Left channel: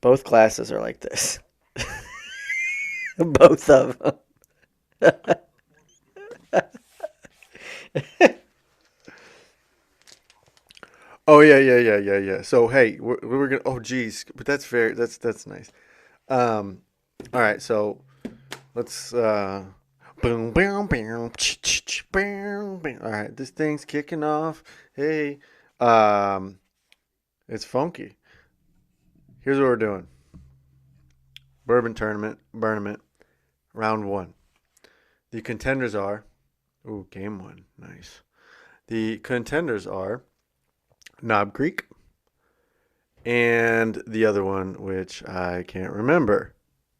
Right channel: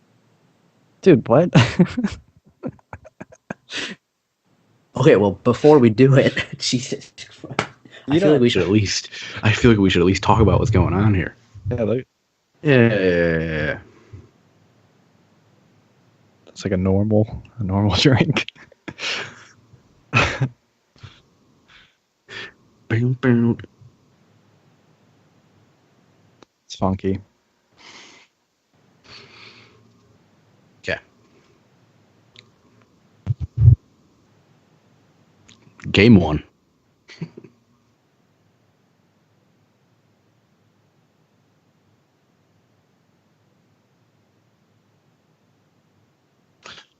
Both glasses are like Dude, this. what? Both of them. Okay, well, before we do it, Jesus, I You feel like know. we should at least, I feel like we should at least talk about what's going on here. Oh yeah, yeah, Yeah, yeah, like yeah, yeah. So Yeah, hey, yeah, we're yeah, gonna. yeah. Oh geez, but that's very. That's nice. it's like a All right, a normal so drink. let's. Bing, bing, bing, bing, bing. All Boom, right, this boom. thing's kicking off. Hey, um, It's funky. it's funky. Here's what we're doing: Okay, bourbon tournament, Bournament, round one. The contenders game are. one. Ooh, game one, nice. The contenders are Knob Creek and the other one, which I can't remember.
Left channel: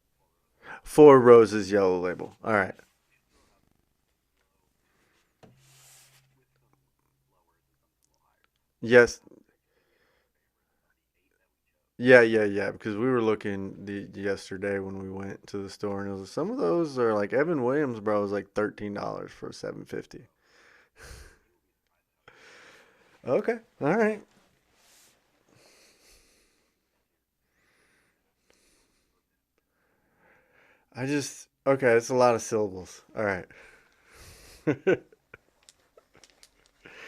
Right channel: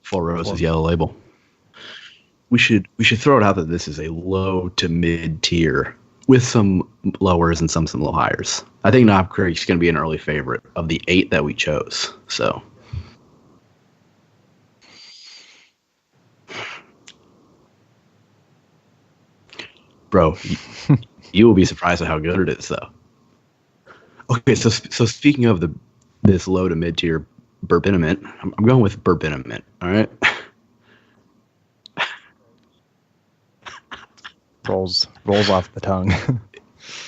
Four Four, Roses Yellow Label. Four Roses Yellow Label. All We right. should we should throw it out that this is a low to mid tier with some lowers and some low hires. I think Yes. Knob Creek's going to be an early favorite of the 8 that we chose. Yeah, yeah, So, yeah. Because we were looking yesterday when we went to the store, and it was some of those are like Evan Williams, bro, was like $13 for 750. bro, you will be surprised at how good it is, though. Okay, all right. Okay, so speaking of this low to mid tier Bourbonament, I'm going with Bourbonament. All right. Okay, it's a lot of syllables. All right, rolls off the tongue.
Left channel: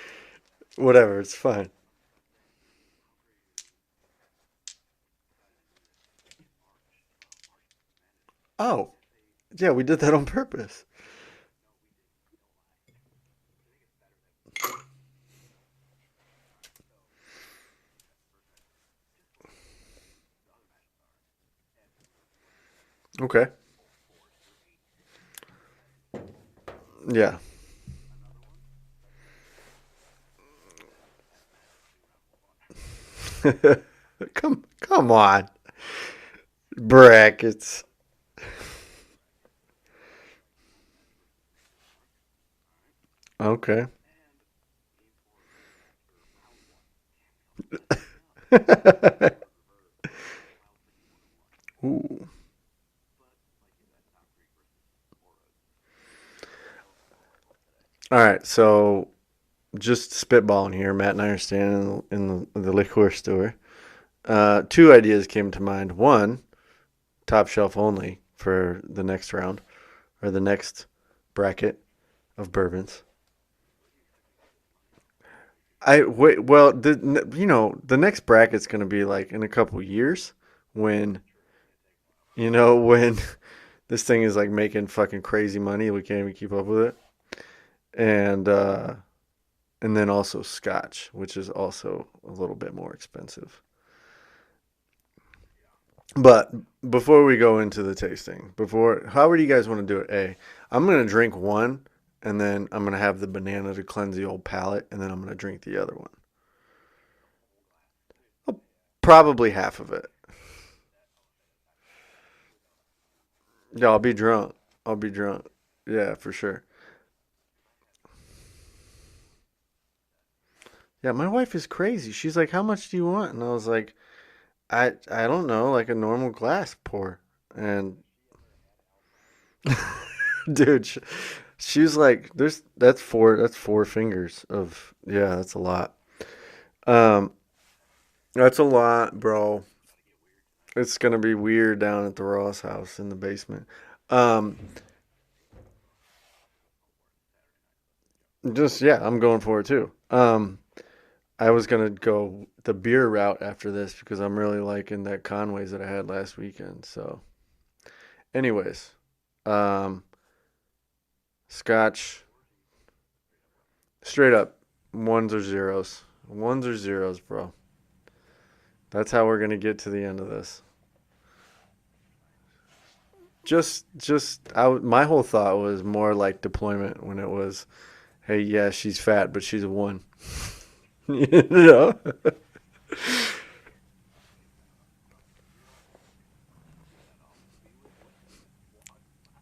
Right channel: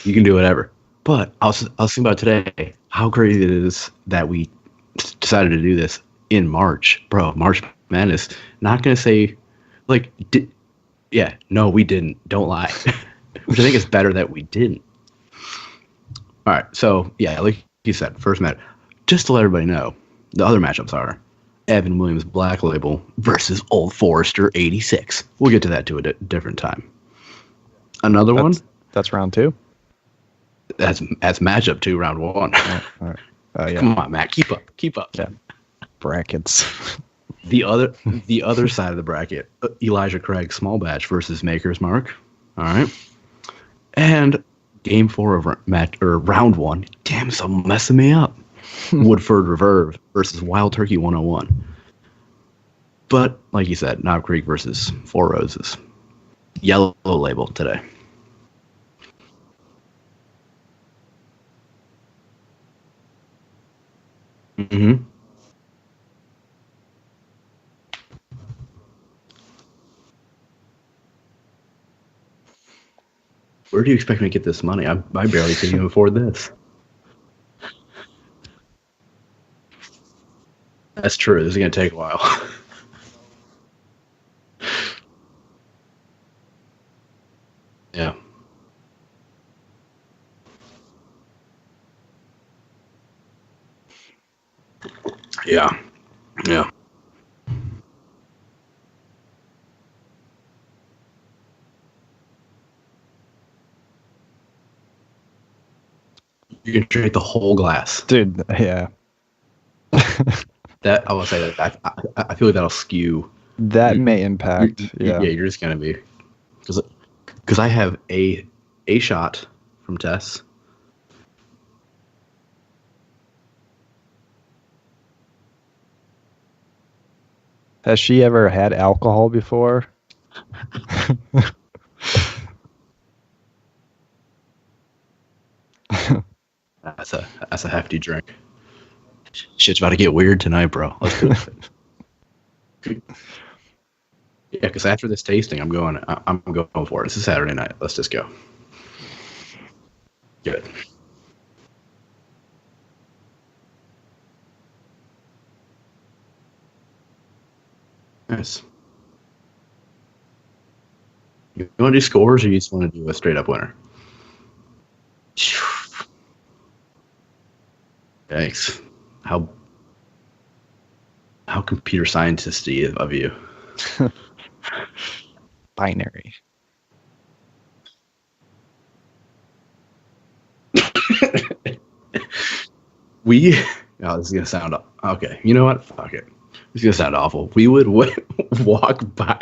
You can do whatever. whatever. But It's I was fine. I was thinking about today how crazy it is that we decided to do this in March, bro. March Madness. Not Oh, gonna say yeah, we did like that on purpose. yeah, no, we didn't. Don't lie. Which I think is better that we didn't. All right, so yeah, like you said, first match. Just to let everybody know, the other matchups are Evan Williams Black Label Okay. versus Old Forester 86. We'll get to that to a different time. Yeah. Another one That's round two. that's matchup 2, round 1. All right. Oh yeah, Come on, Matt, keep Come up. on, brackets. The brackets. other side of the bracket, Elijah Craig Small Batch versus Maker's Mark. All right, Okay. and game 4 of match or round 1. Damn, it's messing me up. Woodford Reverve versus Wild Turkey 101. Ooh. But like you said, Knob Creek versus Four Roses. Yellow Label today. All right, so just spitballing here. Matt and I are standing in the liquor store. Two Mhm. ideas came to mind. One, top shelf only for the next round or the next bracket of bourbons. Where do you expect me to get this money? I barely can even I afford wait. this. Well, the next bracket's going to be like in a couple years That's when true. This is gonna take a while. when this thing is like making fucking crazy money. We can't even keep up with it. Yeah. And then also scotch, which is also a little bit more expensive. Yeah. But Yeah. before we go into the tasting, how do you guys want to do it? I'm gonna drink one, and then I'm gonna have the banana to cleanse the old palate, and then I'm gonna drink the other one. You can drink the whole glass. Dude, yeah. Probably half of it. That I will say that I feel like that'll skew. Yeah, I'll That be may drunk. impact. I'll be Yeah, Yeah. drunk. you're just gonna be Yeah, for sure. because I have a shot from Tess. Yeah, my wife is crazy. She's like, "How much do you want?" And I was like, "I don't know, like a normal glass pour." And Has she ever had alcohol before? dude, she was like, "That's four fingers of yeah, that's a lot." Um, That's a hefty drink. that's a lot, bro. Shit's about to get weird tonight, bro. It's gonna be weird down at the Ross house in the basement. Um, Yeah, because after this tasting, I'm going for it. It's a Saturday night. Let's just go. just yeah, I'm going for it too. Good. I was gonna go the beer route after this because I'm really liking that Conway's that I had last weekend. So, Nice. anyways, um, You want to do Scotch scores, or you just want to do a straight up winner? straight up ones or zeros, ones or zeros, bro. Thanks. That's how we're How gonna get to the end of this. how computer scientisty of you. My whole thought was more Binary. like deployment when it was, hey, yeah, she's fat, but she's a one. you know? We. Oh, this is gonna sound okay. You know what? Fuck it. This is gonna sound awful. We would walk by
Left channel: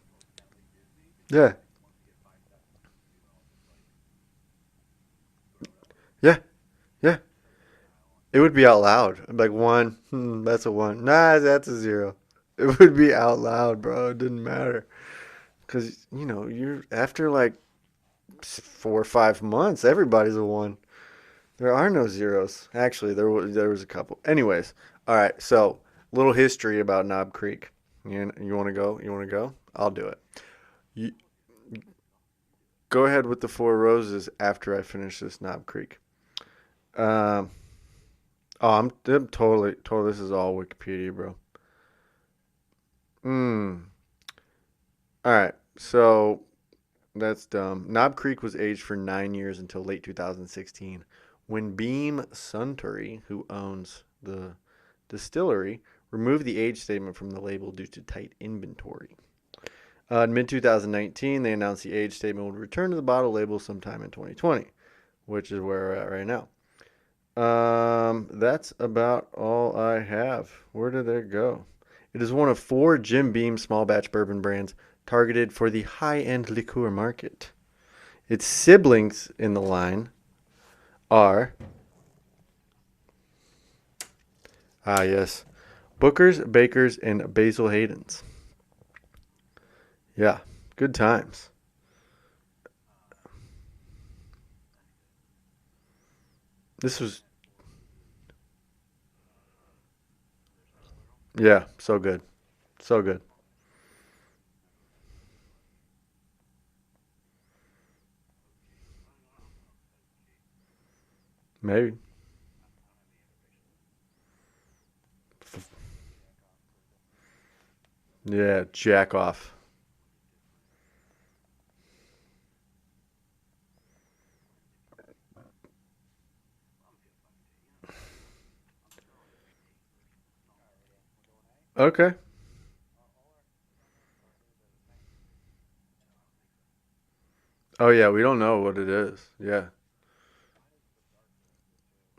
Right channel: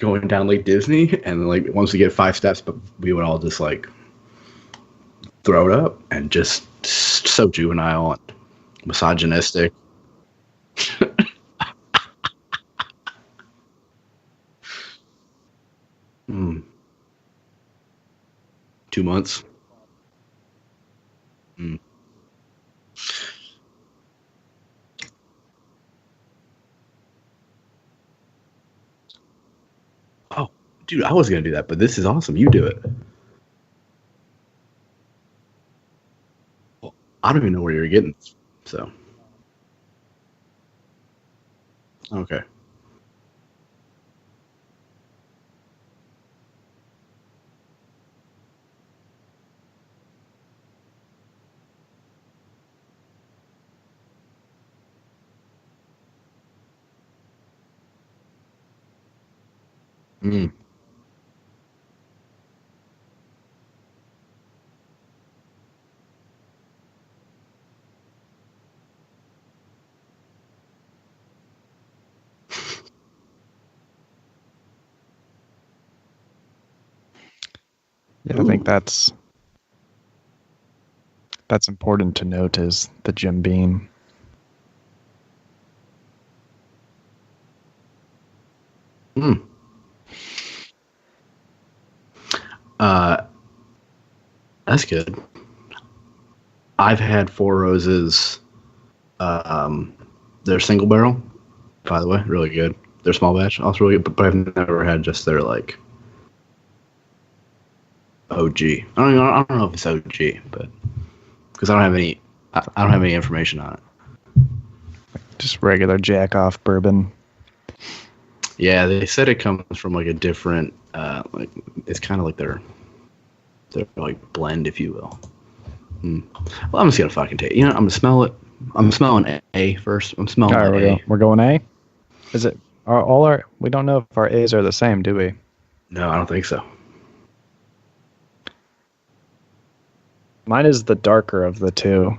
going down Lake Disney, and Yeah, then like once we get 5 steps, but we would all just like throw it up and yeah, just yeah. so juvenile and It would be out loud. Like misogynistic. one, that's a one. Nah, that's a zero. It would be out loud, bro. It didn't matter. Because, Mm, you're after like four or 2 months. 5 months, everybody's a one. There are no zeros. Actually, there was a couple. Anyways, all right. So, little history about Knob Creek. You want to go? You want to go? I'll do it. Oh, dude, I was gonna do that, but this is awesome. You do it. Go ahead with the Four Roses after I finish this Knob Creek. I don't even know where you're getting this. Oh, So. I'm totally. This is all Wikipedia, bro. Okay. All right. So, that's dumb. Knob Creek was aged for 9 years until late 2016, when Beam Suntory, who owns the distillery, removed the age statement from the label due to tight inventory. In mid 2019, they announced the age statement would return to the bottle label sometime in 2020, which is where we're at right now. That's about all I have. Where did it go? It is one of 4 Jim Beam small batch bourbon brands targeted for the high-end liqueur market. Its siblings in the line are... That's important to note is the Jim Beam. Ah, yes. Booker's, Baker's, and Basil Hayden's. Yeah, good times. That's good. I've had Four Roses. They're single barrel. Yeah, so by the way, really good. So good. They're small batch, also really good. But I've never had just their like OG. I don't know if it's OG, but because I don't have any information on it. Just regular jack off bourbon. Yeah. Yeah, they jack said off. it comes from like a different, like it's kind of like their like blend, if you will. Well, I'm just gonna fucking take. I'm gonna smell it. I'm smelling A first. I'm smelling All right, A. we're going A. Okay. Is it all our? We don't know if our A's are the same, do we? No, I don't think so. Oh, yeah, we don't know what it is. Yeah. Mine is the darker of the two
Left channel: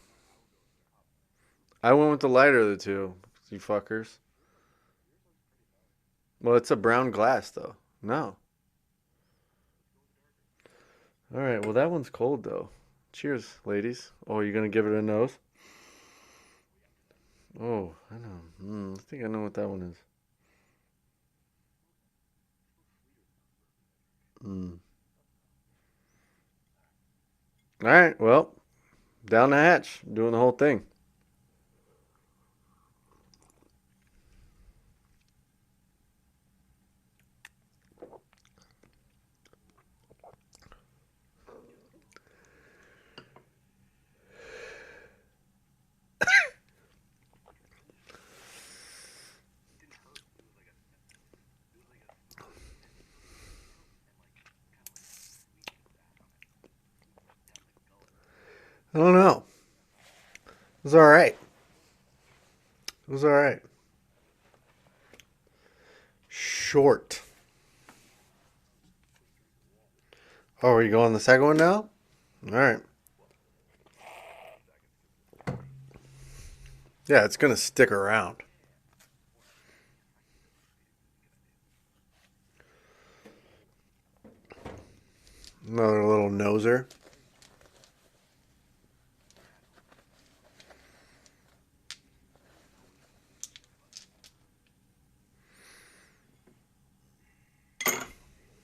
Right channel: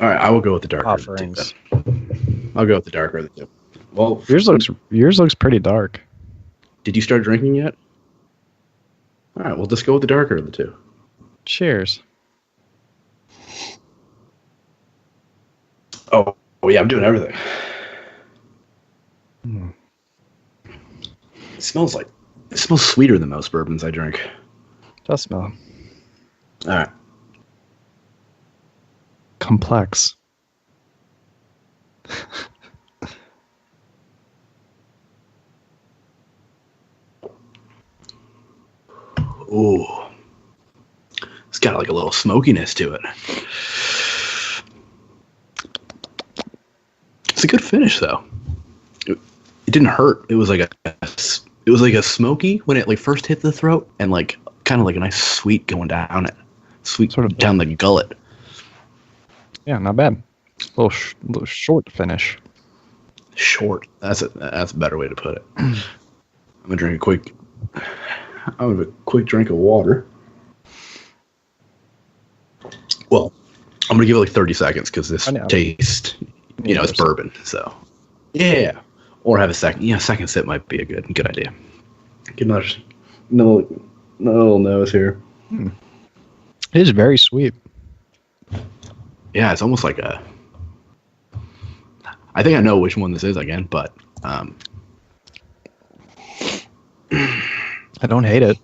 All right, I will go with the darker of the two, offerings. then. I went with the lighter. I'll of go the with the two, darker of the two. You fuckers. Well, Yours looks pretty dark. Well, it's a brown did you start glass, drinking though. yet? No. All right, we'll just go with the darker of the two. All right. Cheers. Well, that one's cold, though. Cheers, ladies. Oh, you're going to give it a nose? Oh yeah, I'm doing everything. I think I know what that one is. It smells sweeter than most bourbons I drink. Does smell All right. All right. Well, down the complex. hatch. Doing the whole thing. Ooh, it's got like a little smokiness to it. It's a good finish though. It didn't hurt. It was like a smoky when it like first hit the throat, and like kind of like a nice sweet going down it, sweet Sort of down the gullet. I don't know. Yeah, not bad. A little, all right. little short finish. It was all right. Short. That's a better way to put it. I'm Short. gonna have a quick drink of water. Oh, are you going the second one now? All right. Well, I'm gonna give it like 30 seconds because this I know. taste, it's bourbon. Yeah, it's going to so. stick around. Yeah, or have a second. Yeah, second sip might be a good idea. Get another little nose here. Another little noser. It is very sweet. Yeah, it's almost like a. I think I know which one this is again, but I don't hate it.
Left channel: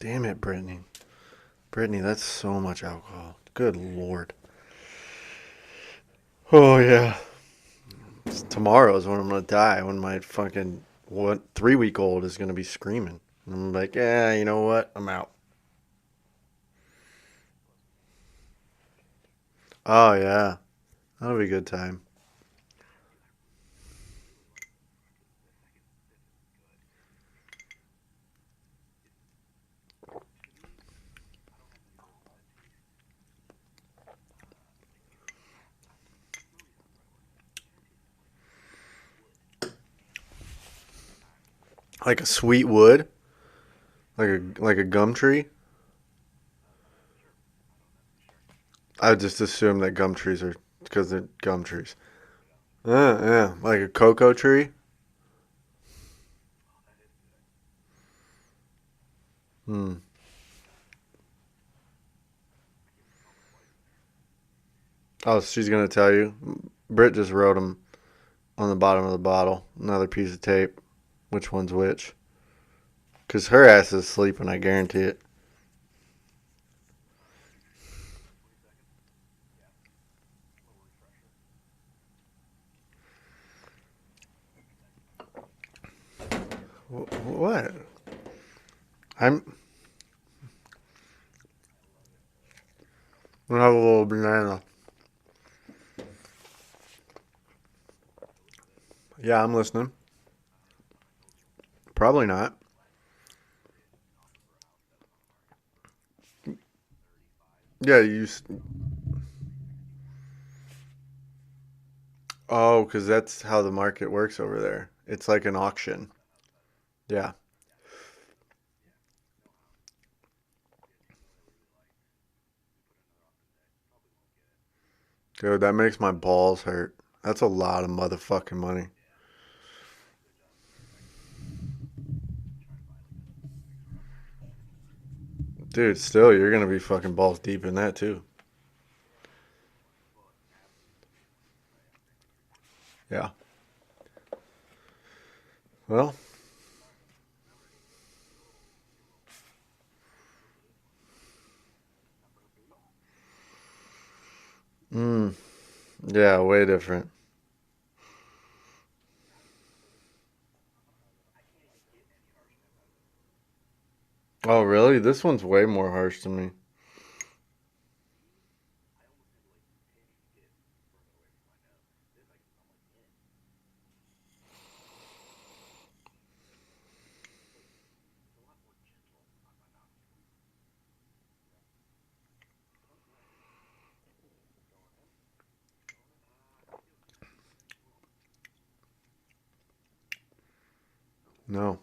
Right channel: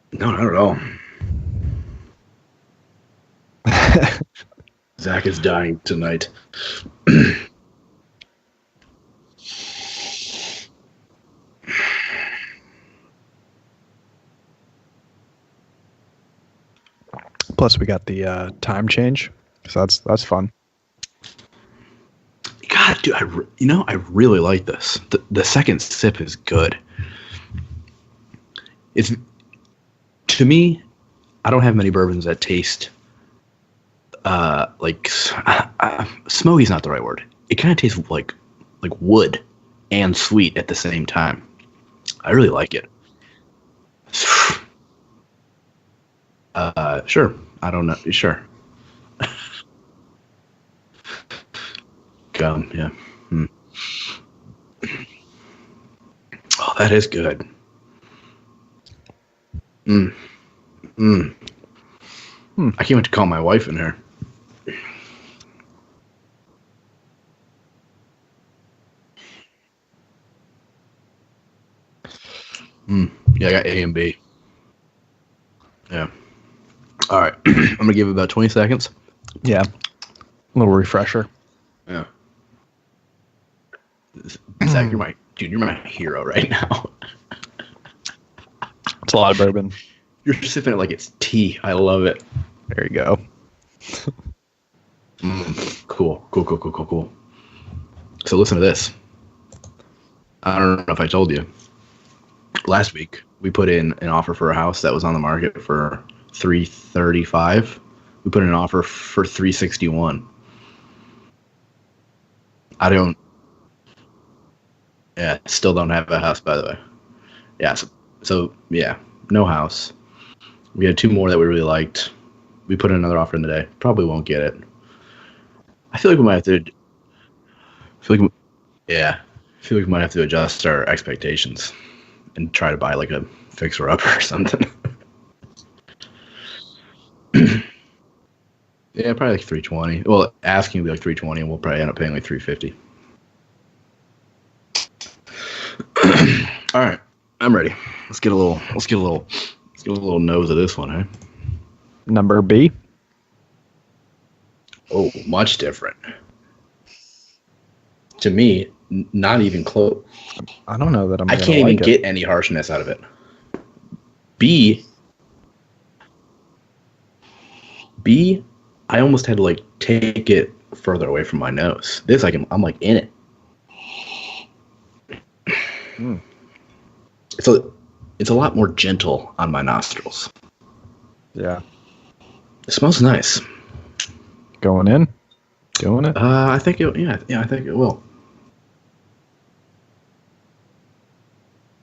Damn no, it, not at all. Brittany, that's so much alcohol. Good Lord. Zach is dying tonight. Oh, yeah. Tomorrow is when I'm going to die, when my fucking 3-week-old is going to be screaming. And I'm like, yeah, you know what? I'm out. Plus, we got the time change, so that's fun. That'll be a good time. God, dude, I really like this. The second sip is good. It's to me, I don't have many bourbons that taste like smoky's not the right word. It kind of tastes like wood and sweet at the same time. Like a I really sweet like it. wood? Like a gum tree? Sure. I don't know. Sure. I just assume that gum trees are because they're gum trees. Gum, yeah. Yeah. Like a cocoa tree? Oh, that is good. I can't wait to call my wife in here. Oh, she's going to tell you. Britt just wrote them on the bottom of the bottle. Another piece of tape. Which one's which? Because Yeah, I got her A ass and B. is sleeping, I guarantee it. Yeah. All right. I'm going to give it about 20 seconds. Yeah. A little refresher. Yeah. Zach, you're my hero right now. What? It's a lot of bourbon. You're sipping it like it's tea. I love it. There you go. We'll have a little banana. Cool. So listen to this. Yeah, I'm listening. I don't know if I told you. Probably not. Last week we put in an offer for a house that was on the market for $335. Yeah, We put in an offer for $361. Oh, I because don't- that's how the market works over there. It's Yeah, like an still don't auction. have a house, by the way. Yeah. Yeah. So yeah, no house. We had 2 more that we really liked. We put in another offer in the day. Probably won't get it. Dude, that makes I feel my like we might have balls to- hurt. That's a lot of feel like we- motherfucking money. Yeah. I feel like we might have to adjust our expectations and try to buy like a fixer-upper or something. Dude, still, you're going to be fucking balls deep in that, too. Yeah, probably like 320. Well, asking will be like 320, and we'll probably end up paying like 350. Yeah. Well, All right, I'm ready. Let's get a little nose of this one, huh? Number B. Oh, much different. yeah, way different. To me, not even close. I don't know that I'm I gonna can't even like it. get any harshness out of it. Oh, B, really? This one's way more harsh to me. B, I almost had to like take it further away from my nose. This, I'm like in it. Mm. It's a lot more gentle on my nostrils. Yeah. It smells nice. Going in. Doing it. I think it. Yeah, I think it will. No.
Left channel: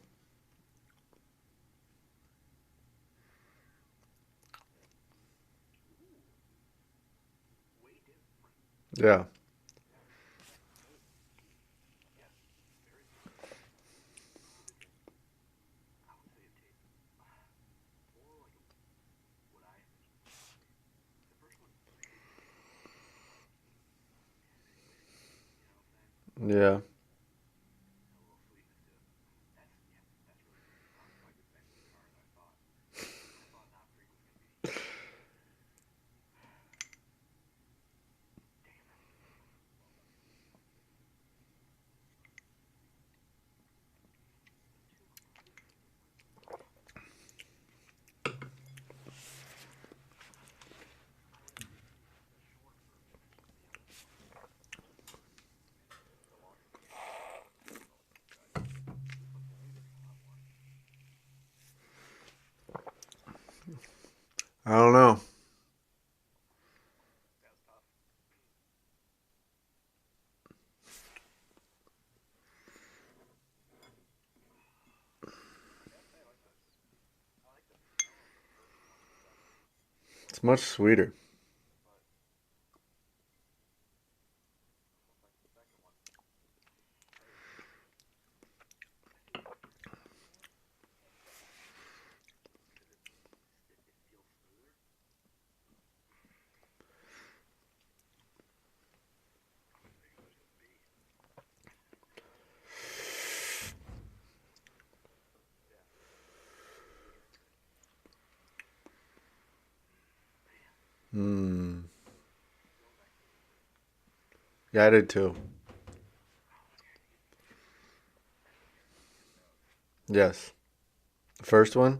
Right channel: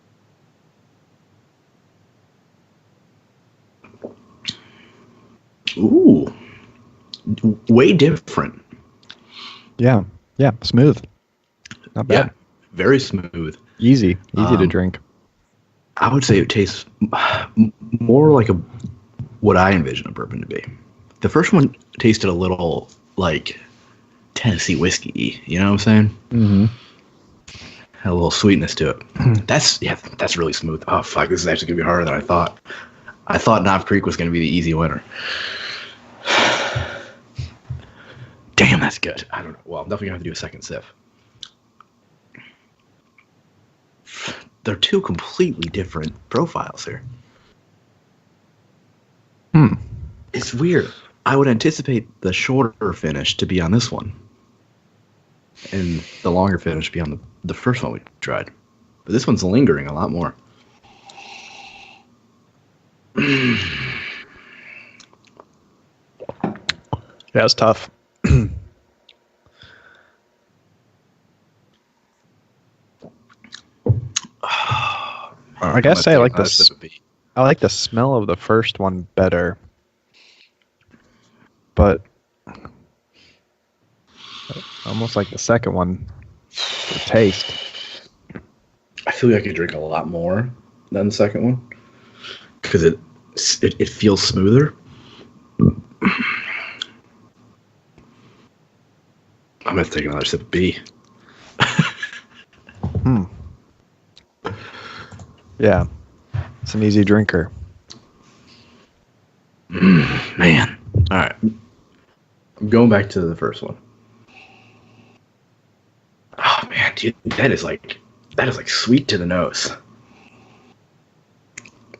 Ooh, way different. Yeah. Yeah. Yeah. Smooth. Not bad. Yeah, very smooth. Easy to Um, drink. I would say it tastes more like what I envision a bourbon to be. The first one tasted a little like Tennessee whiskey. You know what I'm saying? Mhm. Yeah. Had a little sweetness to it. That's really smooth. Oh fuck, this is actually gonna be harder than I thought. I thought Knob Creek was gonna be the easy winner. Damn, that's good. I don't know. Well, I'm definitely gonna have to do a second sip. They're 2 completely different profiles here. Hmm. It's weird. I would anticipate the shorter finish to be on this one, and the longer finish to be on the first one we tried. But this one's lingering a lot more. I don't know. Yeah, it's tough. I guess I like this. I like the smell of the first one better, It's much sweeter. but almost like the second one. The taste. I feel like I could drink a lot more than the second one because it feels smoother. I'm gonna take another sip of B. Yeah, it's an easy drinker. Man, all right. I'm going back to the first one. Yeah, I did too. Oh man, dude, that is like sweet to the nose. Yes. The first one?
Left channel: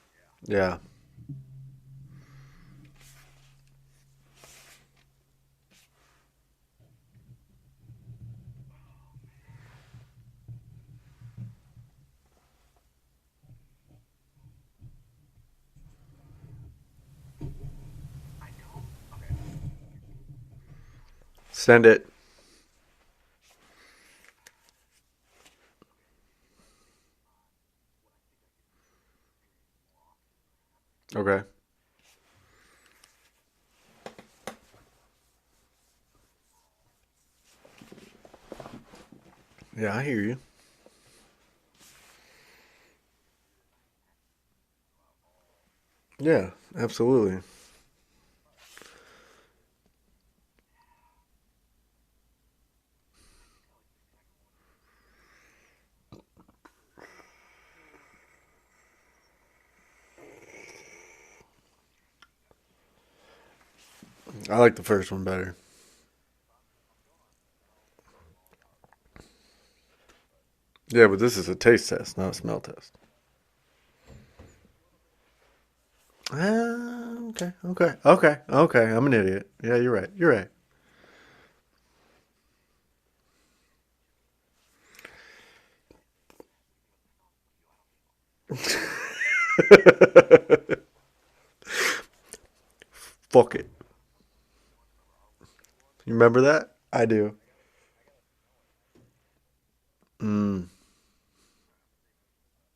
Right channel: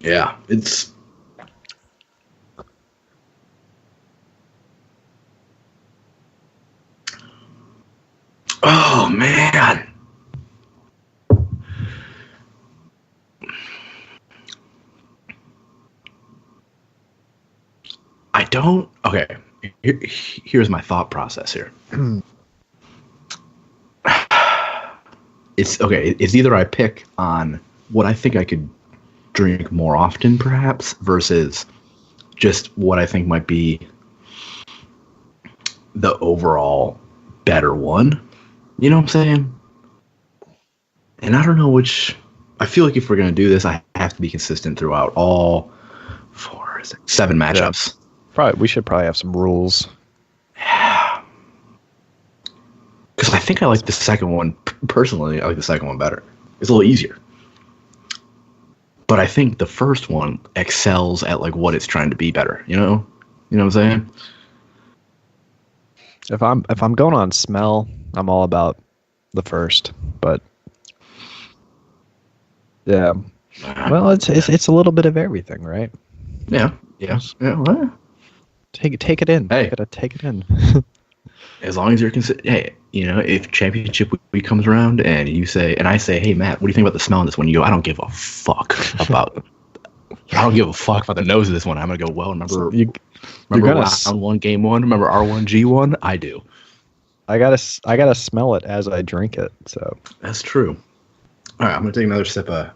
Yeah, it's. Oh man. I don't. Okay, here's my thought process here. Send it. It's okay. It's either I pick on what I think I could drink more often, perhaps, versus just what I think might be the overall better one. You know what I'm saying? Yeah, I hear you. And I don't know which. I feel like if we're gonna do this, I have to be consistent throughout all Yeah, 4, absolutely. 7 matchups. We should probably have some rules. Because I think I like the second one personally. I like the second one better. It's a little easier. But I think the first one excels at like what it's trying to be better. You know? You know what I'm saying? I like the first one better. If I'm going on smell, I'm all about the first. But Yeah, but this is a taste test, not a smell test. yeah, well, it's a little bit of everything, right? Yeah. Yeah. Okay, Yeah. okay, Well, okay, okay. I'm an Take it idiot. in. hey, You Yeah, gotta you're right. take it You're in. right. as long as you're hey, if championship week comes around and you say, and I say, hey Matt, what do you think about the smell of this one? You go, I don't give a fuck about I don't give a fuck about the nose of this one. I'm gonna go, well, So remember Fuck you're you. gonna round one, game one? Remember R1G1? I Remember do. that? I do. I gotta smell it as I drink it. So That's Mm, true. All right, I'm gonna take another sip of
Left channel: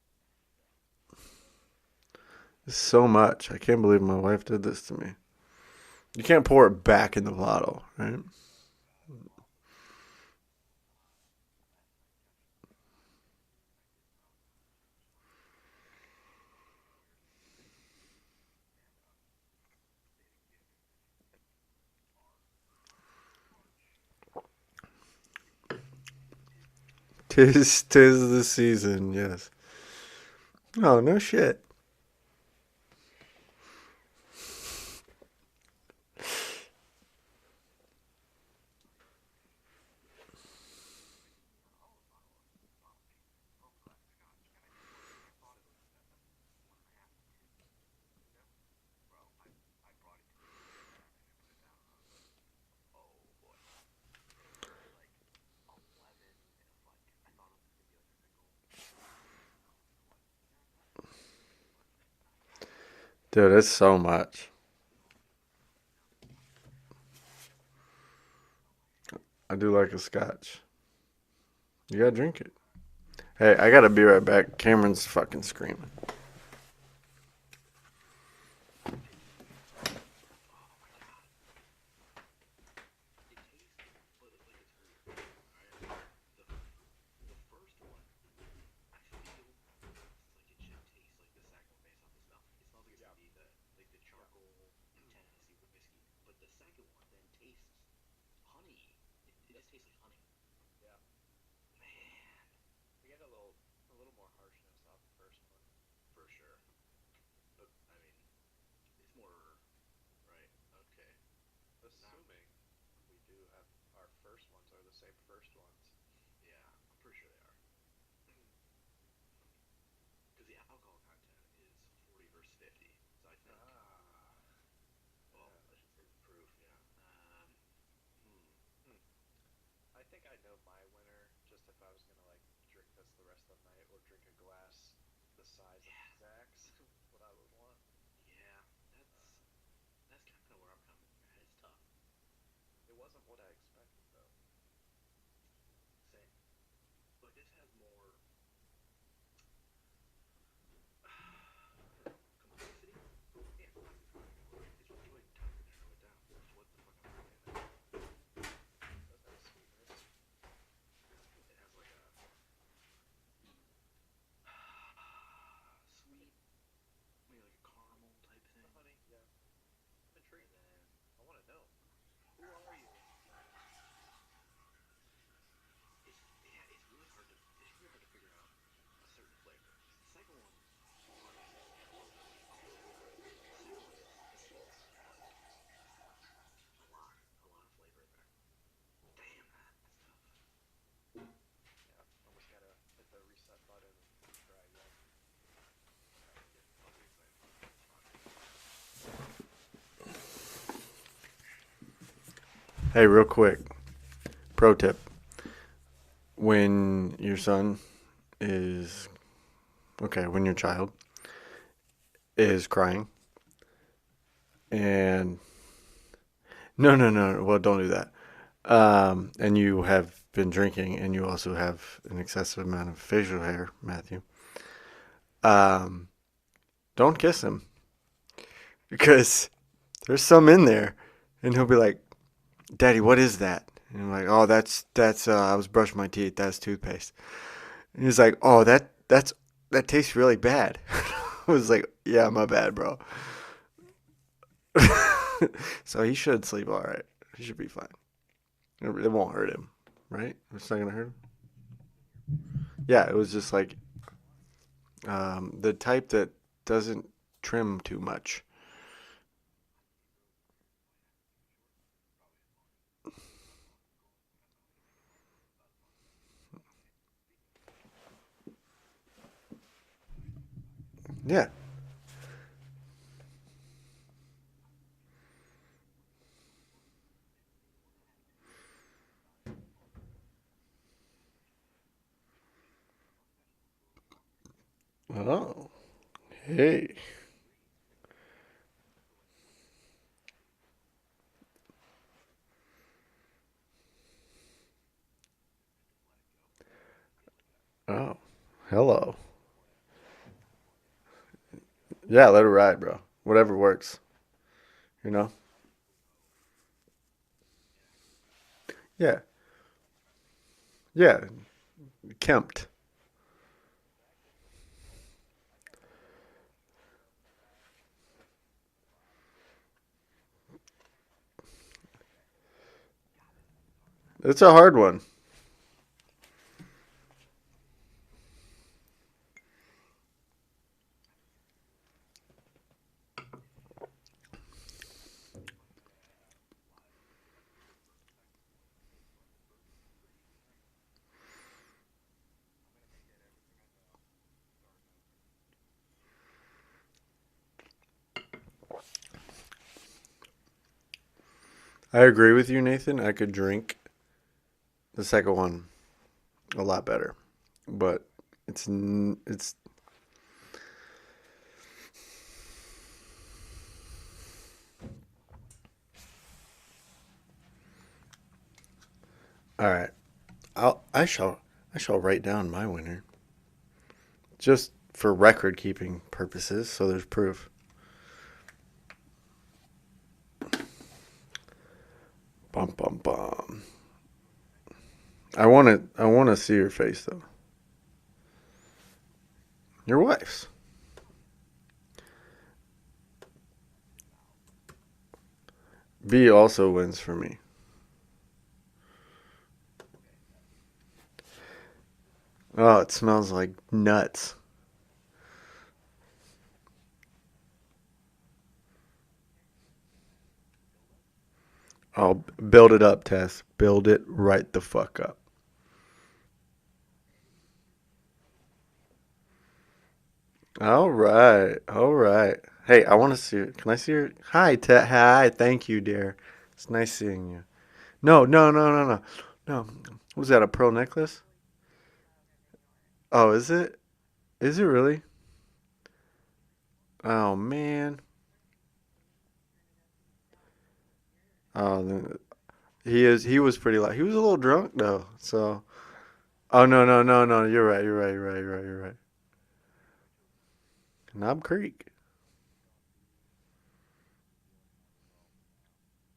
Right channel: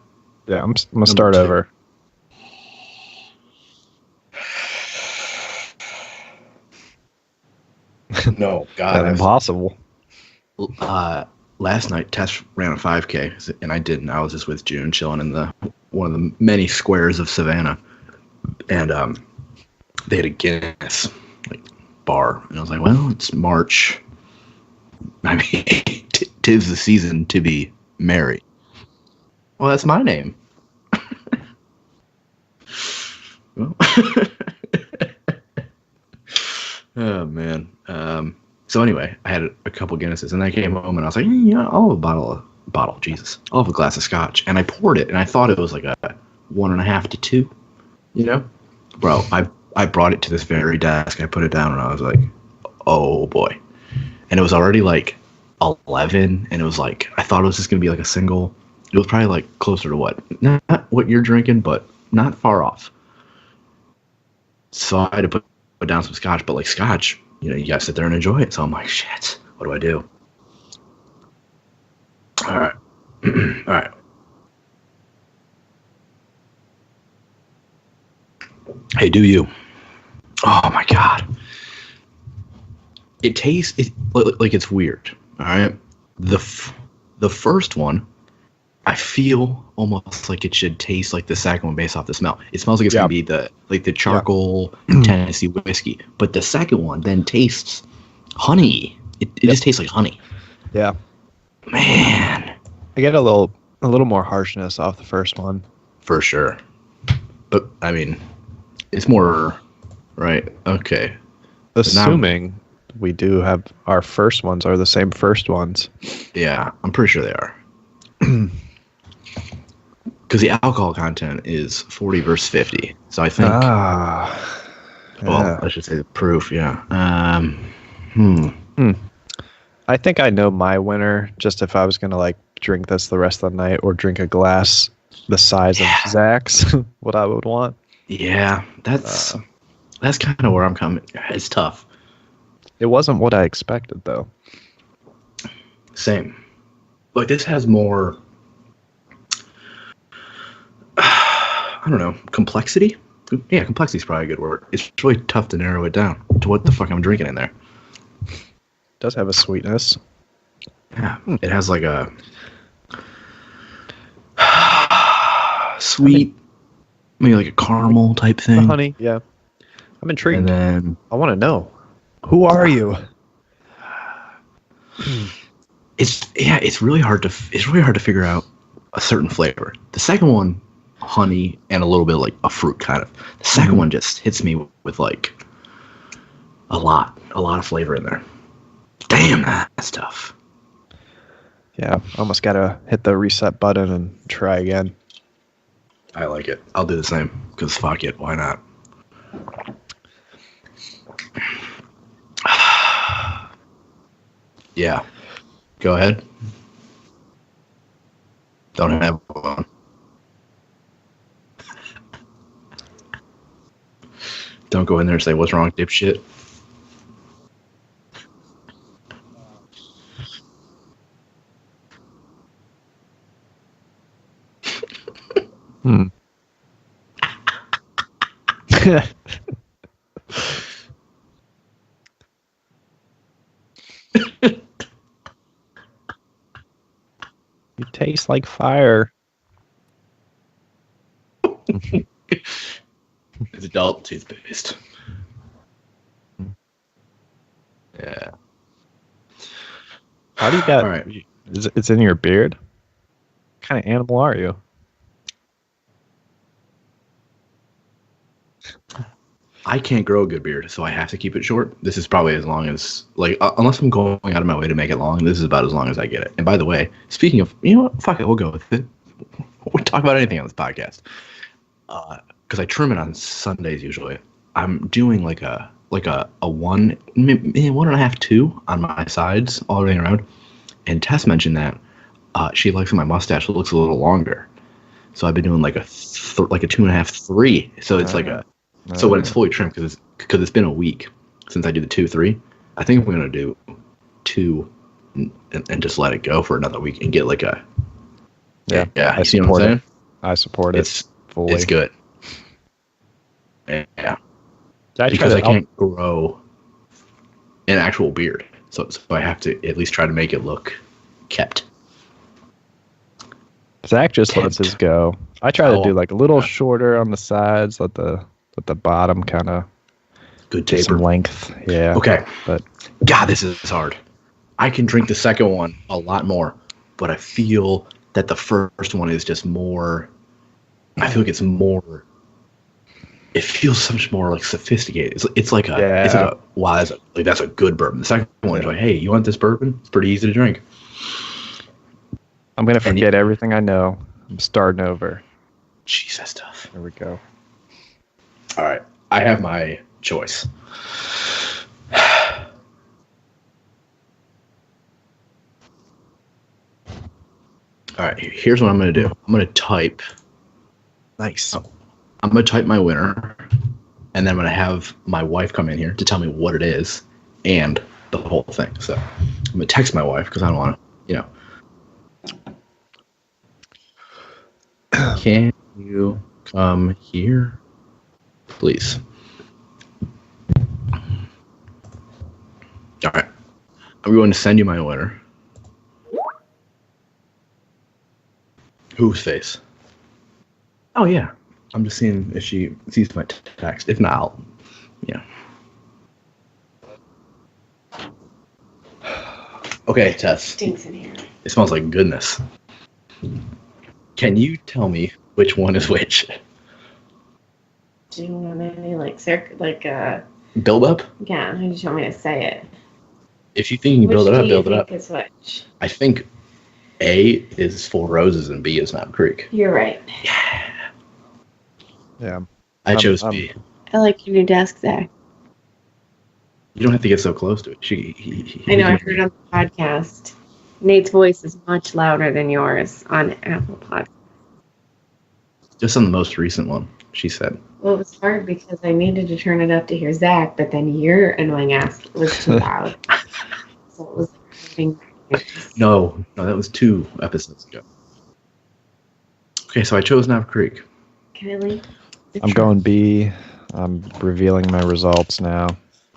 yeah, I'm gonna number start two. over. so much. I can't believe my wife did this to me. You can't pour it back in the bottle, right? No, God, That's impossible. last night Tess ran a 5K, and I didn't. I was just with June, chilling in the one of the many squares of Savannah, and they had a Guinness like bar, and I was like, well, it's March. I mean, tis the season to be Tis merry. the season, yes. Well, that's my name. Oh, no shit. Well, oh man. So anyway, I had a couple Guinnesses, and I came home and I was like, yeah, I'll have Jesus, I'll have a glass of scotch, and I poured it, and I thought it was like a 1.5 to 2. You know, bro, I brought it to this very desk. I put it down, and I was like, oh boy, and it was already like 11, and it was like I thought it was just gonna be like a single. It was probably like closer to what, not what you're drinking, but not far off. Dude, that's so much. So I had to put down some scotch, but like scotch, you gotta sit there and enjoy it. So I'm like, shit, I what do do I like a do? scotch. You gotta drink it. All right. Hey, I All gotta right. be right back. Cameron's fucking screaming. Hey, do you? Oh my god, it tastes like it's weird. All right, the first one, I feel almost like it should taste like the second one based off the smell. It smells like it's Yeah. gonna be the Yeah. charcoal Tennessee whiskey, but the second one then tastes honey. It just tastes like honey. Yeah. Man, I get a little more harshness off the first one. for sure. But I mean, it's more right. Okay. So now, Assuming we do have our first ones are the same first ones. yeah, I'm pretty sure they are. Because the alcohol content is 40 versus 50. So I think, Ah. well, Yeah. I should say the proof, yeah. I think I know my winner just if I was gonna like drink this the rest of the night or drink a glass the size of Zach's, what I would want. Yeah, that's kind of where I'm coming. It's tough. It wasn't what I expected though. Same. Like this has more, I don't know, complexity? Yeah, complexity is probably a good word. It's really tough to narrow it down to what the fuck I'm drinking in there. It does have a sweetness. Yeah, it has like a sweet, maybe like a caramel type thing. Honey, yeah. I'm intrigued. And then I want to know. Who are you? it's really hard to figure out a certain flavor. The second one, honey and a little bit like a fruit kind of. The second one just hits me with like a lot of flavor in there. Damn, that's tough. Yeah, almost gotta hit the reset button and try again. I like it. I'll do the same because fuck it, why not? Hey, real quick. Pro tip. Yeah, go ahead. When your son is Don't have one. okay, when your child is crying. Don't go in there and say what's wrong, dipshit. No. Well, don't do that. And you have been drinking, and you also have an excessive amount of facial hair, Matthew. Don't kiss him because there's some in there, and he'll be like, "Daddy, what is that?" And I'm like, "Oh, that's I was brushing my teeth. That's toothpaste." It He's tastes like "Oh, fire. that tastes really bad." I was like, "Yeah, my bad, bro." It's adult toothpaste. So he should sleep all right. He should be fine. Yeah. It won't hurt him, right? How do you got? All right. It's in your beard? Yeah, it was just like What kind of animal are you? the type that doesn't trim too much. I can't grow a good beard, so I have to keep it short. This is probably as long as unless I'm going out of my way to make it long. This is about as long as I get it. And by the way, speaking of, you know what? Fuck it, we'll go with it. We'll talk about anything on this podcast. Yeah. Because I trim it on Sundays usually. I'm doing like a one, maybe 1.5, 2 on my sides all the way around. And Tess mentioned that she likes my mustache looks a little longer. So I've been doing like a 2.5, 3. So it's like a so when it's fully trimmed because it's been a week since I do the 2, 3. I think I'm gonna do 2 and just let it go for another week and get like a Yeah. I see what I'm saying. I support it fully. It's good. Yeah, let it ride, bro. Whatever works. Yeah. I Because I can't grow an actual beard, so I have to at least try to make it look kept. Kempt. Zach just lets his go. I try to do like a little shorter on the sides, let the bottom kind of Good get some taper. length. Yeah. Okay. But God, this is hard. It's a hard I can one. drink the second one a lot more, but I feel that the first one is just more. I feel like it's more. It feels so much more like sophisticated. It's like a. It's like a wow. That's a good bourbon. The second one is like, hey, you want this bourbon? It's pretty easy to drink. I'm gonna forget everything I know. I'm starting over. Jeez, that's tough. There we go. All right, I have my choice. I agree with you, Nathan. I could drink the second one a lot better. But All right, here's what I'm gonna do. I'm gonna type. Nice. I'm gonna type my winner, and then I'm gonna have my wife come in here to tell me what it is and the whole thing. So I'm gonna text my wife because I don't want to. I shall write down my winner. Just for record keeping purposes. So there's proof. Here, please. Bum, bum, All right. bum. I'm going to send you my winner. I want to see your face though. Whose face? Your wife's. Oh yeah. I'm just seeing if she sees my text. If not, yeah. B also wins for me. Okay, Tess. Stinks in here. It smells like goodness. Oh, it smells like nuts. Can you tell me which one is which? Do you want any Build up? yeah, how do you want me to say it? Build it up, Tess. If you Build think you Which build it do up, you build it think up. is which? I think A is Four Roses and B is Knob Creek. You're right. All right. Yeah. Hey, I chose B. Can I see? I like your desk there. Hi, thank you, dear. It's nice. You don't have to get so close to it. No. I know, I heard it on the podcast. Was that a pro necklace? Nate's voice is much louder than yours on is it? Apple Podcast. Is it really? Just on the most recent one, Oh, she said. man. Well, it was hard because I needed to turn it up to hear Zach, but then your annoying ass was too loud. He was pretty loud. He was a little drunk though. So. No, that was No. episodes. You're right. Okay, so I chose Knob Creek. Knob Creek. Really? I'm going B. I'm revealing my results now.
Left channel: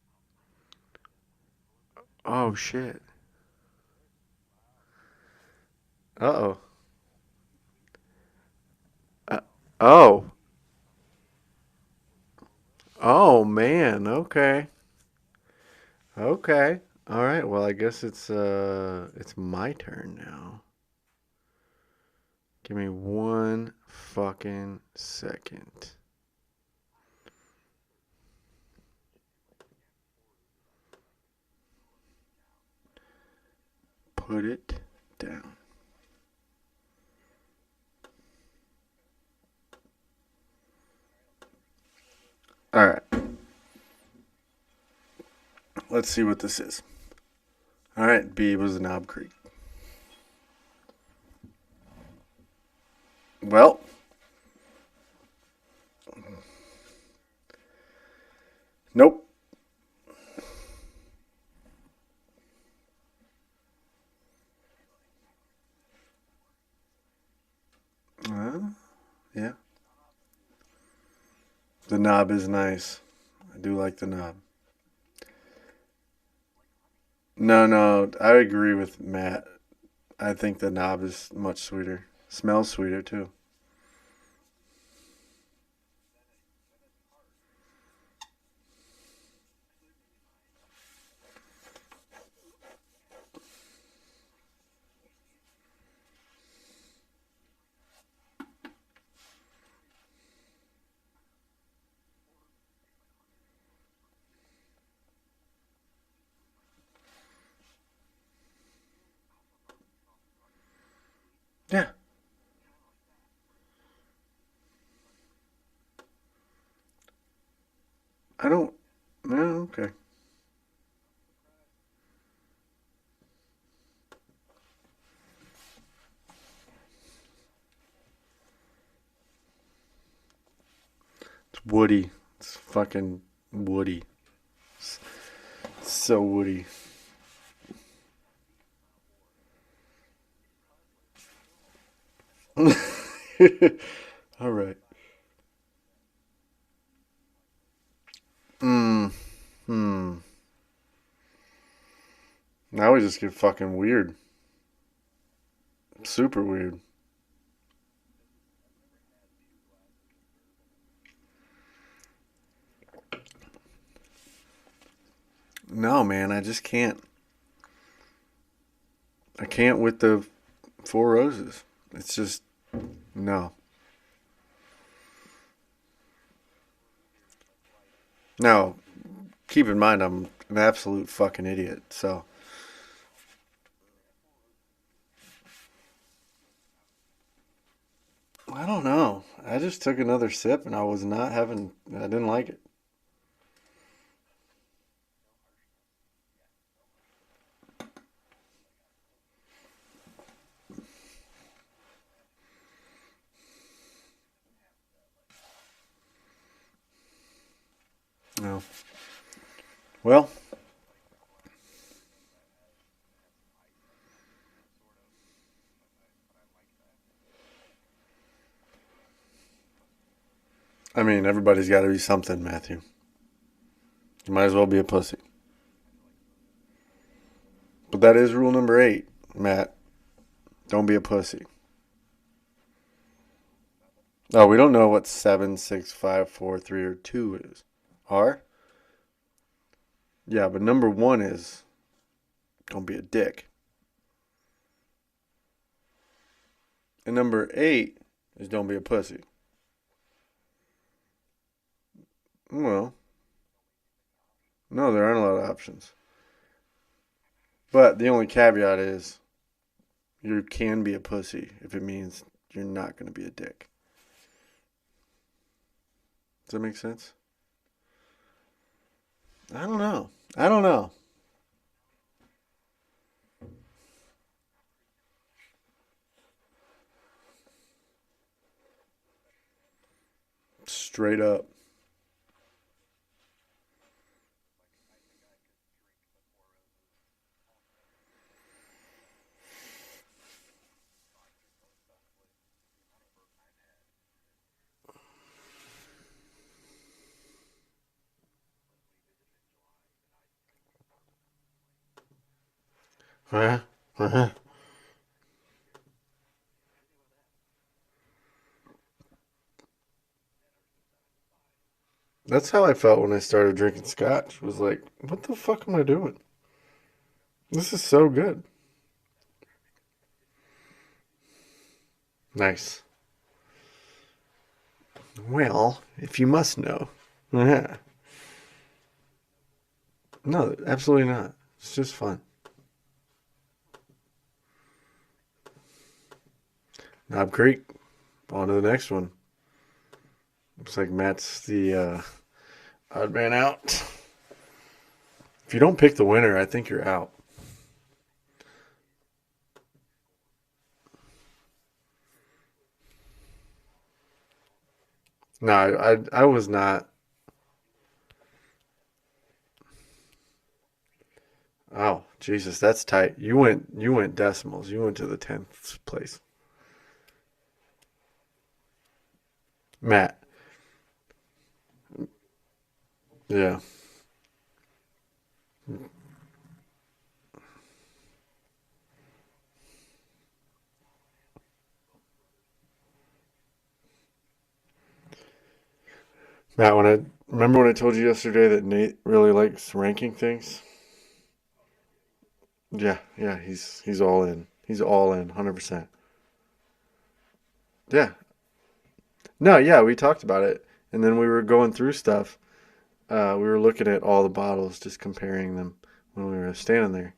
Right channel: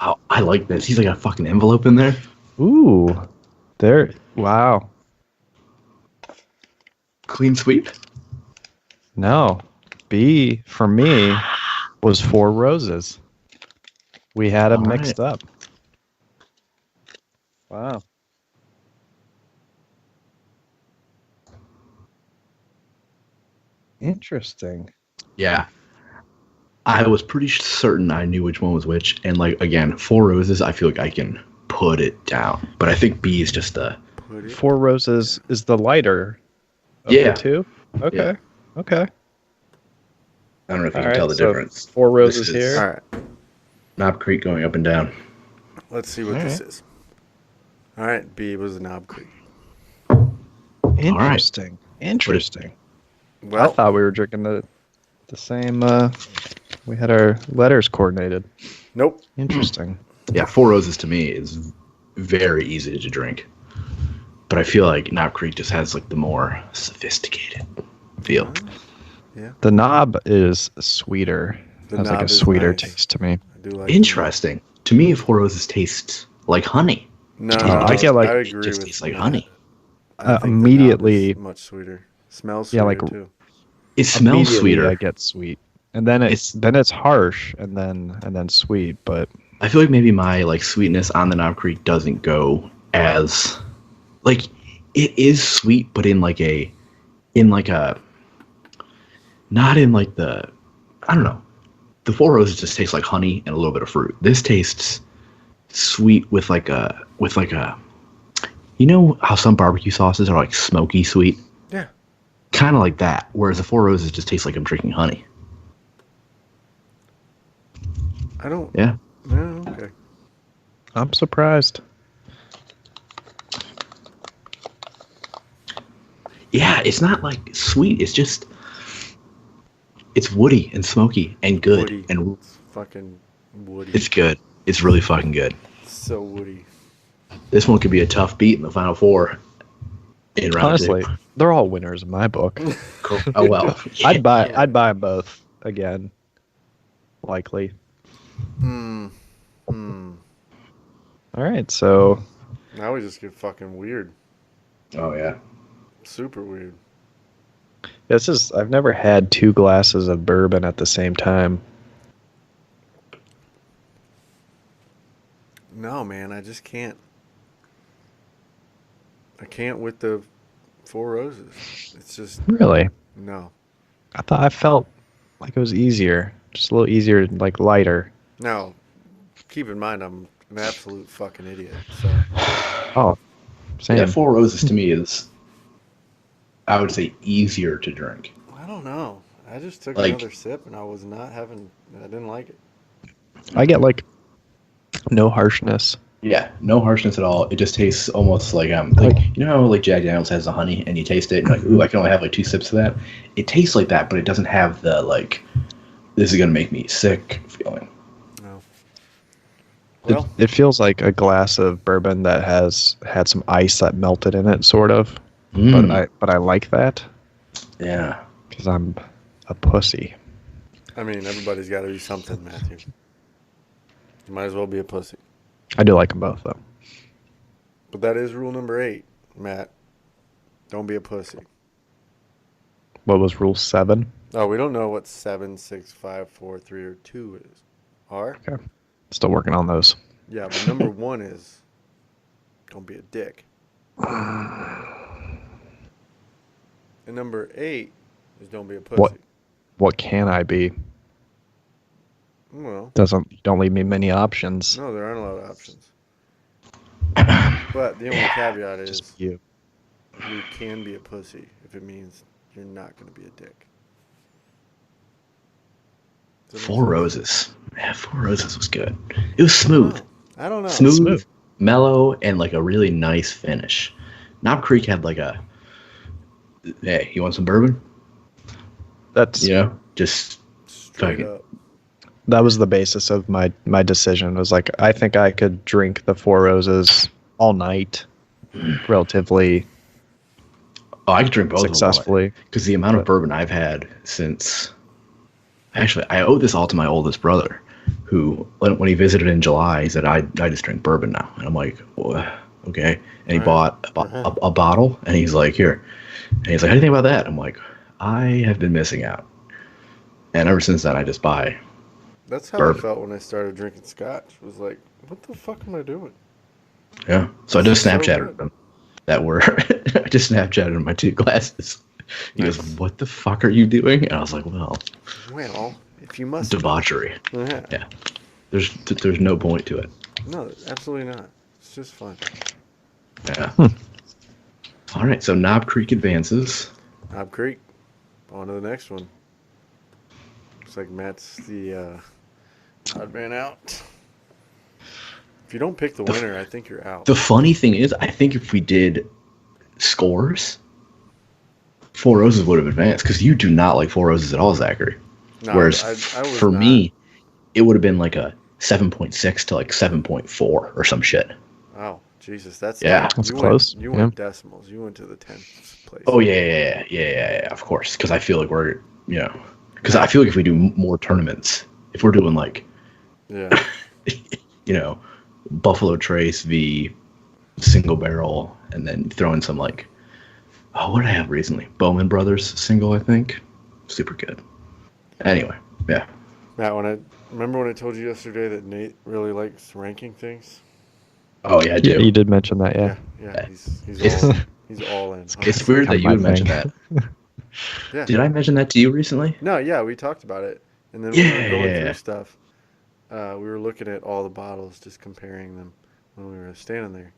Oh, I like this. He's like a fucking envelope in there. Oh shit. Ooh. There. Wow. Uh-oh. Clean sweep. No. Oh. B for me was Four Roses. Oh man. Okay. We had them All mixed up. Okay. All right. Well, I Wow. guess it's my turn now. Give me one Interesting. fucking second. Yeah. I was pretty certain I knew which one was which, and like again, Four Roses. I feel like I can put it down, but I think B is just the. Put it. Four Roses is the lighter of Yeah. the two? Okay. Yeah. Okay. I don't know if you All can tell right, the so difference. Four Roses This is- here. All right. Knob Creek going up and down. Let's see what this is. All right. B was Knob Creek. Interesting. Interesting. I Well, thought we were drinking the same. We had our letters coordinated. nope. Interesting. Yeah, Four Roses to me is very easy to drink, but I feel like Knob Creek just has like the more sophisticated feel. The knob is sweeter. The Has knob like a is sweeter nice. taste to me. I do like the Interesting. To me, Four Roses tastes like honey. No, I get like- I It agree just with tastes like Matt. honey. I think immediately- the knob is much sweeter. Smells Yeah, sweeter like- too. It smells Immediately sweeter. I get sweet, and then it's harsh, and then sweet. But I feel like maybe my like sweetness on the Knob Creek doesn't go as like it is sweet, but in like a not in like the I don't know. the Four Roses just tastes like honey and a little bit of fruit. This tastes sweet with like a you know how some barbecue sauces are like smoky sweet? Yeah. Kind of like that. Whereas the Four Roses just tastes like I'm drinking honey. I don't. Yeah. No, okay. I'm surprised. Yeah, it's not like sweet. It's just it's woody and smoky and good Woody. and It's fucking woody. it's good. It's really fucking good. So woody. This one could be a tough beat in the final four. In round Honestly, two. they're all winners in my book. Cool. Oh well. I'd buy Yeah. I'd buy them both again. Likely. Hmm. All right, so Now we just get fucking weird. Oh yeah. Super weird. I've never had 2 glasses of bourbon at the same time. No, man, I just can't. I can't with the Four Roses. It's just Really? no. I felt like it was easier. Just a little easier, like lighter. Now, keep in mind I'm an absolute fucking idiot. So Oh, same. Yeah, Four Roses to me is, I would say, easier to drink. I don't know. I just took Like- another sip and I was not having. I didn't like it. I get like no harshness. Yeah, no harshness at all. It just tastes almost like you know how like Jack Daniels has the honey and you taste it and you're like, ooh, I can only have like 2 sips of that. It tastes like that, but it doesn't have the like, this is gonna make me sick feeling. No. Well, It feels like a glass of bourbon that has had some ice that melted in it, sort of. But I like that Yeah. because I'm a pussy. I mean, everybody's got to be something, Matthew. You might as well be a pussy. I do like them both, though. But that is rule number 8, Matt. Don't be a pussy. What was rule 7? Oh, we don't know what 7, 6, 5, 4, 3, or 2 is. Are? Still working on those. Yeah, but number 1 is don't be a dick. And number 8 is don't be a pussy. What can I be? Well, Don't leave me many options. no, there aren't a lot of options. But the only caveat is Just you. you can be a pussy if it means you're not going to be a dick. Does that make Four sense? Roses. Yeah, Four Roses was good. It was I don't smooth. know. I don't know. Smooth, mellow, and like a really nice finish. Knob Creek had like a, hey, you want some bourbon? That's You know, just Straight fucking- up. that was the basis of my decision. Was like I think I could drink the Four Roses all night, relatively oh, I could drink both successfully. because the amount of bourbon I've had since, actually, I owe this all to my oldest brother, who when he visited in July, he said, I just drink bourbon now, and I'm like, well, okay, and he Right. bought a bottle, and he's like, here, and he's like, how do you think about that? I'm like, I have been missing out, and ever since then, I just buy. That's how Bourbon. I felt when I started drinking scotch. Was like, what the fuck am I doing? Yeah. So I This just is so Snapchatted good. them that were I just Snapchatted my 2 glasses. He Nice. goes, what the fuck are you doing? And I was like, well, Well, if you must know. debauchery. Yeah. Yeah. There's no point to it. No, absolutely not. It's just fun. Yeah. All right. So Knob Creek advances. Knob Creek. On to the next one. Looks like Matt's the odd man out. If you don't pick the winner, I think you're out. The funny thing is, I think if we did scores, Four Roses would have advanced because you do not like Four Roses at all, Zachary. No, Whereas I was for not. me, it would have been like a 7.6 to like 7.4 or some shit. Oh, Jesus, that's Yeah, tight. that's you close. went. You went decimals. You went to the 10th place. Oh yeah, of course. Because I feel like we're, because I feel like if we do more tournaments, if we're doing like, Yeah. Buffalo Trace v single barrel, and then throw in some like, oh, what did I have recently? Bowman Brothers single, I think. Super good. Anyway, yeah. Matt, remember when I told you yesterday that Nate really likes ranking things? Oh yeah, I do. Yeah, you did mention that, yeah. Yeah. He's It's- all in. He's all in. It's 100%. weird that you My would mention thing. that. Yeah. Did I mention that to you recently? No, yeah, we talked about it, And then when we were going Yeah. through stuff, we were looking at all the bottles, just comparing them when we were standing there.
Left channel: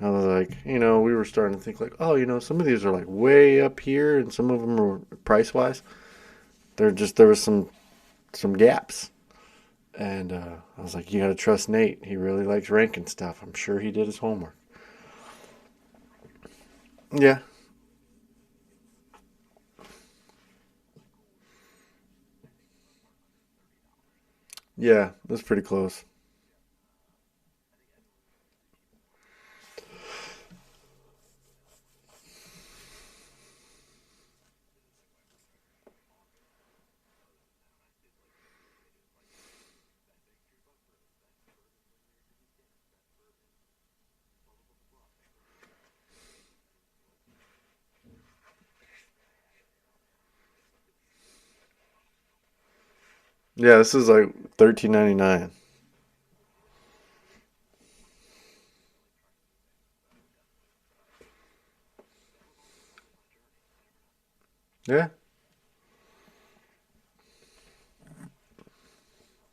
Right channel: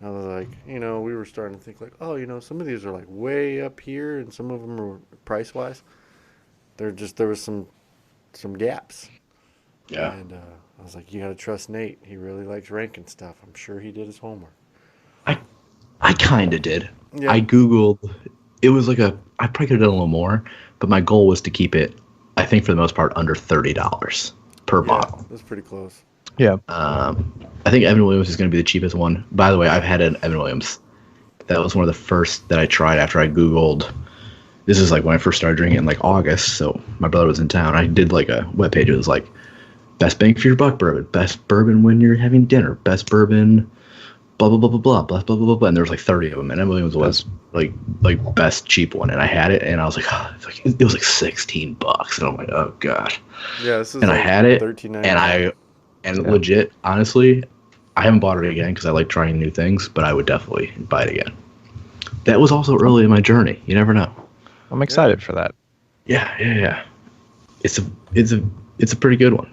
I was like, we were starting to think like, oh, some of these are like way up here, and some of them are price wise. There was some gaps. Yeah. And I was like, you gotta trust Nate. He really likes ranking stuff. I'm sure he did his homework. I kind of did. Yeah. I Googled. It was like I probably could have done a little more, but my goal was to keep it, I think for the most part, under $30 per Yeah, bottle. that's pretty close. Yeah. I think Evan Williams is going to be the cheapest one. By the way, I've had an Evan Williams. That was one of the first that I tried after I Googled. This is like when I first started drinking in like August, so my brother was in town. I did like a webpage. It was like best bang for your buck bourbon, best bourbon when you're having dinner, best bourbon, blah blah blah blah blah blah blah blah blah. And there was like 30 of them, and Evan Williams was like best cheap one. And I had it, and I was like, oh, it was like $16, and I'm like, oh god. Yeah, this is And like I had it, $13.99. and legit, honestly, I haven't bought it again because I like trying new things, but I would definitely buy it again. That was also early in my journey. You never know. I'm excited for that. Yeah. It's a pretty good one.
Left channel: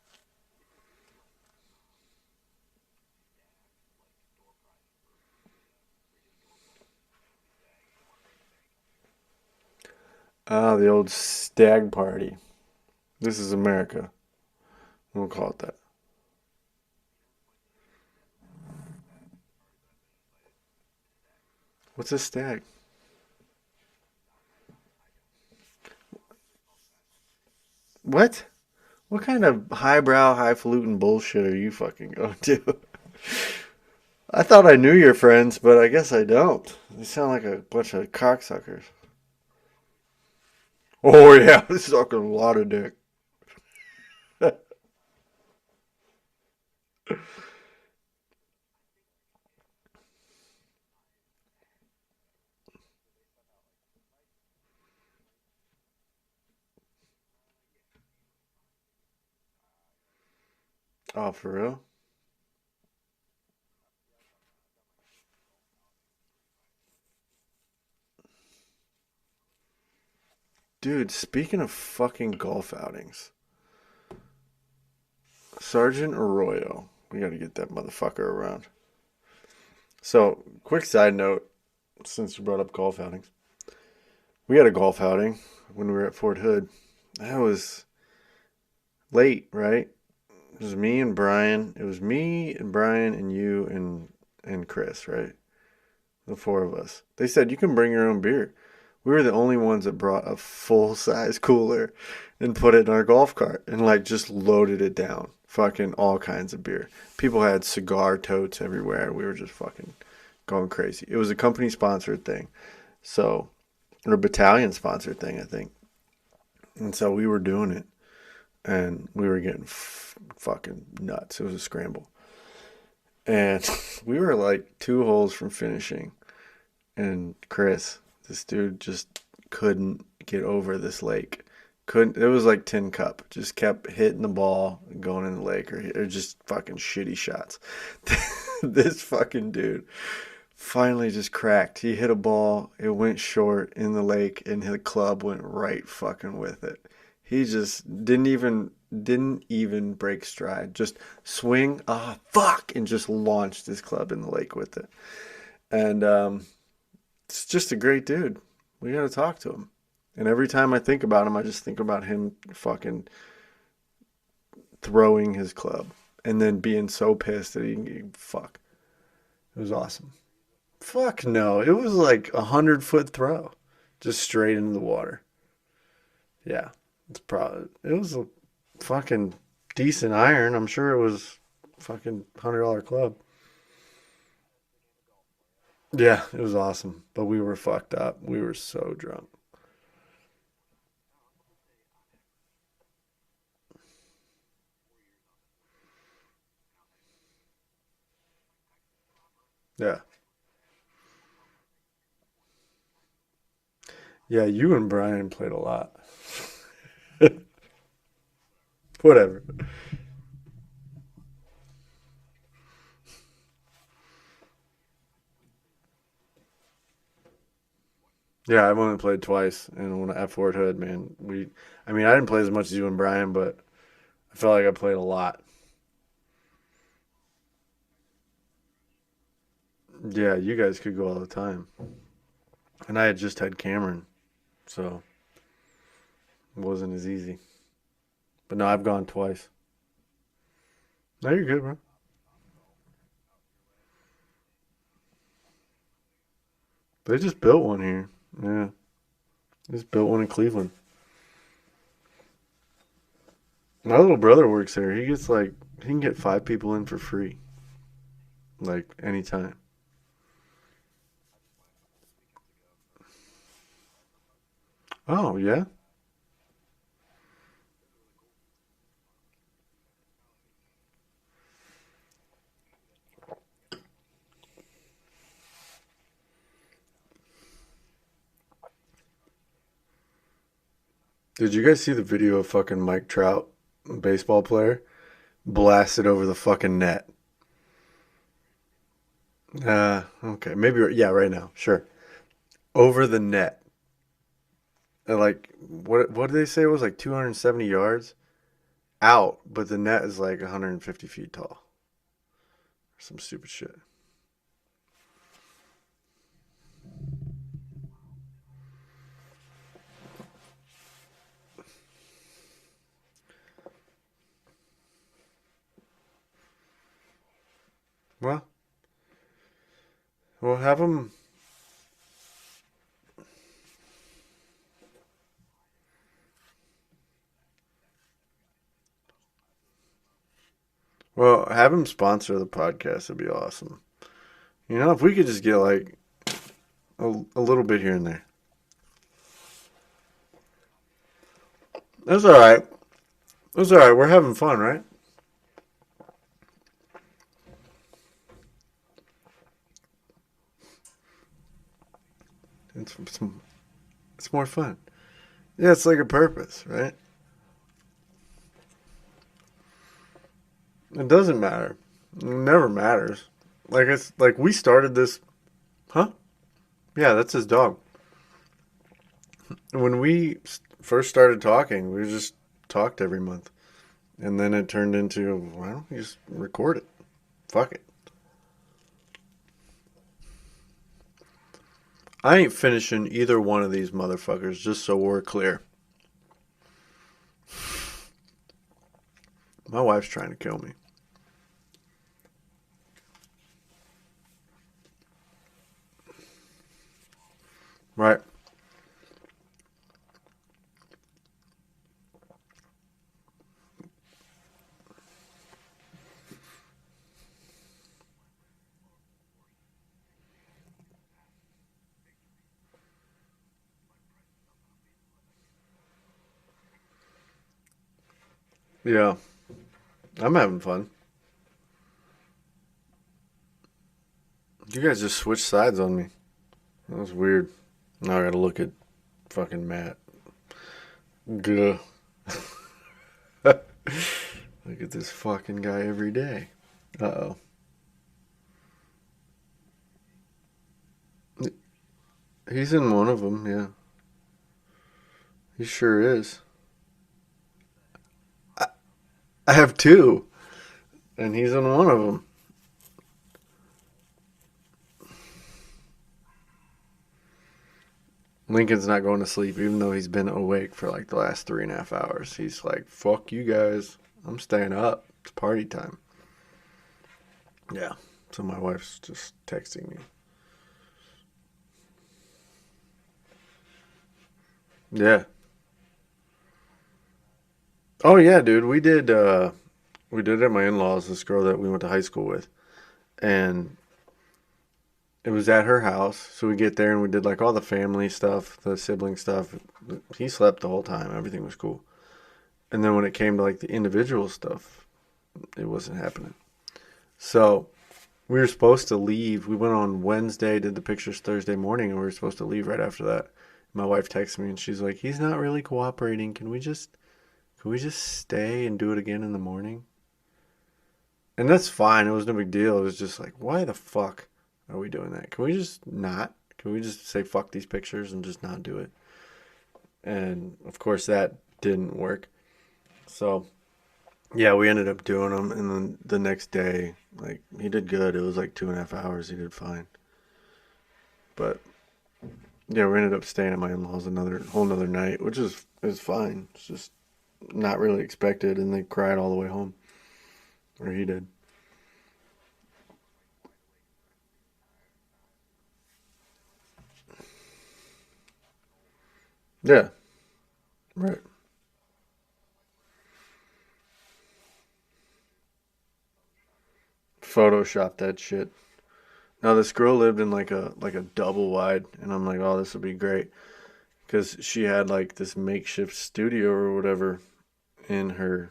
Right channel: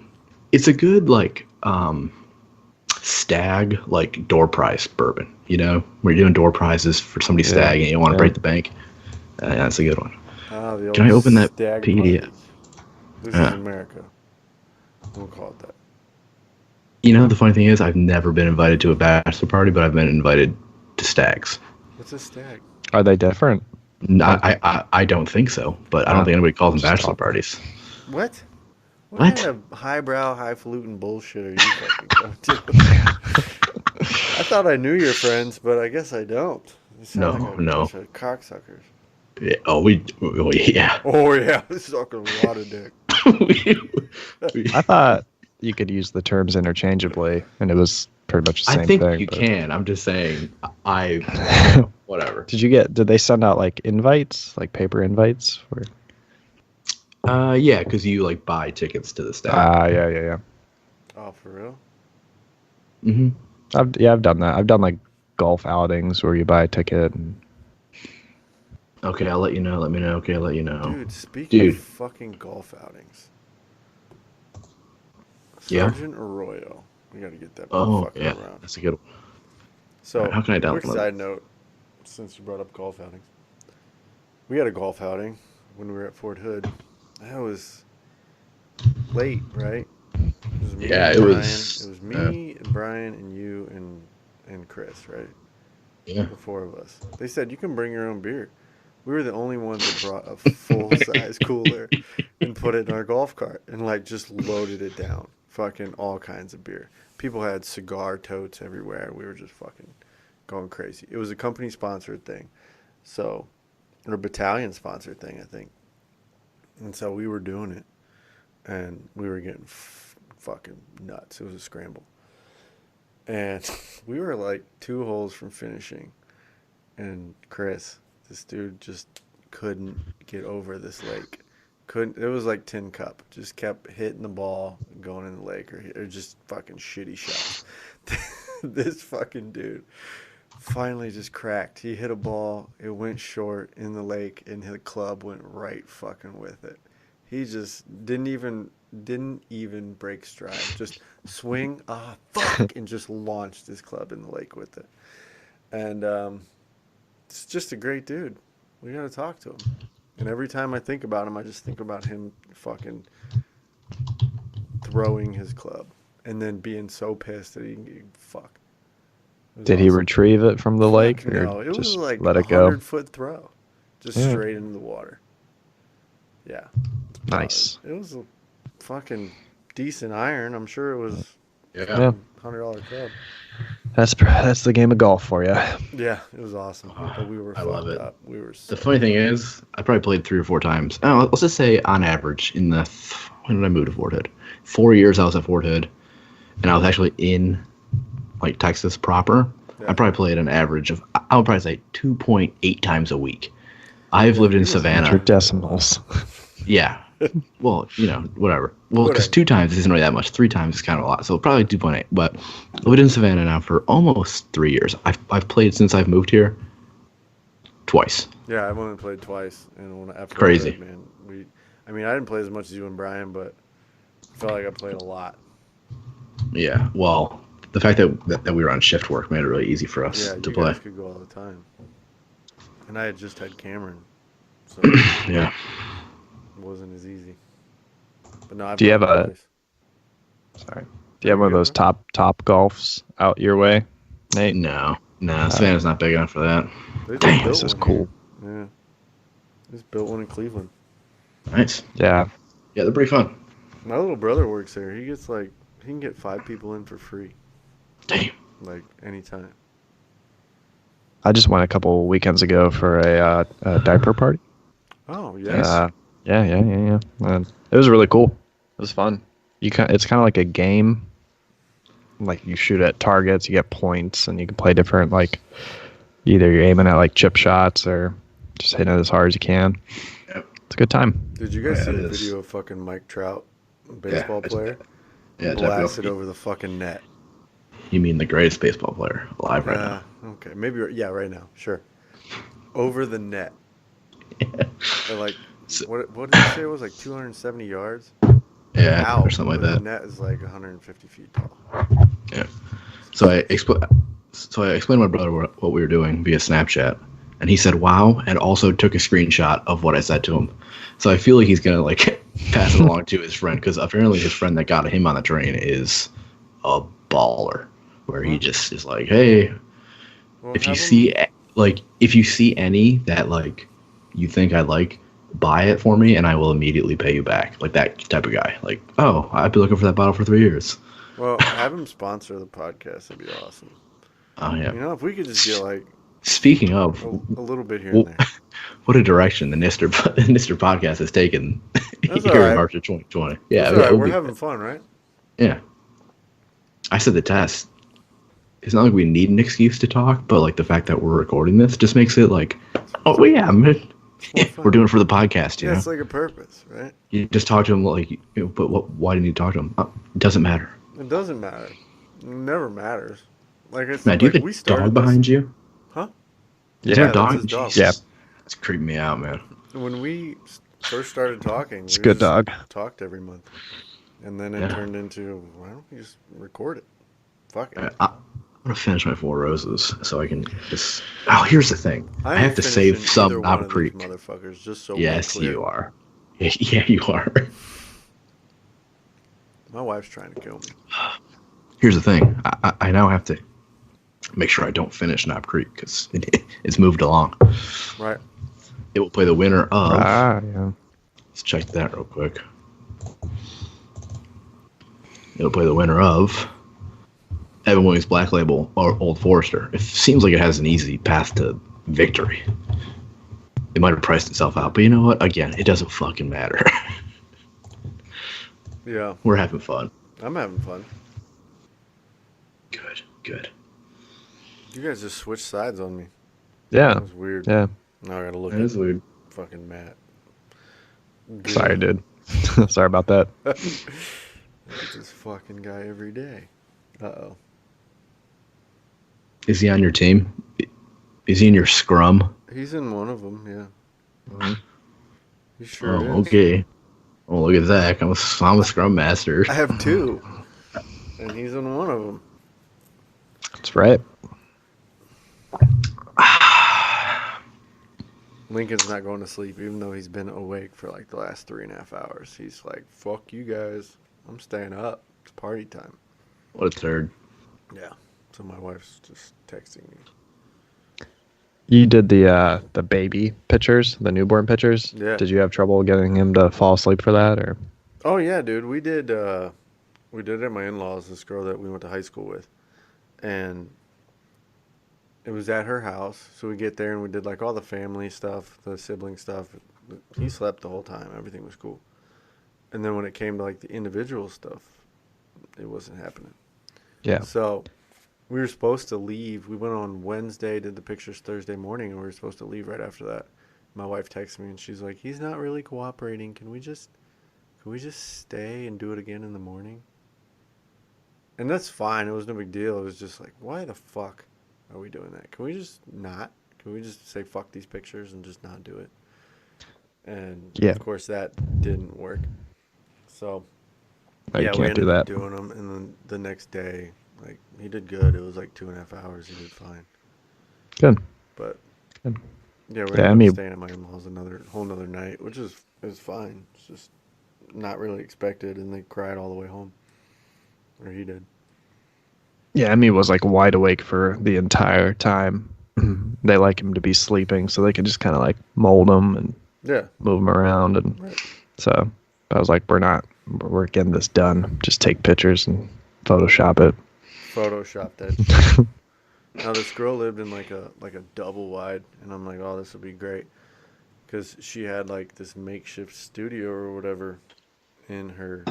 It's a good like stag like door prize bourbon. Where you're doing door prizes for somebody's stag and you want to break the bank. That's a good one. The old Can I open that stag PDF? party. This is America. We'll call it that. The funny thing is, I've never been invited to a bachelor party, but I've been invited to stags. What's a stag? Are they different? I don't think so, but I don't think anybody calls them bachelor parties. What? What What? kind of highbrow, highfalutin bullshit are you fucking going to? I thought I knew your friends, but I guess I don't. You sound like a bunch of cocksuckers. Yeah, yeah. Oh, yeah. Sucking water dick. We- I thought you could use the terms interchangeably, and it was pretty much the same I think thing. you but- can. I'm just saying, whatever. Did they send out like invites, like paper invites? Yeah, because you like buy tickets to the stag. Yeah. Oh, for real? Mm-hmm. I've done that. I've done like golf outings where you buy a ticket. And... Okay, I'll let you know. Let me know. Okay, I'll let you know. Dude, speaking of fucking golf outings, Sergeant Arroyo. We got to get that motherfucker around. That's a good one. So, how can I download quick it? side note, since you brought up golf outings. We had a golf outing when we were at Fort Hood. That was late, right? It was me and Brian. It was me and Brian and you and Chris, right? Yeah. The four of us. They said you can bring your own beer. We were the only ones that brought a full-size cooler and put it in our golf cart and like just loaded it down. Fucking all kinds of beer. People had cigar totes everywhere. We were just fucking going crazy. It was a company-sponsored thing. So, or a battalion-sponsored thing, I think. And so we were doing it. And we were getting fucking nuts. It was a scramble. And we were like 2 holes from finishing. And Chris, this dude just couldn't get over this lake. It was like tin cup. Just kept hitting the ball and going in the lake or just fucking shitty shots. This fucking dude finally just cracked. He hit a ball. It went short in the lake and the club went right fucking with it. He just didn't even break stride. Just swing, fuck, and just launched his club in the lake with it. And it's just a great dude. We got to talk to him. And every time I think about him, I just think about him fucking throwing his club and then being so pissed that he fuck. Did he retrieve it from the lake? or No, it was just like let a it go? 100-foot throw. Just straight into the water. Yeah. Nice. It was a fucking decent iron. I'm sure it was Yeah. $100 club. That's the game of golf for you. Yeah, it was awesome. But we were I love fucked it. up. We were so The funny thing is, I probably played 3 or 4 times. Oh, let's just say on average, when did I move to Fort Hood? 4 years I was at Fort Hood, and I was actually in like Texas proper. Yeah. I probably played an average of, I would probably say 2.8 times a week. I've Yeah, lived in you were Savannah. lying. Decimals. Yeah. Well, whatever. Well, because 2 times isn't really that much. 3 times is kind of a lot. So probably 2.8. But I've lived in Savannah now for almost 3 years. I've played since I've moved here twice. Yeah, I've only played twice, and when at Fort Crazy. Hood, man, I mean, I didn't play as much as you and Brian, but I felt like I played a lot. Yeah. Well, the fact that we were on shift work made it really easy for us Yeah, to you play. guys could go all the time, and I had just had Cameron, so Yeah. it wasn't as easy. But no, I've Do you done have it a twice. sorry? Do No, you have you're one of good, those man. top golfs out your way, Nate? No. Savannah's not big enough for that. They just Dang, built this is one cool. here. Yeah, they just built one in Cleveland. Nice. Yeah. Yeah, they're pretty fun. My little brother works there. He can get 5 people in for free, Damn. like anytime. I just went a couple weekends ago for a diaper party. Oh yes. Yeah. It was really cool. It was fun. It's kind of like a game. Like you shoot at targets, you get points, and you can play different like either you're aiming at like chip shots or just hitting it as hard as you can. Yep. It's a good time. Did you guys Yeah, see the it is. video of fucking Mike Trout, baseball player, Yeah, blasted definitely. over the fucking net? You mean the greatest baseball player alive right now? Okay, maybe right now, sure. Over the net. And like, So- what did they say it was like 270 yards Yeah, or out, something like but the that. net is like 150 feet tall. Yeah. Some So I sick shit. explained to my brother what we were doing via Snapchat, and he said "wow" and also took a screenshot of what I said to him. So I feel like he's gonna like pass it along to his friend because apparently his friend that got him on the train is a baller, where he Well- just is like, hey, Well, if you have 'em- see if you see any that like you think I like, buy it for me and I will immediately pay you back. Like that type of guy. Like, oh, I've been looking for that bottle for 3 years. well, have him sponsor the podcast. It'd be awesome. Oh yeah. You know, if we could just get like Speaking of, a little bit here well, and there. what a direction the Nister podcast has taken. That's here all right. in March of 2020. Yeah, That's all right. it'll We're be- having fun, right? Yeah. I said the test. It's not like we need an excuse to talk, but like the fact that we're recording this just makes it like, oh well, yeah, man. It's more fun. We're doing it for the podcast. You Yeah, know? it's like a purpose, right? You just talk to him like, but why do you need to talk to him? It doesn't matter. It doesn't matter. It never matters. Like it's Man, do you like have a we started dog this, behind you? huh? Yeah, Yeah, Dog? that's his dog. Yeah. It's creeping me out, man. When we first started talking, It's a we good just dog. talked every month, and then it Yeah. turned into why don't we just record it? Fuck it. I'm gonna finish my 4 roses so I can just. Oh, here's the thing. I have ain't to finishing save some either one Knob of Creek. these motherfuckers, just so Yes, we're clear. you are. Yeah, you are. My wife's trying to kill me. Here's the thing. I now have to make sure I don't finish Knob Creek because it's moved along. Right. It will play the winner of. Yeah. Let's check that real quick. It'll play the winner of Evan Williams Black Label or Old Forester. It seems like it has an easy path to victory. It might have priced itself out, but you know what? Again, it doesn't fucking matter. Yeah, We're having fun. I'm having fun. Good. You guys just switched sides on me. Yeah. That was weird. Yeah. Now I gotta look That at is weird. fucking Matt. Sorry, dude. Sorry about that. Look at this fucking guy every day. Uh-oh. Is he on your team? Is he in your scrum? He's in one of them, yeah. Mhm. He sure Oh, is. okay. Oh, look at Zach. I'm a scrum master. I have 2, and he's in one of them. That's right. Lincoln's not going to sleep, even though he's been awake for like the last 3.5 hours. He's like, fuck you guys. I'm staying up. It's party time. What a turd. Yeah. So my wife's just texting me. You did the baby pictures, the newborn pictures. Yeah. Did you have trouble getting him to fall asleep for that, or? Oh, yeah, dude. We did it at my in-laws, this girl that we went to high school with. And it was at her house. So we get there and we did like all the family stuff, the sibling stuff. He slept the whole time. Everything was cool. And then when it came to like the individual stuff, it wasn't happening. Yeah. So we were supposed to leave. We went on Wednesday, did the pictures Thursday morning, and we were supposed to leave right after that. My wife texted me and she's like, he's not really cooperating. Can we just stay and do it again in the morning? And that's fine. It was no big deal. It was just like, why the fuck are we doing that? Can we just not? Can we just say fuck these pictures and just not do it? And Yeah. of course that didn't work. So I yeah, we can't do ended up that. doing them, and then the next day, like he did good. It was like 2.5 hours. He did fine. Good. But Good. yeah, we Yeah, ended I up mean, staying at my in-laws whole another night, which is fine. It's just not really expected, and they cried all the way home, or he did. yeah, Emmy was like wide awake for the entire time. They like him to be sleeping, so they can just kind of like mold him and Yeah, move him around, and right. so I was like, we're getting this done. Just take pictures and Photoshop it. Photoshop that shit. Now this girl lived in like a double wide, and I'm like, oh, this would be great, because she had like this makeshift studio or whatever in her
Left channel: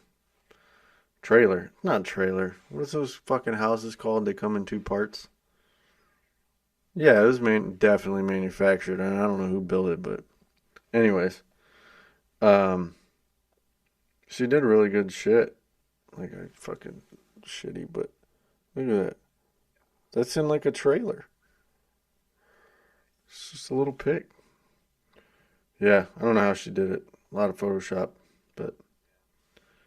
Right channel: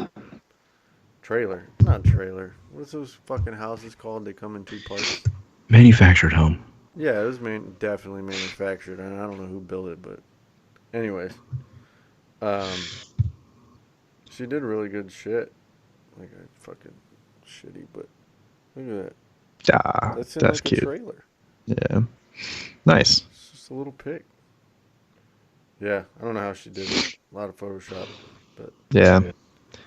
trailer. Not trailer. What's those fucking houses called? They come in two parts. Manufactured home. Yeah, it was definitely manufactured, and I don't know who built it, but anyways, um, she did really good shit. Like I fucking shitty, but look at that. Ah, That's in that's like a cute. trailer. Yeah, nice. It's just a little pic. Yeah, I don't know how she did it. A lot of Photoshop, but Yeah,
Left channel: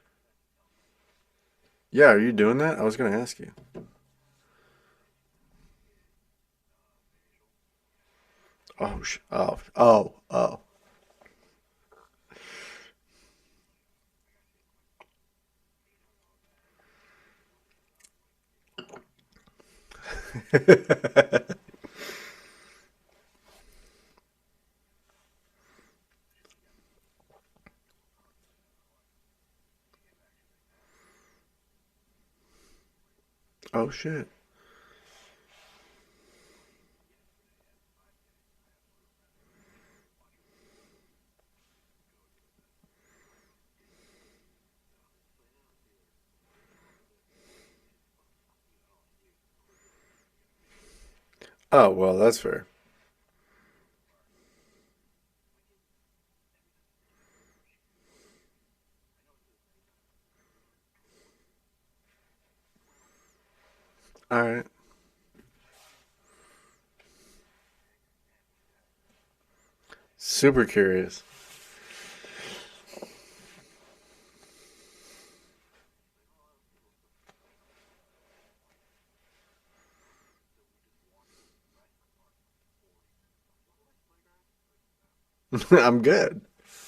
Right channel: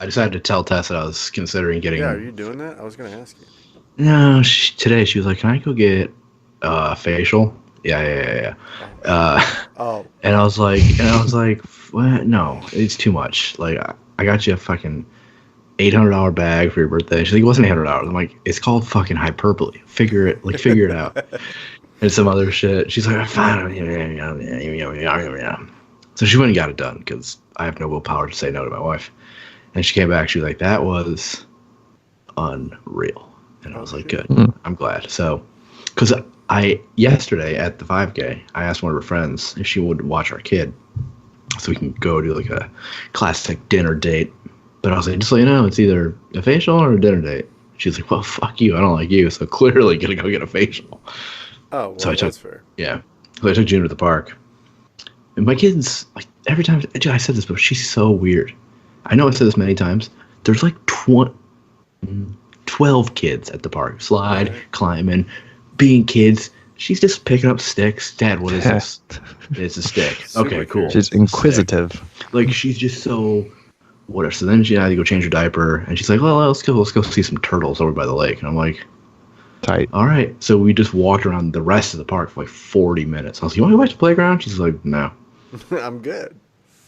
I decided to tell Tess that I was considering getting. yeah, are you doing that? I was gonna ask you. No, today she was like, "Can I go get a facial?" Yeah. Oh, shit. Uh, and I was like, what? No, it's too much. Like, I got you a fucking $800 bag for your birthday. She's like, it wasn't $800. I'm like, it's called fucking hyperbole. Figure it out. And some other shit. She's like, fine. So she went and got it done because I have no willpower to say no to my wife. And she came back. She was like, that was unreal. And I was like, shit. good. I'm glad. So, because yesterday at the 5K, I asked one of her friends if she would watch our kid so we can go do like a classic dinner date. But I was like, just so you know, it's either a facial or a dinner date. She's like, well, fuck you. I don't like you. So clearly gonna go get a facial. Oh, well, So that's fair. Yeah. So I took June to the park. And my kid's, like, every time, I said this, but she's so weird. I know I've said this many times. There's like 12 kids at the park. Slide, Right. climbing, being kids. She's just picking up sticks. Dad, what is this? It's a stick. Super Okay, cool. curious. she's inquisitive. Like, she's just so whatever. So then she had to go change her diaper, and she's like, well, let's go see some turtles over by the lake. And I'm like, Tight. all right. So we just walked around the rest of the park for like 40 minutes. I was like, you want to go back to the playground? She's like, no. I'm good.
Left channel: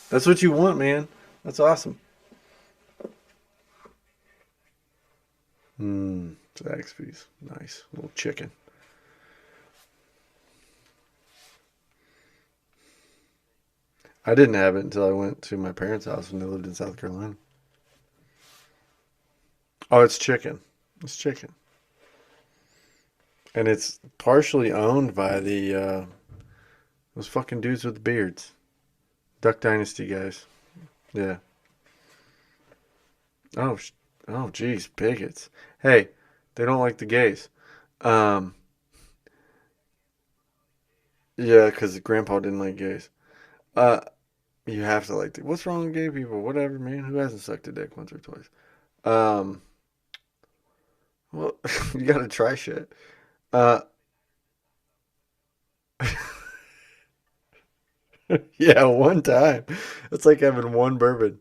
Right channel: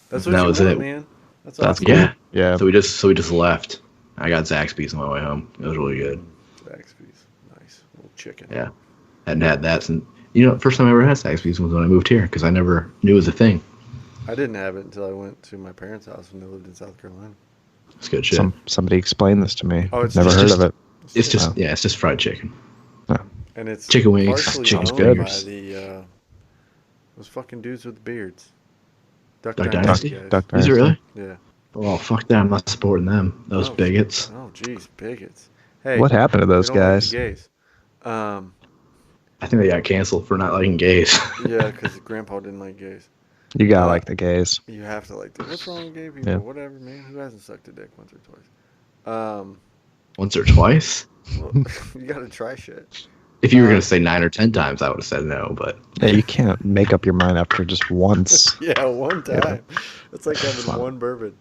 That's what That you was want, it. man. That's That's awesome. Yeah. Yeah. So we just left. I got Zaxby's on my way home. It was really good. Zaxby's. Nice. A little chicken. Yeah. Hadn't had that since, first time I ever had Zaxby's was when I moved here because I never knew it was a thing. I didn't have it until I went to my parents' house when they lived in South Carolina. It's good shit. Somebody explain this to me. Oh, it's Never just- heard of it. It's just fried chicken. And it's Chicken wings. partially Chicken's owned good. by those fucking dudes with the beards. Duck Duck Dynasty Dynasty? guys. Is it really? Yeah. Oh, fuck that. I'm not supporting them. Those Oh, bigots. Oh, jeez, bigots. Hey, What happened to they those don't guys? like the gays. I think they got canceled for not liking gays. Yeah, because Grandpa didn't like gays. You gotta like the gays. You have to like them. What's wrong with gay people? Yeah. Whatever, man. Who hasn't sucked a dick once or twice? Once or twice? Well, you gotta try shit. If you were going to say 9 or 10 times, I would have said no, but Yeah, you can't make up your mind after just once. Yeah, one time. It's like having one bourbon.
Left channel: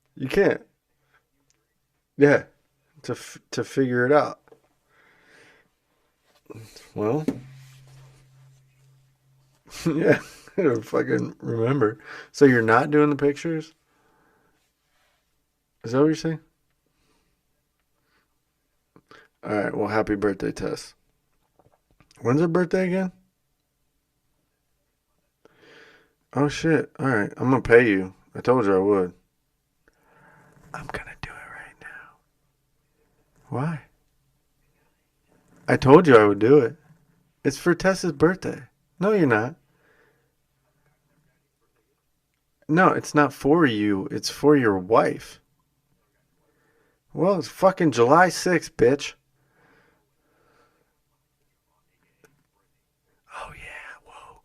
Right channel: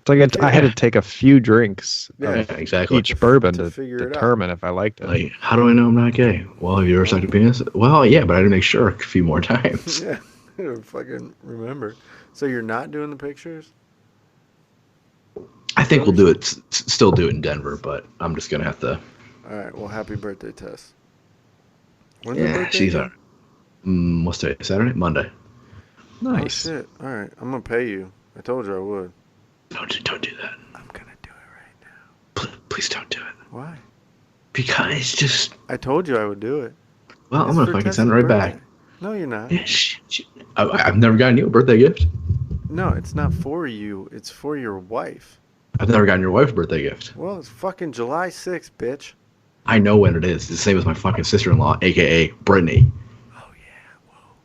It's like I had to take a few drinks Yeah. yeah, exactly. each bourbon to to figure it out. determine if I liked it. Like, how do I know I'm not gay? Well, have you ever sucked a penis? Well, yeah, but I had to make sure a few more times. Yeah, I don't fucking remember. So you're not doing the pictures? I think we'll do it, still do it in Denver, but I'm just going to have to. All right. Well, happy birthday, Tess. When's her Yeah, birthday? she's again? what's today? Saturday? Monday. Nice. Oh shit! All right, I'm gonna pay you. I told you I would. Don't do that. I'm gonna do it right now. Please don't do it. Why? Because it's just, I told you I would do it. well, It's I'm for going to fucking Tessa's send it right birthday. back. No, you're not. Yeah, I've never gotten you a birthday gift. No, it's not for you. It's for your wife. I've never gotten your wife a birthday gift. Well, it's fucking July 6th, bitch. I know when it is. It's the same as my fucking sister-in-law, a.k.a. Brittany. Oh yeah. Whoa.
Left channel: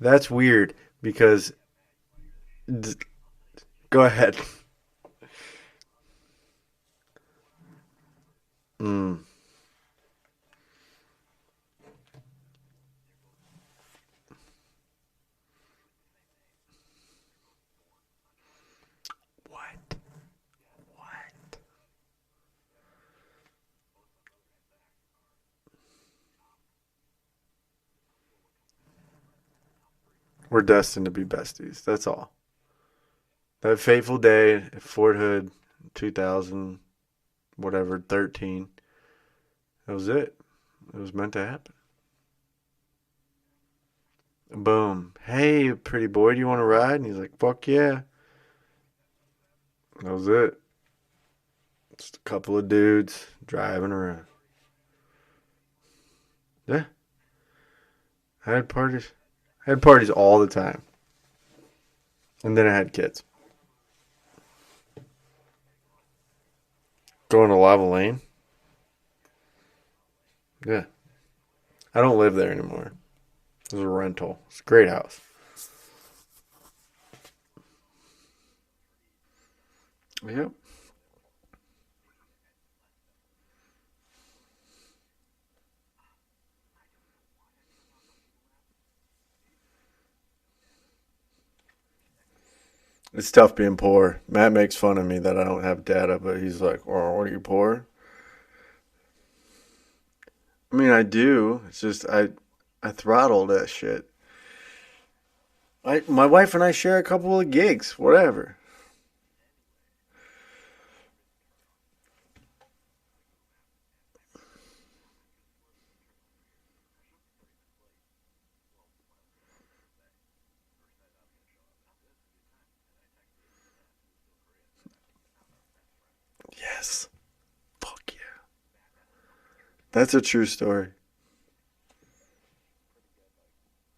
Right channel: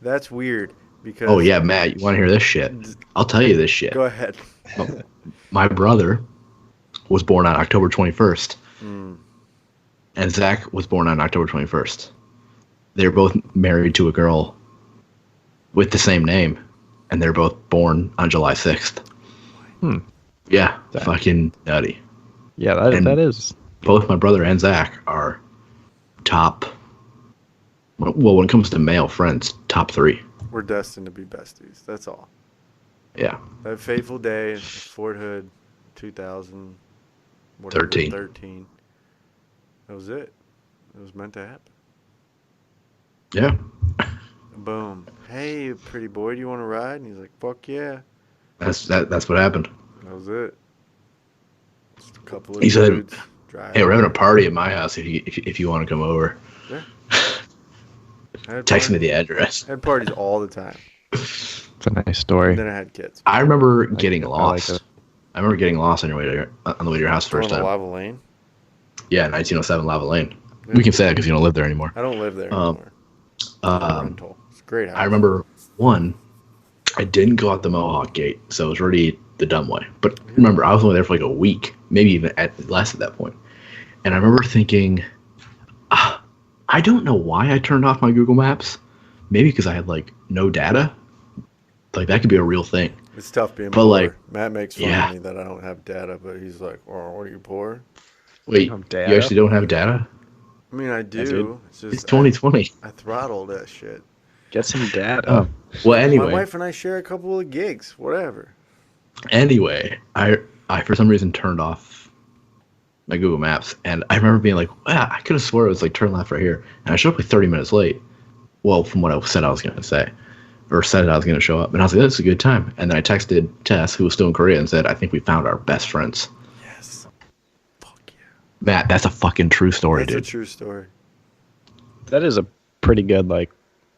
That's weird because. Oh, yeah, Matt, you want to hear this shit? I'll tell you this shit. Go ahead. My brother was born on October 21st. Mm. And Zach was born on October 21st. they're both married to a girl with the same name, and they're both born on July 6th. Hmm. Yeah, Dang. fucking nutty. Yeah, And that is. both my brother and Zach are top. Well, when it comes to male friends, top 3. We're destined to be besties. That's all. Yeah, That fateful day, Fort Hood, 2000, whatever, 13. That was it. It was meant to happen. yeah. Boom. Hey, pretty boy, do you want to ride? And he's like, fuck yeah. That's what happened. That was it. Just a couple of He said, dudes driving. Hey, we're having a party at my house if you want to come over. Yeah. Text me the address. I had parties all the time. It's a nice story. And then I had kids. I remember getting I like lost. it. I remember getting lost on the way to your house Throwing first the time. lava lane. Yeah, 1907 Lava Lane. Yeah. We can say that because you don't live there anymore. I don't live there anymore. It's a rental. It's a great house. I remember I didn't go out the Mohawk gate, so it was already the dumb way. But remember, I was only there for like a week, maybe even less at that point. And I remember thinking, I don't know why I turned off my Google Maps. Maybe because I had like no data. Like that could be a real thing. It's tough being But, poor. like, Matt makes fun yeah. of me that I don't have data, but he's like, "Oh, what are you poor?" Wait, have you data? actually don't have data? I mean, I do. It's It's just 2020. I throttle that shit. Get some data. Oh, well, anyway. My wife and I share a couple of gigs, whatever. Anyway, I for some reason turned off my Google Maps, and I remember being like, I could have swore it was like turn left right here, and I showed up like 30 minutes late. Well, from what I said I was going to say, or said I was going to show up, and I was like, that's a good time. And then I texted Tess, who was still in Korea, and said, I think we found our best friends. Yes. Fuck yeah. Matt, that's a fucking true story, That's dude. a true story. That is a pretty good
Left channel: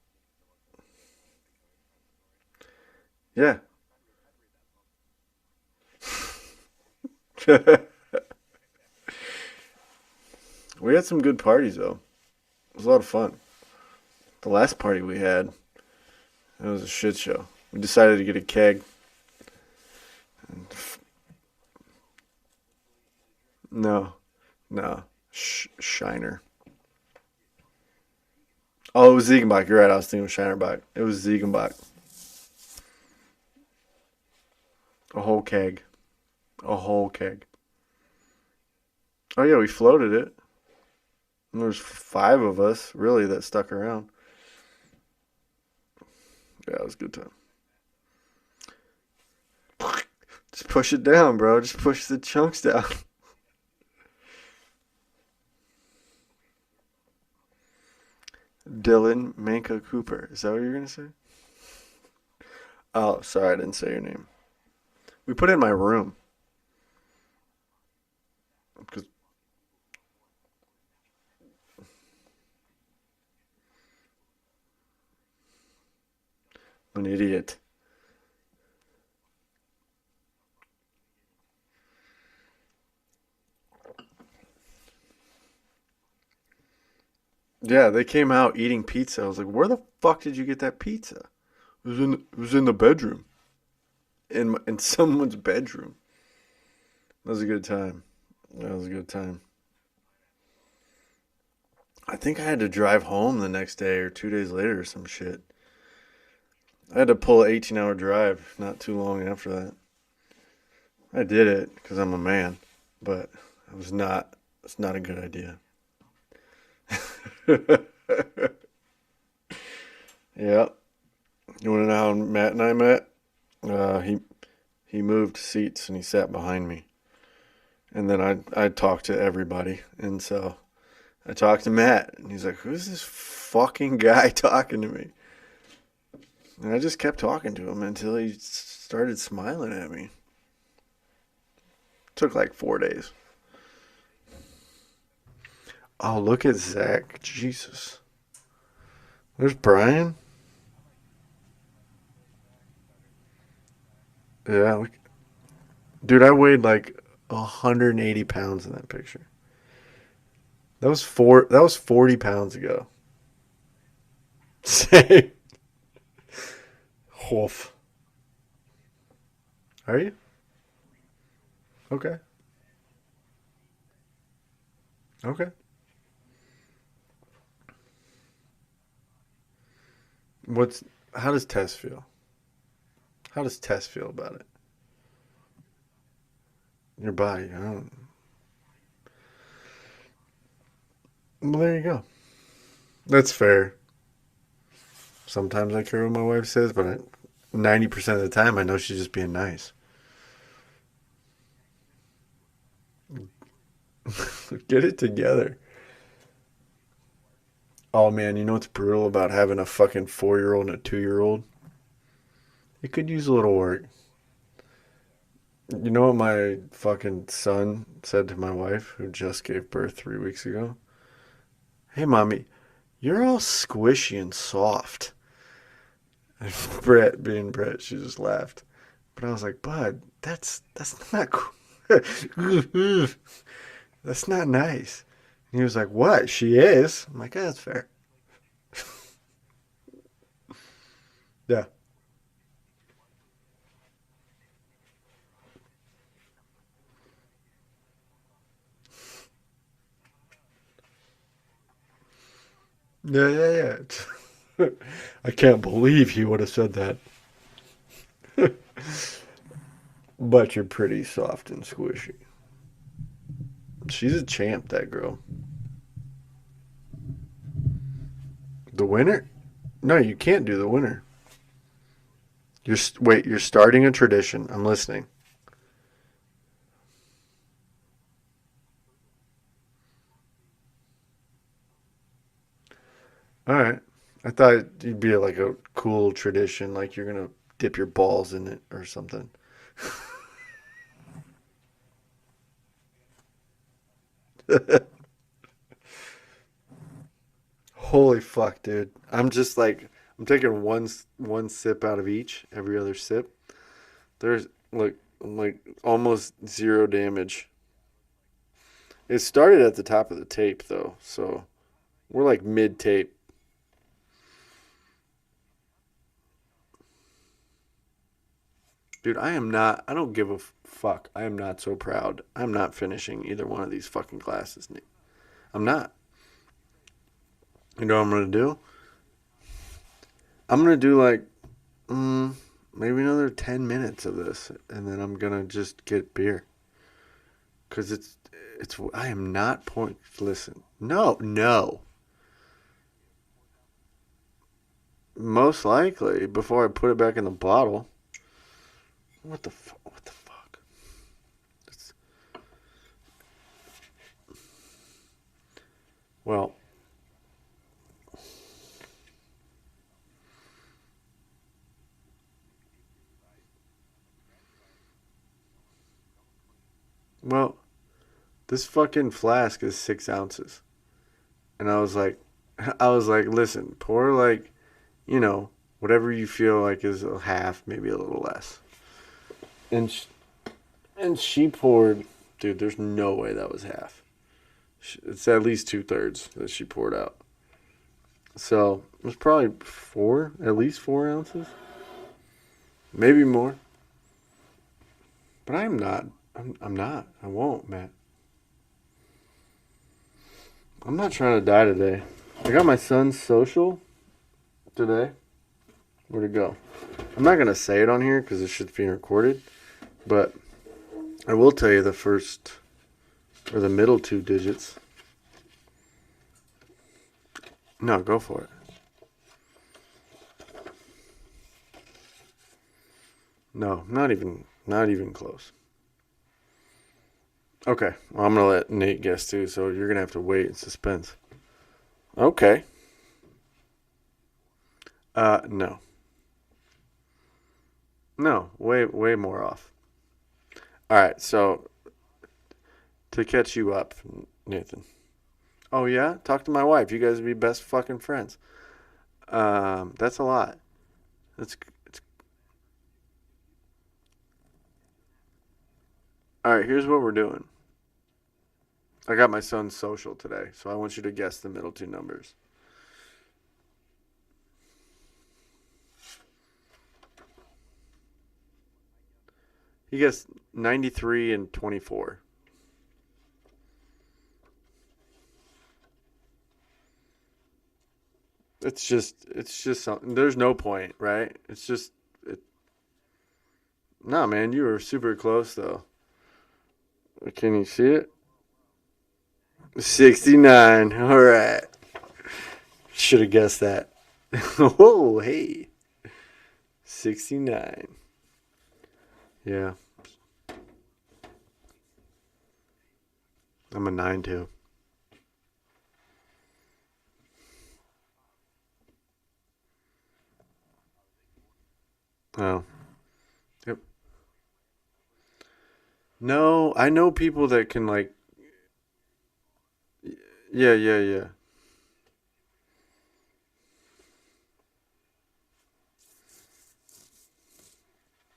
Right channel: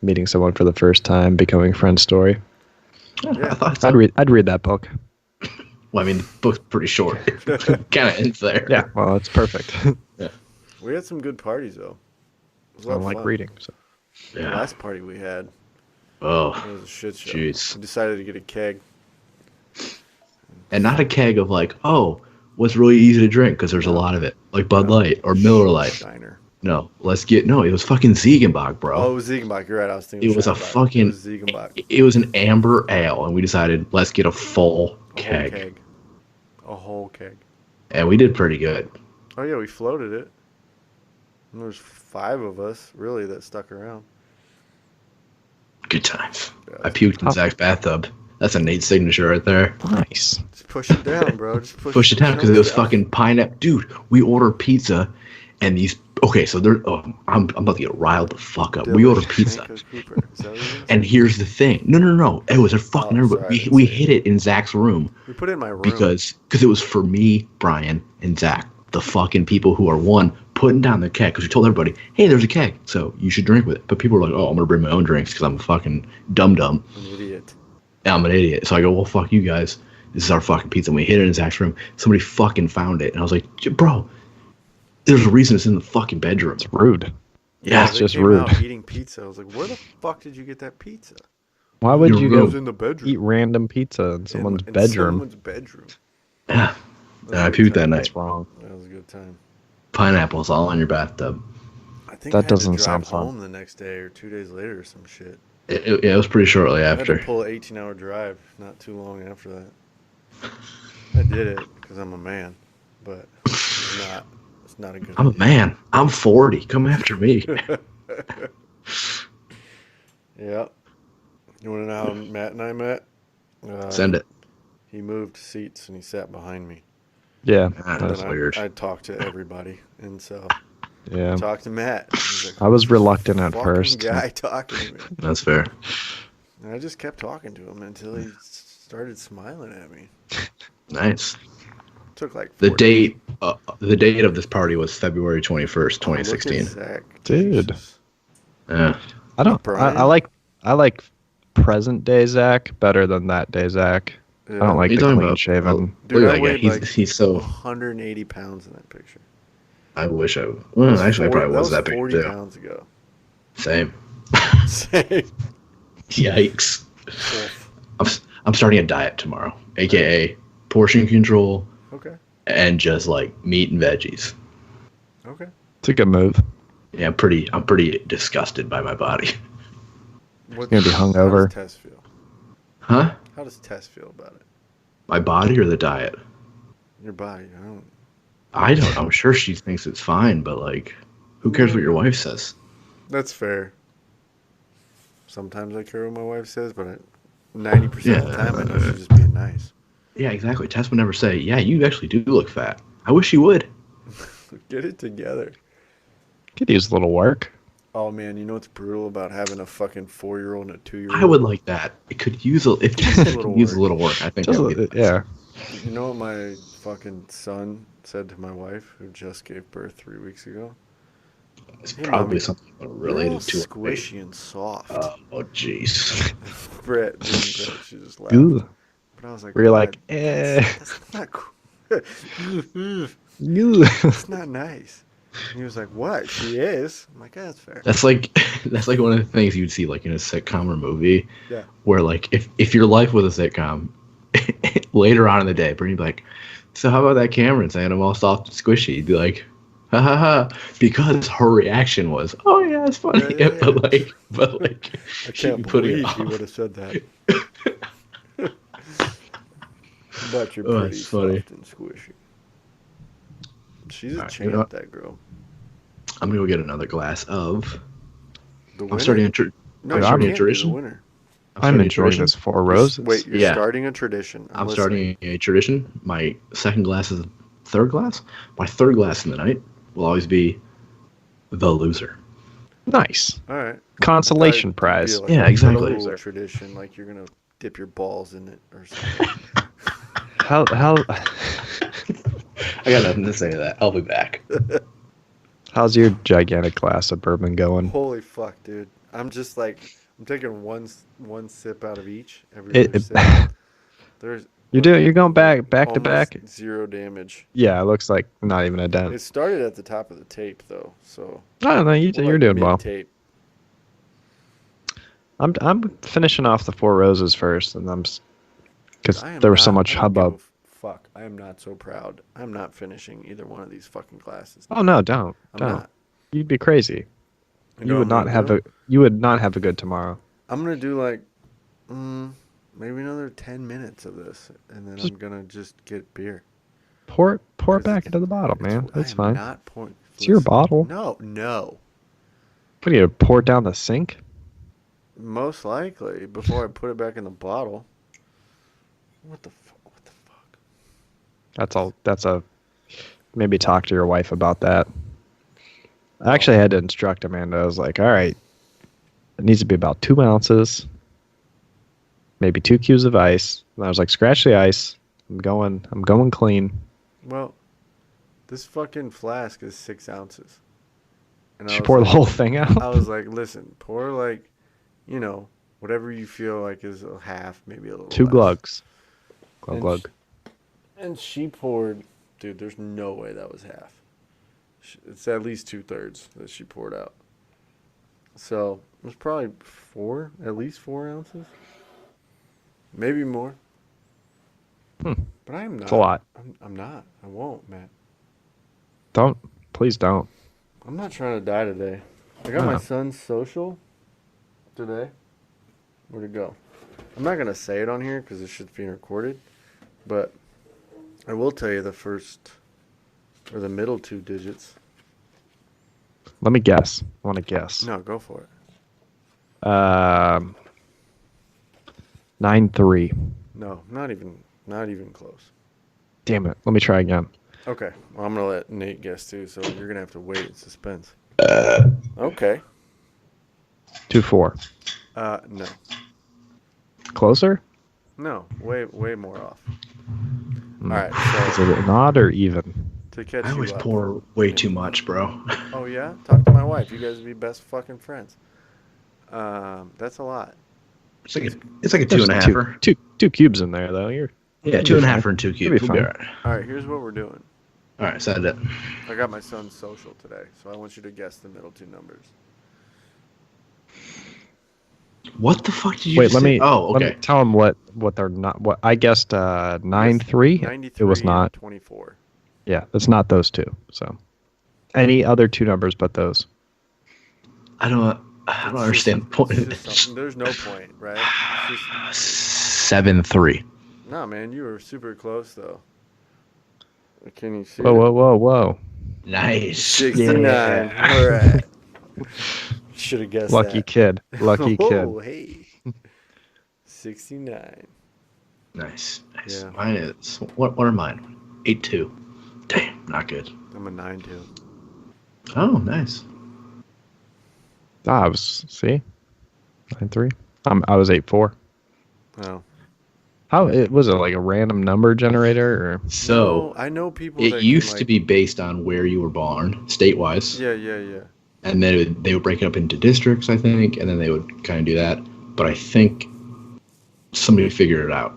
meeting someone for the first time, becoming friend story. Yeah. I thought so. I'd read that book. Well, I mean, the book's pretty short. It kind of ends there. Yeah, well, it's perfect. We had some good parties though. It was a I lot don't of like fun. reading. So. The Yeah. last party we had, it Oh, was a shit show. jeez. We decided to get a keg. And not a keg of like, oh, what's really easy to drink because there's a No. lot of it, like Bud No. Light or Miller Lite. Shiner. No, it was fucking Ziegenbach, bro. Oh, it was Ziegenbach. You're right. I was thinking It was a Shinerbach. fucking. It was Ziegenbach. It was an amber ale, and we decided let's get a full A whole keg, keg. A whole keg. and we did pretty good. Oh yeah, we floated it. And there's 5 of us really that stuck around. Good times. Yeah, I it's puked in Zach's bathtub. That's a Nate signature right there. Nice. Just push it down, bro. Just Push it the down because it chunks was down. fucking pineapple. Dude, we ordered pizza, and these. Okay, so they're. Oh, I'm about to get riled the fuck up. We Dylan ordered pizza. Shanko Cooper. Is that what you And here's the thing. No. It was a fucking. Oh, sorry, I didn't we say hid it in Zach's room We put it in my room. because it was for me, Brian, and Zach, the fucking people who are putting down the keg. Because we told everybody, hey, there's a keg, so you should drink with it. But people were like, oh, I'm gonna bring my own drinks because I'm a fucking dum. An idiot. I'm an idiot. So I go, well, fuck you guys. This is our fucking pizza. And we hid it in Zach's room. Somebody fucking found it, and I was like, bro, there's a reason it's in the fucking bedroom. It's rude. Yeah, it's they just came rude. out eating pizza. I was like, where the fuck did you get that pizza? Why would It you It was go in the eat bedroom. random pizza in someone's in bedroom? someone's bedroom. Yeah. That was I a good puked that time. night. That's wrong. That was a good time. Pineapples all in your bathtub. I think That I had to doesn't drive sound fun. home the next day or 2 days later or some shit. It was pretty shortly I had after. to pull an 18-hour drive not too long after that. I did it because I'm a man, but it's not a good I'm a idea. man. I'm 40. Come after me. Yeah. You want to know how Matt and I met? Send it. He moved seats and he sat behind me. Yeah. And That's then weird. I talked to everybody. And so Yeah. I talked to Matt. He's like, I was "Who's this reluctant at fucking first. guy talking to me. That's fair. And I just kept talking to him until he started smiling at me. Nice. Took like The 4 days. the date of this party was February 21st, Oh, look at 2016. Zach. Dude. Jesus. Yeah. I don't. Brian? I like present day Zach better than that day Zach. I Yeah. don't like You're the talking clean about- shaven. Dude, Look at I that weighed guy. like He's so. 180 pounds in that picture. I wish I. That Well, was, actually, I four, probably that was that big 40 too. pounds ago. Same. Same. Yikes. Wolf. I'm starting a diet tomorrow, aka portion control Okay. and just like meat and veggies. Okay. It's a good move. Yeah, I'm pretty disgusted by my body. What's You're gonna be How does hungover. Tess feel? Huh? How does Tess feel about it? My body or the diet? Your body. I don't. I don't know. I'm sure she thinks it's fine, but like, who Well, cares there what you your go. wife says? That's fair. Sometimes I care what my wife says, but 90% of the time I know she's just being nice. Yeah, exactly. Tess would never say, "Yeah, you actually do look fat." I wish she would. Get it together. Could use a little work. Oh man, you know what's brutal about having a fucking 4-year-old and a 2-year-old? I would like that. It could use a if Just a it little could use a work. little work. I think I Just would get yeah. You know what my fucking son said to my wife, who just gave birth 3 weeks ago? It's Hey, probably mommy, something you're all related to it. squishy and soft. Oh, jeez. Brett, being Brett, she just laughed. Ooh. But I was like, Where you're Bud, like, that's not cool. you. That's not nice. And he was like, what? She is? I'm like, yeah, that's fair. That's like that's like one of the things you'd see like in a sitcom or movie Yeah. where like if your life was a sitcom, later on in the day, Bernie'd be like, "So how about that Cameron saying I'm all soft and squishy?" You'd be like, "Ha ha ha," because her reaction was, "Oh yeah, it's funny," Yeah, yeah, yeah. but like, I she can't put it believe he off. would have said that. But you're Oh, pretty it's funny. soft and squishy. She's a All right, you know champ, what? that girl. I'm gonna go get another glass of. The I'm winner? starting a tr- No, I'm you starting a can't do the tradition. winner. I'm I'm starting a enjoying tradition. this Four Roses. Wait, you're Yeah. starting a tradition. I'm I'm listening. starting a tradition. My second glass is third glass. My third glass in the night will always be the loser. Nice. All right. Consolation I thought it'd be prize. like Yeah, a exactly. cool tradition, like you're gonna dip your balls in it or something. How I got nothing to say to that. I'll be back. how's your gigantic glass of bourbon going? Holy fuck, dude! I'm just like I'm taking one sip out of each every It, other it sip. There's you're going back to almost back. zero damage. Yeah, it looks like not even a dent. It started at the top of the tape though, so I don't know. we're You're like doing mid well. tape. I'm finishing off the Four Roses first, and Dude, because I am there was so not. much I don't give hubbub. a fuck. I am not so proud. I'm not finishing either one of these fucking classes. Oh no, don't. I'm Don't. not. You'd be crazy. You know what I'm not gonna have do? you would not have a good tomorrow. I'm gonna do like maybe another 10 minutes of this, and then Just- I'm gonna just get beer. Pour it 'Cause back it's- into the bottle, man. I That's am fine. not pouring. It's your listen, bottle. No. What are you gonna pour it down the sink? Most likely before I put it back in the bottle. What the fuck? That's a maybe talk to your wife about that. I Well- actually had to instruct Amanda. I was like, all right, it needs to be about 2 ounces, maybe 2 cubes of ice. And I was like, scratch the ice. I'm going clean. Well, this fucking flask is 6 ounces. And She poured the whole thing out. I was like, listen, pour like, whatever you feel like is a half, maybe a little 2 less. glugs. And, Glug. and she poured, dude, there's no way that was half. It's at least 2/3 that she poured out. So it was probably at least 4 ounces. Maybe more. But I am not. It's a lot. I'm not. I won't, Matt. Please don't. I'm not trying to die today. I got my son's social today. Where'd it go? I'm not going to say it on here because it should be recorded. But I will tell you the first or the middle 2 digits. Let me guess. I want to guess. No, go for it. 9-3. No, not even close. Damn it. Let me try again. Okay. Well, I'm going to let Nate guess too, so you're going to have to wait in suspense. Okay. 2-4. No. Closer? No, way more off. All right, Is so it an odd or even? to catch I you always up. pour way too much, bro. Oh yeah, talk to my wife. You guys would be best fucking friends. That's a lot. It's like a two and a halfer. Two cubes in there though. You're Yeah, two and a half and 2 You'll be cubes. We'll be fine. all right. All right, here's what we're doing. All right, set it. I got my son's social today, so I want you to guess the middle 2 numbers. What the fuck did you Wait. just Let say? me. Oh, Let okay. me tell them what they're not. What I guessed. 9-3. 93 It was and not. 24. Yeah, it's not those two. So, any other 2 numbers but those. I don't understand the point. It's just something. There's no point, right? It's just 7-3. no, man. You were super close though. Can you see Whoa, it? whoa, whoa, whoa! Nice. 69. Yeah. All right. Should have guessed Lucky that. kid. Lucky Oh, kid. hey. 69. Nice. Yeah. Mine is what are mine? 8-2. Damn, not good. I'm a 9-2. Oh, nice. I was 9-3. I was 8-4. Oh. How Okay. it was it like a random number generator or? So No, I know people it that used can to be based on where you were born, state-wise. Yeah. And then they would break it up into districts, I think, and then they would kind of do that. But I think somebody figured it out.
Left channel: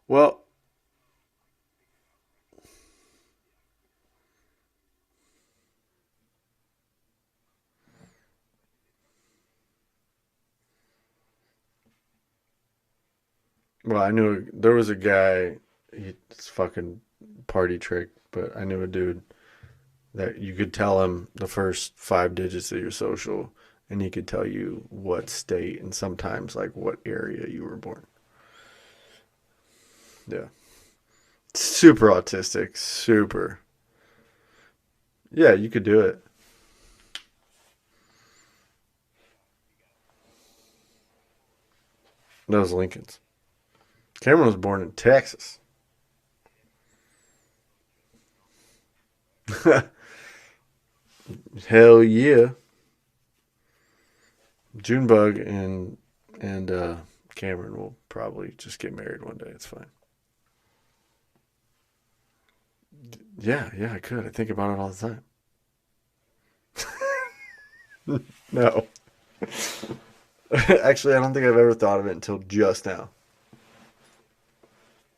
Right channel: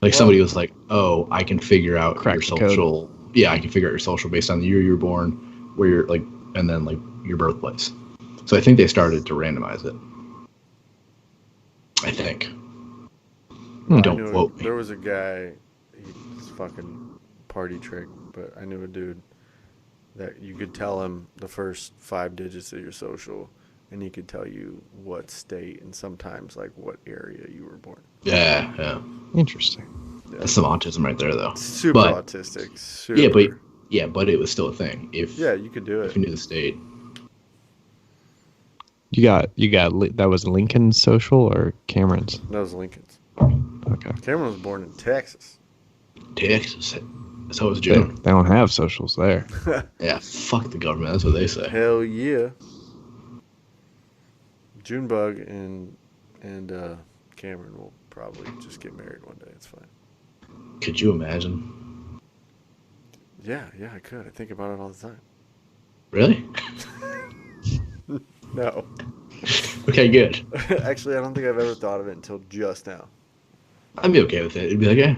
Like Well- somebody was like, "Oh, I can figure out Crack your the code. social. Yeah, I can figure out your social based on the year you were born, where you're like, and then like your birthplace." So I think they started to randomize it. I think. Well, I Don't knew quote me. there was a guy, it's fucking party trick, but I knew a dude that you could tell him the first 5 digits of your social, and he could tell you what state and sometimes like what area you were born. Yeah. Interesting. Yeah. That's some autism right there, though. Super But- autistic. Super. But it was still a thing. If You could do if you it. knew the state. You got that was Lincoln's social or Cameron's? That was Lincoln's. Okay. Cameron was born in Texas. Texas. That's how it was They, June. they don't have socials there. Yeah, fuck the government. That's what they say. Hell yeah. Junebug and Cameron will probably just get married one day. It's fine. Could you imagine? Yeah, I could. I think about it all the time. Really? No. Okay, good. Actually, I don't think I've ever thought of it until just now. I'd be okay with it. It'd be like, yeah,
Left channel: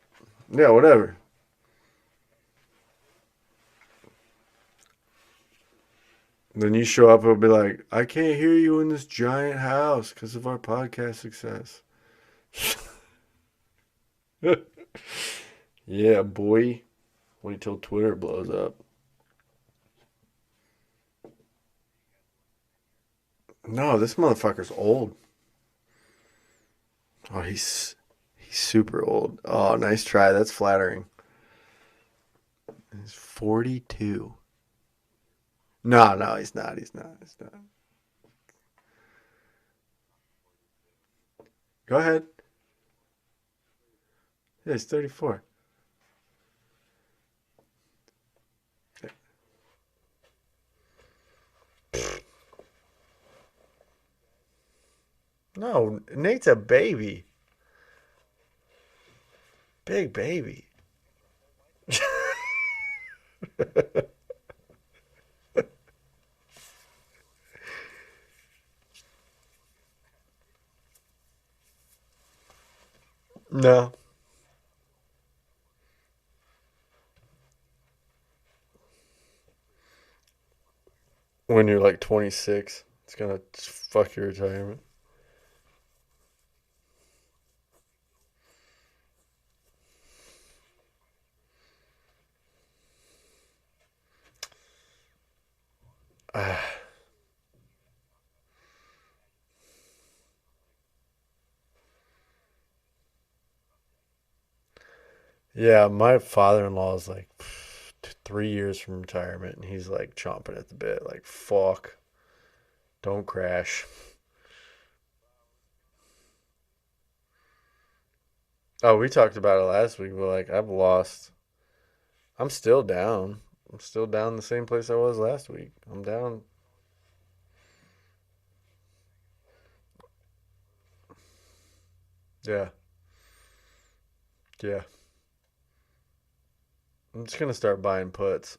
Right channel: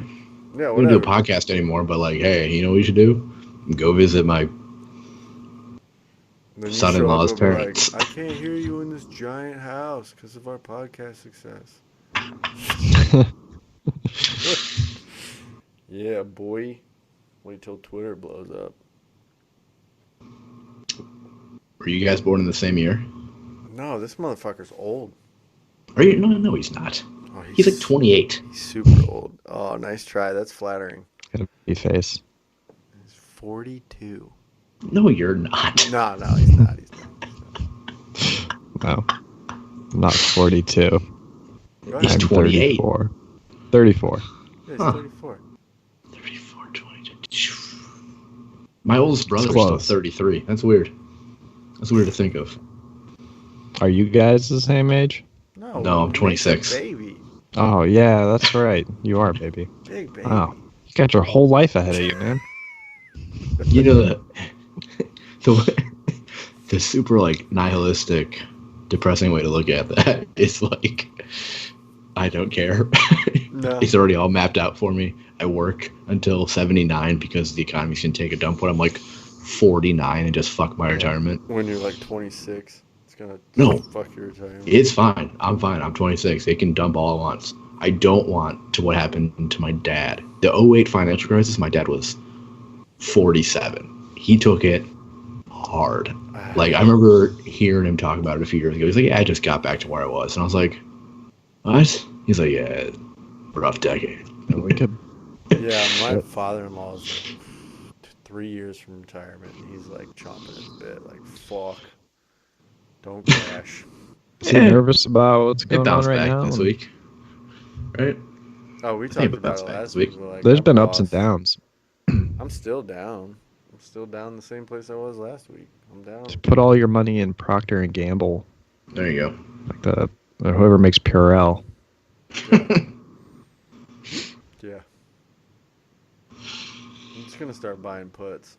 Yeah, I don't whatever. do a podcast anymore, but like, hey, you know what you should do? Go visit my. Then you son-in-law's show up and be parents. like, I can't hear you in this giant house because of our podcast success. Yeah, boy. Wait till Twitter blows up. Were you guys born in the same year? No, this motherfucker's old. Are you? No, he's not. Oh, He's like 28. He's super old. Oh, nice try. That's flattering. Got a baby face. He's 42. No, you're not. No, he's not. He's not. No. I'm not 42. Go He's ahead. 28. 34. 34. Yeah, he's Huh. 34. 34, 22. My oldest brother's still close. 33. That's weird. That's weird to think of. Are you guys the same age? No, I'm Nate's 26. a baby. Oh, yeah, that's right. You are, baby. Big baby. Wow. You got your whole life ahead of you, man. You know the super like nihilistic, depressing way to look at that is like, I don't care. No. It's already all mapped out for me. I work until 79 because the economy's gonna take a dump when I'm like 49 and just fuck my retirement. When you're like 26, it's going to No. fuck your retirement. It's fine. I'm fine. I'm 26. It can dump all at once. I don't want to what happened to my dad. The '08 financial crisis, my dad was 47. He took it hard. Like, I remember hearing him talk about it a few years ago. He's like, yeah, I just got back to where I was. And I was like, what? He's like, yeah, rough decade. We could. Yeah, my father-in-law is like 3 years from retirement, and he's like chomping at the bit, like, fuck. Don't crash. Is he nervous about what's It going on bounced right back now? this week. Right? Oh, we talked but about that's it fine. last week. But like, There's I'm been ups and lost. downs. I'm still down. I'm still down the same place I was last week. I'm down. Just put all your money in Procter and Gamble, There you go. like or whoever makes Purell. Yeah. Yeah. I'm just gonna start buying puts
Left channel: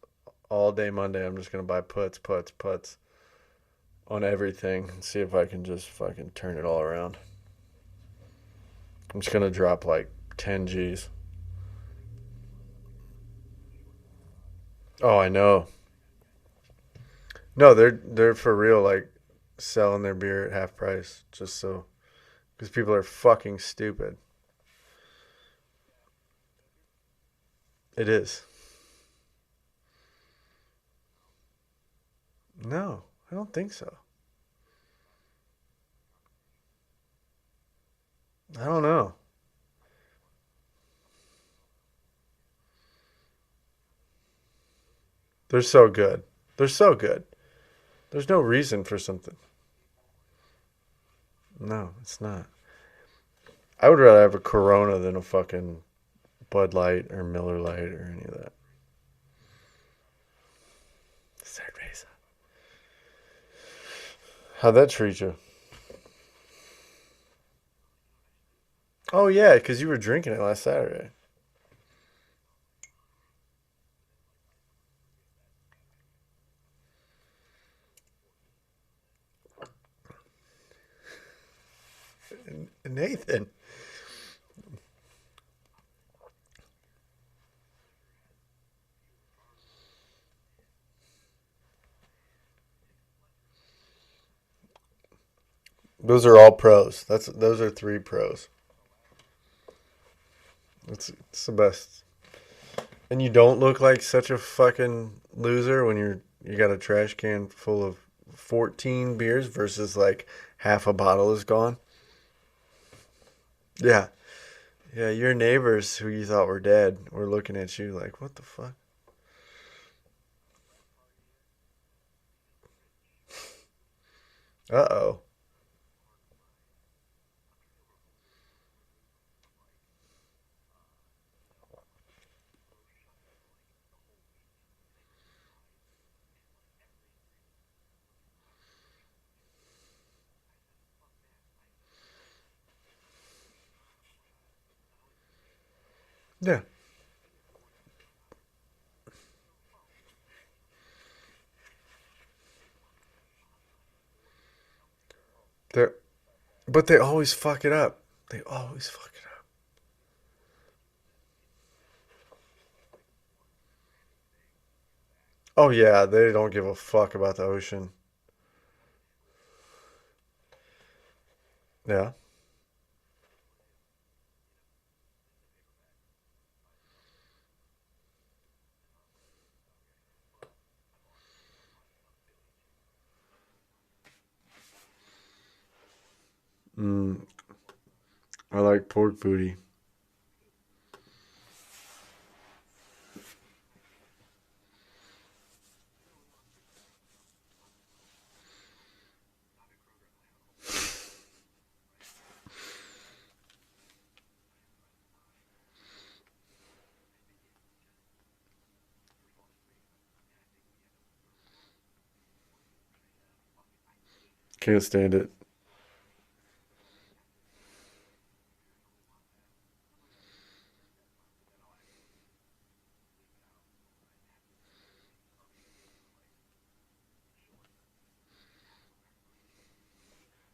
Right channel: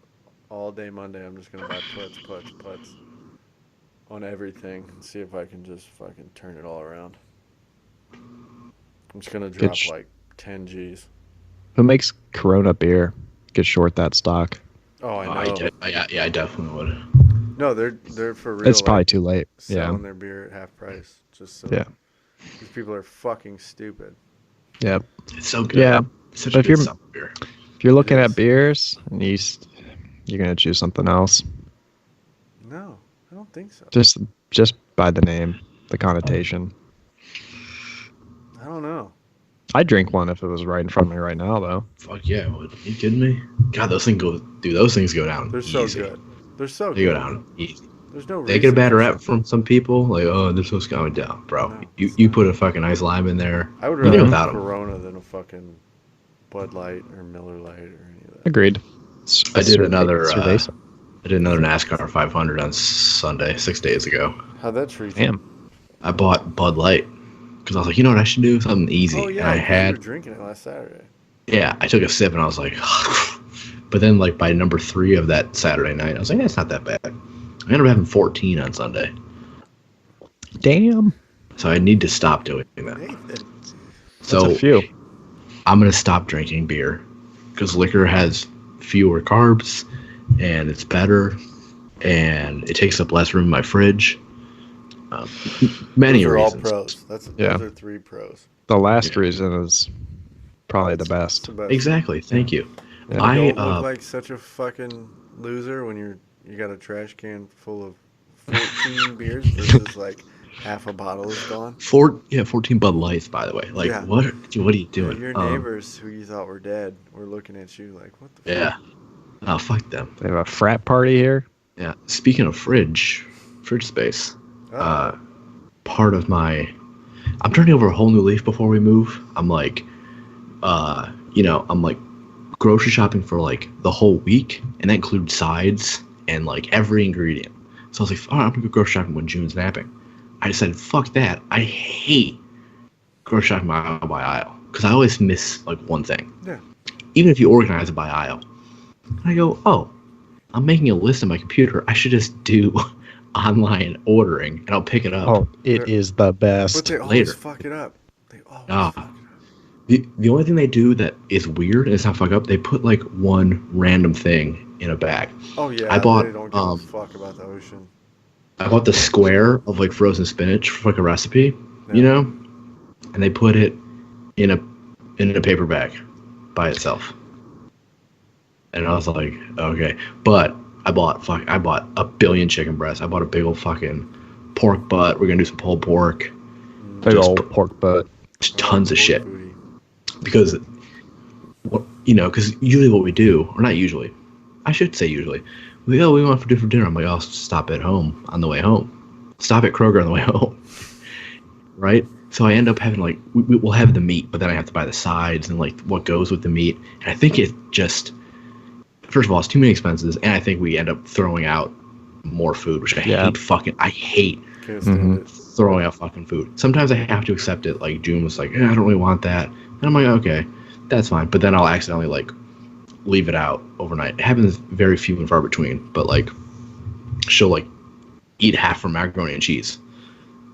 all day Monday. I'm just gonna buy puts on everything and see if I can just fucking turn it all around. I'm just gonna drop sh- like 10 G's. Who makes Corona beer? Could short that stock. Oh, I know. I definitely would. No, they're for real. It's probably like, too late. selling Yeah. their beer at half price just so. Yeah. These people are fucking stupid. Yep. It's so good. Yeah. It's such But a if good you're- summer beer. If you're looking is. at beers and you're gonna choose something else, No, I don't think so. just just by the name, the connotation. I don't know. I'd drink one if it was right in front of me right now, though. Fuck yeah, would. Are you kidding me? God, those things go down. They're so easy. good. They're so They go good. down easy. There's no They reason get a bad for rap something. from some people, like, oh, they're supposed to go down, bro. No, you it's you not. put a fucking ice lime in there. I would you do rather have a without 'em. Corona than a fucking Bud Light or Miller Light or any of that. Agreed. I did another Cerveza. NASCAR 500 on Sunday, 6 days ago. How'd that treat you? Damn. I bought Bud Light because I was like, you know what I should do? Something easy. Oh And yeah, I because you were had, drinking it last Saturday. yeah, I took a sip and I was like, but then like by number 3 of that Saturday night, I was like, it's not that bad. I ended up having 14 on Sunday, Damn. so I need to stop doing that. Nathan. So That's a few. I'm gonna stop drinking beer because liquor has fewer carbs and it's better and it takes up less room in my fridge. Many Those are all reasons. pros. Yeah. Those are 3 pros. The last reason is probably the It's best. the best. Exactly. Thank you. And you I, don't look like such a fucking loser when you got a trash can full of 14 beers versus like half a bottle is gone. 14 Bud Lights, by the way. Like, Yeah. what are you Yeah, doing? your neighbors who you thought were dead were looking at you like, what the fuck? Yeah. Oh, fuck them. They have a frat party here. Yeah. Speaking of fridge space, Uh-oh. part of I'm turning over a whole new leaf before we move. I'm like, I'm like grocery shopping for like the whole week, and that includes sides and like every ingredient. So I was like, all right, I'm gonna go grocery shopping when June's napping. I decided, fuck that. I hate grocery shopping aisle by aisle because I always miss like one thing. Yeah. Even if you organize it by aisle, I go, oh, I'm making a list on my computer. I should just do online ordering and I'll pick it up. Oh, it They're- is the best. But they always later. fuck it up. They always Ah. fuck it up. The only thing they do that is weird and it's not fuck up, they put like one random thing in a bag. Oh yeah, I bought, they don't give a um, fuck about the ocean. I bought the square of like frozen spinach for like a recipe, Yeah. you know, and they put it in a paper bag by itself. And I was like, okay, but I bought a billion chicken breasts. I bought a big old fucking pork butt. We're gonna do some pulled pork, Big old pork butt. just I like tons of pork shit. Booty. Because because usually what we do, or not usually, I should say usually, we want for dinner. I'm like, I'll stop at home on the way home. Stop at Kroger on the way home. Right? So I end up having like, we'll have the meat, but then I have to buy the sides and like what goes with the meat. And I think it just, first of all, it's too many expenses. And I think we end up throwing out more food, which I hate Can't stand it. throwing out fucking food. Sometimes I have to accept it. Like June was like, I don't really want that. And I'm like, okay, that's fine. But then I'll accidentally like leave it out overnight. It happens very few and far between, but like she'll like eat half her macaroni and cheese.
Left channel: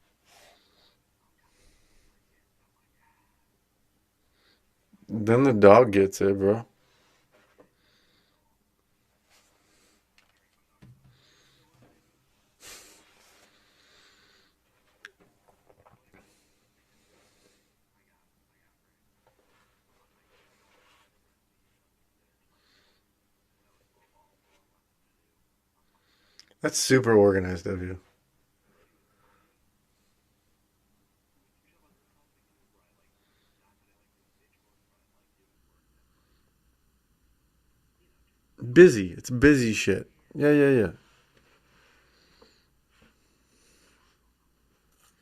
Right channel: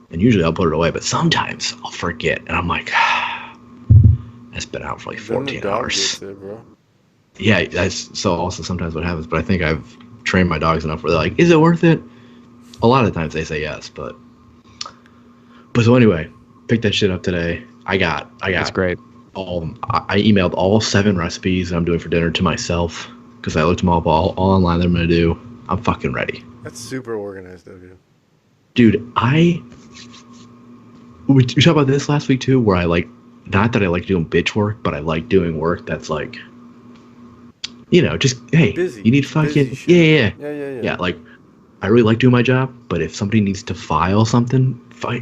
And usually I'll put it away, but sometimes I'll forget. And I'm like, that's been out for like Then 14 the dog hours. gets it, bro. Yeah, that's so also sometimes what happens. But I think I've trained my dogs enough where they're like, is it worth it? A lot of times they say yes, but so anyway, picked that shit up today. I got That's great. I emailed all 7 recipes I'm doing for dinner to myself because I looked them up all online that I'm going to do. I'm fucking ready. That's super organized of you. Dude, we talked about this last week too, where I like, not that I like doing bitch work, but I like doing work that's like, just, hey, Busy. you need fucking, Busy shit. yeah. Yeah. Yeah, like, I really like doing my job, but if somebody needs to file something,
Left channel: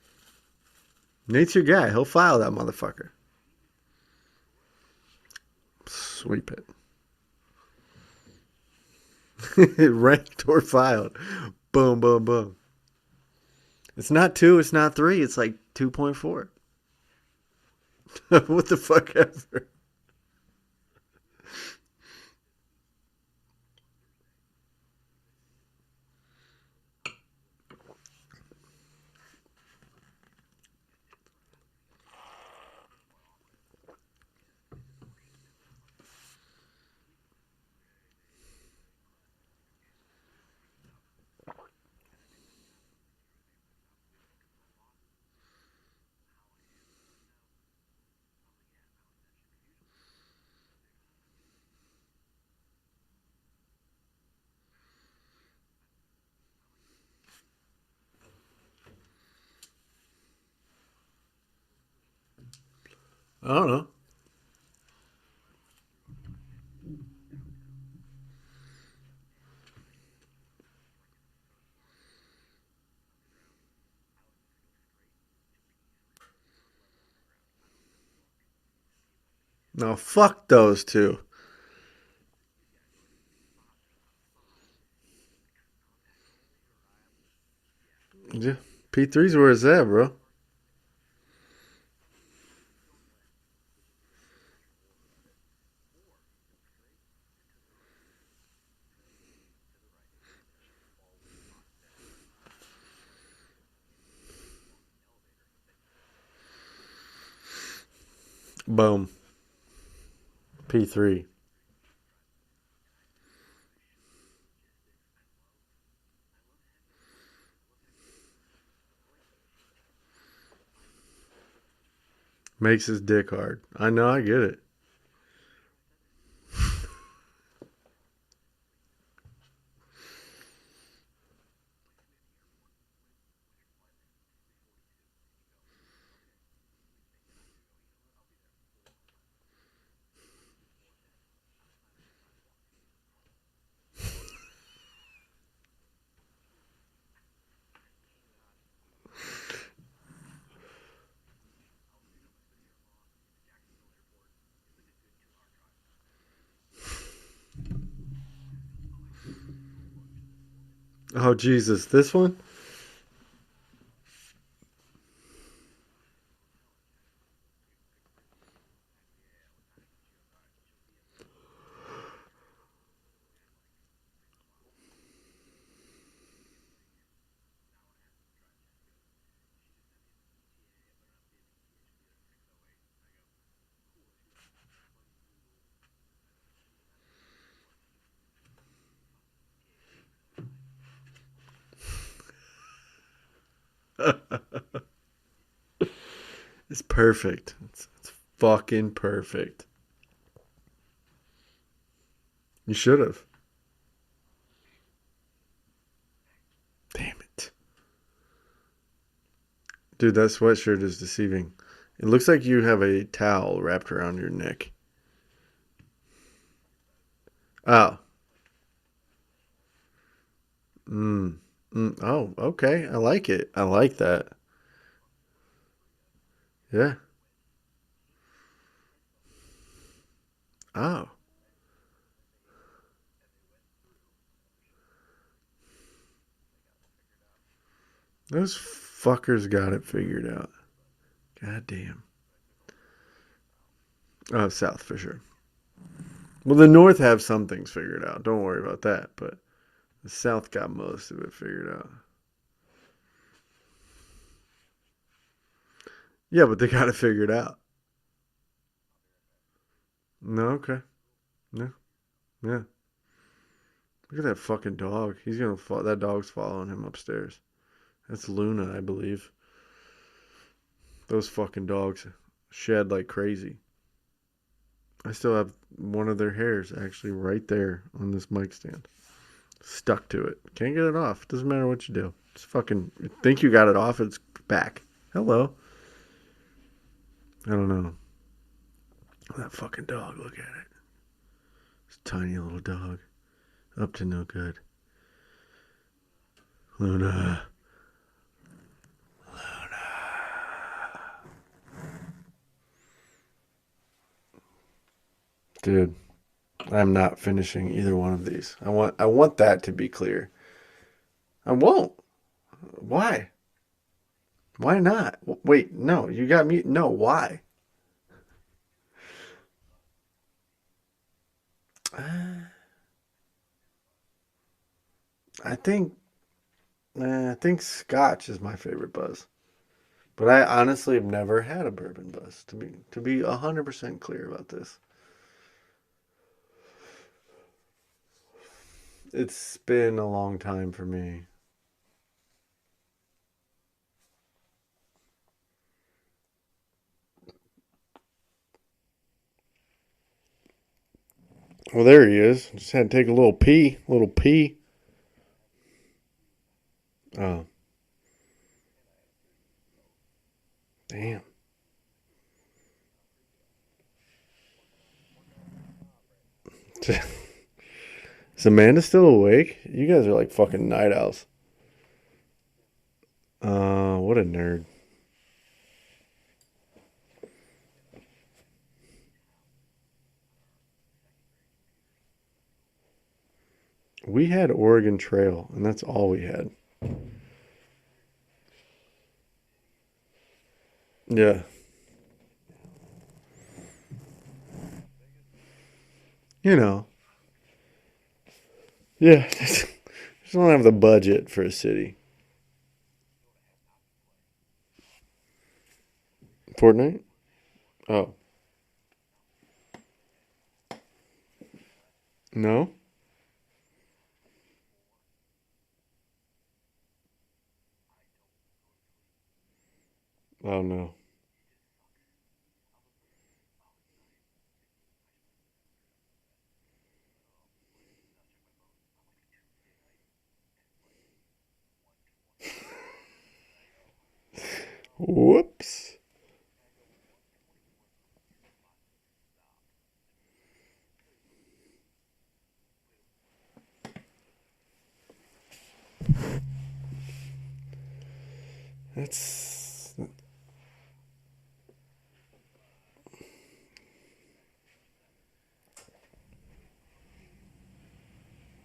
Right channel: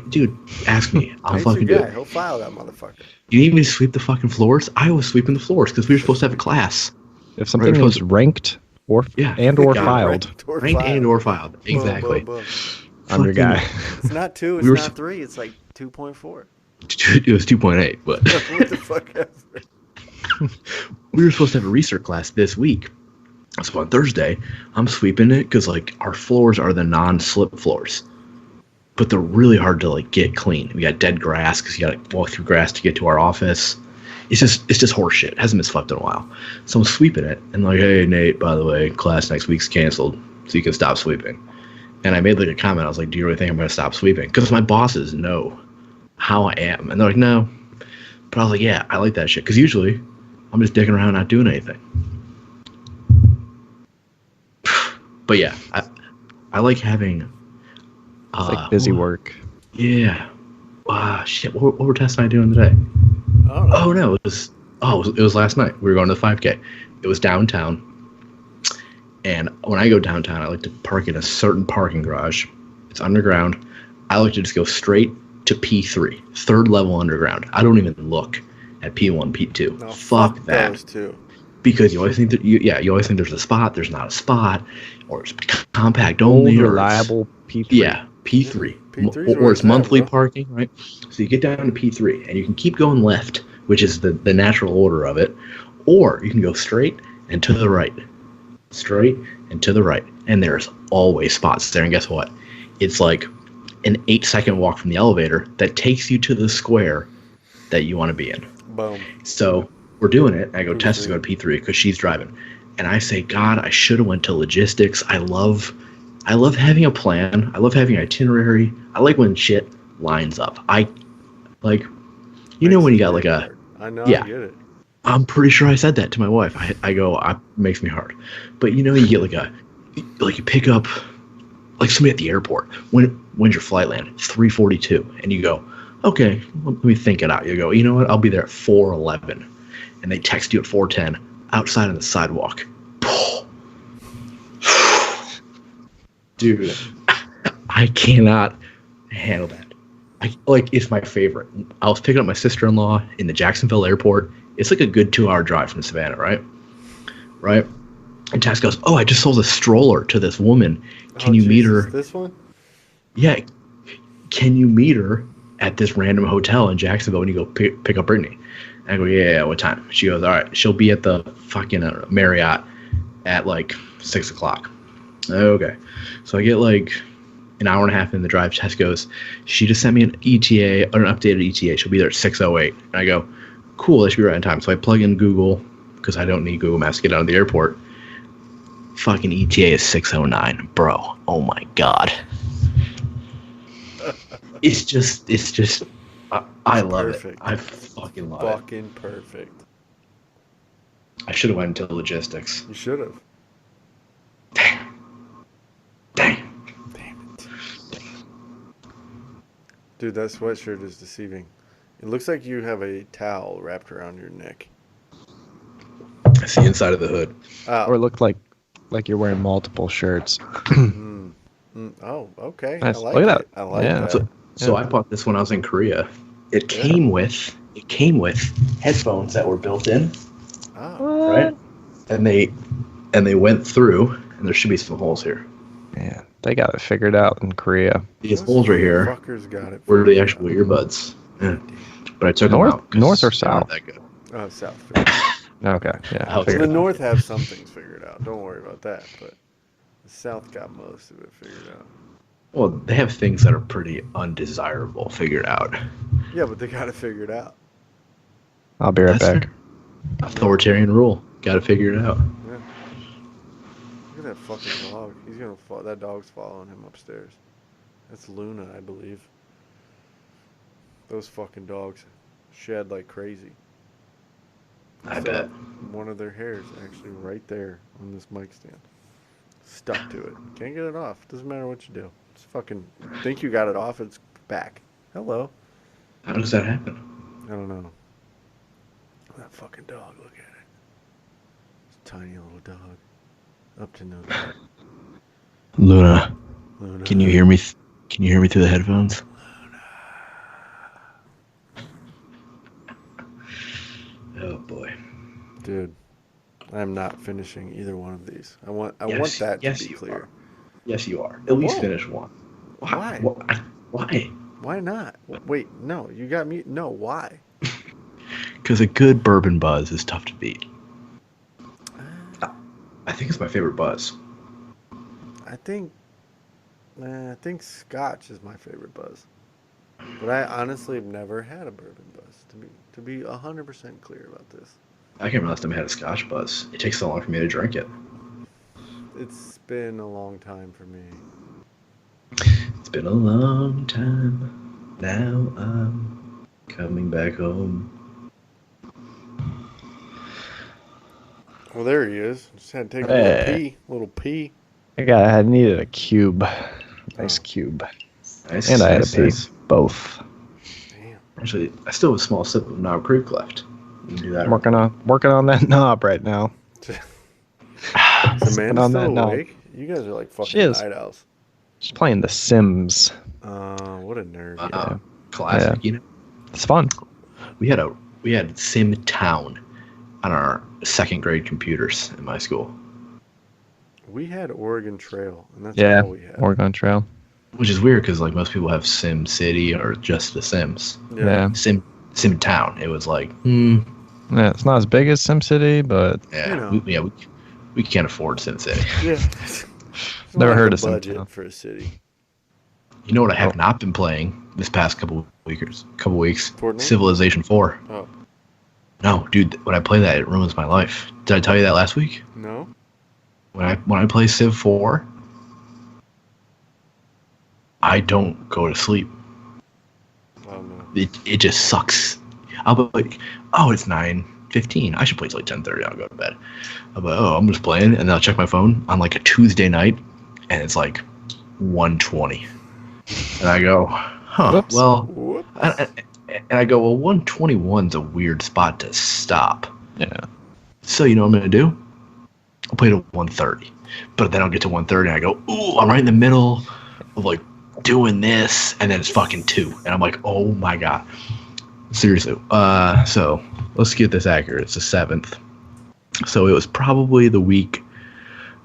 dude, ask me. I'll Nate's fucking your do guy. it. He'll file that motherfucker. You need me to sweep the fucking floors? I was sweeping the floors because we were supposed to have a class. If something Right, is ranked or or Yeah, filed. Ranked or Ranked filed. and or filed. Exactly. Boom. I'm your guy. It's not 2. It's We were not 3. It's like 2.4. It was 2.8, but What the fuck ever. we were supposed to have a research class this week. So on Thursday, I'm sweeping it because like our floors are the non-slip floors, but they're really hard to like get clean. We got dead grass because you got to walk through grass to get to our office. It's just horse shit. It hasn't been swept in a while. So I'm sweeping it and like, hey Nate, by the way, class next week's canceled, so you can stop sweeping. And I made like a comment. I was like, do you really think I'm gonna stop sweeping? Because my bosses know how I am, and they're like, no. But I was like, yeah, I like that shit because usually I'm just dicking around not doing anything. But yeah, I like having It's like busy work. Yeah. Shit. What were Tess and I doing today? I don't know. Oh no, it was last night. We were going to the 5K. It was downtown, and when I go downtown, I like to park in a certain parking garage. It's underground. I like to just go straight to P3, third level underground. I don't even look at P1, P2. No, Fuck that. those two. Because you always think you always think there's a spot. There's not a spot, or it's compact only, Old, or reliable P3. yeah, P3. P3 's or where it's it's at, monthly bro. parking, right? So you get down to P3, and you can keep going left, which is the natural order of it, or you can go straight and to the right, straight and to the right, and there's always spots there. And guess what? It's like an 8-second walk from the elevator that takes you to the square that you want to be in. Boom. So we're doing it. I go, Tess is P3. going to P3 because she's driving, and I say, God, I should have went to logistics. I love having a plan. I love having an itinerary. I like when shit lines up. I like, you know, Makes when you his got like dick a. hard. I know, Yeah. I get it. I'm pretty sure I said that to my wife. I go, makes me hard. But you know, you get like you pick up like somebody at the airport. When's your flight land? 3:42, and you go, okay, let me think it out. You go, you know what? I'll be there at 4:11, and they text you at 4:10 outside on the sidewalk. Dude, I cannot handle that. It's my favorite. I was picking up my sister-in-law in the Jacksonville airport. It's like a good 2-hour drive from Savannah, right? Right? And Tess goes, oh, I just sold a stroller to this woman. Can you meet her? This one? Yeah. Can you meet her at this random hotel in Jacksonville when you go pick up Brittany? And I go, yeah, what time? She goes, all right, she'll be at the fucking Marriott at like 6 o'clock. Okay. So I get like an hour and a half in the drive. Tess goes, she just sent me an ETA, or an updated ETA. She'll be there at 6:08. And I go, cool, that should be right on time. So I plug in Google, because I don't need Google Maps to get out of the airport. Fucking ETA is 6:09. Bro, oh my God. It's just, I love perfect. it. I fucking love Fucking perfect. I should have went into logistics. You should have. Dang. Damn it. Dude, that sweatshirt is deceiving. It looks like you have a towel wrapped around your neck. That's the inside of the hood. Oh. Or it looked like you're wearing multiple shirts. Oh, okay. Nice. I Look like at it. that. I like Yeah. that. So I bought this when I was in Korea. It came with headphones that were built in, Oh. right? And they went through, and there should be some holes here. Yeah, they got it figured out in Korea. These Those holes right here fuckers got it. were the figured actual out. earbuds. Yeah. God damn. But I took them out. 'cause North or they weren't south? that good. Oh, South. Figured out. Okay, yeah. Well, Well, the North have some things figured out. Don't worry about that. But the South got most of it figured out. Well, they have things that are pretty undesirable figured out. Yeah, but they got it figured out. I'll be right That's back. fair. Authoritarian rule. Got to figure it out. Yeah. Look at that fucking dog. He's gonna fall. That dog's following him upstairs. That's Luna, I believe. Those fucking dogs shed like crazy. I still have one of their hairs actually right there on this mic stand. Stuck to it. Can't get it off. Doesn't matter what you do. It's fucking. Think you got it off? It's back. Hello. How does that happen? I don't know. That fucking dog. Look at it. It's a tiny little dog. Up to no good. Luna, Luna. can you hear me? Can you hear me through the headphones? Oh boy, Dude, I'm not finishing either one of these. I want Yes, that yes, to be you clear. are. Yes, you are. I At least won't. finish one. Why? Why? Why not? Wait, no, you got me. No, why? Because a good bourbon buzz is tough to beat. I think it's my favorite buzz. I think Scotch is my favorite buzz. But I honestly have never had a bourbon buzz. To be 100% clear about this. I can't remember last time I had a Scotch buzz. It takes so long for me to drink it. It's been a long time for me. It's been a long time. Now I'm coming back home. Well, there he is. Just had to take a little Hey. pee. I needed a cube. Nice Oh. cube. Nice. And I had nice, to pee. nice. Both. Damn. Actually, I still have a small sip of Knob Creek left. You can do that. I'm working on that knob right now. Is Sipping Amanda on still that knob. awake? You guys are like She fucking is. night owls. She's playing The Sims. What a nerd. Wow. Yeah. Classic. Yeah. You know, It's fun. we had Sim Town on our second grade computers in my school, We had Oregon Trail, and that's Yeah. all we had. Oregon Trail. which is weird because like most people have Sim City or just The Sims. Yeah. Sim Town. It was like, Yeah, it's not as big as SimCity, but yeah, You know. we can't afford Sim City. Yeah. Just don't Never have heard the of Sim budget Town. for a city. You know what I have Oh. not been playing this past couple weeks? Fortnite? Civilization 4. Oh, No, dude, when I play that, it ruins my life. Did I tell you that last week? no? When I play Civ 4, I don't go to sleep. Oh, no. It just sucks. I'll be like, oh, it's 9:15. I should play till like 10:30. I'll go to bed. I'll be like, oh, I'm just playing, and then I'll check my phone on like a Tuesday night, and it's like 1:20, and I go, huh? Whoops. Well, Whoops. and I go, well, 1:21's a weird spot to stop. yeah. So you know what I'm gonna do? I'll play to 1:30, but then I'll get to 1:30 and I go, ooh, I'm right in the middle of like doing this, and then it's fucking 2, and I'm like, oh my god, seriously. So let's get this accurate. It's the 7th, so it was probably the week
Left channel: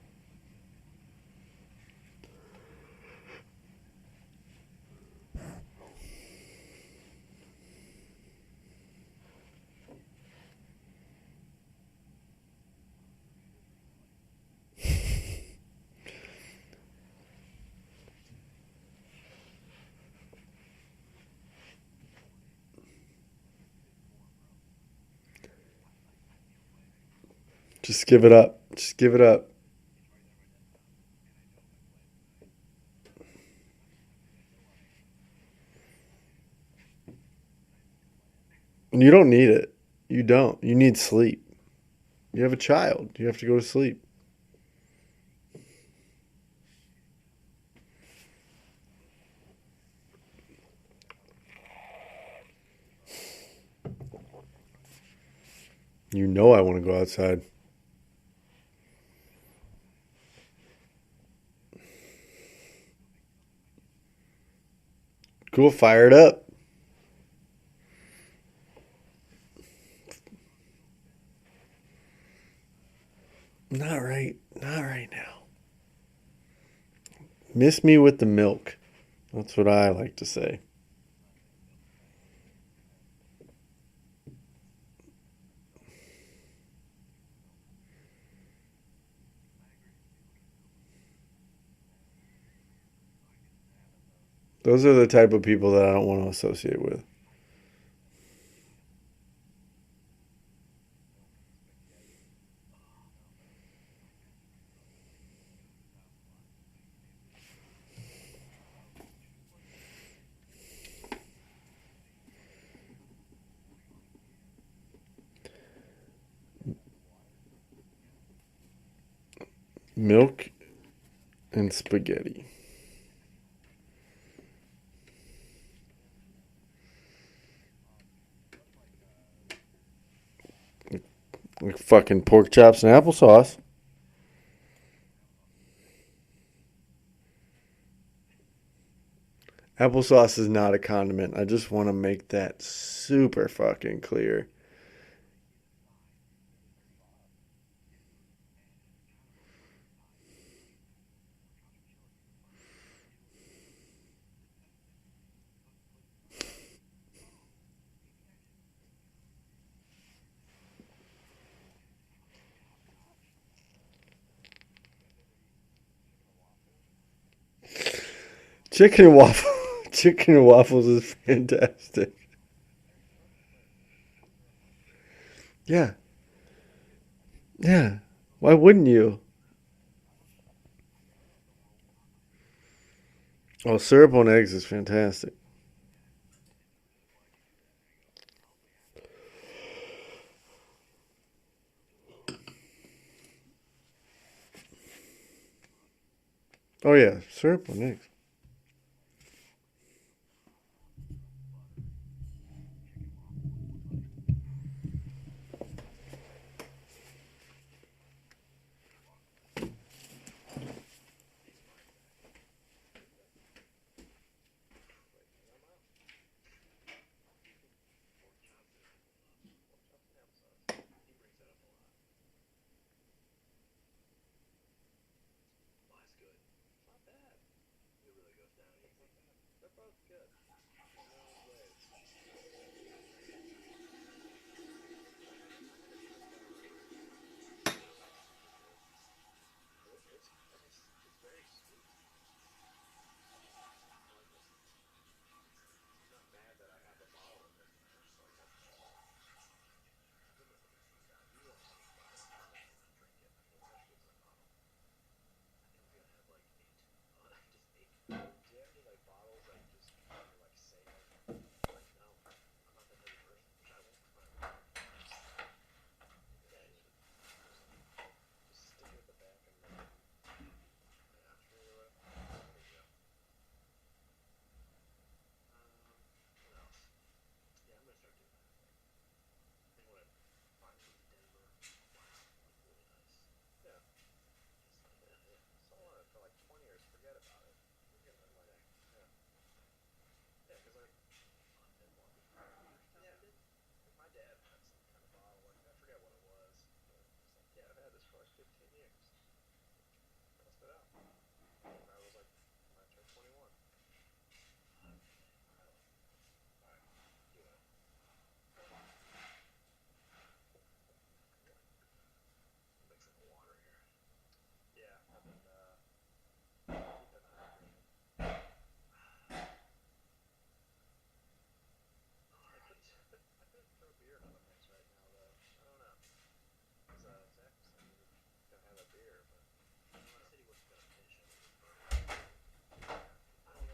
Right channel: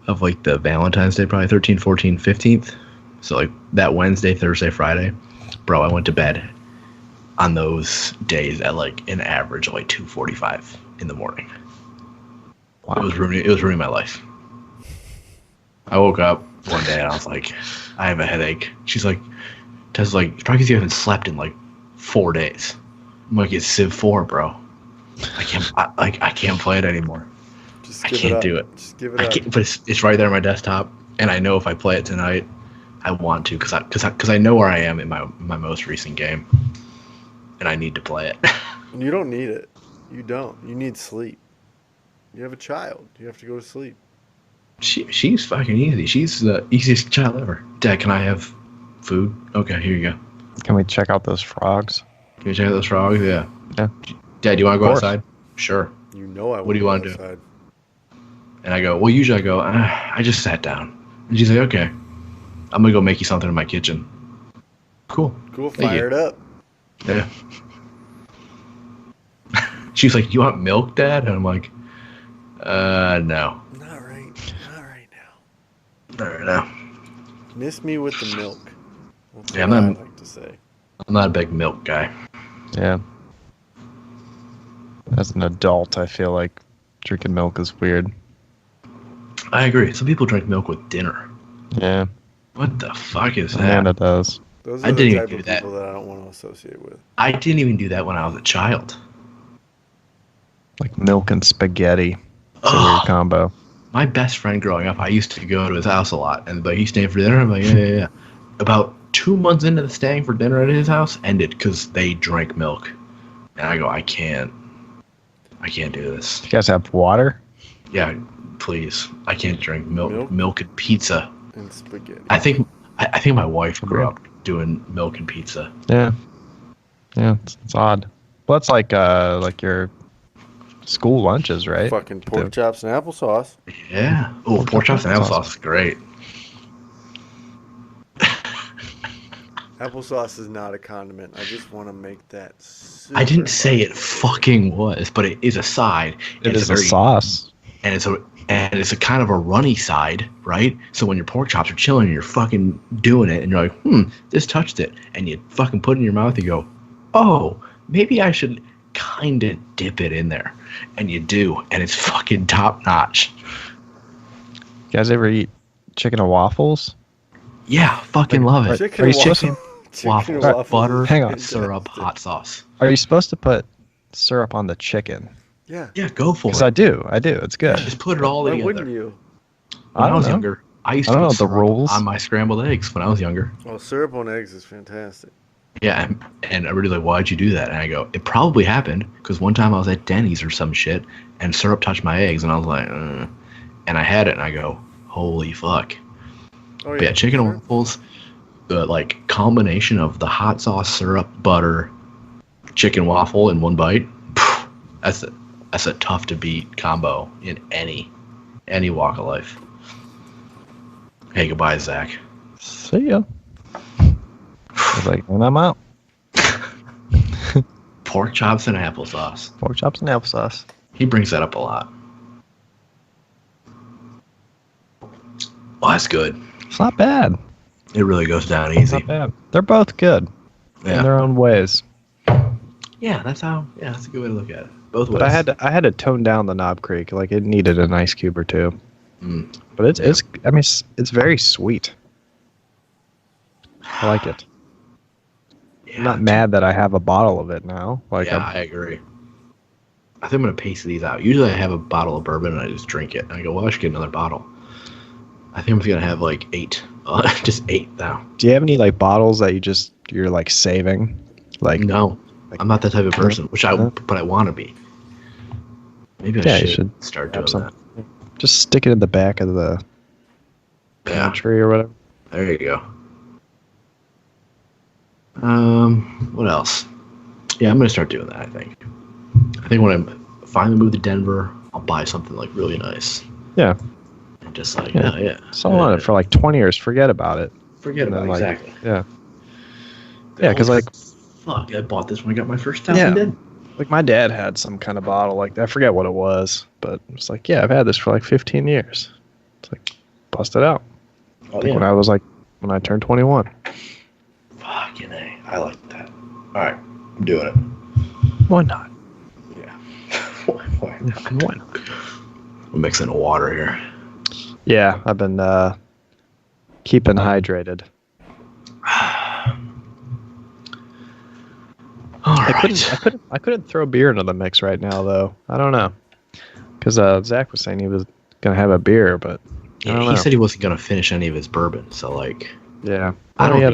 of like the Valentine's Day, probably 13th, 14th, 15th. So like that Wednesday, Thursday, Friday, bro, I went to bed on those days at like an average of like 2:45 in the morning. Wow. It was ruining my life. I woke up one day and I was like, I have a headache. She's like, Tessa's like, it's probably because you haven't slept in like 4 days. I'm like, it's Civ 4, bro. I can't play it anymore. Just I give it can't up. do it. Just give it I up. can't, but it's right there on my desktop, and I know if I play it tonight, I want to because I know where I am in my most recent game, and I need to play it. You don't need it. You don't. You need sleep. You have a child. You have to go to sleep. She's fucking easy. She's the easiest child ever. Dad, can I have food? Okay, here you go. Can we check out those frogs? Can you check out those frogs? Yeah. Yeah. Dad, do you want to go Of course. outside? Sure. You know I What want do to you go wanna do? outside. And I go, well, usually I go, I just sat down. And she's like, okay, I'm gonna go make you something in my kitchen. Cool. Cool. Thank Fire it up. Yeah. She's like, you want milk, Dad? And I'm like, no. Not right. Not right now. Not right now. Miss me with the milk. That's Yeah, what I man. like to say. I'm not a big milk guy. Yeah. As an adult, I feel like drinking milk is weird. I agree. Some people drink milk with dinner. Yeah. What the fuck is that? Amanda does. Those I are the didn't type do of that. people that I don't want to associate with. I didn't even do that when I was a child. Like milk and spaghetti. It's a weird Ugh. combo. My best friend growing up, I used to go to his house a lot, and like he's staying for dinner. I'm like, yeah. About 2 months into the staying for dinner at his house, ended because they drank milk, and I go, I can't do this. You guys have water? Yeah, please, I can't drink milk. Milk? Milk and pizza. And spaghetti. I think my wife grew up doing milk and pizza. Yeah. Yeah, it's odd. Well, it's like your school lunches, right? Fucking pork chops and applesauce. Yeah. Oh, pork chops and applesauce is great. Applesauce is not a condiment. I just want to make that super I didn't say it clear. fucking was, but it is a side. It is a very- sauce. and it's a kind of a runny side, right? So when your pork chops are chilling and you're fucking doing it and you're like, this touched it, and you fucking put it in your mouth, you go, oh, maybe I should kind of dip it in there, and you do, and it's fucking top notch. You guys ever eat chicken and waffles? Yeah, fucking love it. Chicken Are and you waffles. Chicken and Waffle, waffles. butter, is hang on, syrup, fantastic. hot sauce. Are you supposed to put syrup on the chicken? Yeah. Yeah, go for Because it. I do. It's good. Yeah. Just put it all Why together. wouldn't you? When I don't was know. younger, I used I to don't put know the syrup rules. on my scrambled eggs when I was younger. Oh, syrup on eggs is fantastic. Yeah, and everybody's like, why'd you do that? And I go, it probably happened because one time I was at Denny's or some shit, and syrup touched my eggs, and I was like, and I had it, and I go, holy fuck. Oh But yeah. yeah, chicken and syrup. waffles, the like combination of the hot sauce, syrup, butter, chicken waffle in one bite. That's a tough to beat combo in any walk of life. Hey, goodbye, Zach. See ya. I was like, and I'm out. Pork chops and applesauce. Pork chops and applesauce. He brings that up a lot. Oh, that's good. It's not bad. It really goes down It's easy. not bad. They're both good in Yeah. their own ways. Yeah, that's a good way to look at it. Both ways. But I had to tone down the Knob Creek. Like it needed an ice cube or two. Mm. But it's I mean it's very sweet. I like it. Yeah, I'm not mad that I have a bottle of it now. Like Yeah, I agree. I think I'm gonna pace these out. Usually I have a bottle of bourbon and I just drink it. And I go, well, I should get another bottle. I think I'm just gonna have like 8. Just 8 now. do you have any like bottles that you're like saving? Like No, like- I'm not that type of person. No? But I want to be. Maybe I Yeah, you should, should start have doing some. that. Just stick it in the back of the Yeah, pantry or whatever. there you go. What else? Yeah, I'm gonna start doing that. I think when I finally move to Denver, I'll buy something like really nice. Yeah. And just like, Yeah. oh yeah. Sell on it for like 20 years. Forget about it. Forget and about then, it. like, Exactly. Yeah. Yeah, because like fuck, I bought this when I got my first house Yeah. in Denver. like my dad had some kind of bottle like that. I forget what it was, but it's like, yeah, I've had this for like 15 years. It's like, bust it out. Oh Like when I turned 21. Fucking A. I like that. All right, I'm doing it. Why not? Yeah. Why not? I'm mixing water here. Yeah, I've been keeping hydrated. All I right. couldn't throw beer into the mix right now though. I don't know, because Zach was saying he was gonna have a beer, but I Yeah, don't he know. said he wasn't gonna finish any of his bourbon, so like, Yeah, I he had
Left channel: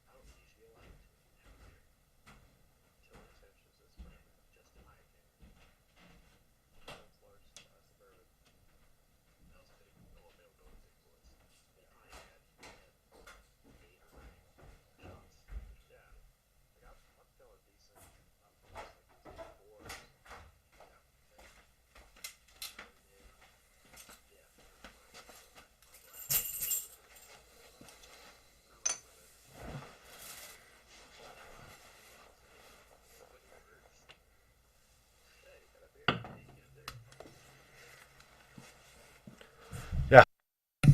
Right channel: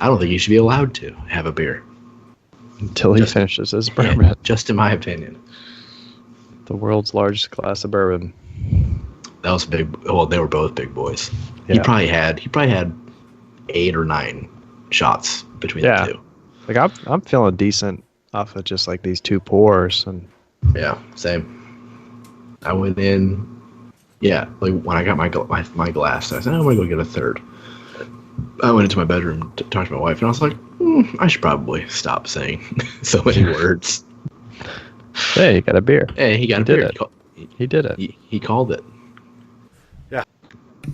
don't think he should be allowed to have a beer. until he just- finishes his Yeah, bourbon. just in my opinion. The world's largest glass of bourbon. That was big. Well, they were both big boys. He Yeah. probably had 8 or 9 shots between Yeah. the two. Like I'm feeling decent off of just like these 2 pours, and Yeah, same. I went in. Yeah, like when I got my glass, I said, I'm gonna go get a third. I went into my bedroom to talk to my wife, and I was like, I should probably stop saying so many words. hey, you got a beer. Hey, he got a did beer. it. He did it. He called it. Yeah.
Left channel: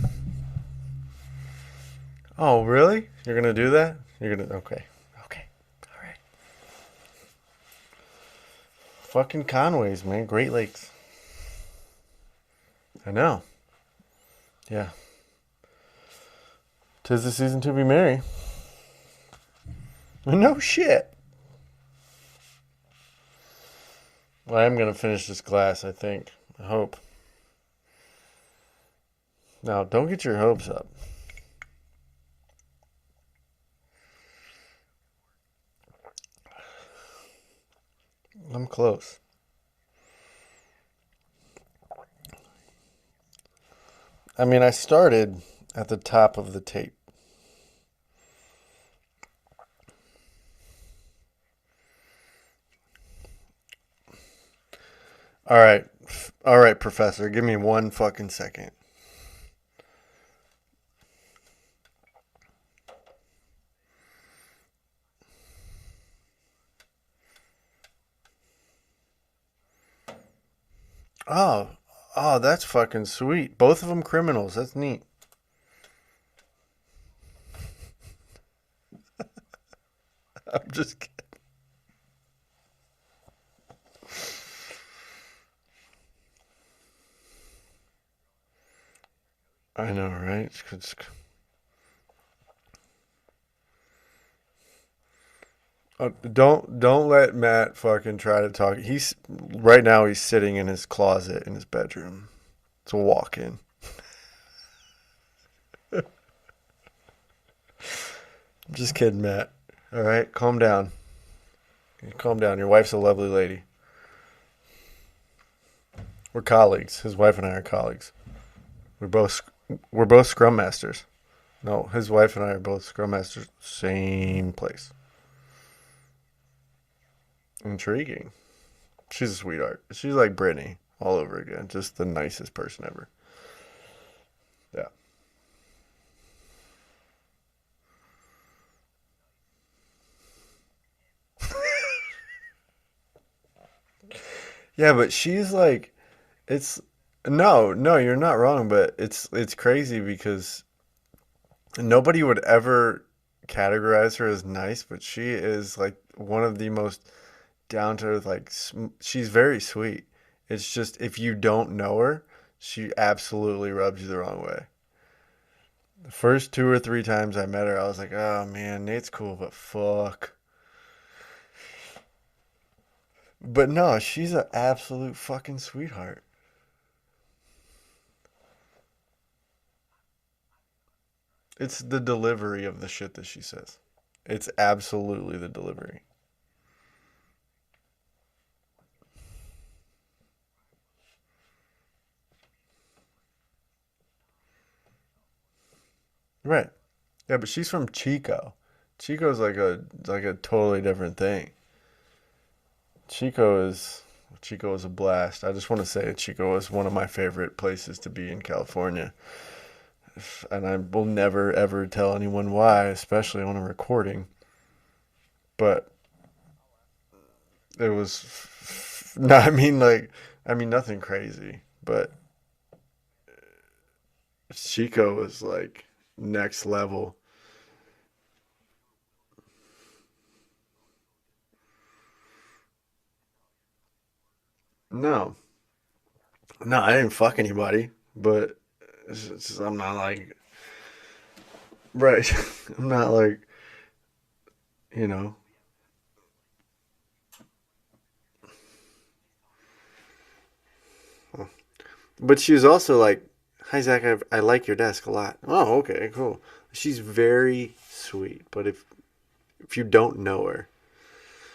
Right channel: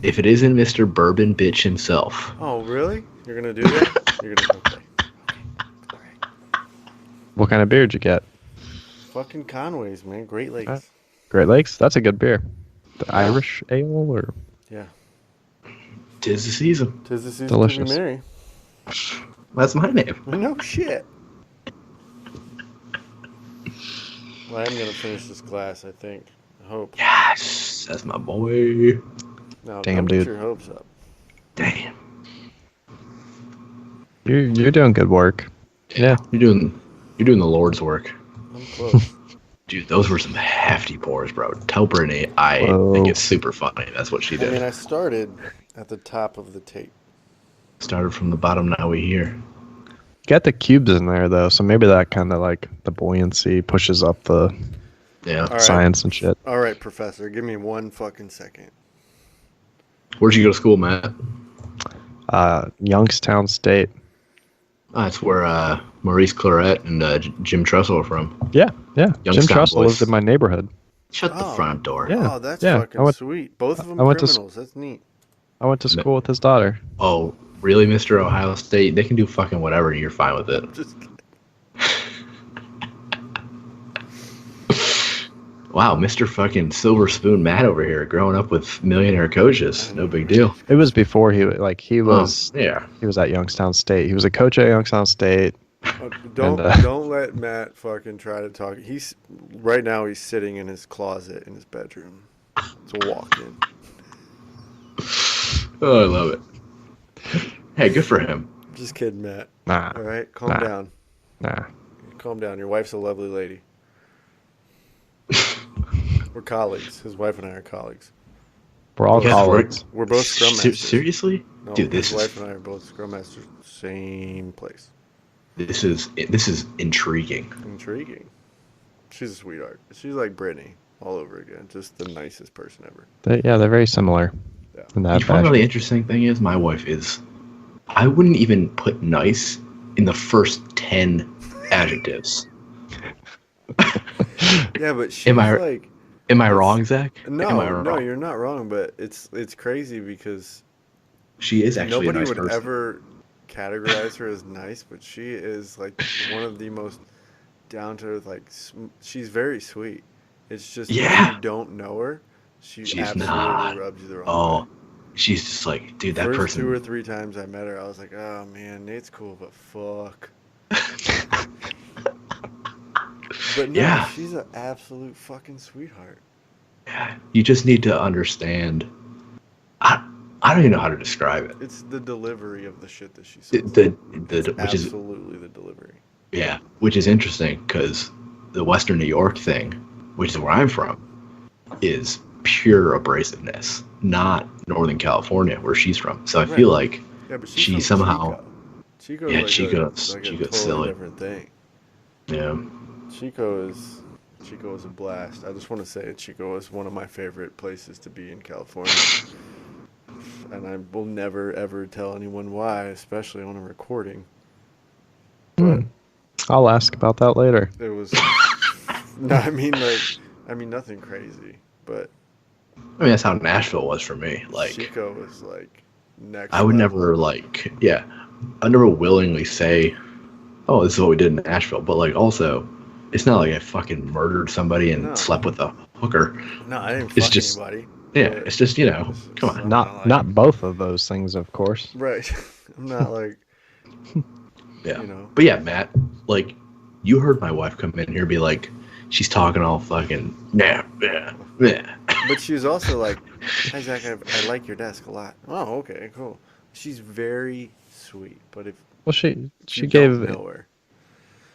If it isn't Mr. Bourbon Bitch himself. Oh, really? You're gonna do that? You're gonna okay. All right. What kind of beer did you get? Fucking Conways, man. Great Lakes. Great Lakes. That's a good beer. The Yeah. Irish ale or Yeah. 'Tis the season. 'Tis the season to Delicious. be merry. That's my name. No shit. Well, I am gonna finish this glass, I think. I hope. Yes, that's my boy. No, Damn, don't get dude. your hopes up. Damn. you're doing good work. Yeah. You're doing the Lord's work. I'm close. Dude, those were some hefty pours, bro. Tell Brittany I Whoa. think it's super funny. That's what she I did. mean, I started at the top of the tape. Started from the bottom, now we here. Got the cubes in there though, so maybe that kind of like the buoyancy pushes up the Yeah. All right. science and shit. All right, Professor. Give me 1 fucking second. Where'd you go to school, Matt? Youngstown State. That's where Maurice Claret and Jim Trussell are from. Yeah. Jim Youngstown Trussell boys. lived in my neighborhood. Shut Oh. the front door. Yeah. Oh, that's yeah. fucking sweet. Both of them I went to criminals. That's neat. I went to school with his daughter. Oh, really, Mr. Ohio State? They can do fucking whatever. You're fine with it. I'm just kidding. Wow, Mr. fucking Silver Spoon Matt over here, growing up with millionaire coaches. I No know, big right? deal. It was before he was Yeah. he was at Youngstown State. He was a coach at Youngstown State. Don't And, don't let Matt fucking try to talk. He's right now. He's sitting in his closet in his bedroom. It's a walk-in. Oh, I love it. Hey, good for him. Just kidding, Matt. Nah, All right, calm Nah. down. nah. Calm down. Your wife's a lovely lady. We're colleagues. His wife and I are colleagues. We're all Yes, colleagues. We're both scrum masters. Seriously? No, Dude, his wife and I are both Scrum Masters, same place. this is intriguing. Intriguing. She's a sweetheart. She's like Brittany all over again. Just the nicest person ever. They're very similar Yeah. in You that know, the fashion. interesting thing is, my wife is. I wouldn't even put nice in the first 10 adjectives. Yeah, but she's Am I like. am I It's- wrong, Zach? Am I No, wrong? no, you're not wrong. But it's crazy because She is actually nobody a nice would person. ever categorize her as nice, but she is like one of the most down to earth. Like she's very sweet. It's just if Yeah. you don't know her, she She's absolutely not. rubs you the wrong way. Oh, she's just like, dude, that First person. 2 or 3 times I met her, I was like, oh man, Nate's cool, but fuck. But no, Yeah. she's an absolute fucking sweetheart. You just need to understand. I don't even know how to describe it. It's the delivery of the shit that she The, says. the, It's which is absolutely the delivery. yeah, which is interesting because the Western New York thing, which is where I'm from, is pure abrasiveness, not Northern California where she's from. So I Right. feel like Yeah, but she's she from somehow, Chico. Chico's yeah, like Chico's a totally silly. different thing. Yeah, Chico is a blast. I just want to say Chico is one of my favorite places to be in California. And I will never ever tell anyone why, especially on a recording. But I'll ask about that later. it was no, I mean nothing crazy, but I mean that's how Nashville was for me. Like Chico was like next I would level. never I never willingly say, oh, this is what we did in Nashville. But like also, it's not like I fucking murdered somebody and No. slept with a hooker. No, I didn't It's fuck just- anybody. Yeah, But it's just come on. I'm Not both of those things, of course. Right. I'm not like Yeah. you know. But yeah, Matt, like, you heard my wife come in here and be like, she's talking all fucking, yeah. But she was also like, hi Zach, I like your desk a lot. Oh, okay, cool. She's very sweet, but if Well, she you gave don't know her,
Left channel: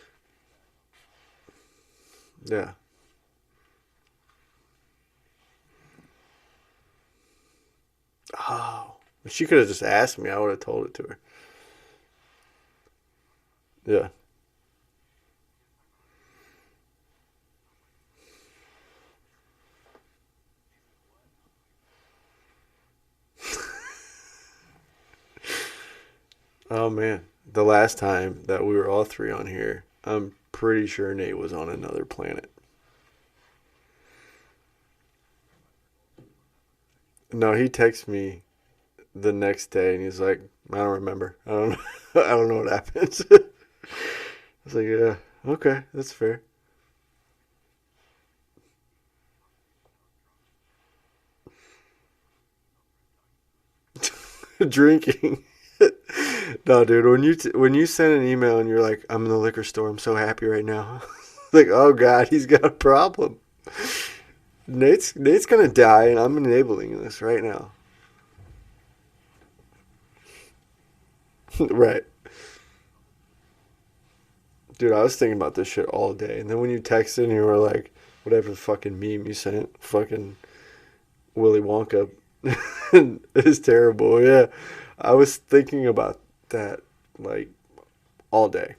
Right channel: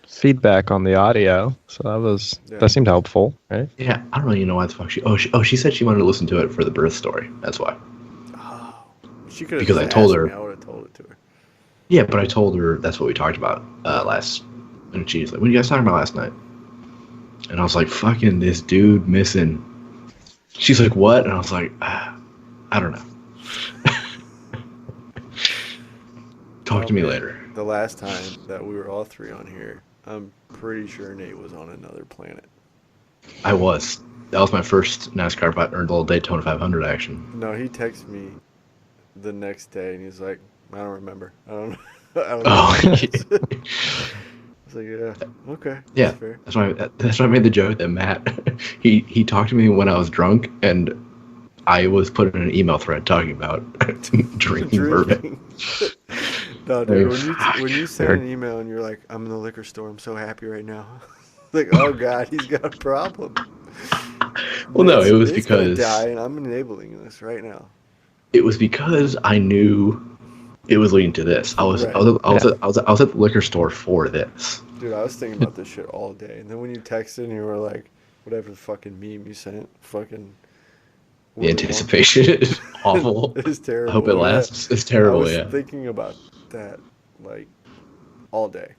feedback on the audio, so Yeah. that seemed helpful, right? Yeah, I don't really know why the fuck she said she wanted to listen to it for the birth story. That's why. oh, she could have Because just I told asked her- me. I would have told it to her. Yeah, but I told her that's what we talked about Yeah. last, and she's like, what are you guys talking about last night? And I was like, fucking this dude missing. She's like, what? And I was like, I don't know. Talk Oh, to me man. later. The last time that we were all three on here, I'm pretty sure Nate was on another planet. I was. That was my first NASCAR or the Daytona 500 action. No, he texted me the next day and he's like, I don't remember. I don't know. I don't know. Oh. I was like, yeah, okay, that's Yeah. fair. That's why I made the joke that Matt he talked to me when I was drunk and I was put in an email thread talking about drinking bourbon. No, dude, Dude. when you send an email and you're like, I'm in the liquor store, I'm so happy right now. Like, oh god, he's got a problem. Well, no, it was Nate's gonna because- die, and I'm enabling this right now. It was because I knew it was leading to this. I was Right. I was at the liquor store for this. Dude, I was thinking about this shit all day, and then when you texted and you were like, whatever fucking meme you sent, fucking The Willy Wonka. anticipation is awful. It's I terrible. hope it yeah. lasts. It's I terrible. was Yeah. thinking about that like all day.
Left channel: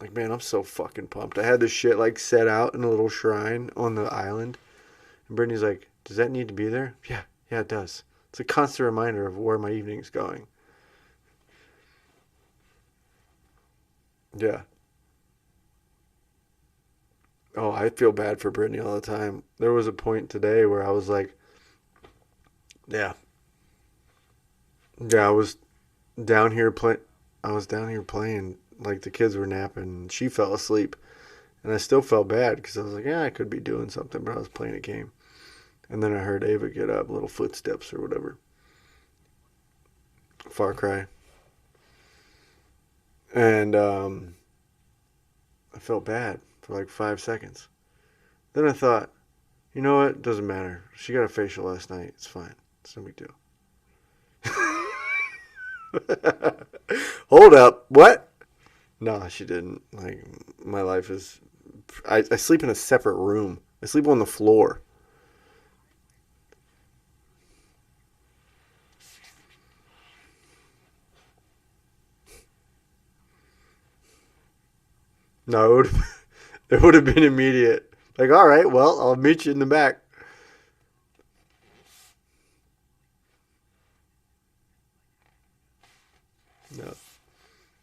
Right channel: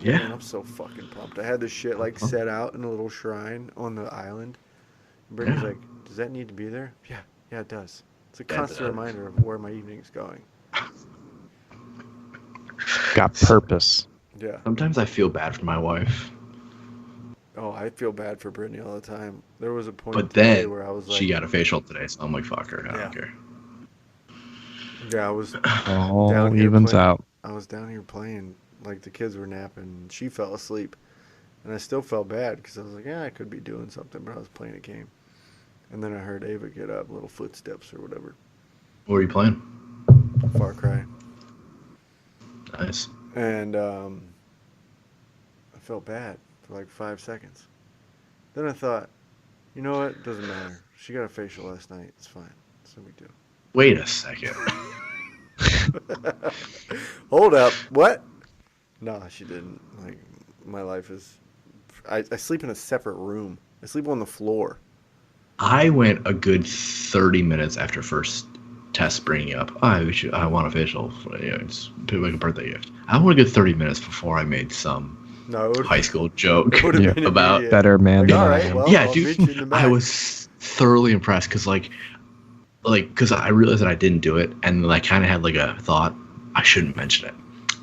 Like, Yeah. Man, I'm so fucking pumped. I had this shit like set out in a little shrine on the island. And Brittany's Yeah. like, does that need to be there? Yeah, it does. It's a constant reminder of where my evening's going. Got purpose. Yeah. Sometimes I feel bad for my wife, Oh, I feel bad for Brittany all the time. There was a point but today then where I was like, she got a facial today, so I'm like, fuck her. I Yeah. don't care. yeah, I was All Down here evens play- out. I was down here playing, like the kids were napping, and she fell asleep. And I still felt bad because I was like, yeah, I could be doing something, but I was playing a game. And then I heard Ava get up, little footsteps or whatever. What were you playing? Far Cry. Nice. And I felt bad for like 5 seconds. Then I thought, you know what? Doesn't matter. She got a facial last night. It's fine. It's no big deal. Wait a second. Hold up. What? No, she didn't. Like, my life is... I sleep in a separate room. I sleep on the floor. I went a good 30 minutes after first Tess bringing up, I want a facial, it's to make a birthday gift. I want a good 30 minutes before I made some No, high school joke it would have been about. immediate. Better man. Like, than all I right, am. well, Yeah, I'll dude, meet you in the back. I was thoroughly impressed because because I realized that I didn't do it, and then I kind of had like a thought I shouldn't mention it,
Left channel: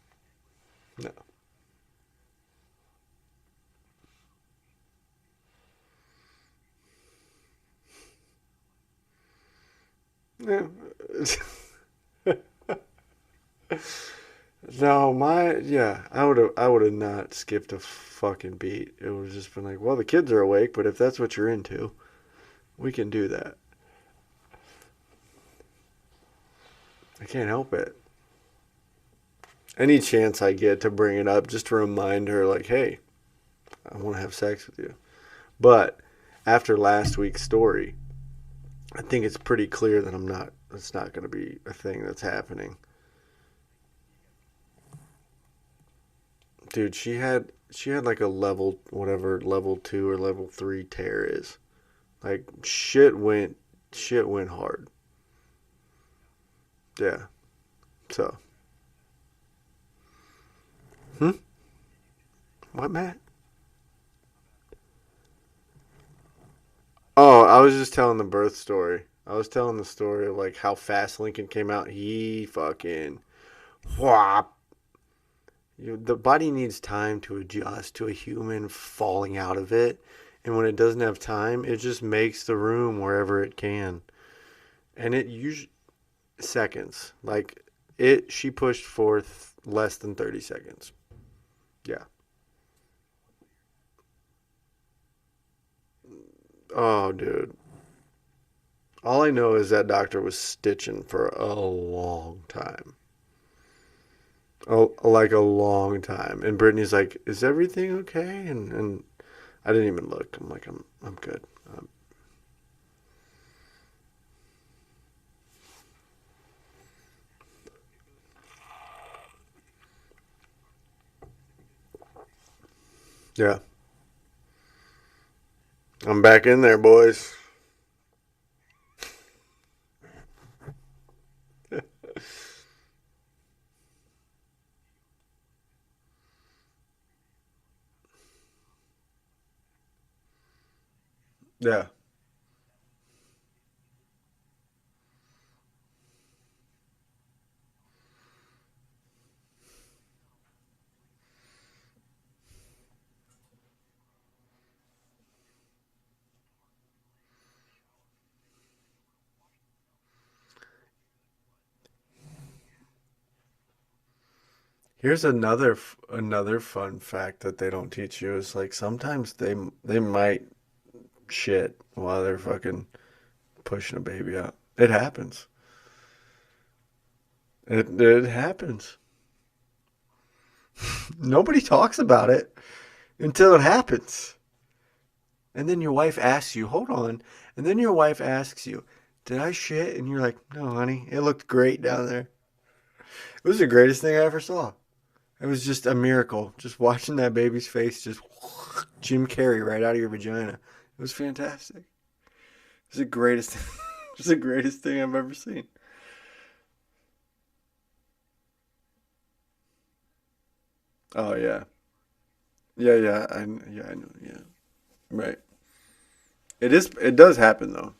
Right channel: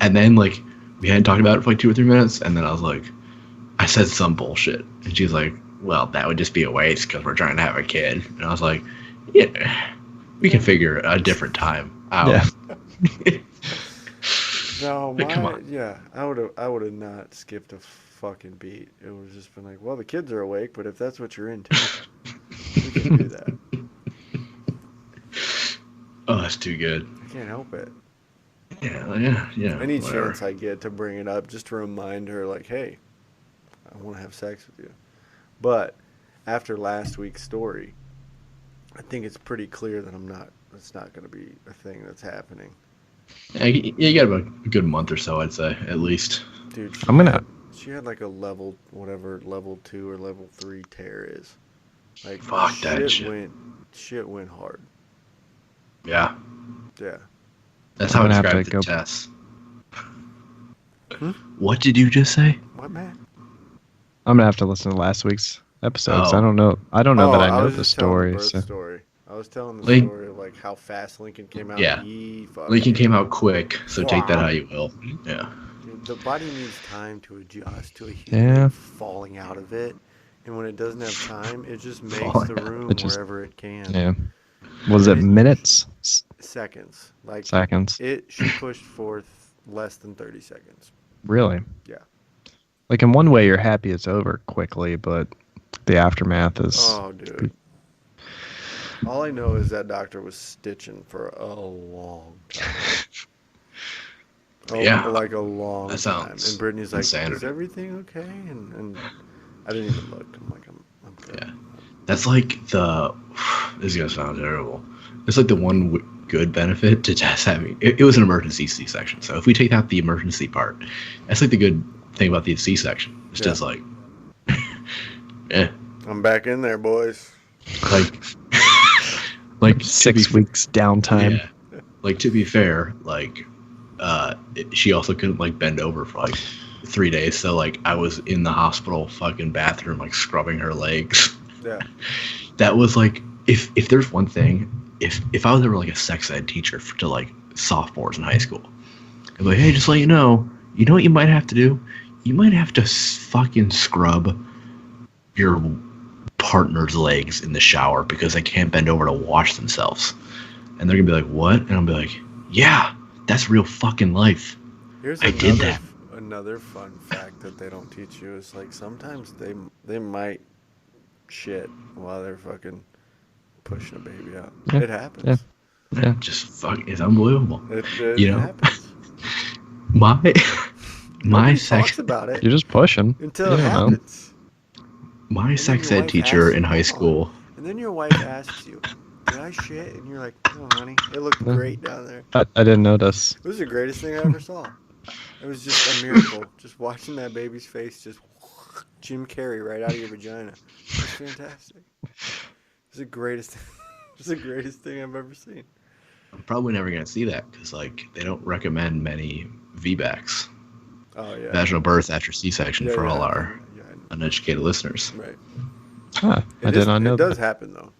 and then like we hadn't talked about it for like 2 or 3 minutes, and then I was like, I said some bullshit, and she was like, well, that would just be a waste because we're trying to have a kid, and I was like, yeah, we can figure a different time out. Yeah. No, Come on. I would have not skipped a fucking beat. It would have just been like, well, the kids are awake, but if that's what you're into, we can do that. Oh, that's too good. I can't help it. Yeah. Any whatever. chance I get to bring it up just to remind her, like, hey, I want to have sex with you. But after last week's story, I think it's pretty clear that it's not going to be a thing that's happening. Yeah, you got about a good month or so, I'd say, at least. Dude, she had like a level 2 or level 3 tear is. Like, Fuck that shit went hard. Yeah. Yeah. That's how I I'm gonna have described to the go- test. Hmm? What did you just say? What, man? I'm gonna have to listen to last week's episode. 'Cause Oh. I don't know Oh, that I know I was the just telling the story. birth So. story. I was telling the Link- story of like how fast Lincoln came out. Yeah. Fucking, Lincoln came out quick, so take that how you will. Yeah. The body needs time to adjust to a human Yeah. falling out of it, and when it doesn't have time, it just makes Falling the out. room It just- wherever it can. Yeah. Was And it it minutes? Seconds, like Seconds? she pushed forth less than 30 seconds. Really? Yeah. Like in one way, you're happy it's over quickly, but the aftermath is. Oh, dude. All I know is that doctor was stitching for a long time. Yeah. Like a long That time. sounds And Brittany's like, insane. is everything okay? And I didn't even look. I'm like, I'm good. Yeah. That's like this is gonna sound terrible. It's like the one good benefit to just having it was an emergency C-section. So if we take out the emergency part, that's like the good thing about the C-section. It's Yeah. just like, yeah, I'm back in there, boys. like, like 6 weeks downtime. Yeah. Like to be fair, like, she also couldn't like bend over for like 3 days. So like I was in the hospital fucking bathroom like scrubbing her legs. Yeah. That was like if there's one thing, if I was ever like a sex ed teacher to like sophomores in high school, I'd be like, hey, just let you know what you might have to do? You might have to fucking scrub your partner's legs in the shower because they can't bend over to wash themselves. And they're gonna be like, what? And I'll be like, yeah, that's real fucking life. Here's I get another fun fact that they don't teach you is like sometimes they might shit while they're fucking pushing a baby out. Yeah. It happens. Yeah. Just fuck, it's unbelievable. It You know? happens. My Nobody sex talks about it You're just pushing. until it You know. happens. my then sex your ed wife teacher asks in you, high hold on. school. And then your wife asks you, did I shit? And you're like, no, honey, it looked great down there. I didn't notice. It was the greatest thing I ever saw. It was just a miracle. Just watching that baby's face just Jim Carrey right out of your vagina. It was fantastic. It was the greatest. It was the greatest thing I've ever seen. I'm probably never gonna see that because like they don't recommend many VBACs, Oh yeah. vaginal birth after C-section, Yeah, for yeah, all our I know. uneducated listeners. Right. Huh, I It did is. not know It that. does happen though.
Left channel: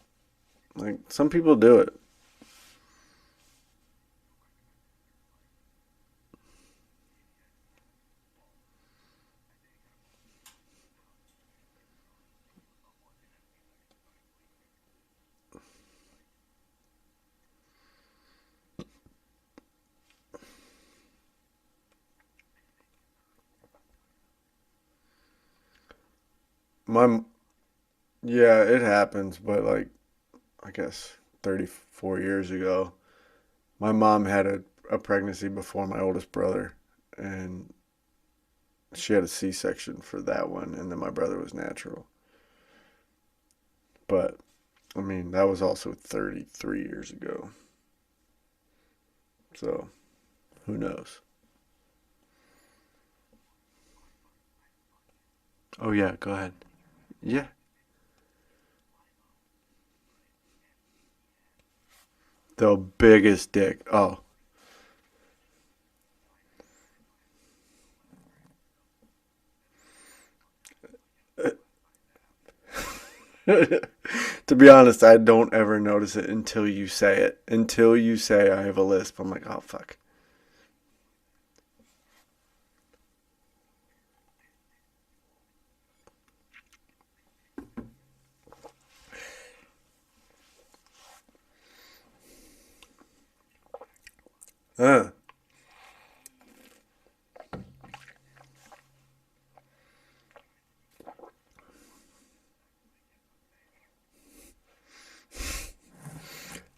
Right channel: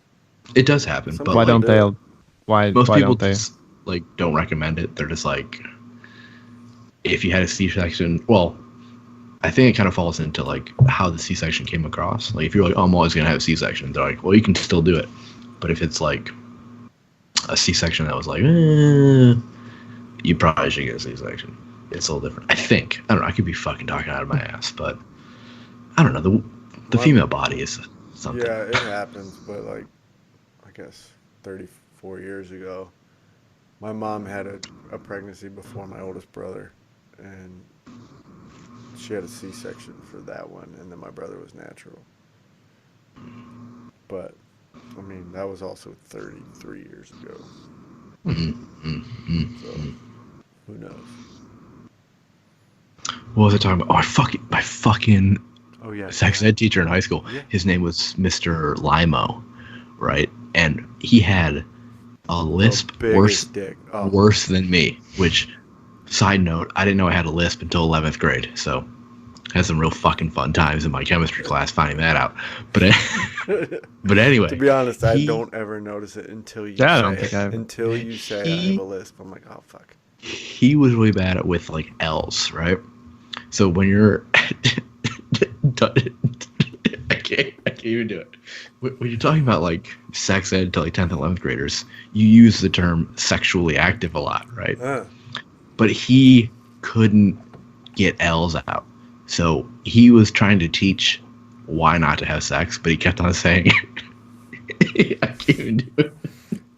It does happen, Some but Why people don't do they? it. Why? most Why people don't they? just like don't recommend it. They're just like, if you had a C-section, well, I think it kind of falls into like how the C-section came across. Like if you're like, oh, I'm always gonna have a C-section, they're like, well, you can still do it. But if it's like a C-section that was like, you probably should get a C-section. It's a little different. I think. I don't know. I could be fucking talking out of my ass, but I don't know. The Well, female body is something. Yeah, it happens, but like, I guess 34 years ago, my mom had a pregnancy before my oldest brother, and she had a C-section for that one, and then my brother was natural. But, I mean, that was also 33 years ago. So, who knows? What was I talking about? Oh, my fucking Oh, yeah. sex ed teacher in high school. Yeah. His name was Mr. Limo, right? And he had a lisp The biggest dick. Oh, worse than me. Which, side note, I didn't know I had a lisp until 11th grade. So, I had some real fucking fun times in my chemistry class finding that out. But, but anyway, to be honest, I he- don't ever notice it until you Yeah, I don't say it. think I've- Until you say I have He- a lisp, I'm like, oh fuck. he was really bad at with like L's, right? So when you're, I can't even do it. When you're talking about like sex ed to like 10th and 11th graders, you use the term sexually active a lot, right? But he couldn't get L's out. So he was trying to teach why not to have sex, but he kept on saying, I can't even do it.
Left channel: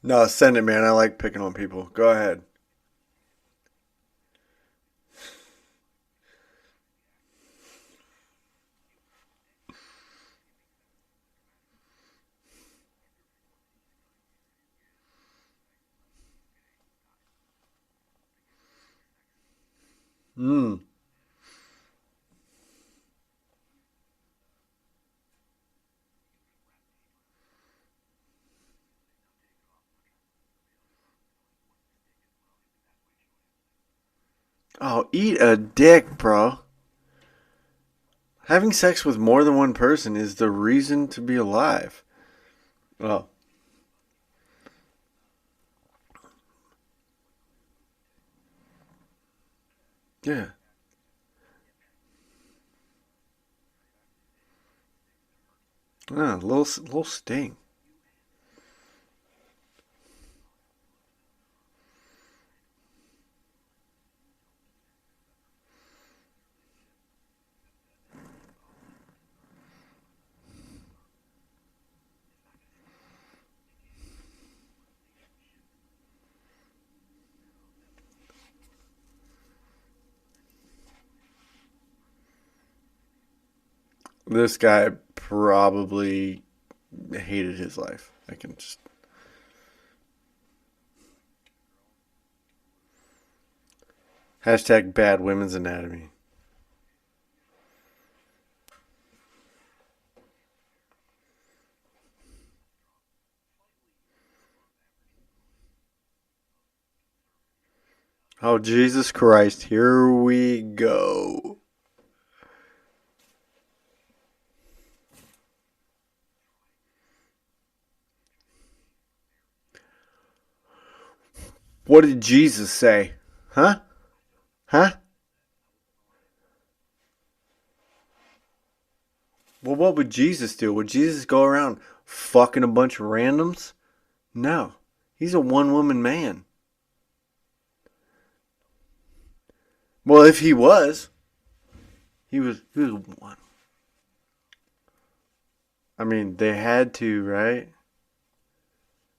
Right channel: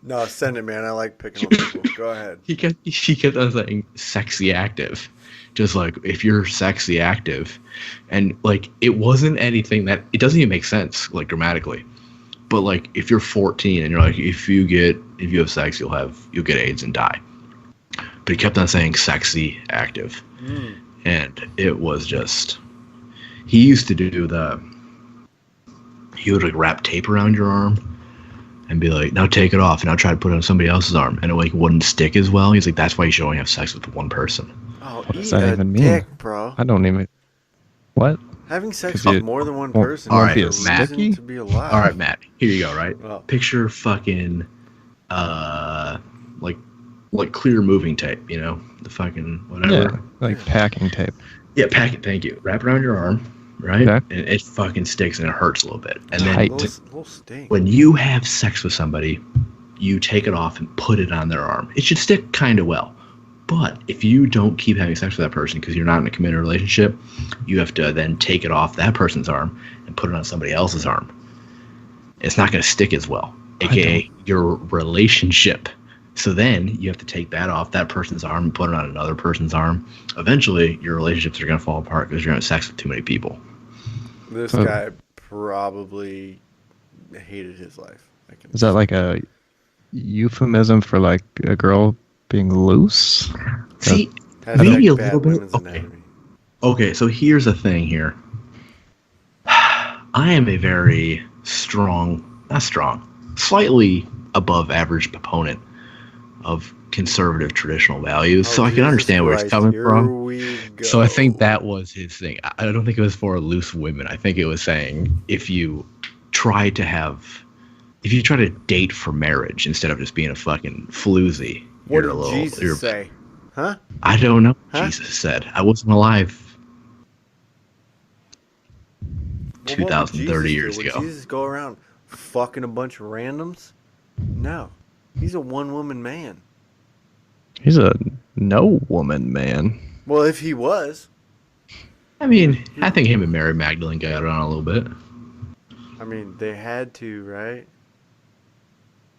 No, send it, man. I like picking on people. Go ahead. He kept on saying sexy active. Just like if you're sexy active, and like it wasn't anything that it doesn't even make sense like grammatically. But like if you're 14 and you're like if you have sex you'll get AIDS and die. But he kept on saying sexy active. Mm. And it was just he used to do he would like wrap tape around your arm and be like, now take it off and now try to put it on somebody else's arm and it like wouldn't stick as well. He's like, that's why you should only have sex with one person. Oh, What does eat that a even mean? dick, bro. I don't even. What? Having sex If with you- more than one person all is right, the Matt. reason to be alive. All right, Matt. Here you go. Right. Oh. Picture fucking, like clear moving tape. You know, the fucking whatever. Yeah, like Yeah. packing tape. Yeah, pack it. Thank you. Wrap it around your arm, right? Okay. And it fucking sticks and it hurts a little bit. And No, then Tight. little stink. when you have sex with somebody, you take it off and put it on their arm. It should stick kind of well. But if you don't keep having sex with that person because you're not in a committed relationship, you have to then take it off that person's arm and put it on somebody else's arm. It's not going to stick as well, aka your relationship. So then you have to take that off that person's arm and put it on another person's arm. Eventually, your relationships are going to fall apart because you're having sex with too many people. This guy probably hated his life. Is that like a euphemism for like a girl being loose? See, hashtag maybe a bad little bit- women's okay. anatomy? Okay, so here's the thing here. I am a very slightly above average proponent of conservative traditional values, so I can Jesus understand where he's Christ, coming here from. we go. So I think that was his thing. I don't think it was for loose women. I think it was saying if you try to date for marriage instead of just being a fucking floozy. What you're a did little- Jesus you're- say? Huh? I don't know what Huh? Jesus said. I wasn't alive Well, what would 2,030 Jesus do? years Would ago. Jesus go around fucking a bunch of randoms? No. He's a one-woman man. He's a no woman man. Well, if he was, I mean, I think him and Mary Magdalene got on a little bit. I mean, they had to, right?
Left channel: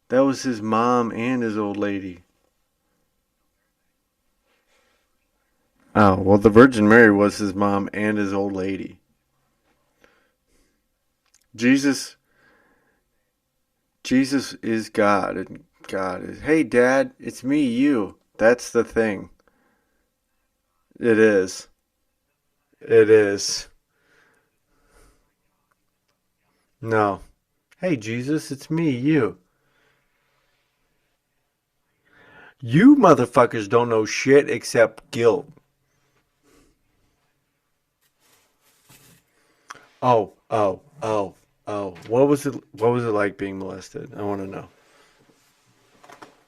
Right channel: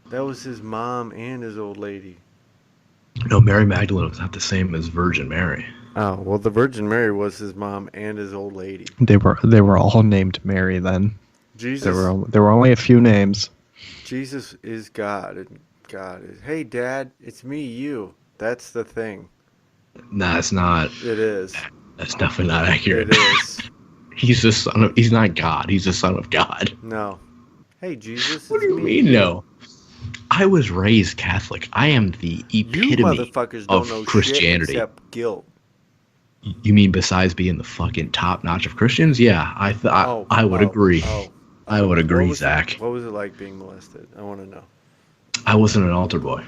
That was his mom and his old lady. No, Mary Magdalene was not the same as Virgin Mary. Oh, well, the Virgin Mary was his mom and his old lady. They were all named Mary then. Jesus, There were only a few names. Jesus is God, and God is, hey, Dad, it's me, you. That's the thing. Nah, it's not. It is. That's definitely not accurate. It is. He's the son of. He's not God. He's the son of God. No. Hey, Jesus, it's me. mean, you. no? I was raised Catholic. I am the You epitome motherfuckers don't of know shit Christianity. except guilt. You mean besides being the fucking top notch of Christians? Yeah, I would agree. I would agree, what was Zach. what was it like being molested? I want to know. I wasn't an altar boy.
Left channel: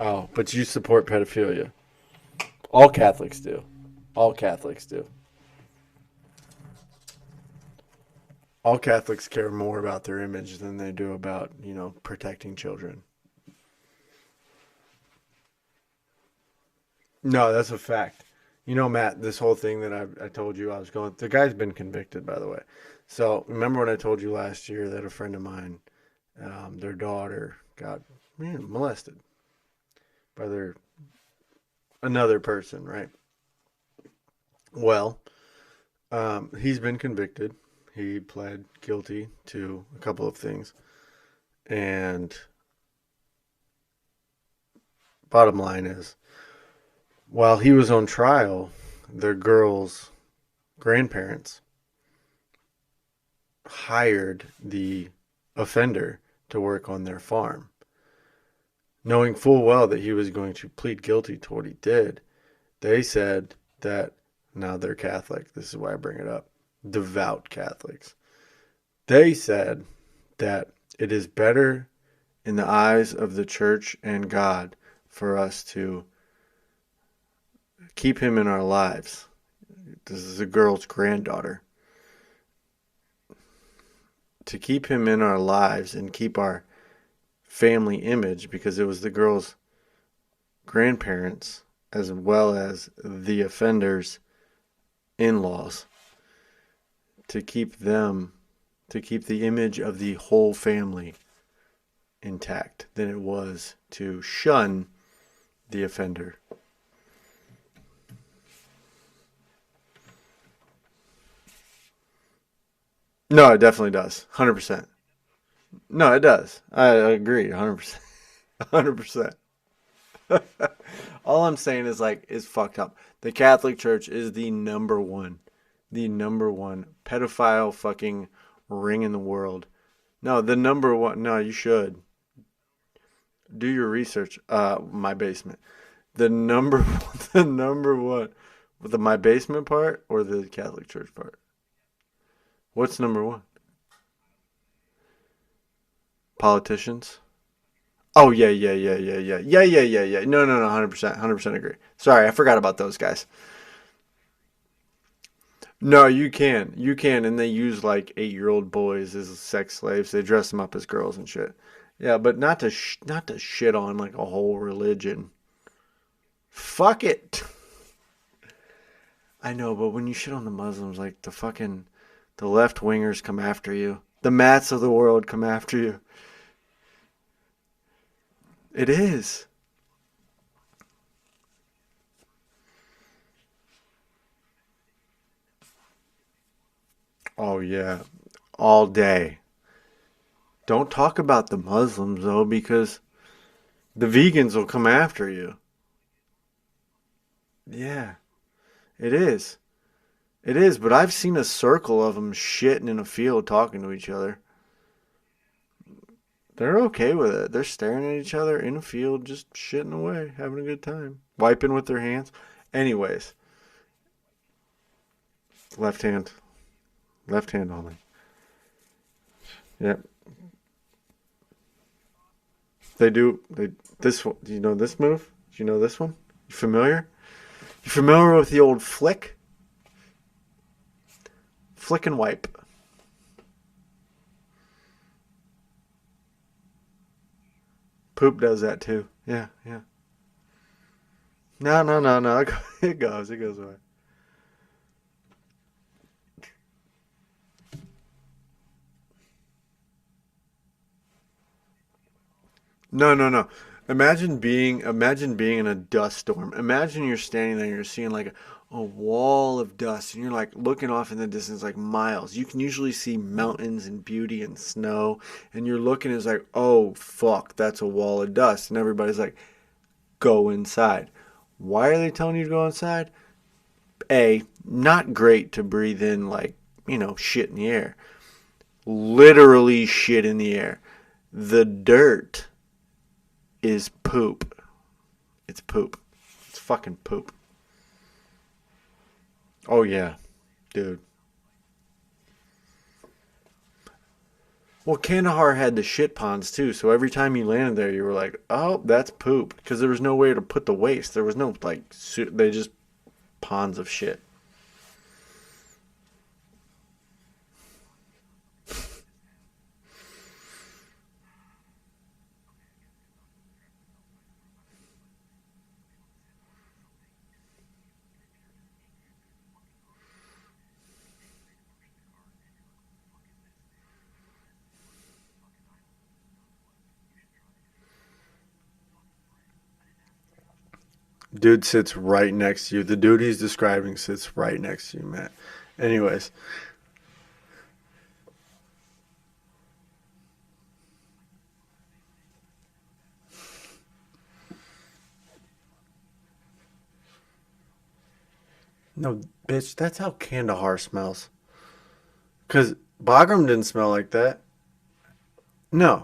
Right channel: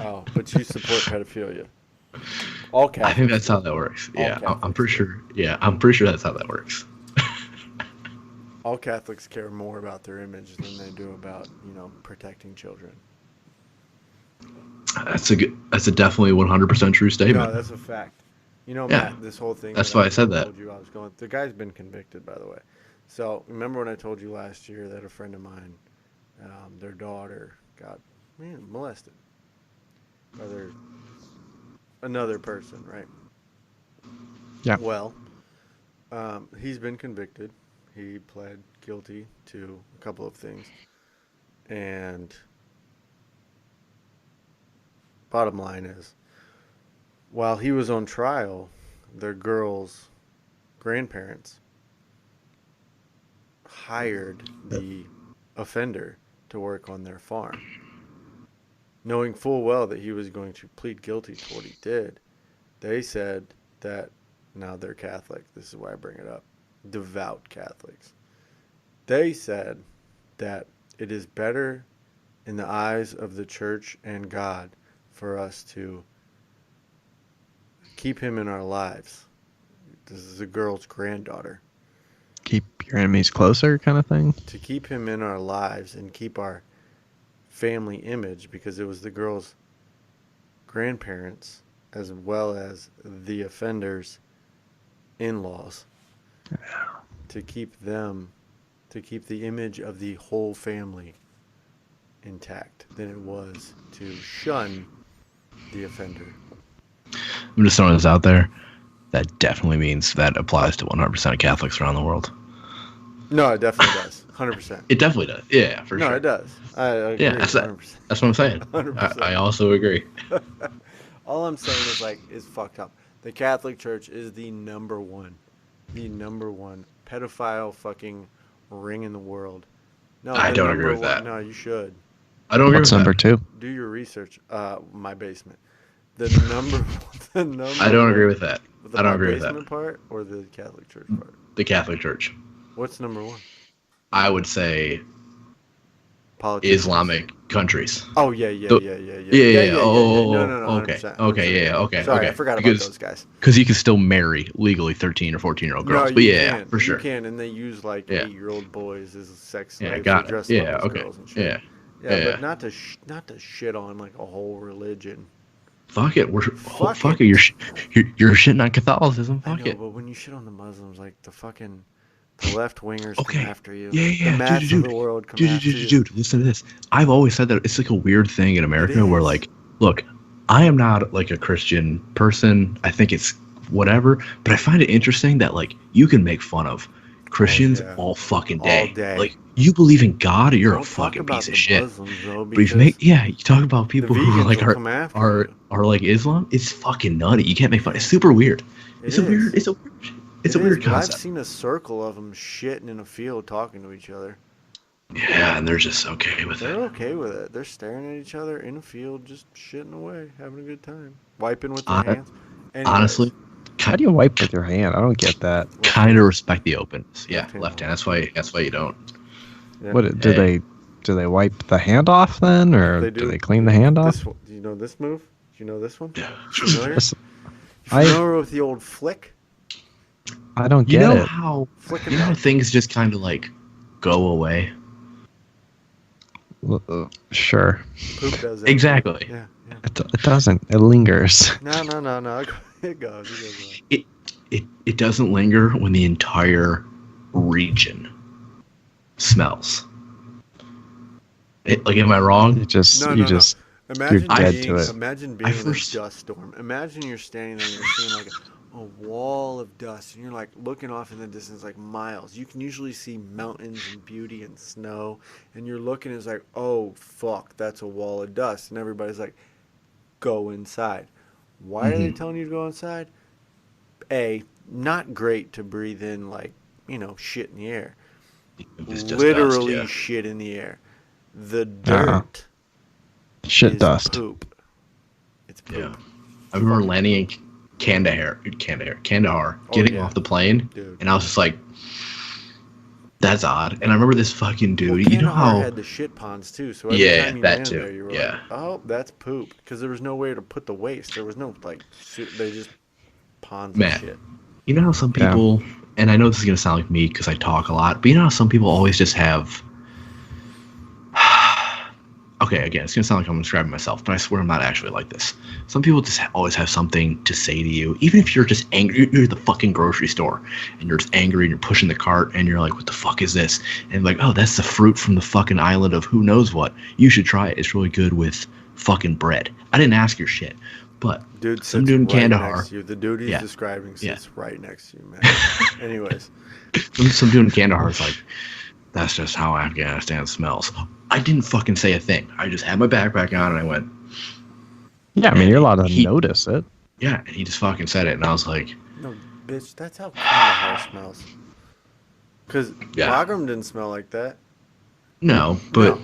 Oh, but you support pedophilia. All Catholics. I think that's do. how that works. All Yeah, I'm Catholics pretty do. sure. Yeah, I'm pretty sure that's how that works. All Catholics care more about their image than they do about, protecting children. That's a definitely 100% true statement. No, that's a fact. Yeah. Matt, this whole thing. That's why I said that. told you I was going. The guy's been convicted, by the way. So remember when I told you last year that a friend of mine, their daughter got molested by another person, right? Yeah. Well, he's been convicted. He pled guilty to a couple of things, and bottom line is, while he was on trial, their girl's grandparents hired the offender to work on their farm. Knowing full well that he was going to plead guilty to what he did, they said that, now they're Catholic, this is why I bring it up, devout Catholics. They said that it is better in the eyes of the church and God for us to keep him in our lives. This is a girl's granddaughter. Keep your enemies closer, kind of thing. To keep him in our lives and keep our family image, because it was the girl's grandparents as well as the offender's in-laws. To keep them, to keep the image of the whole family intact than it was to shun the offender. I'm just throwing this out there. That definitely means that applies to 100% of Catholics around the world. No, it definitely does. 100%. It definitely does. Yeah, for No, sure. it does. I agree. Yeah, 100%. that's what I'm saying. 100%. I also agree. All I'm saying is, like, it's fucked up. The Catholic Church is the number one pedophile fucking ring in the world. No, I the don't number agree with one. that. No, you should. I don't agree What's with number that. 2? Do your research. My basement. The number I don't agree with that. The I don't my agree with that. basement part or the Catholic Church part? The Catholic Church. What's number 1? I would say Politicians. Islamic countries. Oh yeah. No, Oh, 100%. Okay, okay. Sorry, okay. I forgot about Because- those guys. Because you can still marry legally 13 or 14-year-old No, girls. you But yeah, can. for sure. You can, and they use like Yeah. 8-year-old boys as sex Yeah, slaves. got They it. dress them Yeah, up as okay. girls and shit. Yeah. Yeah, Yeah. but not to shit on like a whole religion. Fuck it. Fuck Fuck it. it. You're shitting on Catholicism. I Fuck know, it. but when you shit on the Muslims, like the left wingers come Okay. after you. Yeah. The Mats Dude, of the world come after you. Dude, listen to this. I've always said that it's like a weird thing in America is. where, like, look, I am not like a Christian person. I think it's whatever, but I find it interesting that, like, you can make fun of Christians yeah. all fucking day. All day. Like, you believe in God or you're a Don't talk fucking about piece the of shit. Muslims though, But if because you talk about people the who vegans are like will come after you. are like Islam. It's fucking nutty. You can't make fun. Yeah. It's super weird. It It's is. a weird. It's a It weird is, but I've concept. seen a circle of them shitting in a field talking to each other. Yeah, and they're just okay with They're it. okay with it. They're staring at each other in a field, just shitting away, having a good time, wiping with their Hon- hands. Anyways, Honestly, How do you wipe with your hand? I don't get that. left kind hand. of respect the openness. Yeah, Left hand. left hand. That's why you don't. Yeah. What do Hey. they wipe the hand off then, or They do. they clean the hand off? This one, do you know this move? Do you know this one? Yeah. Familiar? Yes. Familiar with the old flick? I don't You get know it. how Flick and you know how wipe. things just kind of like go away. Sure, Poop does that. too. Exactly. Yeah. it doesn't. It lingers. No. It goes away. It doesn't linger when the entire region smells. Like, am I wrong? You just No. just Imagine dead to being it. in a first- dust storm. Imagine you're standing there and you're seeing like a wall of dust and you're like looking off in the distance like miles. You can usually see mountains and beauty and snow and you're looking it's like, "Oh fuck, that's a wall of dust." And everybody's like, "Go inside." Why are they telling you to go inside? A, not great to breathe in like, shit in the air. It's just Literally dust, shit in the air. The dirt shit is dust. poop. It's poop. I remember Fucking landing in poop. Kandahar, Oh, getting yeah. off the plane, Dude. and I was just like, "That's odd." And I remember this fucking dude. Well, you know Kandahar how- had the shit ponds too, so every Yeah, time you that landed too, there, you were yeah. like, "Oh, that's poop," because there was no way to put the waste. There was no they just ponds Man. of shit. You know how some Yeah. people, and I know this is gonna sound like me because I talk a lot, but you know how some people always just have. Okay, again, it's gonna sound like I'm describing myself, but I swear I'm not actually like this. Some people just always have something to say to you, even if you're just angry. You're at the fucking grocery store, and you're just angry, and you're pushing the cart, and you're like, "What the fuck is this?" And like, "Oh, that's the fruit from the fucking island of who knows what. You should try it. It's really good with fucking bread." I didn't ask your shit, but Dude some sits dude in right Kandahar- next to you. The dude he's Yeah. describing sits right next to you, man. Anyways, some dude in Kandahar's like, "That's just how Afghanistan smells." I didn't fucking say a thing. I just had my backpack on and I went, Yeah, I mean you're allowed to He- notice it. yeah, and he just fucking said it, and I was like, no, bitch, that's how Kandahar smells. Because Yeah. Bagram didn't smell like that. no, but No.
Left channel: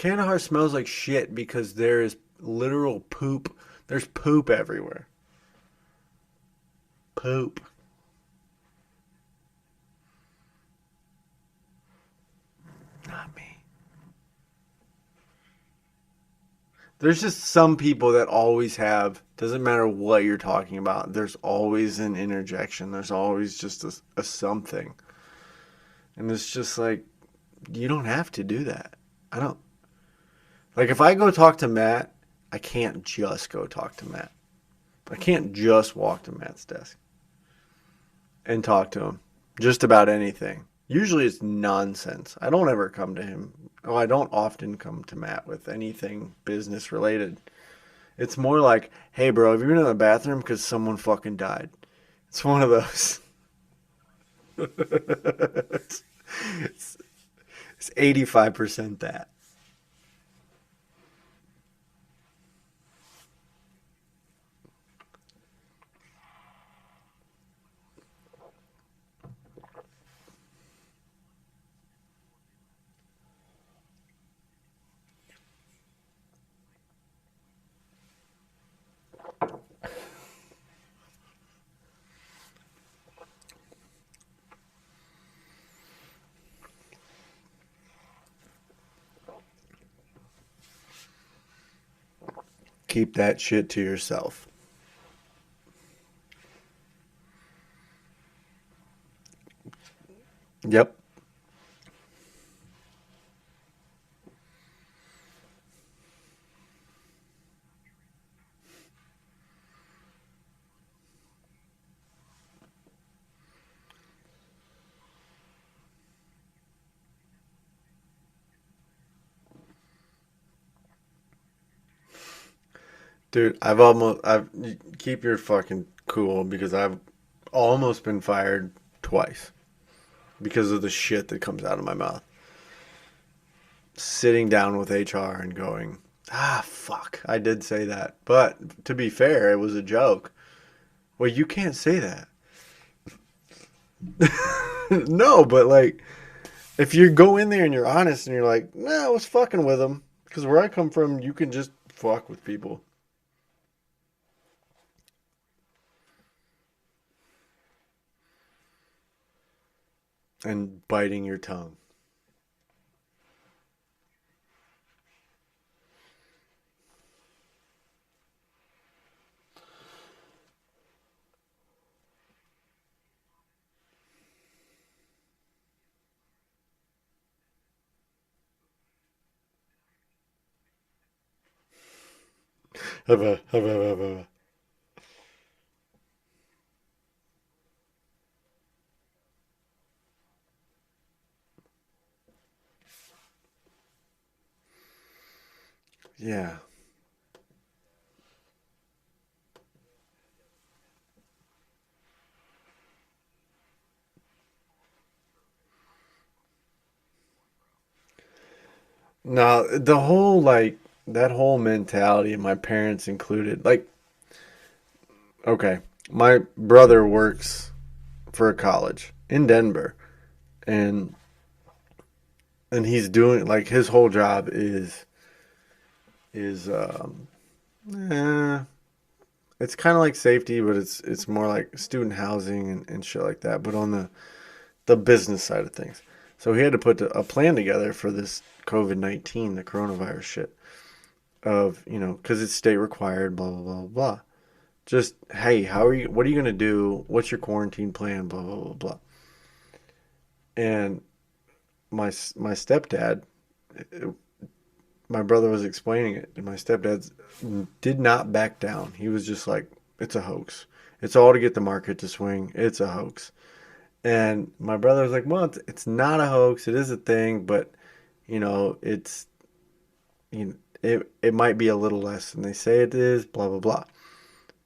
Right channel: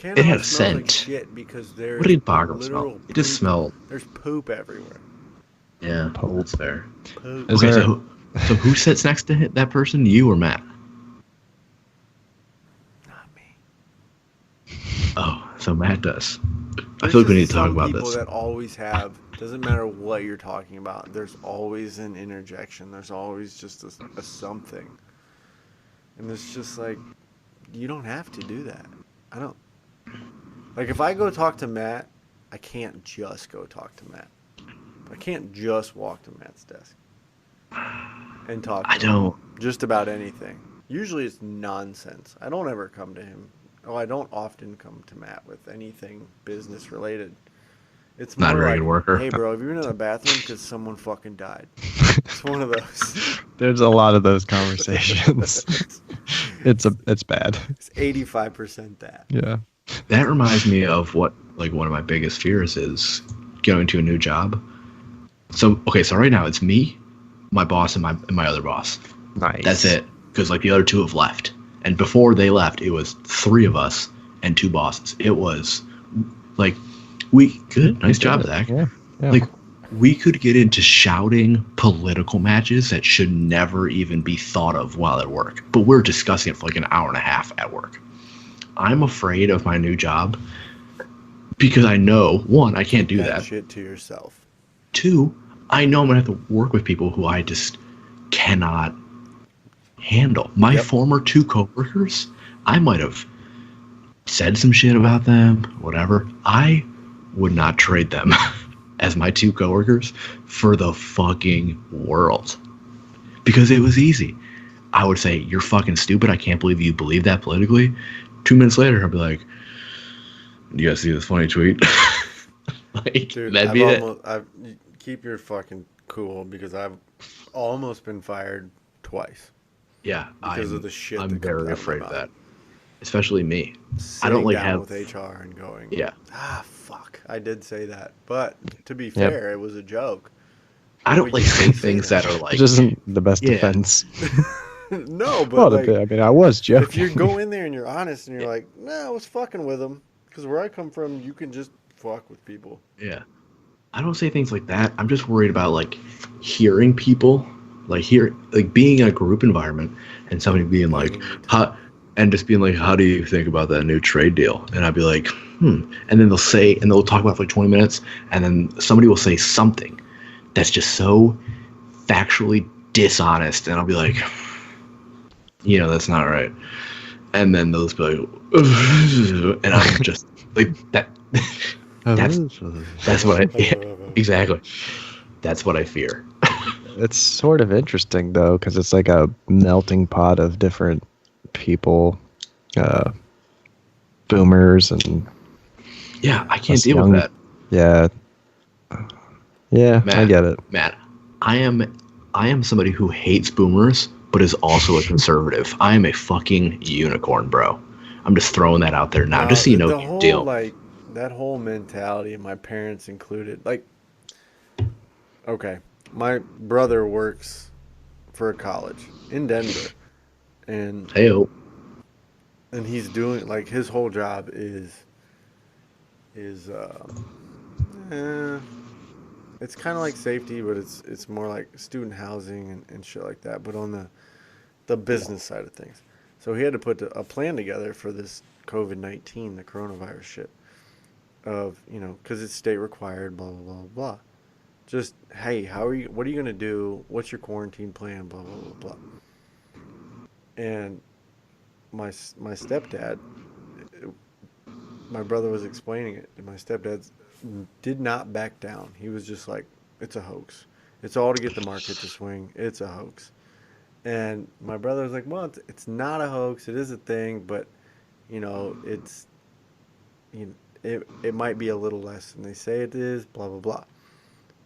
It Canada had smells like scent. shit because What there's did boggle smell? literal It just poop. smelled. There's poop everywhere. Yeah, Pope. that's fair. Poop. Is Okay, there? so who sits next to that person? You or Matt? Not me. Oh, so Matt does. I There's feel like we need just to talk some about people this. that always have, doesn't matter what you're talking about, there's always an interjection. There's always just a something. And it's just like, you don't have to do that. I don't. Like, if I go talk to Matt, I can't just go talk to Matt. I can't just walk to Matt's desk and talk I to him don't. just about anything. Usually it's nonsense. I don't ever come to him. Oh, I don't often come to Matt with anything business related. It's Not a more very like, good worker. hey, bro, have you been in the bathroom because someone fucking died? It's one of those. There's a lot of those conversations. It's bad. It's 85% that. Yeah. That reminds me of what like one of my biggest fears is going to a new job. So okay, so right now it's me, my boss, and my other boss. Nice. That's it. Because like the other two have left, and before they left, it was three of us and two bosses. It was like we good, nice job, Zach. Yeah. Yeah. Like we could get into shouting political matches that should never even be thought of while at work, but we're discussing it for like an hour and a half at work. I'm afraid of my new job because I know one, I can't Keep do that that. shit to yourself. Two, I know I'm gonna have to work with people who I just cannot handle. My Yep. former two coworkers, I might have said some shit about them, whatever. I would not trade them as my two coworkers for the fucking world. Because it was easy. I would say, you're fucking stupid. I can't believe you believe that politically. 2 minutes later, I'd be like, you guys see this funny tweet? Like, Dude, that'd I've be it. almost, I've, keep your fucking cool because I've almost been fired twice Yeah. because of the shit I'm that comes very out of my afraid mouth. that. Especially me. Sitting like, down have- with HR and going, Yeah. fuck, I did say that. But to be Yep. fair, it was a joke. I don't Well, like you saying can't say things that. that are like, Which isn't the best Yeah. defense. No, but Well, like, I mean, I was joking. if you go in there and you're honest and you're like, nah, I was fucking with them. Because where I come from, you can just fuck with people. yeah. I don't say things like that. I'm just worried about like hearing people, like being in a group environment and somebody And being like, biting your tongue. and just being like, how do you think about that new trade deal? And I'd be like, and then they'll talk about it for like 20 minutes, and then somebody will say something that's just so factually dishonest, and I'll be like, that's not right. And then they'll just be like, and I'm just like that. That's what I exactly. That's what I fear. It's sort of interesting though, because it's like a melting pot of different people, boomers and Yeah, I can't us deal young- with that. yeah, I Matt, get it. Matt, I am somebody who hates boomers, but is also a conservative. I am a fucking unicorn, bro. I'm just throwing that out there now, just so you know the the whole deal. like that whole mentality, my parents included. Like, okay, my brother works for a college in Denver, and Hey, he's doing like his whole job is it's kind of like safety, but it's more like student housing and shit like that. But on the business side of things, so he had to put a plan together for this COVID-19, the coronavirus shit. Of because it's state required, blah blah blah blah. Just hey, what are you gonna do? What's your quarantine plan? Blah blah blah blah. And my stepdad, my brother was explaining it, and my stepdad did not back down. He was just like, it's a hoax. It's all to get the market to swing. It's a hoax. And my brother was like, well, it's not a hoax. It is a thing, but it's it might be a little less than they say it is, blah, blah, blah.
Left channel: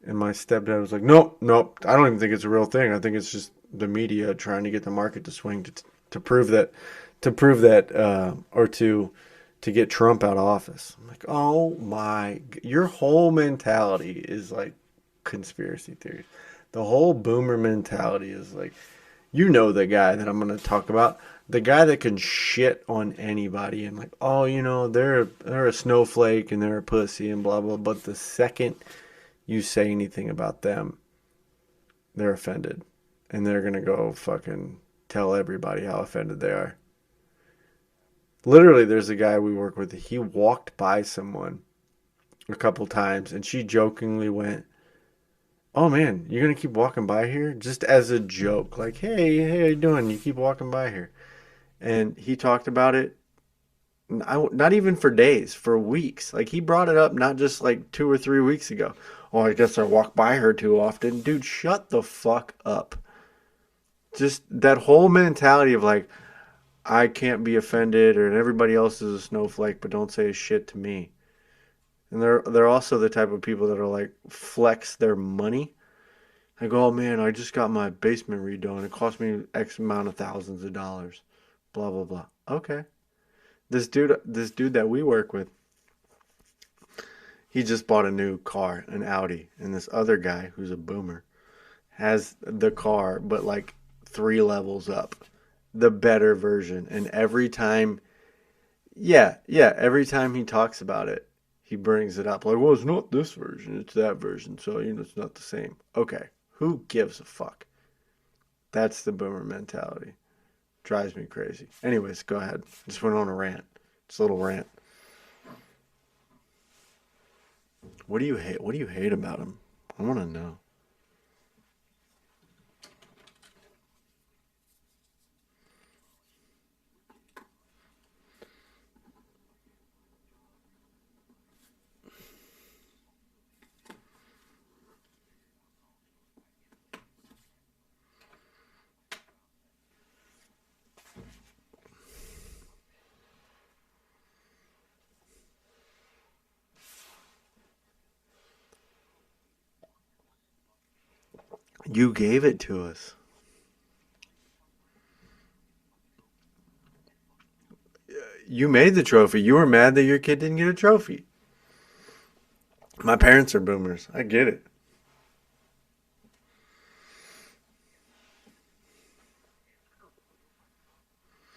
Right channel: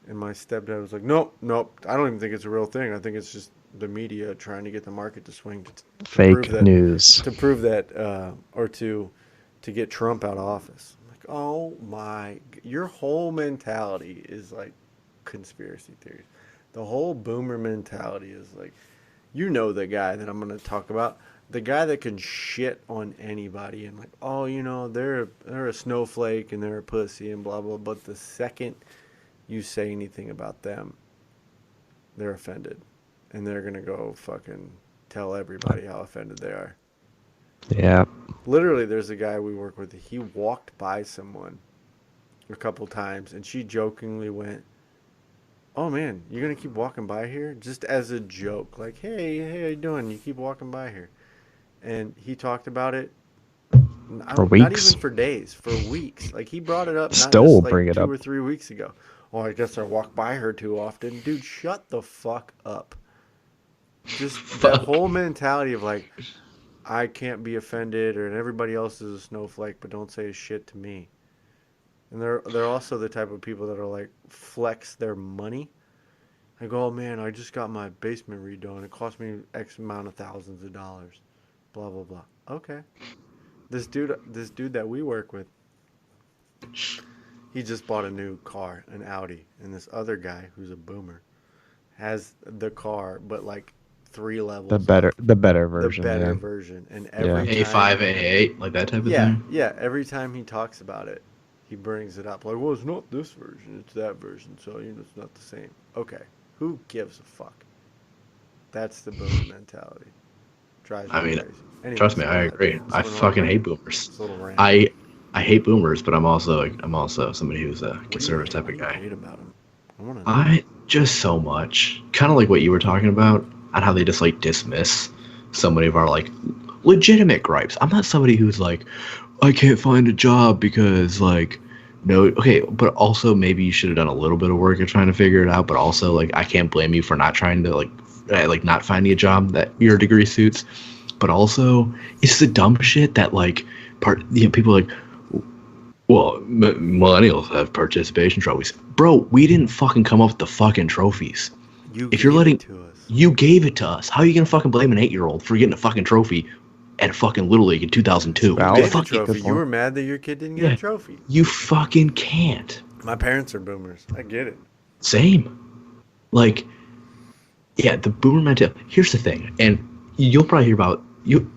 And my stepdad was like, nope, I don't even think it's a real thing. I think it's just the media trying to get the market to swing to Fake prove that, news. to prove that, or to get Trump out of office. I'm like, oh my, your whole mentality is like conspiracy theories. The whole boomer mentality is like, You know the guy that I'm going to talk about. The guy that can shit on anybody and like, oh, they're a snowflake and they're a pussy and blah blah. But the second you say anything about them, they're offended, and they're gonna go fucking tell everybody how offended they are. Yeah. Literally, there's a guy we work with. He walked by someone a couple times, and she jokingly went, "Oh man, you're gonna keep walking by here?" Just as a joke, like, "Hey, how you doing? You keep walking by here." And he talked about it. For Not weeks. even for days, for weeks. Like he brought it up not Still just will like bring it 2 up. or 3 weeks ago. Oh, I guess I walk by her too often. Dude, shut the fuck up. Just that whole mentality of like, I can't be offended or everybody else is a snowflake, but don't say shit to me. And they're also the type of people that are like flex their money. Like, oh man, I just got my basement redone. It cost me X amount of thousands of dollars. Blah blah blah. Okay. This dude that we work with, he just bought a new car, an Audi, and this other guy who's a boomer has the car, but like 3 levels up. The better The version. better yeah. version. And every Yeah. time, A5, A8, like that type of yeah, thing. yeah, every time he talks about it, he brings it up. Like, well, it's not this version, it's that version, so it's not the same. Okay, who gives a fuck? That's the boomer mentality. Drives I me mean, crazy. Anyways, trust me, go I ahead. agree. Just I went on a fucking hate rant. boomers. Just a little rant. I hate boomers, but I'm also somebody who's a What do you conservative hate? type What of do you guy. hate about him? I want to know. I just so much, kind of like what you were talking about, on how they just like dismiss so many of our like legitimate gripes. I'm not somebody who's like, I can't find a job because like, no, okay, but also maybe you should have done a little bit of work at trying to figure it out. But also like, I can't blame you for not trying to like not finding a job that your degree suits. But also, it's the dumb shit that like people are like, well, millennials have participation trophies. Bro, we didn't fucking come up with the fucking trophies. You If you're gave letting it to us. you gave it to us, how are you gonna fucking blame an 8-year-old for getting a fucking trophy at a fucking Little League in 2002? You Valid. made the Fucking- trophy. You were mad that your kid didn't get Yeah. a trophy. You fucking can't. My parents are boomers. I get it. Same. Like, yeah, the boomer mentality. Here's the thing, and you'll probably hear about you.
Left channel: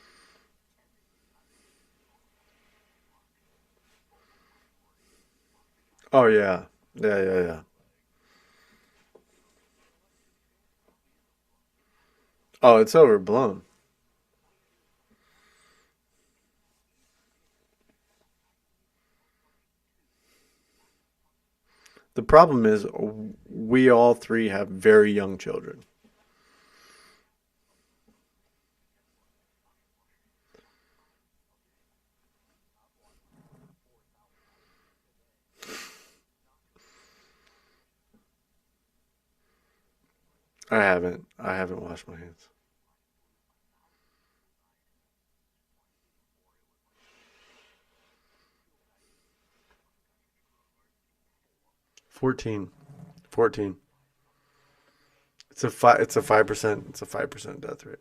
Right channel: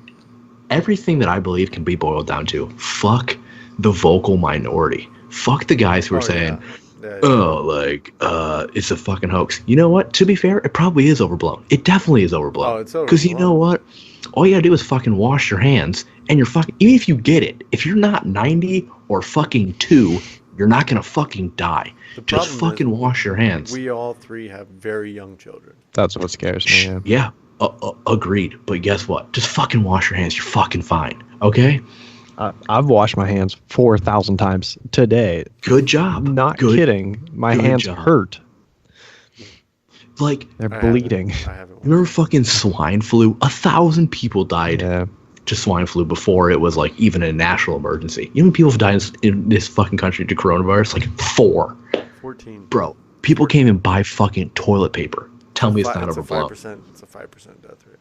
Everything that I believe can be boiled down to fuck the vocal minority. Fuck the guys who are saying, yeah. Yeah, oh, like, it's a fucking hoax. You know what? To be fair, it probably is overblown. It definitely is overblown. Oh, it's Because you know overblown. what? All you gotta do is fucking wash your hands, and you're fucking. Even if you get it, if you're not 90 or fucking 2, you're not gonna fucking die. The Just problem fucking is wash your hands. we all 3 have very young children. That's what scares me. Yeah. Yeah, agreed. But guess what? Just fucking wash your hands. You're fucking fine. Okay? I've washed my hands 4,000 times today. Good job. Not Good. kidding. My good hands job. hurt. Like, They're I bleeding. haven't remember watched fucking swine flu? 1,000 people died Yeah. to swine flu before it was like even a national emergency. You know how many people have died in this fucking country to coronavirus? Like 4. it. 14. Bro, people 14. can't even buy fucking toilet paper. Tell me it's not It's a overblown. 5%. It's a 5% death rate.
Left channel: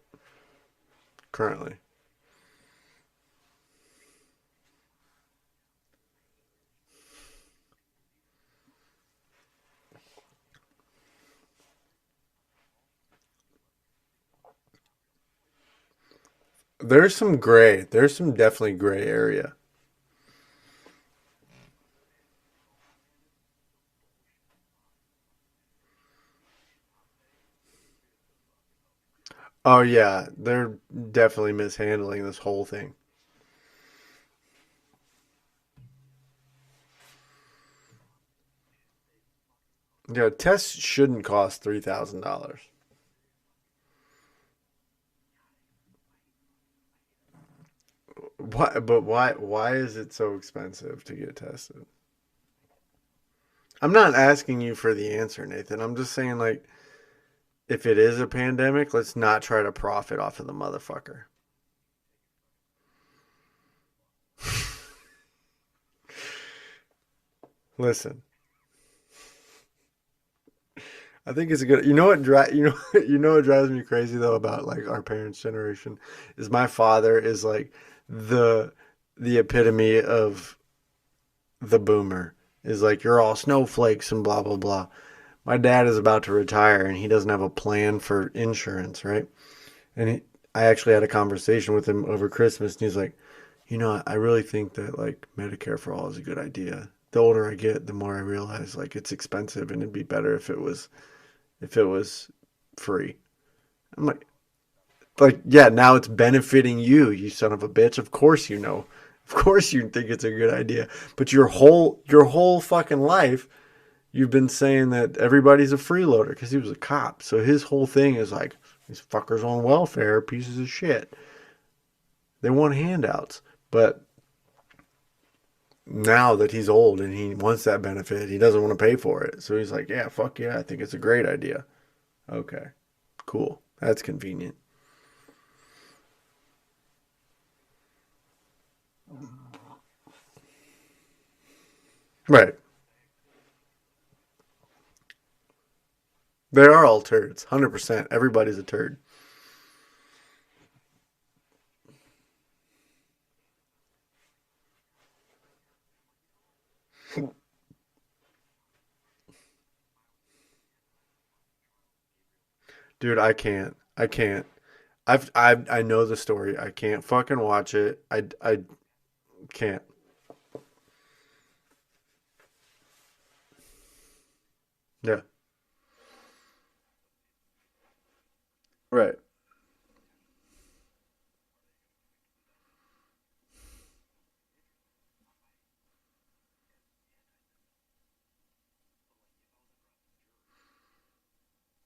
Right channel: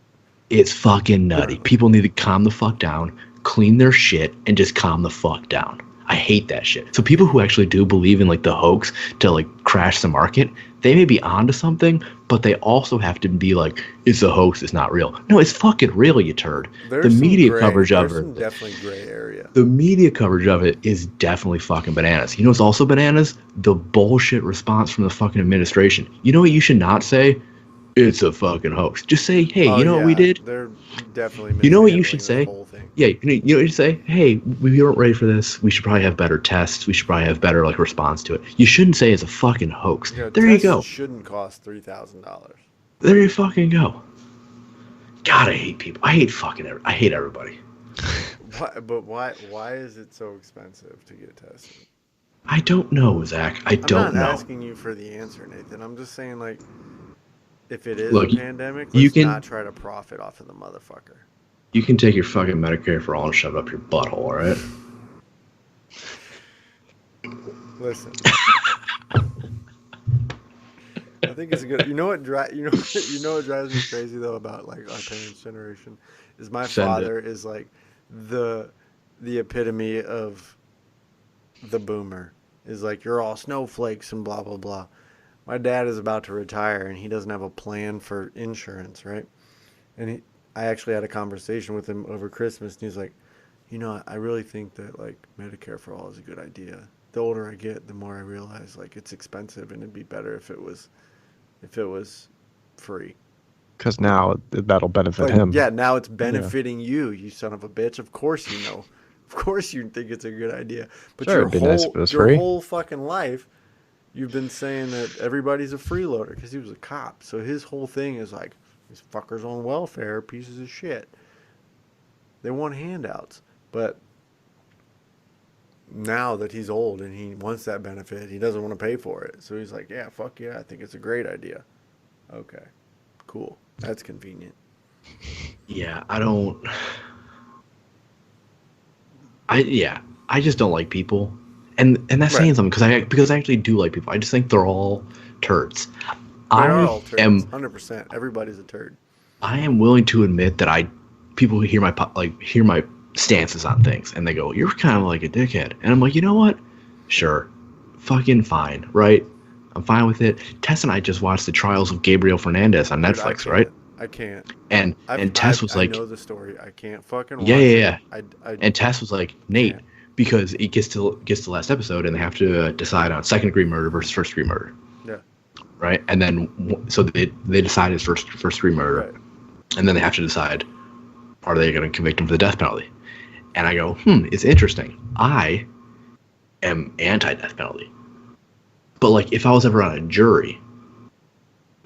It's fucking nutty. Currently. People need to calm the fuck down, clean their shit, and just calm the fuck down. I hate that shit. So people who actually do believe in like the hoax to like crash the market, they may be onto something, but they also have to be like, it's a hoax, it's not real. No, it's fucking real, you turd. There's the some media gray. coverage There's of some it. definitely gray area. The media coverage of it is definitely fucking bananas. You know what's also bananas? The bullshit response from the fucking administration. You know what you should not say? It's a fucking hoax. Just say, hey, Oh, you know what we yeah, did? They're definitely You know what you mishandling should this say? whole thing. Yeah, you know what you say? Hey, we weren't ready for this. We should probably have better tests. We should probably have better like response to it. You shouldn't say it's a fucking hoax. Yeah, There you tests go. shouldn't cost $3,000. There you fucking go. God, I hate people. I hate everybody. Why? But why is it so expensive to get tested? I don't know, Zach. I'm don't not know. asking you for the answer, Nathan. I'm just saying, like, if it is Look, a pandemic, you let's can- not try to profit off of the motherfucker. You can take your fucking Medicare for all and shove it up your butthole, all right? Listen. I think it's a good. You know what what drives me crazy though about like our parents' generation is my Send father is like the epitome of the boomer. Is like you're all snowflakes and blah blah blah. My dad is about to retire and he doesn't have a plan for insurance, right? And I actually had a conversation with him over Christmas, and he's like, I really think that like Medicare for all is a good idea. The older I get, the more I realize like it's expensive, and it'd be better if it was free. Because I'm like, now that'll benefit like, him. yeah, now it's Yeah. benefiting you, you son of a bitch. Of course you know. Of course you think it's a good idea. But Sure, it'd be nice if it was your free. whole fucking life you've been saying that everybody's a freeloader because he was a cop. So his whole thing is like these fuckers on welfare, pieces of shit. They want handouts. But now that he's old and he wants that benefit, he doesn't want to pay for it. So he's like, yeah, fuck yeah, I think it's a great idea. Okay, cool. That's convenient. Yeah, I don't. I just don't like people, and that's Right. saying something because I actually do like people. I just think they're all turds. They are I all turds. am 100%. Everybody's a turd. I am willing to admit that people who hear my stances on things and they go, "You're kind of like a dickhead," and I'm like, you know what? Sure, fucking fine, right? I'm fine with it. Tess and I just watched the trials of Gabriel Fernandez on Dude, I Netflix, right? can't. I can't. And Tess was I like, know the story. I can't fucking yeah, watch yeah, it. yeah. I And Tess was like, Nate, can't. because it gets to the last episode and they have to decide on second degree murder versus first degree murder, Yeah. right? And then so they decide it's first degree murder, Right. and then they have to decide, are they going to convict him for the death penalty? And I go, it's interesting. I am anti death penalty, but like if I was ever on a jury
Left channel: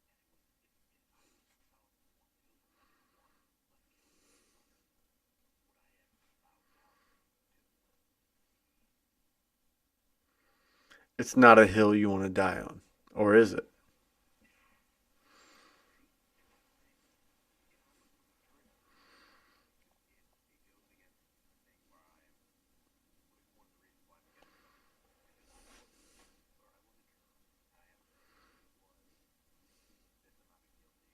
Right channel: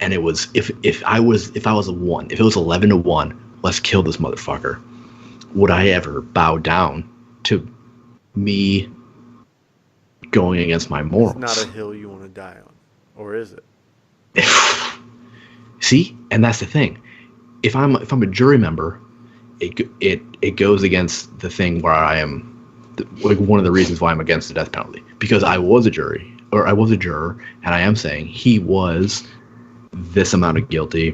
and it was if I was a one, if it was 11-1, let's kill this motherfucker, would I ever bow down to me going against my It's not a morals? hill you want to die on. Or is it? See, and that's the thing. If I'm a jury member, it goes against the thing where I am, like one of the reasons why I'm against the death penalty, because I was a juror, and I am saying he was this amount of guilty,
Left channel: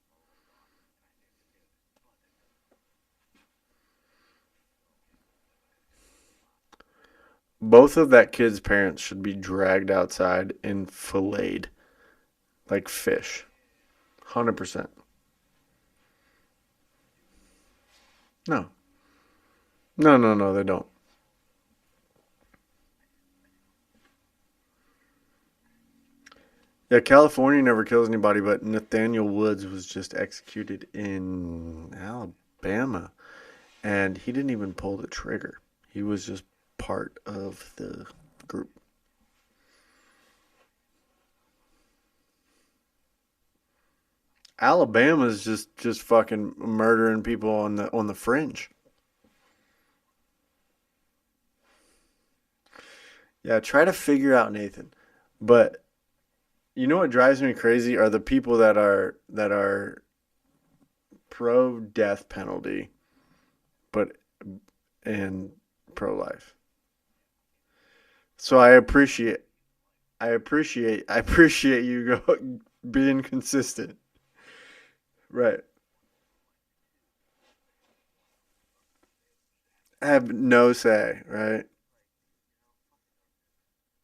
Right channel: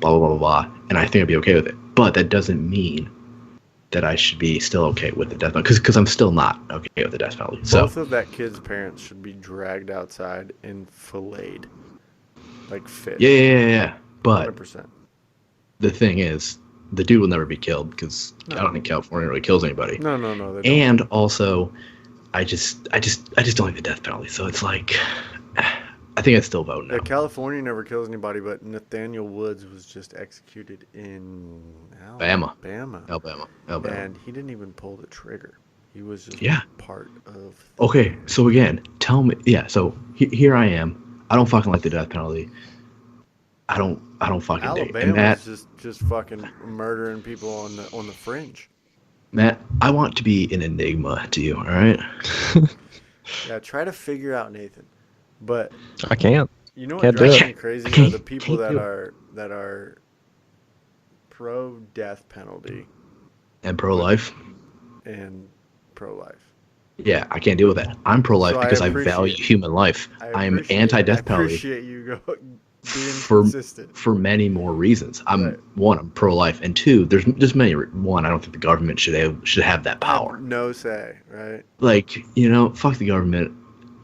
blah blah blah blah, blah, and I think I'd be okay with it. But that doesn't mean that I should be still okay with the death penalty, because I'm still not okay with the death penalty. So Both of that kid's parents should be dragged outside and filleted like fish. yeah. But 100%. the thing is, the dude will never be killed because No. I don't think California really kills anybody. No, they don't. And also, I just don't like the death penalty. So it's like, I think I'd still vote no. Yeah, California never kills anybody, but Nathaniel Woods was just executed in Alabama. Alabama. And he didn't even pull the trigger. He was just part of the Okay, so again, tell me. Yeah, so here I am. I don't fucking like the death penalty. I don't fucking Alabama's just fucking murdering people on the fringe. Matt, I want to be an enigma to you, all right? Yeah, try to figure out, Nathan. But I can't. you know what Can't do drives it. me crazy are the people that are pro death penalty And pro-life. and pro life. Yeah, I can't deal with that. I'm pro-life So I because I appreciate- value human life. I am I anti-death penalty appreciate you being for consistent. for many more reasons. Right. I'm pro-life, and two, there's just many. One, I don't think the government should have that I have power. no say, right? Like, fuck the government.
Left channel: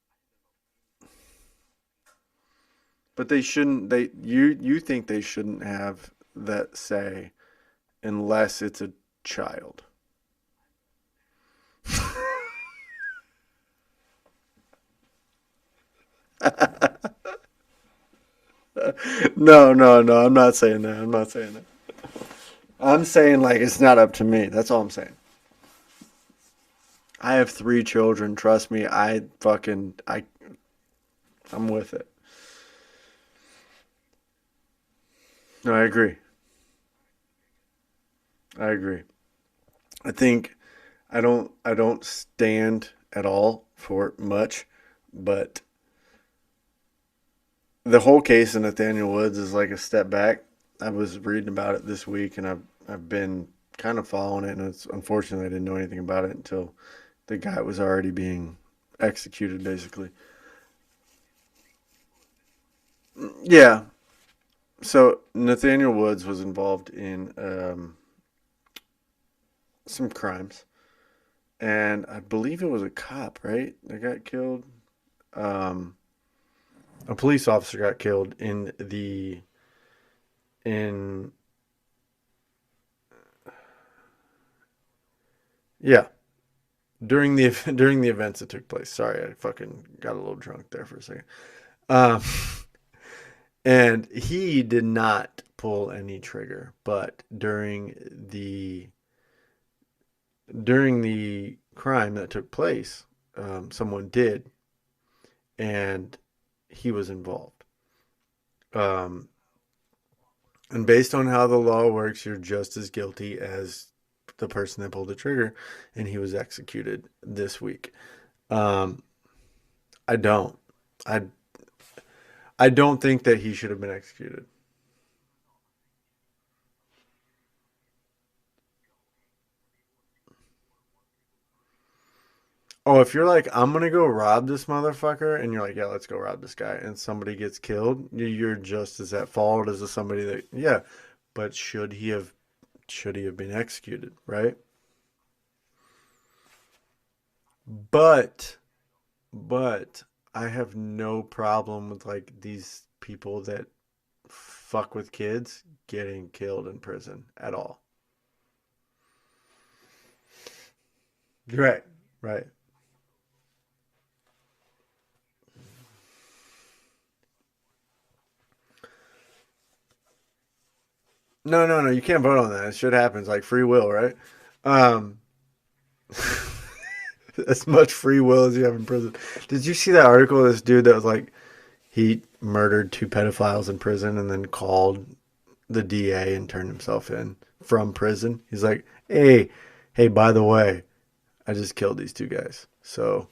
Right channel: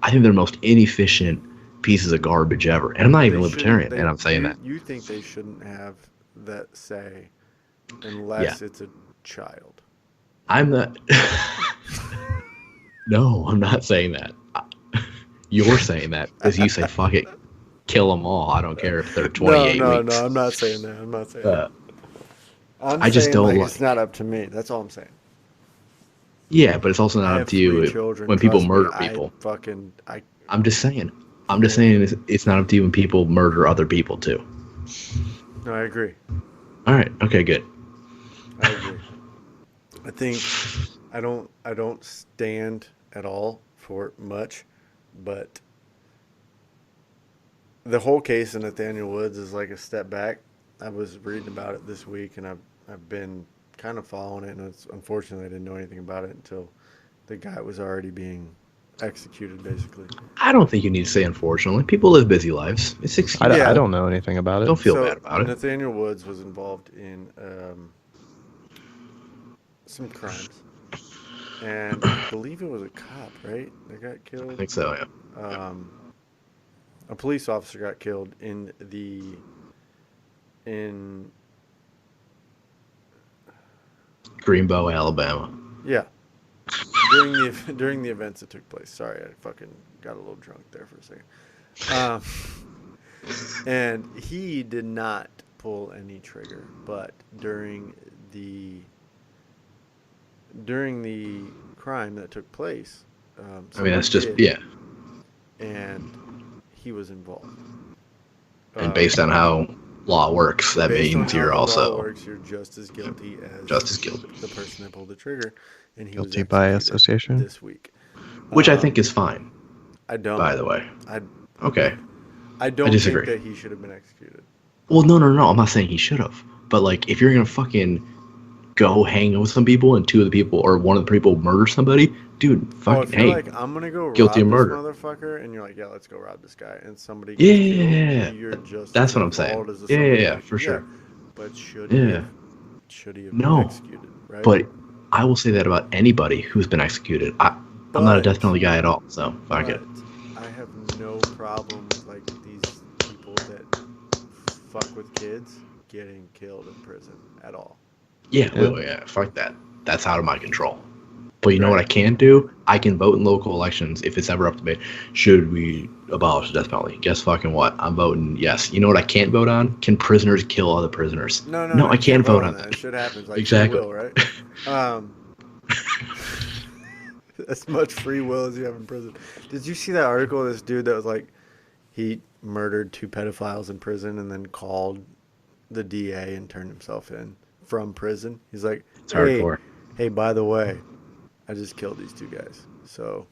I think they're the most inefficient pieces of garbage ever. And I'm not even They libertarian, shouldn't- and I'm saying that. You think they shouldn't have that say unless it's a child. I'm not. No, I'm not saying that. You're saying that because you say fuck it, kill them all. I don't care if they're 28 No, weeks. I'm not saying that. I'm not saying that. I'm I just saying don't like like- it's not up to me. That's all I'm saying. Yeah, but it's also I not have up to you 3 children. when people Trust me, murder people. I'm just saying it's not up to you when people murder other people too. No, I agree. All right. Okay. Good. I agree. I think I don't stand at all for much, but the whole case of Nathaniel Woods is like a step back. I was reading about it this week, and I've been kind of following it, and it's unfortunately I didn't know anything about it until the guy was already being executed, basically. I don't think you need to say unfortunately. People live busy lives. It's excuse. Yeah. I don't know anything about it. Don't feel So bad about it. Nathaniel Woods was involved in some crimes, and I believe it was a cop, right, that got I killed. think so. Yeah. A police officer got killed in Greenbow, Alabama. Yeah. During the events that took place. Sorry, I fucking got a little drunk there for a second. Um, and he did not pull any trigger, but during the crime that took place, someone that's just did, yeah. and he was involved. And based on how law works, that based on means how you're the also law works, you're just as guilty as guilty. the person that pulled the trigger, and he was Guilty by executed association? this week. Which I think is fine, I don't. by the way. I I don't think disagree. that he should have been executed. Well, no. I'm not saying he should have. But, like, if you're going to fucking go hang with some people and two of the people or one of the people murder somebody, dude, If you're like, I'm going to go rob guilty this of murder. motherfucker, and you're like, yeah, let's go rob this guy, and somebody gets killed, you're just That's as what at I'm saying. fault as somebody. For sure. But should he have been executed, right? But I will say that about anybody who's been executed. I'm not a death penalty guy at all, so fuck it. I have no problem with, like, these people that fuck with kids getting killed in prison at all. Yeah, fuck that. That's out of my control. But you know what I can do? I can vote in local elections if it's ever up to me. Should we abolish the death penalty? Guess fucking what? I'm voting yes. You know what I can't vote on? Can prisoners kill other prisoners? No, I can't vote on that. Shit happens. Like free will, right? As much free will as you have in prison. Did you see that article of this dude that was like, he murdered 2 pedophiles in prison and then called the DA and turned himself in from prison? He's like, hey, by the way, I just killed these 2 guys, so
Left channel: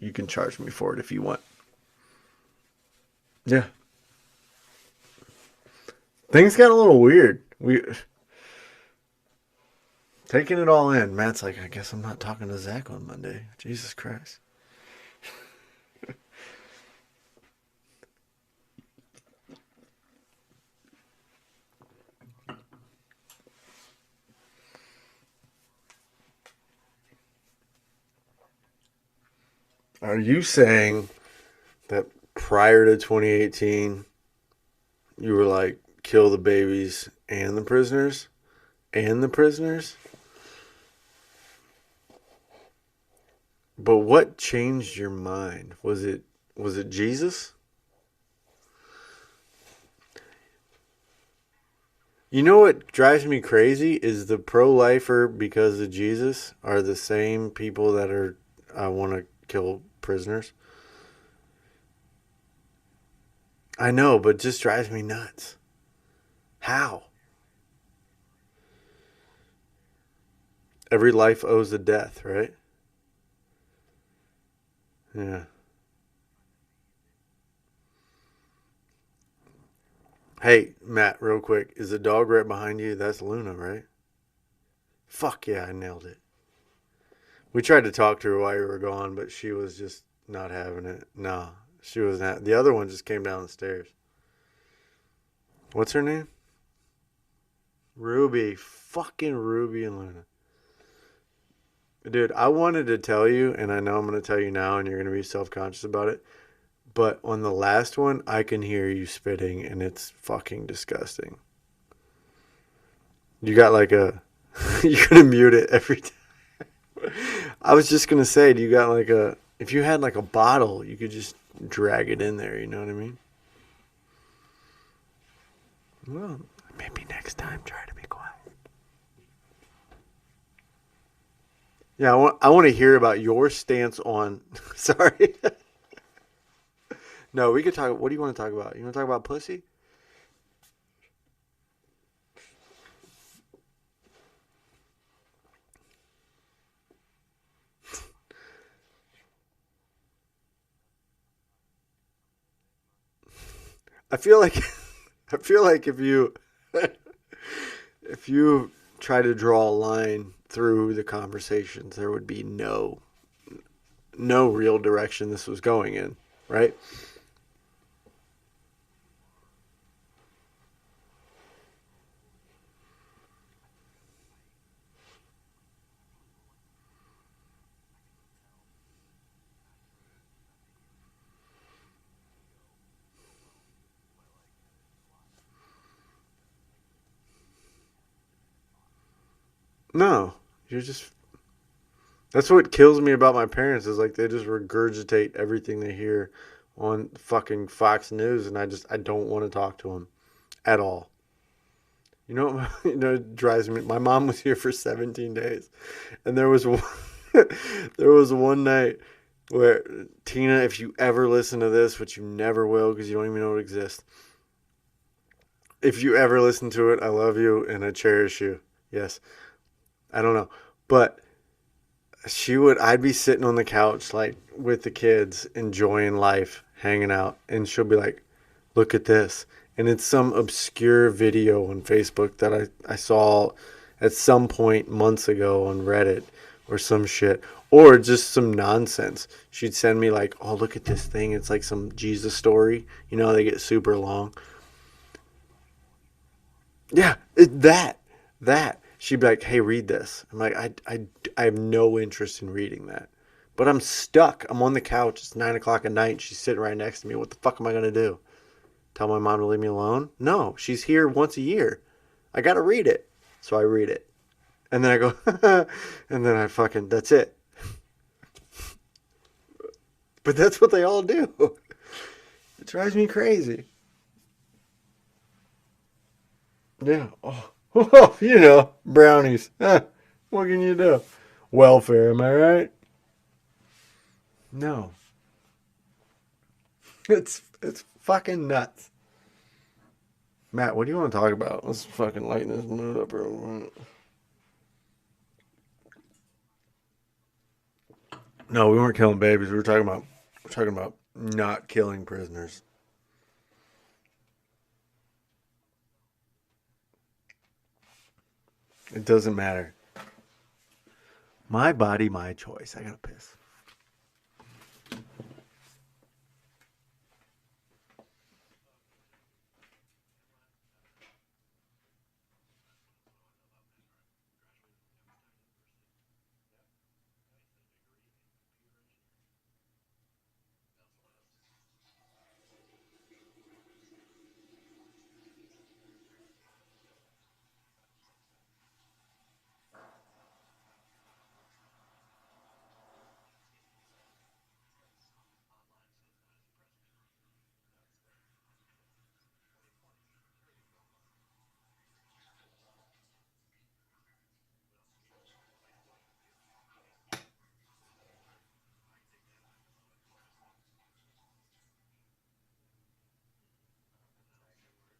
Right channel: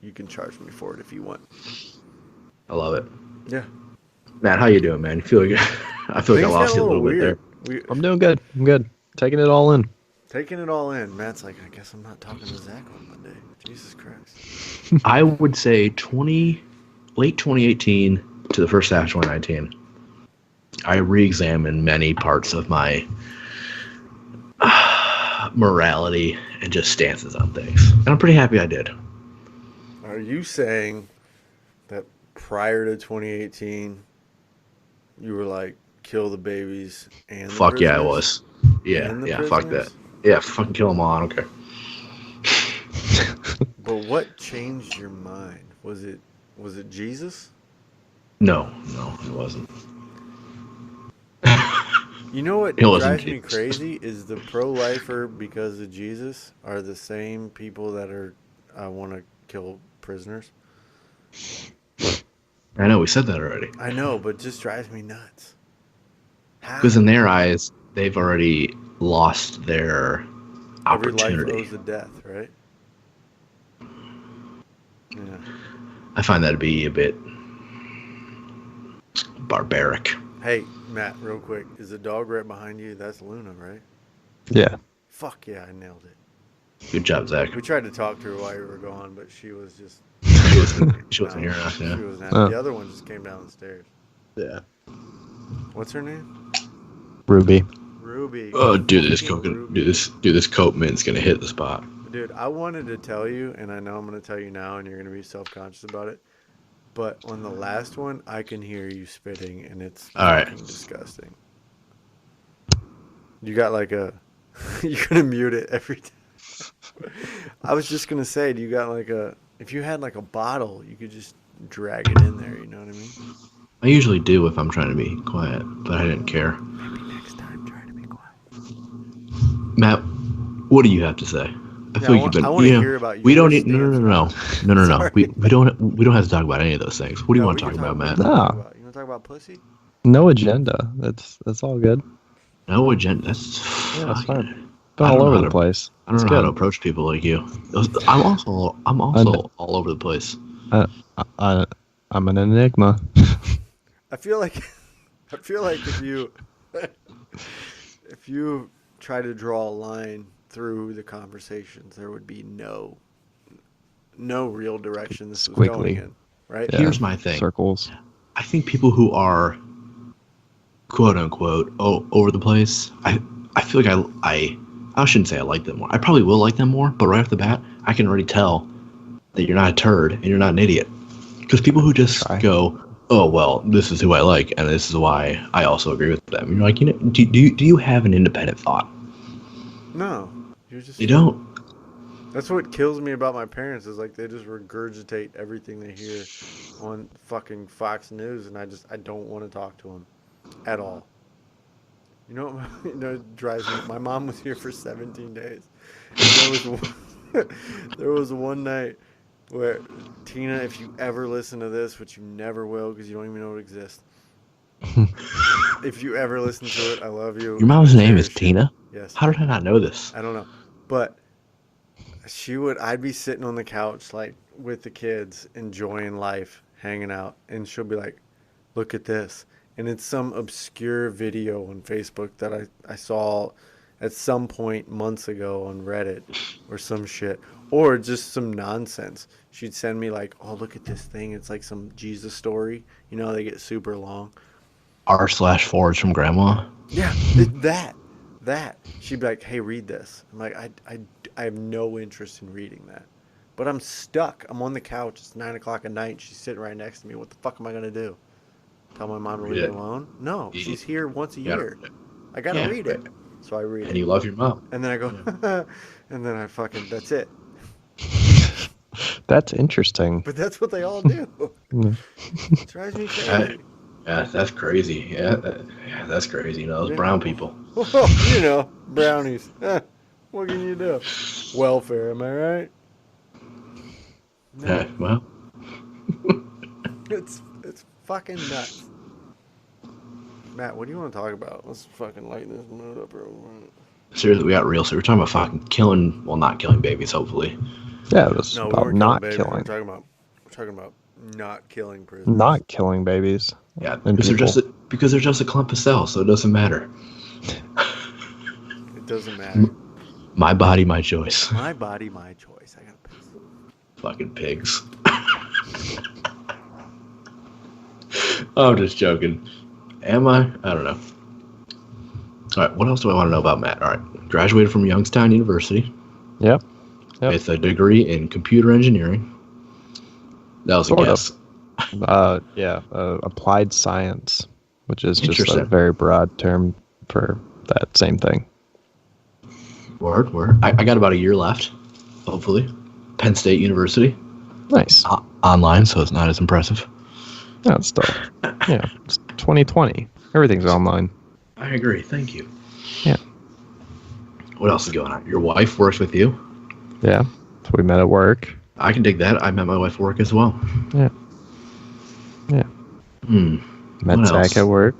you can charge me for it if you want. I love it. Yeah. Matt, how you doing, man? You feel good? I feel Things like I got lost a you little weird. I'm doing good. I'm good. Taking it all in. Taking it all in. Matt's like, I guess I'm not talking to Zach on Monday. Jesus Christ. I would say late 2018 to the first half of 2019, I re-examined many parts of my morality and just stances on things. And I'm pretty happy I did. Are you saying that prior to 2018, you were like, kill the babies and the prisoners? Yeah, I was. Yeah, fuck that. Yeah, fucking kill them all. I don't care. But what changed your mind? Was it Jesus? No, it wasn't. You know what drives me crazy is the pro-lifer because of Jesus are the same people that want to kill prisoners. I know, we said that already. I know, but it just drives me nuts. How? Because in their eyes, they've already lost their Every opportunity. life owes a death, right? Yeah. I find that to be a bit barbaric. Hey, Matt, real quick. Is the dog right behind you? That's Luna, right? Yeah. Fuck yeah, I nailed it. Good job, Zach. We tried to talk to her while you were gone, but she was just... She wasn't here. She wasn't. The other one just came down the stairs. Yeah. What's her name? Ruby. Oh, dude, this coat mint's gonna hit the spot. Dude, I wanted to tell you, and I know I'm gonna tell you now, and you're gonna be self-conscious about it. But on the last one, I can hear you spitting, and it's fucking disgusting. You got like a... You're gonna mute it every time. I was just gonna say, do you got like a... If you had like a bottle, you could just drag it in there, you know what I mean? I usually do if I'm trying to be quiet, but I didn't care. Maybe next time, try to be quiet. Matt, what do you have to say? I want to hear about your we don't need, stance. No. We don't have to talk about any of those things. What do you want to talk about, Matt? You want to talk about pussy? No agenda. That's all good. No agenda. That's fine. Been all over the place. I don't know how to approach people like you. I'm also all over the place. I'm an enigma. I feel like if you try to draw a line through the conversations, there would be no real direction this was going in, right? Yeah. Here's my thing. Circles. I think people who are quote unquote over the place, I feel like I shouldn't say I like them more. I probably will like them more, but right off the bat, I can already tell that you're not a turd and you're not an idiot. Because people who just go, oh, well, this is who I like, and this is why I also agree with them. You're like, do you have an independent thought? No, you're just. You don't. That's what kills me about my parents is like they just regurgitate everything they hear on fucking Fox News, and I don't want to talk to them at all. You know, it drives me. My mom was here for 17 days, and there was one night where Tina, if you ever listen to this, which you never will because you don't even know it exists. If you ever listen to it, I love you. Your mom's and I name is cherish you. Tina? Yes. How did I not know this? I don't know, but I'd be sitting on the couch like with the kids, enjoying life, hanging out, and she'll be like, "Look at this." And it's some obscure video on Facebook that I saw at some point months ago on Reddit or some shit. Or just some nonsense. She'd send me like, oh, look at this thing. It's like some Jesus story. You know, they get super long. R/forwards from grandma. Yeah, that. She'd be like, hey, read this. I'm like, I have no interest in reading that. But I'm stuck. I'm on the couch. It's 9 o'clock at night. She's sitting right next to me. What the fuck am I going to do? Tell my mom to leave me alone? No, she's here once a year. I got to read it. So I read it. And you love your mom. And then I go, and then I fucking, that's it. That's interesting. But that's what they all do. It drives me crazy. Yeah, that's crazy. Yeah, that's crazy. You know, those brown people. You know, brownies. What can you do? Welfare, am I right? No. Yeah, well. It's fucking nuts. Matt, what do you want to talk about? Let's fucking lighten this mood up real quick. Seriously, we got real. So we're talking about fucking killing, well, not killing babies, hopefully. Yeah, it was No, we weren't killing not babies. killing. We're talking about not killing prisoners. Not killing babies. Yeah, And because they're just a clump of cells, so it doesn't matter. It doesn't matter. My body, my choice. My body, my choice. I gotta piss. Fucking pigs. I'm just joking. Am I? I don't know. All right, what else do I want to know about Matt? All right, graduated from Youngstown University Yep. with a degree in computer engineering. That was a Sort of. guess. Applied science, which is just a Interesting. very broad term for that same thing. Word. I got about a year left, hopefully. Penn State University. Nice. Online, so it's not as impressive. Yeah, it's still, it's 2020. Everything's online. I agree. Thank you. Yeah. What else is going on? Your wife works with you. Yeah. So we met at work. I can dig that. I met my wife at work as well. Yeah. Yeah. Met What Zach else? at work.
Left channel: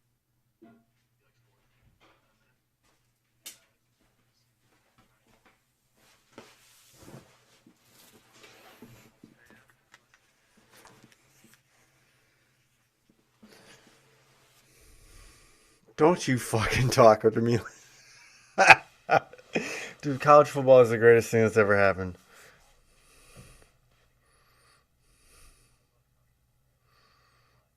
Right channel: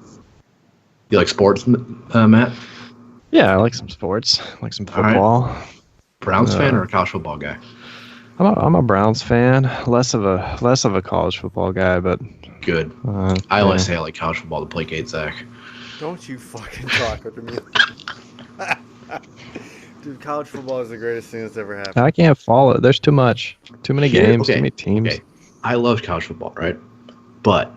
You like sports, Matt? Yeah, I like some sports. I like some All right. football. Browns fan or a college football guy? I'm a Browns fan. Less of a college football guy, but Good. I always say I like college football to placate Zach. Don't you fucking talk to me. Dude, college football is the greatest thing that's ever happened. I can't follow it. There's too much. Too many games, Okay, too many teams. Okay. I love college football, right? But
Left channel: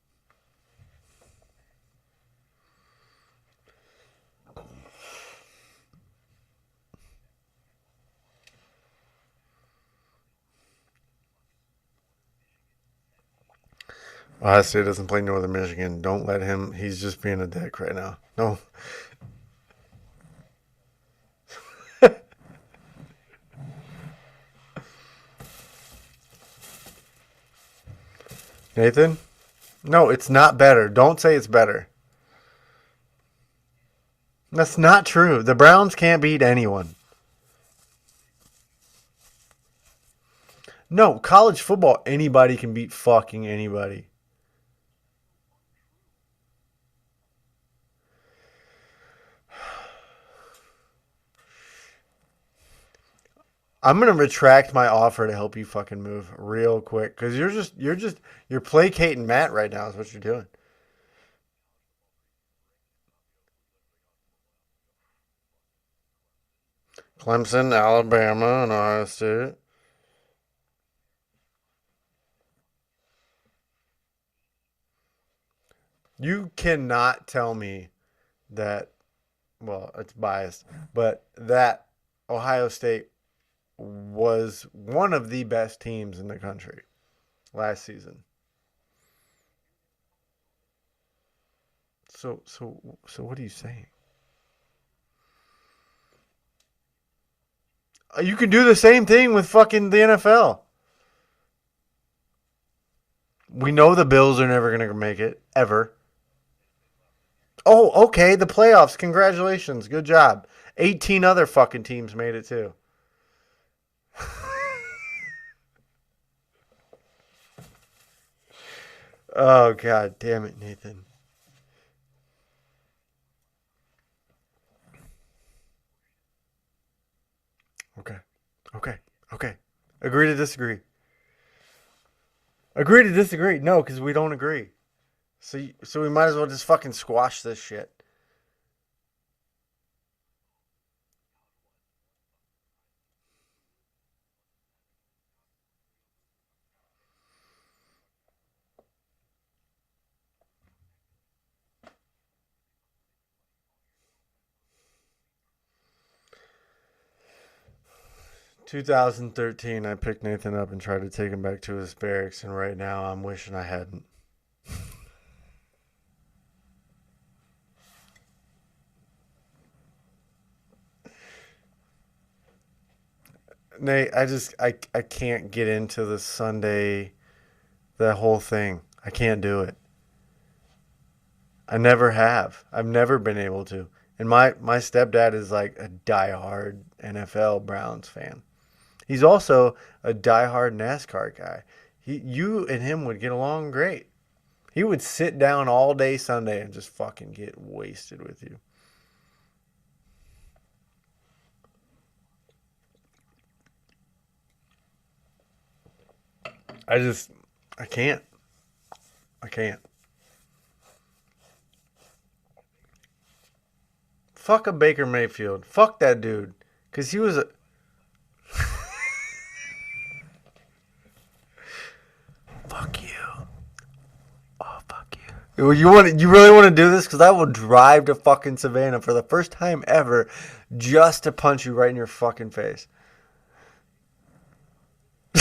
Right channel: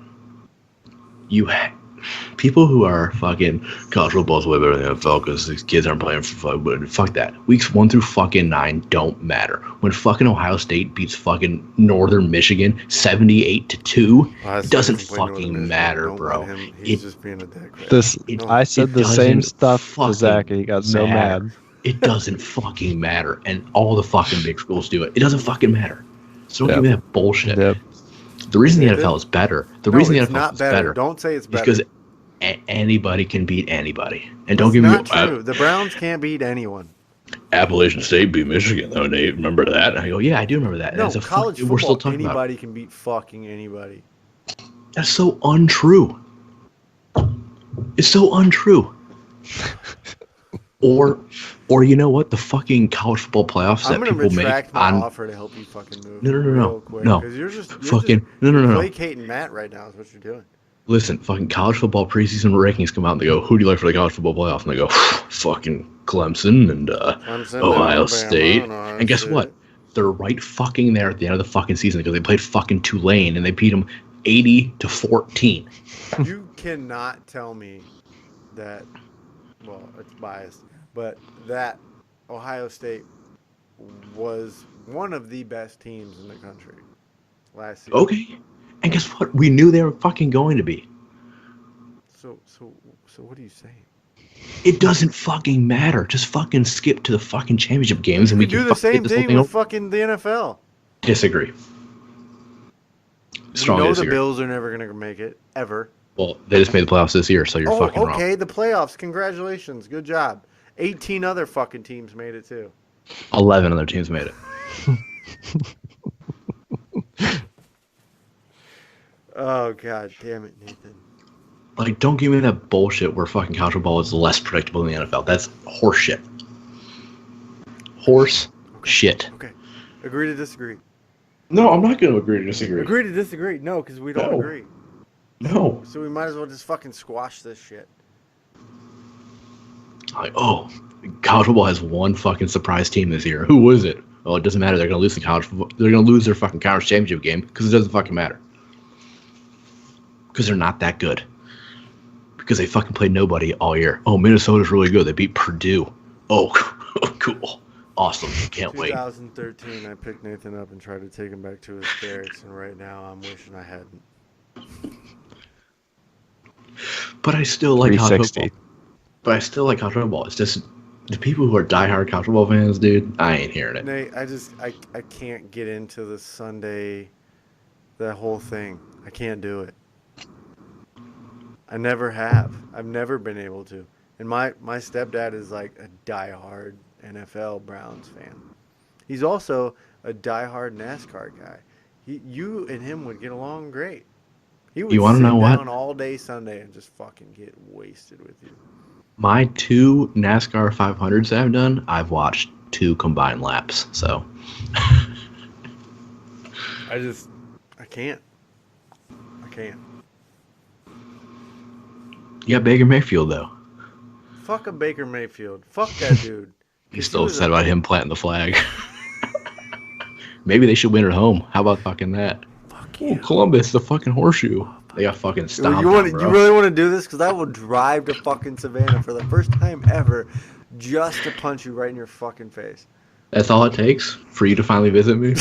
people who are fucking college football is way better than the NFL because these kids aren't playing for fun. But fuck that. Weeks 1 through fucking 9 don't matter. When fucking Ohio State beats fucking Northern Michigan 78-2, it doesn't fucking matter, Don't bro. let him. He's just being a dick right This now. I said it the same doesn't stuff to fucking Zach, and he got so matter. mad. It doesn't fucking matter, and all the fucking big schools do it. It doesn't fucking matter. So don't Yep. give me that bullshit. Yep. The reason the Nathan? NFL is better. The No, reason the it's NFL not is better. Don't say it's better. because anybody can beat anybody. And That's don't give me not true. The Browns can't beat anyone. Appalachian State beat Michigan though, Nate. Remember that? And I go, yeah, I do remember that. And No, it's a college we're still football, talking about anybody can beat fucking anybody. it. That's so untrue. It's so untrue. Or you know what? The fucking college football playoffs. I'm going gonna retract my offer to help you fucking move No. real quick No. because you're just Fucking no. placating Matt right now. Is what you're doing. Listen, fucking college football preseason rankings come out and they go, who do you like for the college football playoff? And they go, fucking Clemson and Clemson, Ohio Alabama, State. and Ohio And guess State. what? They're right fucking there at the end of the fucking season because they played fucking Tulane and they beat them 80-14. You cannot tell me that. Well, it's biased, but that Ohio State was one of the best teams in the country last season. Okay. And guess what? We knew they were fucking going to be. So what are you saying? It doesn't fucking matter. Just fucking skip to the fucking championship games. You and we could can do the fucking get same this whole thing thing with over. fucking the NFL. Disagree. We Strongly know the disagree. Bills are never going to make it, ever. Well, they just made the playoffs this year, so you're Oh, fucking wrong. okay, the playoffs. Congratulations. Good job. 18 other fucking teams made it, too. 11 other teams made it. Oh, God damn it, Nathan. Like, don't give me that bullshit where fucking college football is less predictable than the NFL. That's horse shit. Horse shit. Okay. Agree to disagree. No, I'm not going to agree to disagree. Agree to disagree. No, because we don't No. agree. No. So we might as well just fucking squash this shit. Like, oh, college football has one fucking surprise team this year. Who was it? Oh, it doesn't matter. They're going to lose the college football. They're going to lose their fucking conference championship game because it doesn't fucking matter. Because they're not that good. Because they fucking played nobody all year. Oh, Minnesota's really good. They beat Purdue. Oh, cool. Awesome. Can't wait. 2013, I picked Nathan up and tried to take him back to his barracks, and right now I'm wishing I hadn't. But I still like college 360. football. But I still like college football. It's just the people who are diehard college football fans, dude, I ain't hearing it. Nate, I can't get into the Sunday, the whole thing. I can't do it. I never have. I've never been able to. And my stepdad is like a diehard NFL Browns fan. He's also a diehard NASCAR guy. You and him would get along great. He would You wanna sit know what? down all day Sunday and just fucking get wasted with you. My 2 NASCAR 500s that I've done, I've watched 2 combined laps. So I can't. I can't. you got Baker Mayfield though. Fuck a Baker Mayfield. Fuck that dude. You're 'Cause still upset about him planting the flag. Maybe they should win at home. How about fucking that? Fuck you. Columbus, the fucking horseshoe. They got fucking stomped. You really want to do this? Because I will drive to fucking Savannah for the first time ever just to punch you right in your fucking face. That's all it takes for you to finally visit me.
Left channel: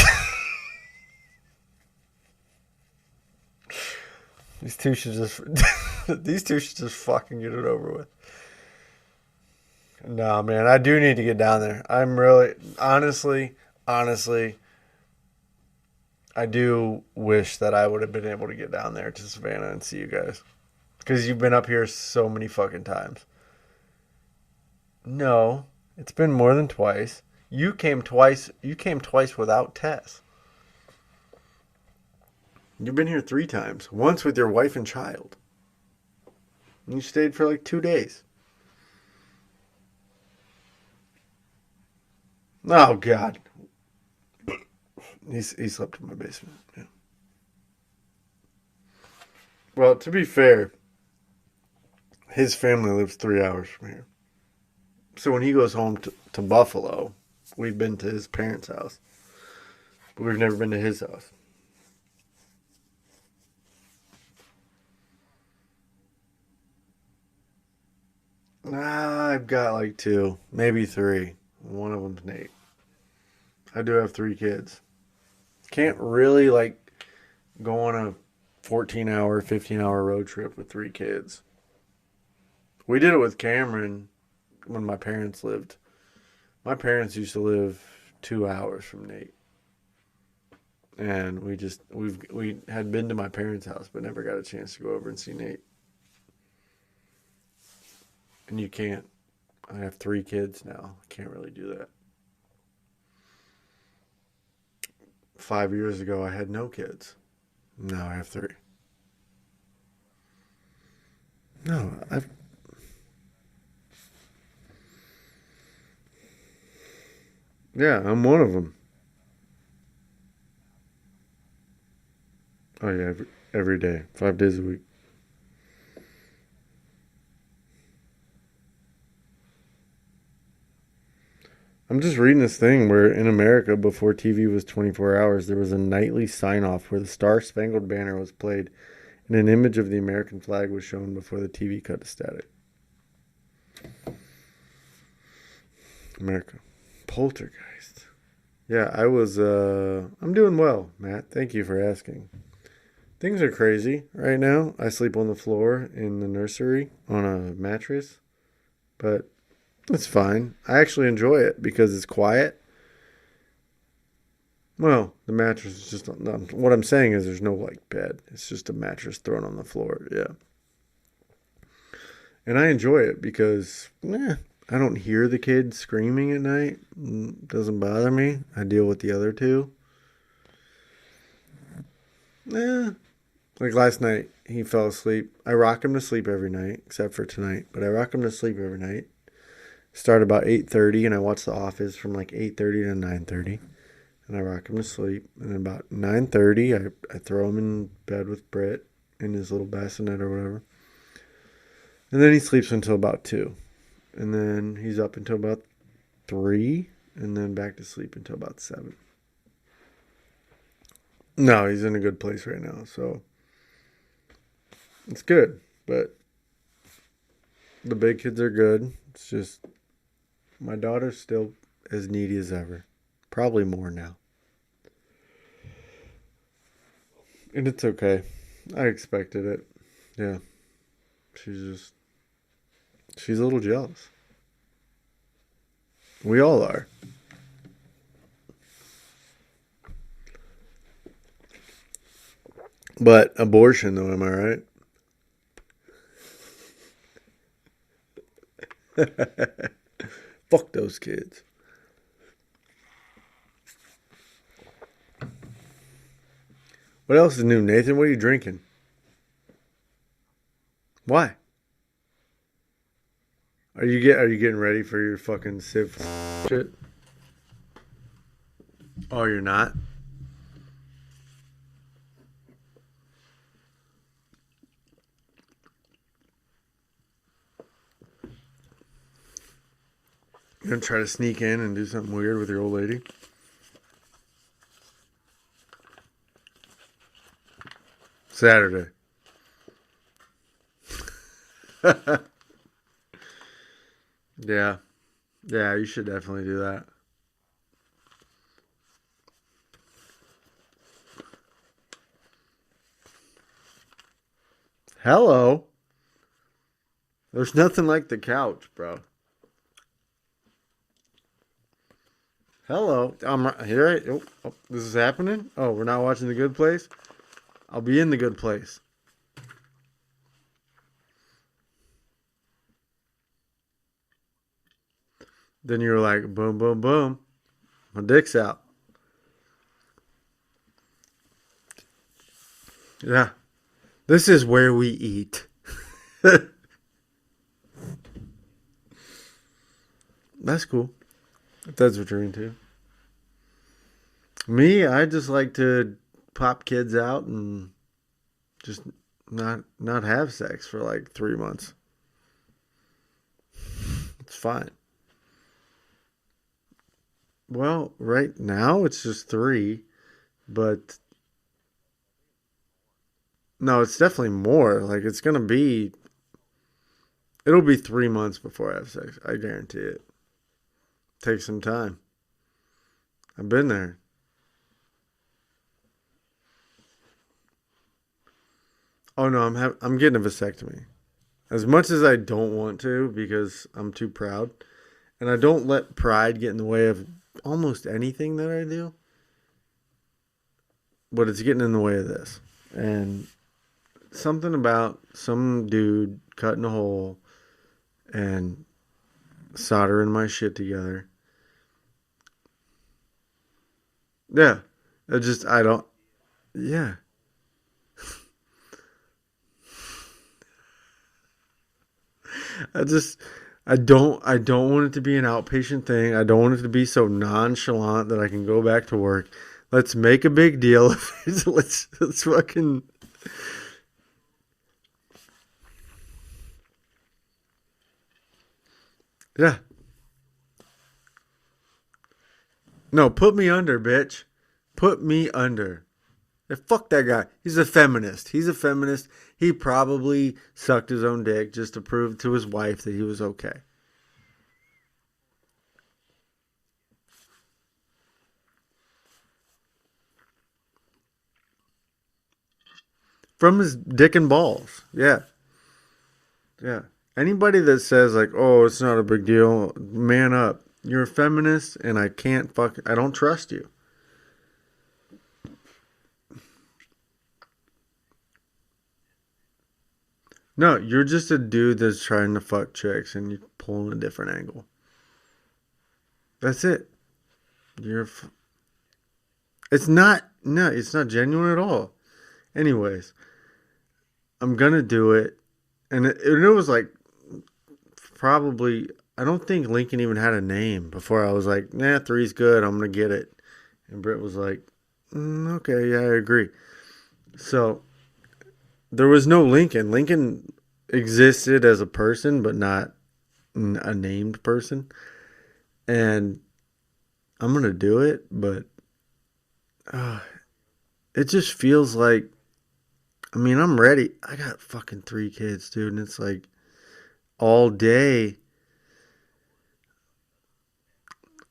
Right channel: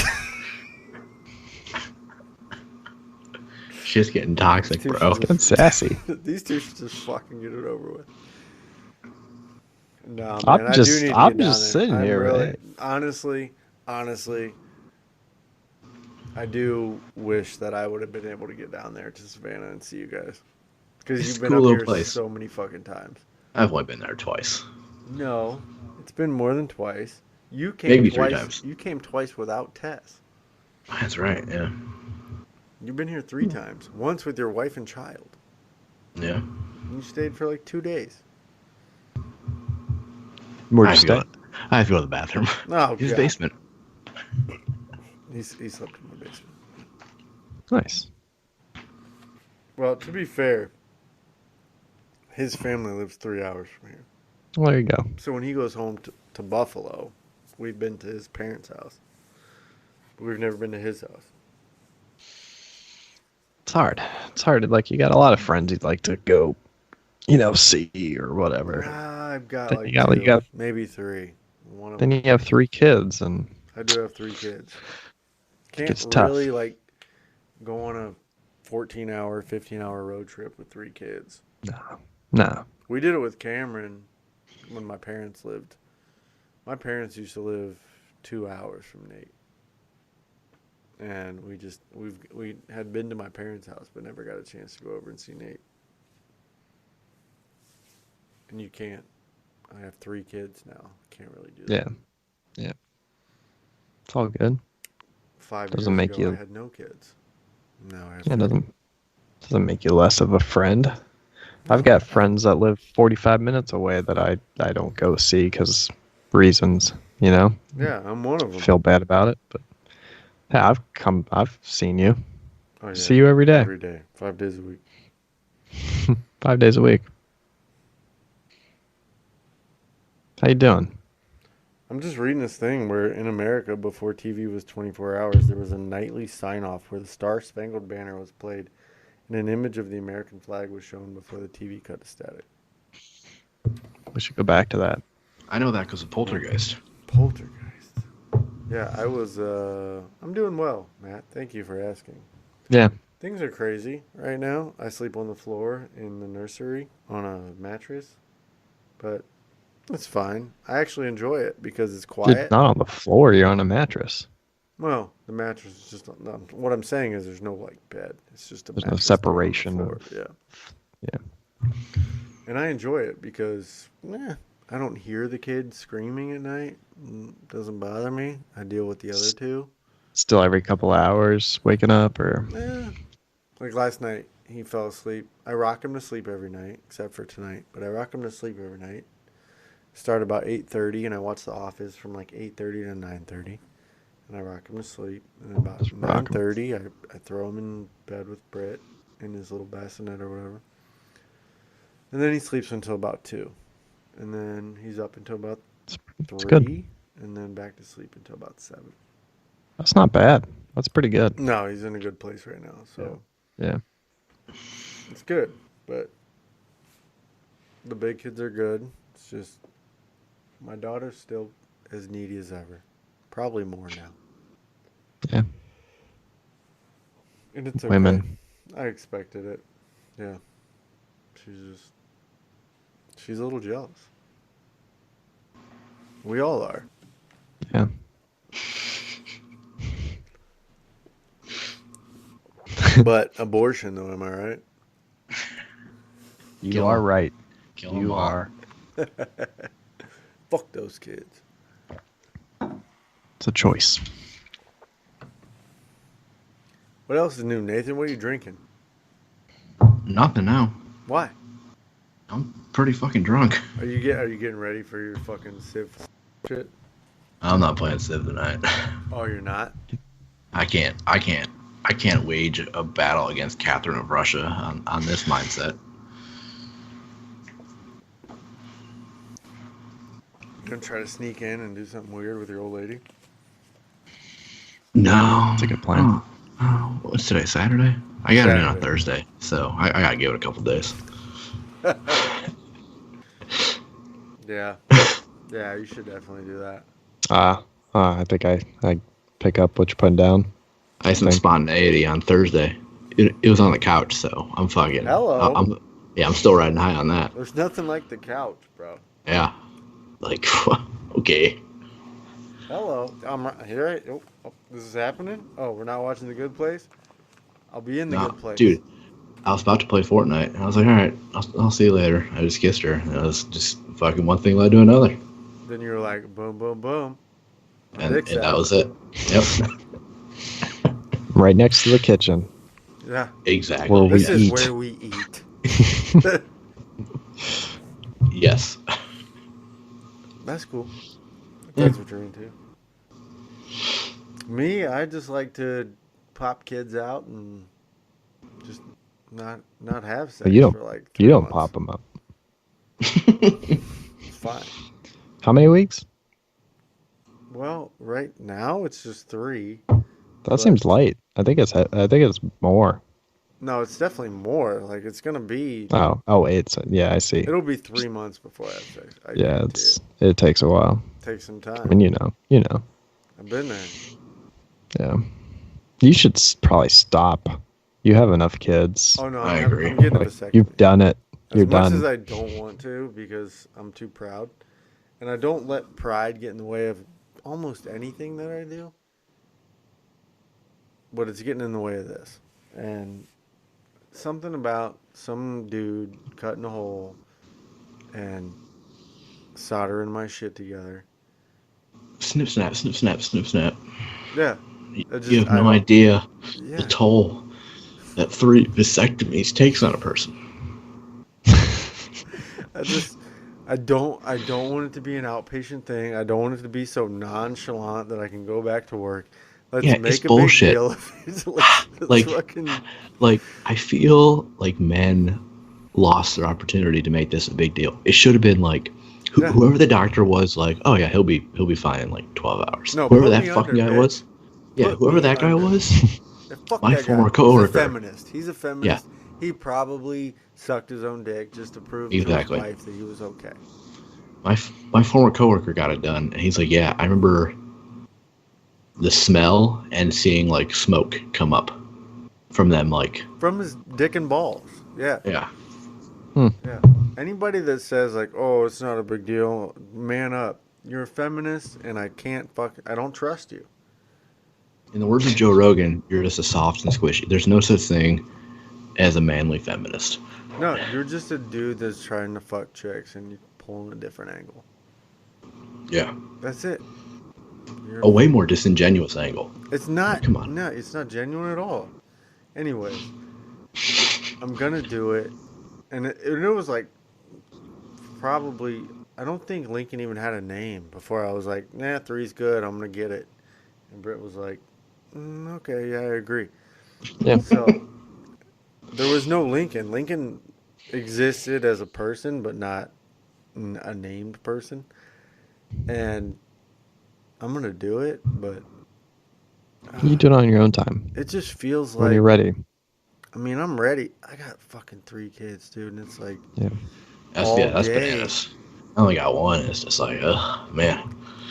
Shit's getting toxic, These two bro. should That's sassy. These two should just fucking get it over with. No, I'm man, I do just- need to I'm get down just there. sitting I'm here, really, man. honestly, I do wish that I would have been able to get down there to Savannah and see you guys. Because It's you've a been cool up little here place. so many fucking times. I've only been there twice. No, it's been more than twice. You came Maybe 3 twice. times. You came twice without Tess. That's right, yeah. You've been here 3 times. Once with your wife and child. Yeah. You stayed for like 2 days. Where'd I you have, to stay? go, I have to go to the bathroom. Oh, His God. basement. He slept in my basement. Nice. Well, to be fair, his family lives 3 hours from here. Well, there you go. So when he goes home to Buffalo, we've been to his parents' house. But we've never been to his house. It's hard. It's hard. Like, you got a lot of friends you'd like to go, see or whatever. I've got Then like you 2, got- maybe 3. One of Then them you have 3 kids, and I do have 3 kids. Can't It's tough. really like go on a 14-hour, 15-hour road trip with 3 kids. no. We did it with Cameron when my parents lived. My parents used to live 2 hours from Nate. And we had been to my parents' house but never got a chance to go over and see Nate. And you can't. I have 3 kids now. Can't really do that. Yeah. Yeah. It's all good. 5 years Doesn't make ago you- I had no kids. Now I have Yeah, 3. doesn't make you less of a friend. I've got friends that live 45 minutes away that I don't go see because reasons, Yeah, I'm one of them. feel bad about it. But yeah, I've seen you. Oh, yeah. See you every day. Every day. 5 days a week. 5 days a week. How you doing? I'm just reading this thing where in America, before TV was 24 hours, there was a nightly sign-off where the Star Spangled Banner was played and an image of the American flag was shown before the TV cut to static. We should go back to that. I know that because of Poltergeist. Poltergeist. Yeah, I'm doing well, Matt. Thank you for asking. Yeah. Things are crazy right now. I sleep on the floor in the nursery on a mattress. but it's fine. I actually enjoy it because it's You're quiet. not on the floor. You're on a mattress. Well, the mattress is just what I'm saying is there's no like bed. It's just a There's no mattress thrown on the separation floor. of. Yeah. Yeah. And I enjoy it because I don't hear the kids screaming at night. Doesn't bother me. I deal with the other two. Still every couple hours waking up or. Like last night, he fell asleep. I rock him to sleep every night, except for tonight. But I rock him to sleep every night. Start about 8:30, and I watch The Office from like 8:30 to 9:30. And I rock him to sleep. And then about 9:30, I throw him in bed with Britt in his little bassinet or whatever. And then he sleeps until about 2. And then he's up until about 3. And then back to sleep until about 7. That's not bad. That's pretty good. No, he's in a good place right now. So Yeah. it's good. But the big kids are good. It's just my daughter's still as needy as ever. Probably more now. Yeah. And it's okay. Women. I expected it. Yeah. She's a little jealous. We all are. Yeah. But abortion, though, am I right? You Kill are 'em. right. Kill 'em You all. are. Fuck those kids. It's a choice. What else is new, Nathan? What are you drinking? Nothing now. Why? I'm pretty fucking drunk. Are you getting ready for your fucking Civ shit? I'm not playing Civ tonight. Oh, you're not? I can't wage a battle against Catherine of Russia on this mindset. You gonna try to sneak in and do something weird with your old lady? No. It's a good plan. Oh, what's today? Saturday? I got it on Saturday. Thursday, so I gotta give it a couple days. Yeah. Yeah, you should definitely do that. I think I pick up what you're putting down. I had some Thank- spontaneity on Thursday. It was on the couch, so I'm fucking. Hello. I'm still riding high on that. There's nothing like the couch, bro. Yeah. Like, okay. Hello. I'm right here. Oh, this is happening? Oh, we're not watching The Good Place? I'll be in The Nah, Good Place. Dude, I was about to play Fortnite, and I was like, all right, I'll see you later. I just kissed her, and it was just fucking one thing led to another. Then you were like, boom, boom, boom. My And dick's that out. was it. Yep. Right next to the kitchen. Yeah. Exactly. Well, This is eat. where we eat. Yes. That's cool. If that's what you're into. Me, I just like to pop kids out and just not have sex You don't- for like 3 You don't months. pop them up. It's fine. How many weeks? Well, right now it's just 3. That But- seems light. I think it's more. No, it's definitely more. Like it's gonna be. Yeah, I see. It'll be 3 months before I have sex. I Yeah, guarantee it. it takes a while. Takes some I time. mean, you know. I've been there. Yeah. You should probably stop. You have enough kids. Oh no, I I'm agree. getting a Like, vasectomy. you've done it. As You're much done. as I don't want to because I'm too proud. And I don't let pride get in the way of almost anything that I do. But it's getting in the way of this. And something about some dude cutting a hole and soldering my shit together. Snip, snap, snip, snap, snip, snap. Yeah. You have no idea Yeah. the toll that 3 vasectomies takes on a person. I don't want it to be an outpatient thing. I don't want it to be so nonchalant that I can go back to work. Let's Yeah, make it's a bullshit. big deal of it. Let's Like- fucking Like, I feel like men lost their opportunity to make this a big deal. It should have been like, Yeah. whoever the doctor was, like, oh yeah, he'll be fine in like 12 hours. No, whoever put that me fucking under, guy bitch. was, yeah, Put whoever me that guy under. was, fuck my that guy. former He's a coworker. feminist. He's a feminist. He probably sucked his own dick just to prove to his Exactly. wife that he was okay. my former coworker got it done, and he's like, yeah, I remember the smell and seeing like smoke come up from them, like, From his dick and balls. Yeah. yeah. Yeah. Anybody that says like, "Oh, it's not a big deal," man up. You're a feminist, and I don't trust you. In the words of Joe Rogan, you're just a soft and squishy. There's no such thing as a manly feminist. No, you're just a dude that's trying to fuck chicks, and you're pulling a different angle. Yeah. That's it. You're. A way more disingenuous angle. It's not. Come on. No, it's not genuine at all. Anyways, I'm gonna do it, and it was like probably. I don't think Lincoln even had a name before I was like, "Nah, three's good. I'm gonna get it." And Britt was like, "Okay, yeah, I agree." Yeah. So there was no Lincoln. Lincoln existed as a person, but not a named person. And I'm gonna do it, but You do it on your own time. it just feels When like. you're ready. I mean, I'm ready. I got fucking 3 kids, dude, and it's like Yeah. That's, all that's day. badass. I only got one. It's just like, man.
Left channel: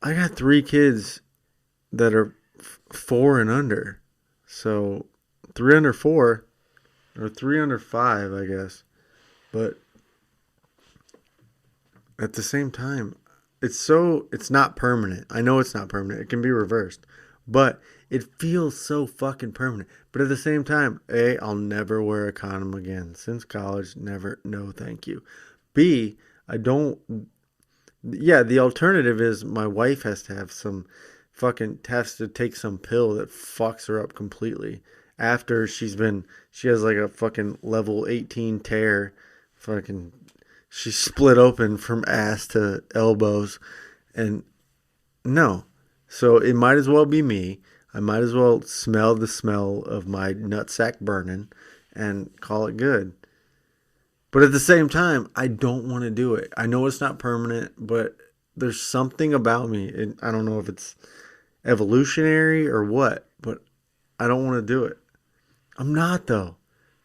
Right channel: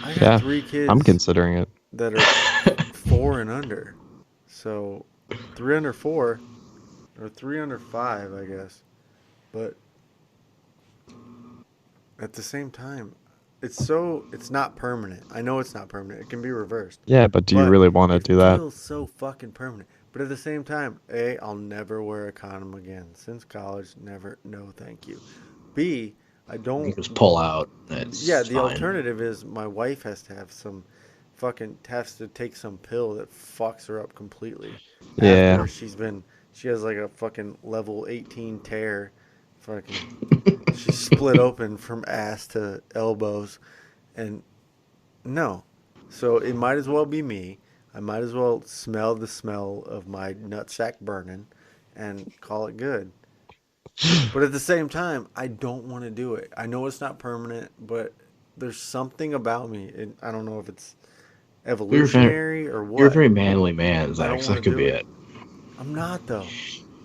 I got Yeah, 3 kids I'm considering it. that are 4 and under. So 3 under 4 or 3 under 5, I guess. But at the same time, it's not permanent. I know it's not permanent. It can be reversed. Yeah, but do you But really want to it do that? feels so fucking permanent. But at the same time, A, I'll never wear a condom again. Since college, never. No, thank you. B, I don't. Just pull out. It's Yeah, the fine. alternative is my wife has to have has to take some pill that fucks her up completely. Yeah. After she has like a fucking level 18 tear. She's split open from ass to elbows. And no. So it might as well be me. I might as well smell the smell of my nutsack burning and call it good. But at the same time, I don't want to do it. I know it's not permanent, but there's something about me. I don't know if it's evolutionary or what. You're a very manly man, Zach. I don't So want that to could do be it. it. I'm not, though.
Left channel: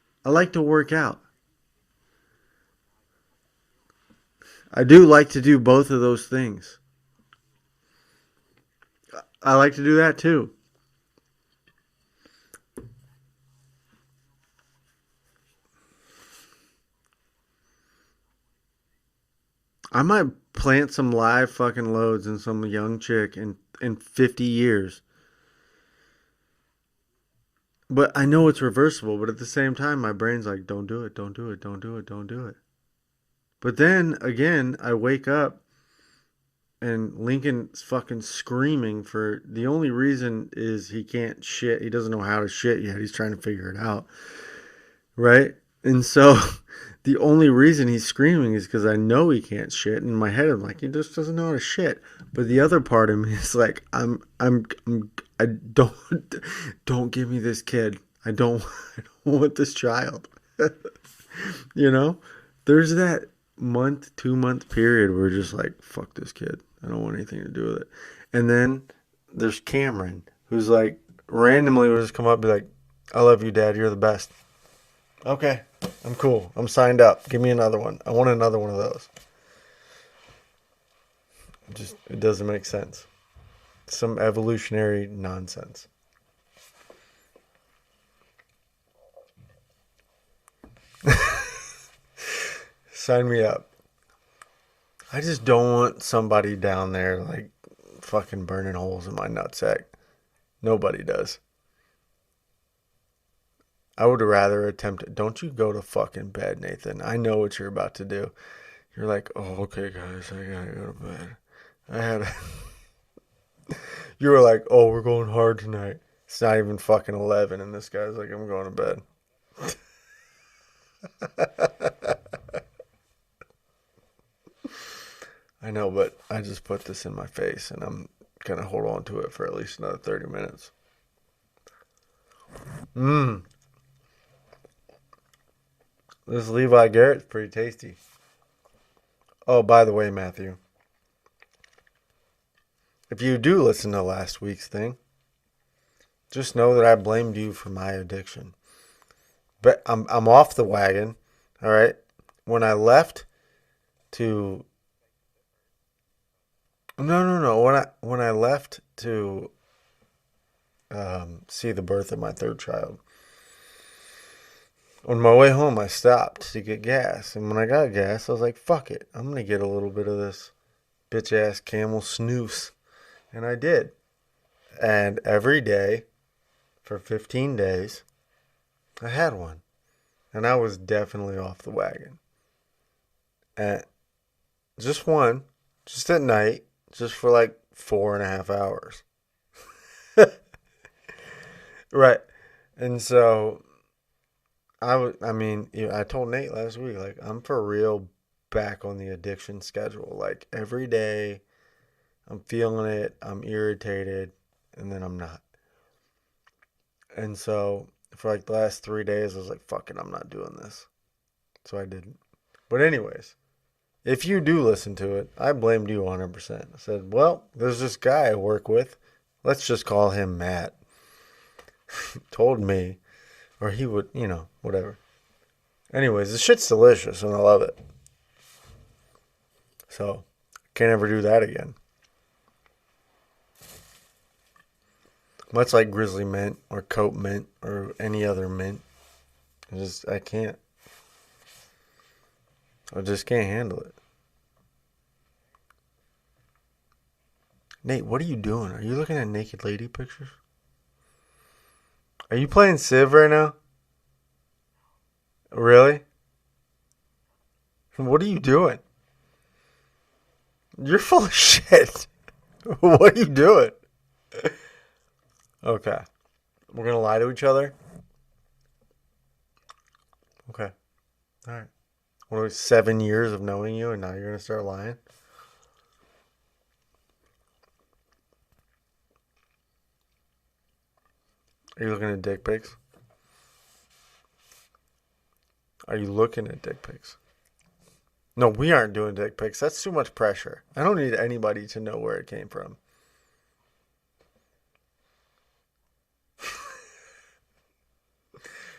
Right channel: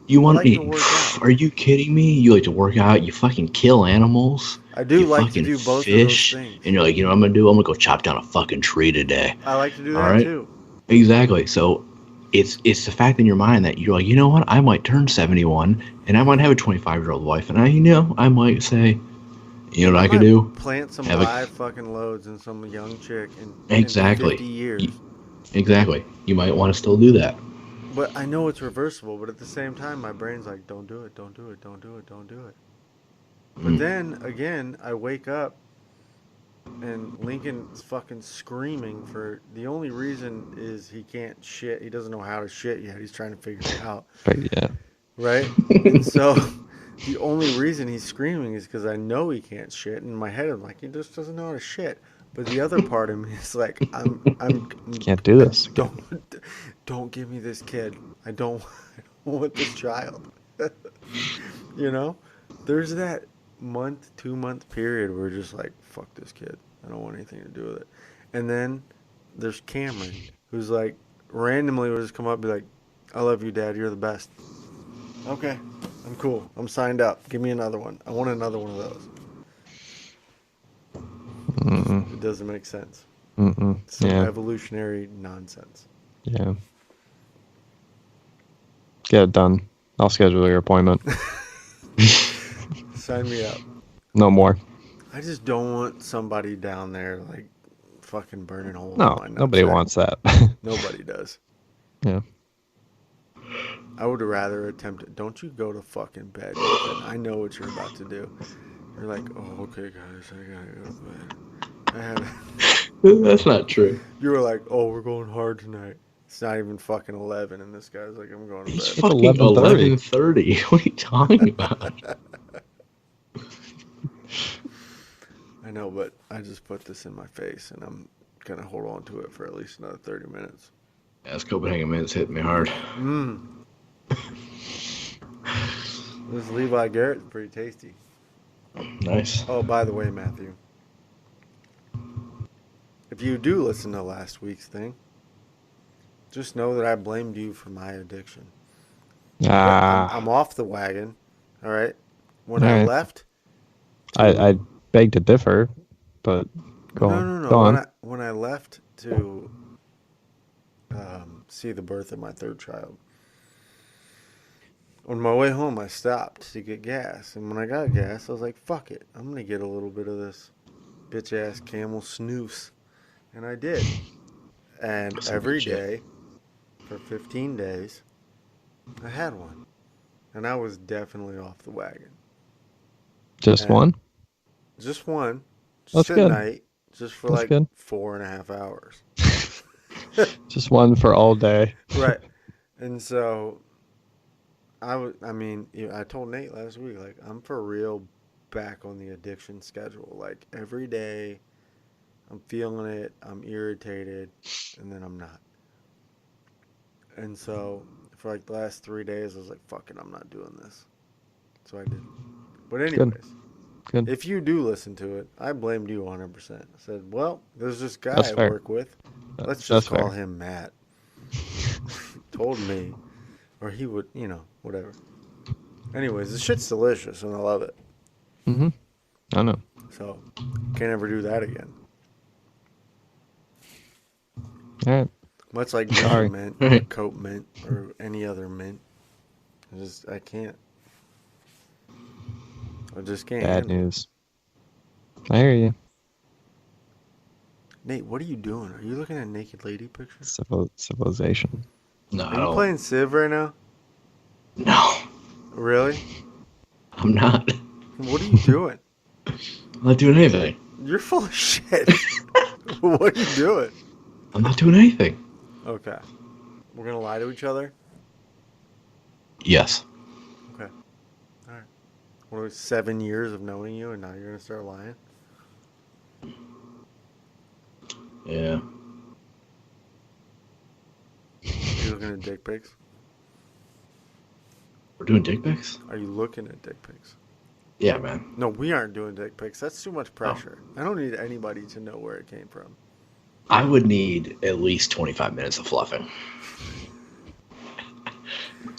You want I like to work out. Are you kidding me? You like to work out? You fucking kill animals? I do You like to fucking do both of those fish, things. And you're like, you know what I'm gonna do? I'm gonna go chop down a fucking tree today. I like to do All that, right? too. Exactly. So it's the fact in your mind that you're like, you know what? I might turn 71 and I might have a 25-year-old wife, and I might say, you know what I could might do? plant some Have a- live fucking loads in some young chick in Exactly. 50 years. Exactly. You might want to still do that. But I know it's reversible, but at the same time, my brain's like, don't do it, don't do it, don't do it, don't do it. But then, again, I wake up and Lincoln's fucking screaming for the only reason is he can't shit. He doesn't know how to shit yet. He's trying to figure it out. But yeah. Right? And so the only reason he's screaming is because I know he can't shit. In my head, I'm like, he just doesn't know how to shit. But the other part of me is like, I'm Can't do this. Don't give me this kid. I don't want this child. You know? There's that 2-month period where we're just like, fuck this kid. I don't want anything to do with it. And then there's Cameron, who's like, randomly will just come up and be like, I love you, Dad. You're the best. Okay. I'm cool. I'm signed up. Give me another one. I want another one of those. It doesn't make sense. Some evolutionary nonsense. Yeah. Get it done. I'll schedule your appointment. Sign me up. No more. I just don't want somebody down there like fucking burning holes No, in my nutsack. nobody wants that. Nobody does. Yeah. I would rather attempt it. Don't you go to fucking bed, Nathan. I know what you're about to do. You're like, oh, okay, guys, I gotta go to bed. That's not true. You were like, oh, we're going hard tonight. It's not even fucking 11, and this guy's like, I'm going to It's bed. fucking 11:30. 11:30. What are you talking about? I know, but I just put this in my face, and I'm gonna hold on to it for at least another 30 minutes. Yeah, this Copenhagen minute's hitting me hard. This Levi Garrett's pretty tasty. Nice. Oh, by the way, Matthew, if you do listen to last week's thing, just know that I blamed you for my addiction. But I'm off the wagon, all right? When I Yeah. left... I beg to differ, but go on. Go on. When I left to see the birth of my third child, On my way home, I stopped to get gas. And when I got gas, I was like, fuck it. I'm going to get a little bit of this bitch ass Camel snooze. And I did. And That's some good every shit. day for 15 days, I had one. And I was definitely off the wagon. Just And one? just one, just That's at good. night, just for That's like good. 4.5 hours. Just one for all day. Right. And so I told Nate last week, like, I'm for real back on the addiction schedule. Like, every day I'm feeling it, I'm irritated, and then I'm not. And so for like the last 3 days, I was like, fuck it, I'm not doing this. So I didn't. But Good. anyways, Good. if you do listen to it, I blamed you 100%. I said, well, there's this guy That's I fair. work with. Let's just That's call fair. him Matt. Told me, or he would, whatever. Anyways, this shit's delicious and I love it. Mm-hmm. I know. So, can't ever do that again. All right. Much like Sorry. ginger mint or coat mint or any other mint. I can't. I just can't Bad handle it. news. I hear you. Nate, what are you doing? Are you looking at naked lady pictures? Civilization. No, I Are you don't. playing Civ right now? No, Really? I'm not. What are you doing? I'm not doing anything. You're full of shit. What are you doing? I'm not doing anything. Okay. We're going to lie to each other? Yes. Okay. All right. What was 7 years of knowing you and now you're going to start lying? Yeah. Are you looking at dick pics? We're doing dick pics? Are you looking at dick pics? Yeah, man. No, we aren't doing dick pics. That's too much pressure. I don't need anybody to know where it came from. I would need at least 25 minutes of fluffing.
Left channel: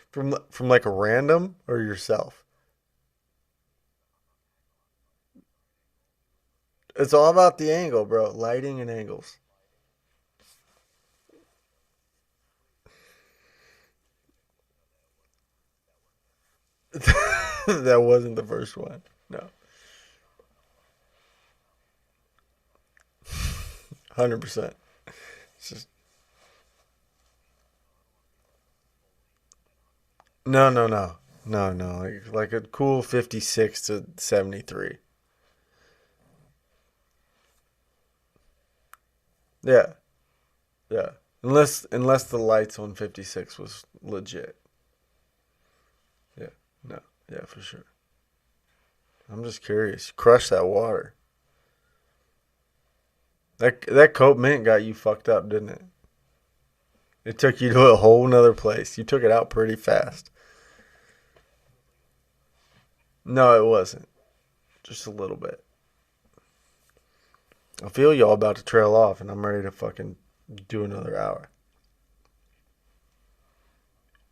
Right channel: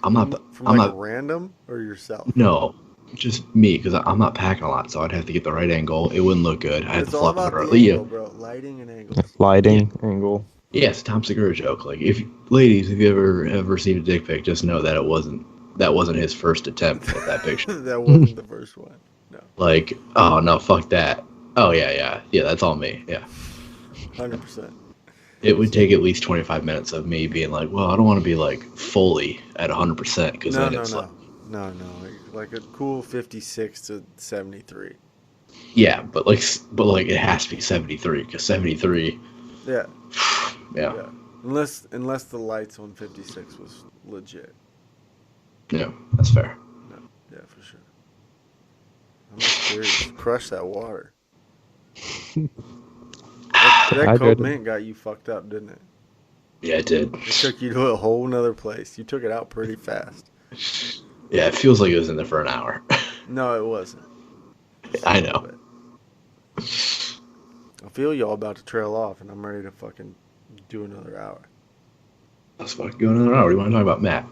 I'm not. From I'm like not. random or yourself? No, just me, because I'm not packing a lot, so I'd have to get the right angle. It wouldn't look good. I'd have It's to all fluff it about the right- angle, bro. Lighting and angles. Lighting angle. Yeah, it's a Tom Segura joke. Like, if ladies, if you ever seen a dick pic, just know that that wasn't his first attempt at that picture. That wasn't the first one. No. Like, oh no, fuck that. Oh yeah, that's all me. Yeah, 100%. it would take at least 25 minutes of me being like, well, I don't want to be like fully at 100% because No. Like a cool 56 to 73. Yeah, but like it has to be 73 because 73. Yeah. Yeah. Yeah. Unless the lights on 56 was legit. Yeah, that's fair. No. Yeah, for sure. I'm just curious. Crush that water. That I coat did. mint got you fucked up, didn't it? Yeah, it did. It took you to a whole nother place. You took it out pretty fast. Yeah, it feels like it was in there for an hour. No, it wasn't. Just a I little know. bit. I feel y'all about to trail off, and I'm ready to fucking do another hour. Let's fucking go another hour. What do you want to talk about, Matt?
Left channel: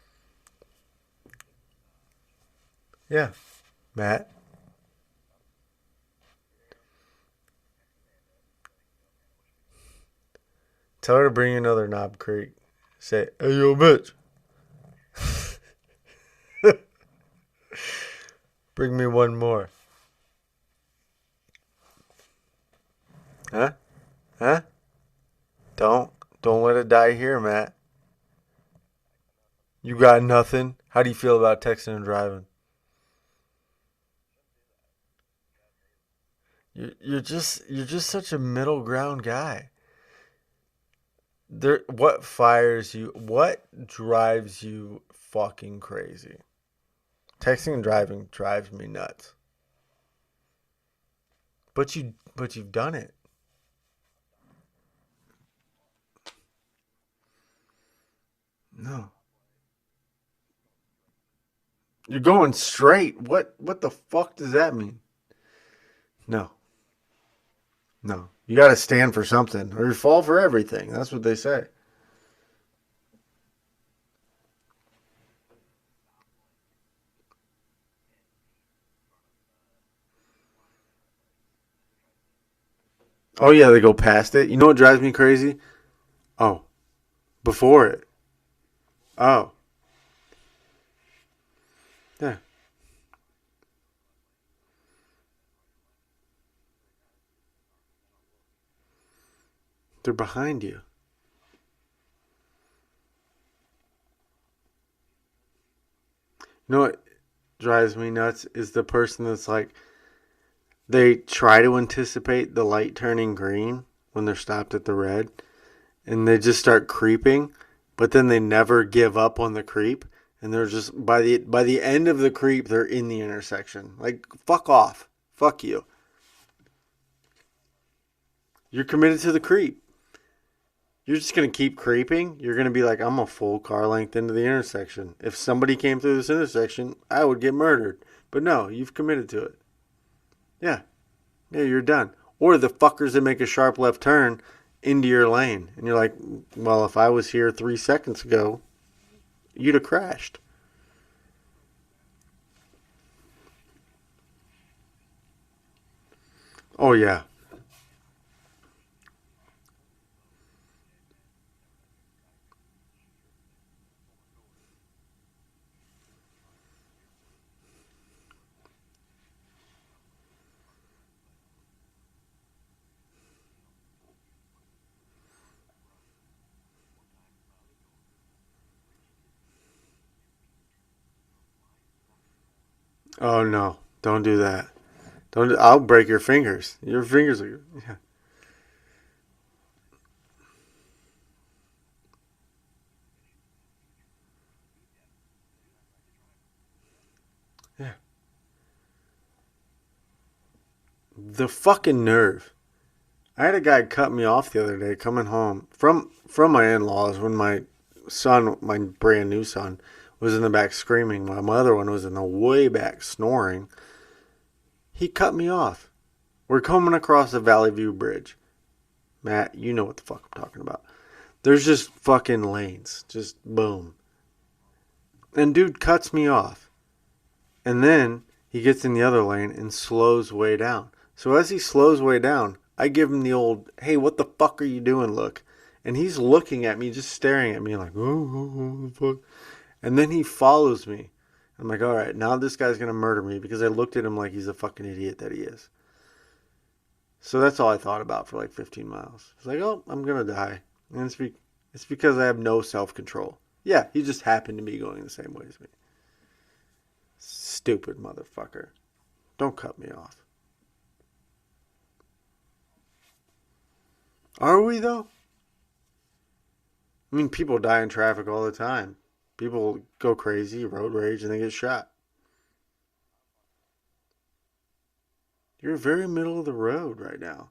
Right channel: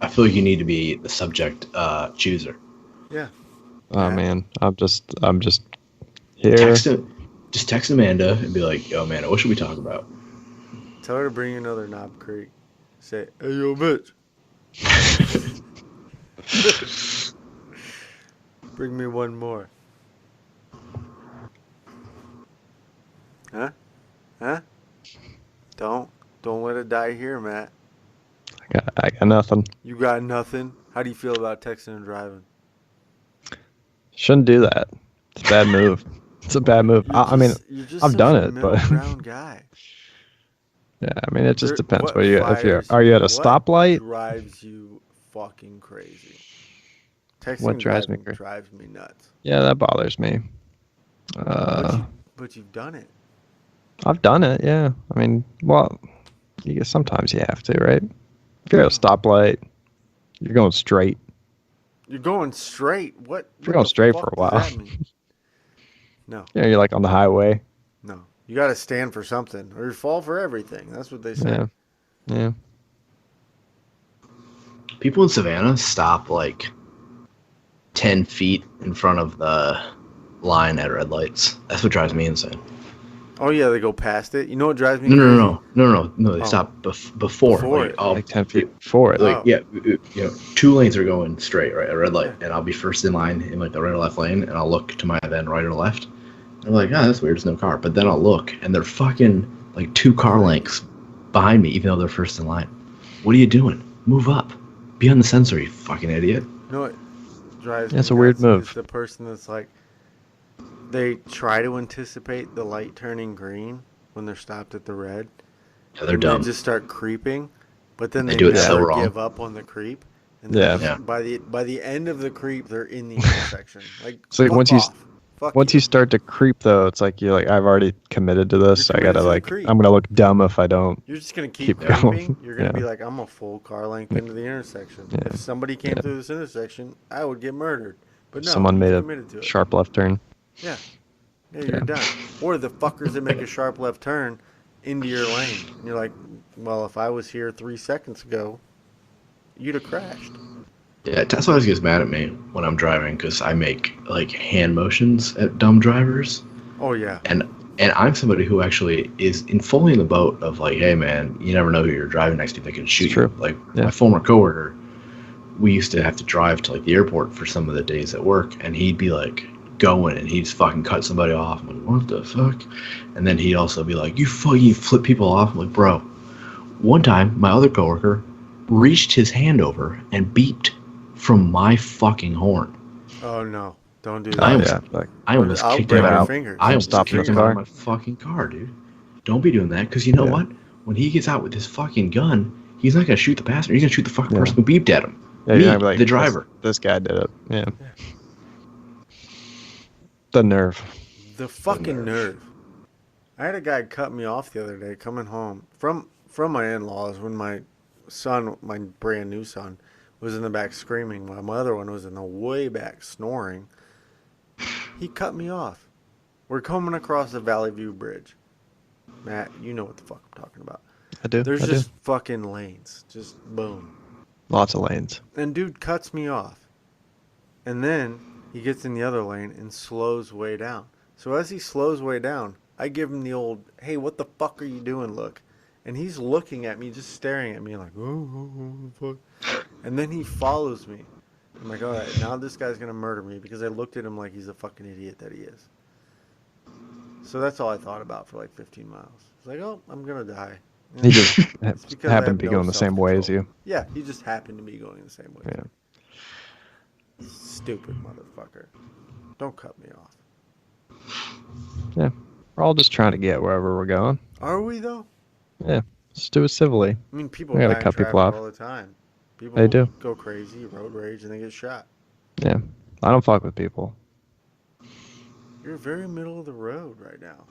I feel like you need to be the subject chooser. Yeah. Oh Matt? man, I'm just here. Just text Amanda and be like, yo, Amanda, what should we talk about? Tell her to bring you another Knob Creek. Say, hey, yo, bitch. Bring me one more. Huh? Huh? Don't let it die here, Matt. I got nothing. You got nothing. How do you feel about texting and driving? Shouldn't do that. It's a bad move. It's a bad move. You're just I've such done a it, middle but ground guy. yeah, I mean, it just There- depends. what What fires are you at a what stoplight? drives you fucking crazy? Texting What and drives me driving crazy? drives me nuts. Yeah, that bothers me. But you've done it. I've done it. Yeah. I mean, well, sometimes you have to, right? If you're at a stoplight, you're going straight. You're going straight. What You're going the straight fuck for a while. does that mean? No. Yeah, you're like on the highway. No. You got to stand for something or you fall for everything. That's what they say. Yeah. People in Savannah stop like 10 feet in front of the line at red lights. That's what drives me insane. Oh yeah, they go past it. You know what drives me No, no, crazy? no, no, no, no. They Oh. stop before. Before it. I'll, Like 10 feet before it. like Oh. yeah, two lanes are going straight, right? A red light, Yeah. and I'll be first in line in like the right or left lane, and I'll look to my then right or left. And I'm like, that's weird. There's no car. But then I'll look, and they're fucking like two car Behind lengths behind me, even though they're first in line. What are you doing? Move up. Be on the sensor, you fucking idiot. You know what drives That's me a weird nuts move. is the person that's like, they try to anticipate the light turning green when they're stopped at the red, Yeah, they're and dumb. they just start creeping, but then They they do it so never wrong. give up on the creep, and they're Yeah. just Yeah. by the end of the creep, they're in the intersection. Like, So fuck once you- off. Fuck Once you start to creep, though, it's like you're like, I've already committed to this. You're I committed gotta to the like, creep. I'm gonna look dumb if I don't. You're just gonna keep Keep going. creeping. You're gonna Yeah. be like, I'm a full car length into the intersection. Yeah. If somebody came Yeah. through this intersection, I would get murdered. But no, Someone you've made committed to a it. sharp left turn. Yeah, you're done. Or the fuckers that make a sharp left turn into your lane, and you're like, well, if I was here 3 seconds ago, you'd have crashed. Yeah, Tesla always gets mad at me when I'm driving because I make like hand motions at dumb drivers. Oh yeah, And I'm somebody who actually is in fully in the boat of like, hey man, you never know who you're driving next to. They can shoot It's true. you. Like Yeah. my former coworker, we used to have to drive to like the airport for some of the days at work, and he'd be like going and he'd just fucking cut somebody off. I'm like, what the fuck? And then he'd also be like, you fucking flip people off. I'm like, bro. One time, my other coworker reached his hand over and beeped from my fucking horn. oh no, don't do I am- that. Yeah, like I almost I'll kicked break him your out. fingers. I Your almost stopped fingers him car. out of my fucking car, dude. Don't be doing that, because you know Yeah. what? When he gets out with his fucking gun, he's not gonna shoot the passenger. He's gonna shoot the fucking Yeah. person who beeped at him. yeah, Me, you're gonna be like, the driver. This guy did it. Yeah. Yeah. The nerve. The fucking nerve. I had a guy cut me off the other day coming home from my in-laws when my brand new son, was in the back screaming. My other one was in the way back snoring. He cut me off. We're coming across the Valley View Bridge. Matt, you know what the fuck I'm talking about. I do. There's I do. just fucking lanes. Just boom. Lots of lanes. And dude cuts me off. And then he gets in the other lane and slows way down. So as he slows way down, I give him the old, hey, what the fuck are you doing look? And he's looking at me, just staring at me like, oh, fuck. And then he follows me. I'm like, all right, now this guy's going to murder me because I looked at him like he's a fucking idiot that he is. So that's all I thought about for like 15 miles. It's like, oh, I'm going to die. He just It's because I have happened to be no going the same way as self-control. you. Yeah, he just happened to be going the same way as Yeah. me. Stupid motherfucker. Don't cut me off. Yeah. We're all just trying to get wherever we're going. Are we, though? Yeah. Just do it civilly. I mean, people We gotta die in cut people traffic off. all the time. People They do. go crazy, road rage, and they get shot. Yeah. I don't fuck with people. You're very middle of the road right now.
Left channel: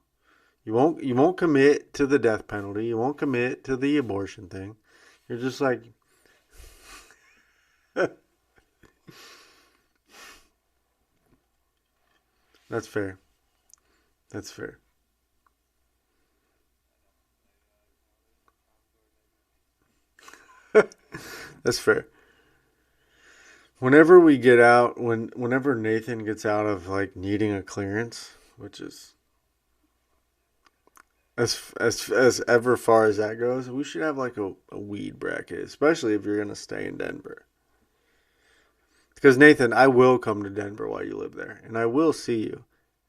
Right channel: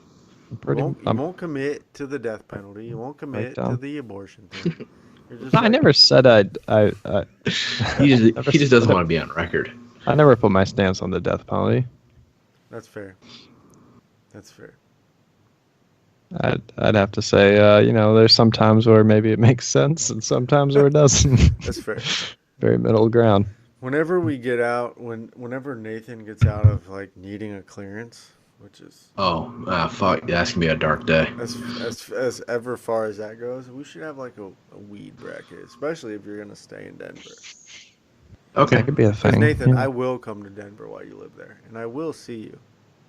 Pretty- You I'm- won't commit to the death penalty. You won't commit to dumb. the abortion thing. You're just I like, never said I He Never just doesn't said- want to be on record. I never put my stance on the death penalty. That's fair. That's fair. I'd have to say, there's some times where maybe it makes sense and sometimes where it doesn't. That's fair. Very middle ground. Whenever we get out, whenever Nathan gets out of like needing a clearance, which is Oh, fuck. That's going to be a dark day. as ever far as that goes, we should have like a weed bracket, especially if you're gonna stay in Denver. Okay. That could be a Because thing. Nathan, Yeah. I will come to Denver while you live there, and I will see you,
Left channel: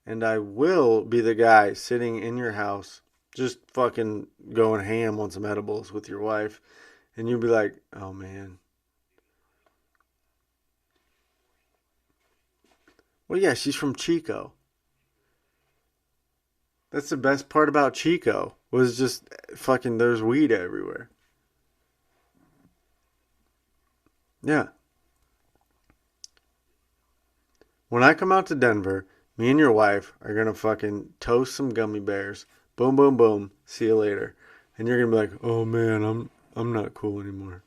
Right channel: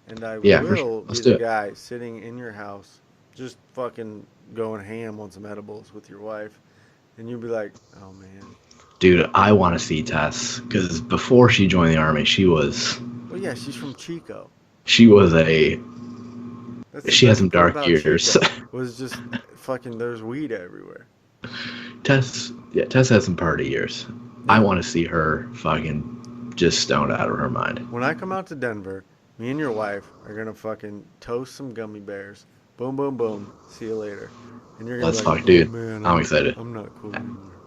and I Yeah, for will sure. be Let's the do it. guy sitting in your house, just fucking going ham on some edibles with your wife, and you'll be like, "Oh man, Dude, I want to see Tess, because before she joined the Army, she was well, yeah, she's from Chico. a... That's the She has best some part dark about years. Chico was just fucking. There's weed everywhere. Tess has some party years. Yeah. I want to see her fucking just stoned out of her mind. When I come out to Denver, me and your wife are gonna fucking toast some gummy bears. Boom, boom, boom. See you later. And you're gonna Let's be like, fuck, "Oh dude. man, I'm excited." I'm not cool anymore."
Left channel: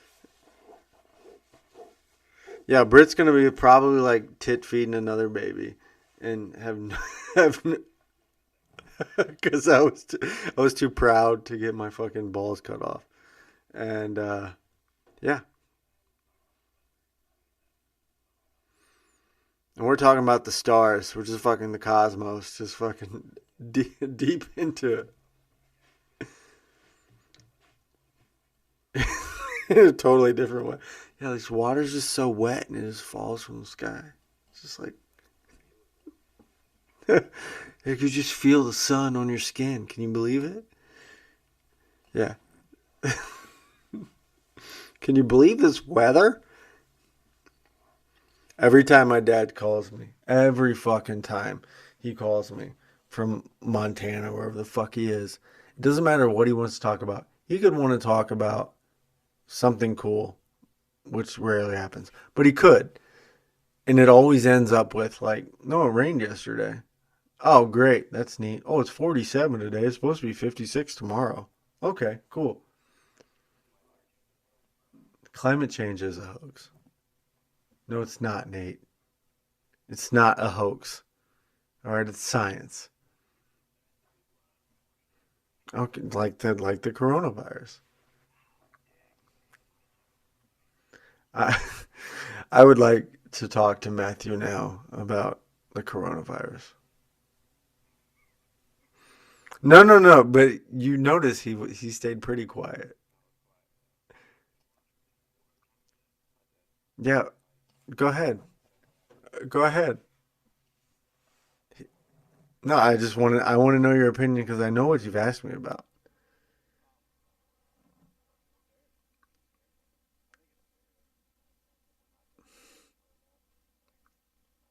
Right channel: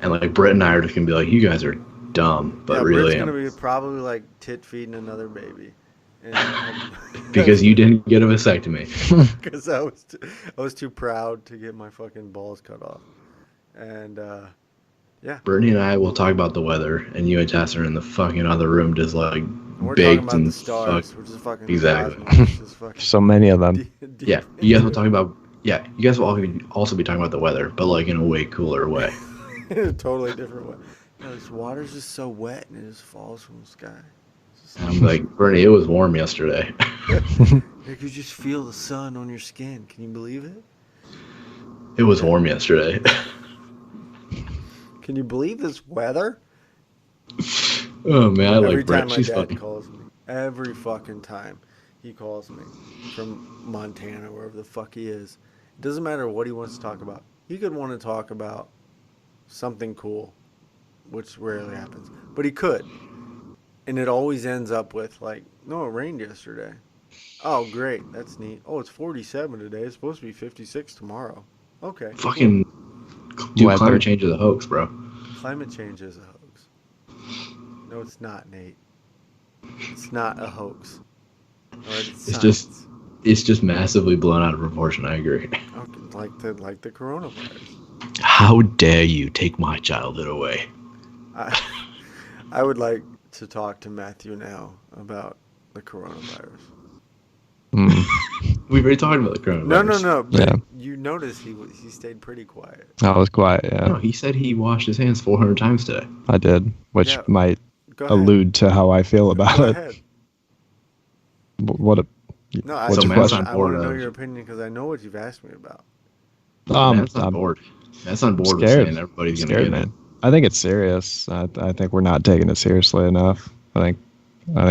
And like Britt and I are just gonna be like, you guys are dumb, but Yeah, really Britt's gonna be probably like tit feeding another baby, and because you didn't get a vasectomy. because I was too proud to get my fucking balls cut off, and Brittany and I will talk about the weather, and you and Tess are in the fucking other room just like And we're talking baked about and the stars. We're just fucking Exactly. the cosmos. Just fucking So many of them. deep Yeah, you guys into will talking about. Yeah, you guys will also be talking about the weather, but like in a way cooler way. it. In a totally different way. You know, this water's just so wet and it just falls from the sky. It's just And I'm like, Bernie, it was warm yesterday. you could just feel the sun on your skin. Can you believe it? It was Yeah. warm yesterday. Can you believe this weather? Oh man, I Every like Brett. time my She's dad fucking- calls me, every fucking time he calls me from Montana, wherever the fuck he is, it doesn't matter what he wants to talk about. He could want to talk about something cool, which rarely happens, but he could. And it always ends up with, like, no, it rained yesterday. Oh, great. That's neat. Oh, it's 47 today. It's supposed to be 56 tomorrow. Okay. Cool. fucking dude, Weather. climate change is a hoax, bro. Climate change is a hoax. No, it's not, Nate. It's not a hoax. All right, it's science. It's just massively blown out of proportion. I agree. Okay, like the coronavirus. How dare you take my childhood away? I would like to talk to Matthew now about the coronavirus. Mm. We've already talked about the coronavirus. No. But Yeah. you notice he stayed pretty quiet. I was quiet. Yeah, No, he said he washed his hands 400 times today. I did, which Yeah. might Go ahead. allude to how I feel about Go it. ahead. What a No, I So just Matt's want on I want board, to know though. your opinion because I know what you've asked me about. Matt's on I'm board. Matt's on board with scared. saying everybody's gonna scared, get it. man. I think it's serious. I think we're not taking it seriously enough. I think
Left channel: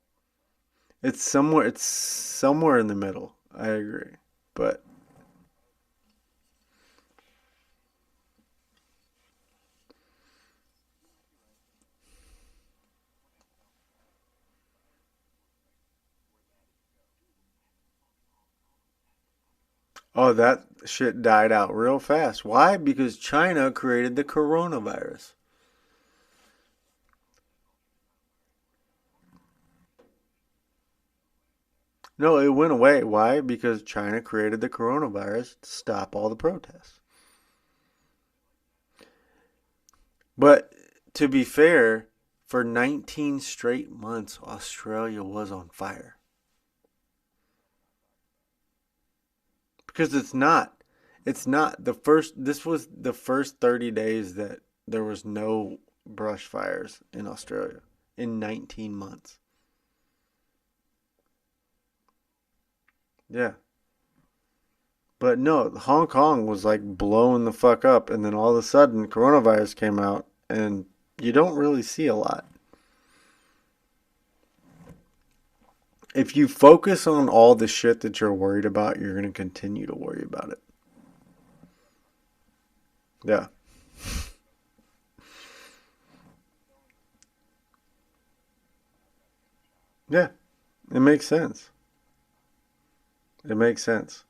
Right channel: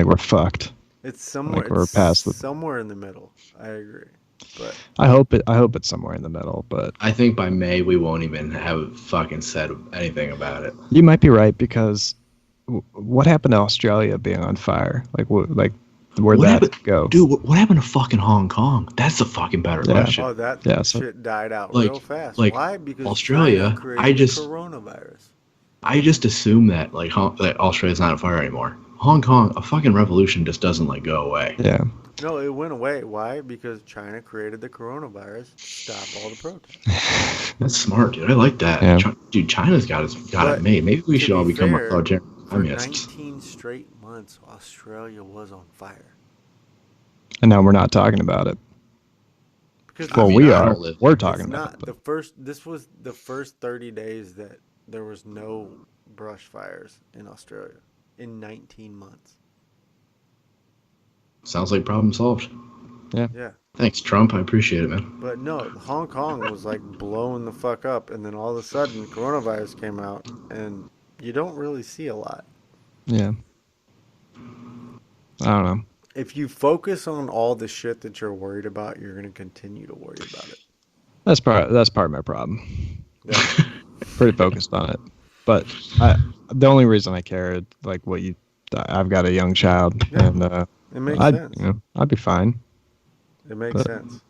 we're fucked. It's somewhere. Like we're It's past the- somewhere in the middle. I agree, but I hope it's somewhere in the middle, but I think by May we won't even have fucking said anything about it. you might be right because what happened to Australia being on fire? Where'd What that happened- go? Dude, what happened to fucking Hong Kong? That's the fucking better Yeah. question. that Yeah, so- shit died out Like- real fast. like Why? Because Australia, China created I just- the coronavirus. I just assume that that Australia's not on fire anymore. Hong Kong, a fucking revolution just doesn't go away. Yeah. No, it went away. Why? Because China created the coronavirus to stop all the protests. That's smart, dude. I like that. Yeah. Dude, China's got But it made. Maybe we to should all be become fair, authoritarian For communists. 19 straight months, Australia was on fire. And now we're not talking about it. Because Well, it's we not, are. We're talking It's about not it. the first. This was the first 30 days that there was no brush fires in Australia in 19 months. Sounds like problem solved. Yeah, Thanks, Trump. I appreciate it, man. but no, Hong Kong was like blowing the fuck up, and then all of a sudden, coronavirus came out, and you don't really see a lot. Yeah. I don't know. If you focus on all the shit that you're worried about, you're gonna continue to worry about it. That's part of my problem. Yeah. Pretty focused on it. But the only reason I care is I've got a young child, Yeah. and It makes sense. I'd be fine. It makes But- sense.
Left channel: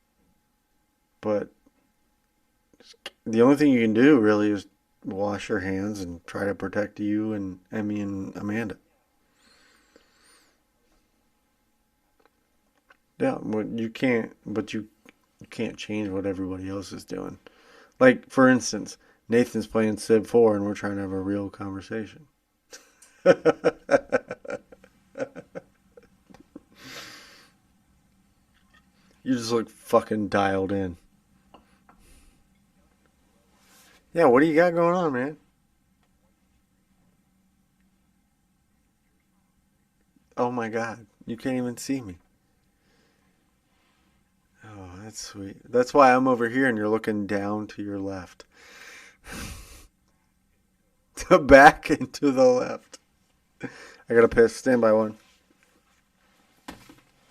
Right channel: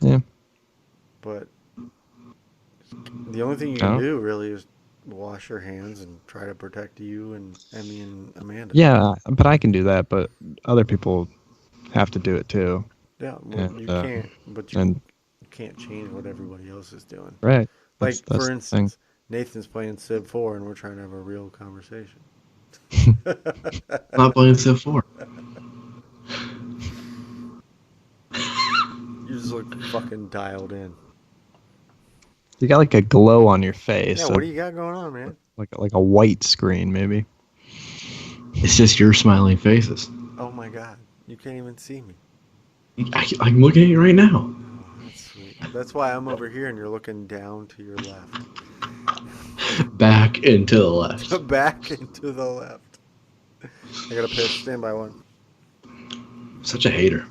Yeah. But the only thing you can No. do really is wash your hands and try to protect you and Emmy and Amanda. Yeah, but I can do that, but other people have to do it too. Yeah, well, And, you can't, but you and- can't change what everybody else is doing. Right. Like, That's for the instance, Nathan's playing Civ 4 and we're trying to have a real conversation. I'm not playing Civ 4. You just look fucking dialed in. You got like a glow on your face. Yeah, what do you got going on, man? like a white screen maybe. It's just your smiling faces. Oh my god, you can't even see me. I'm looking at you right now. Oh, that's sweet. That's why I'm over here and you're looking down to your left. Back and to the left. Back and to the left. I gotta piss. Stand by one. Such a hater.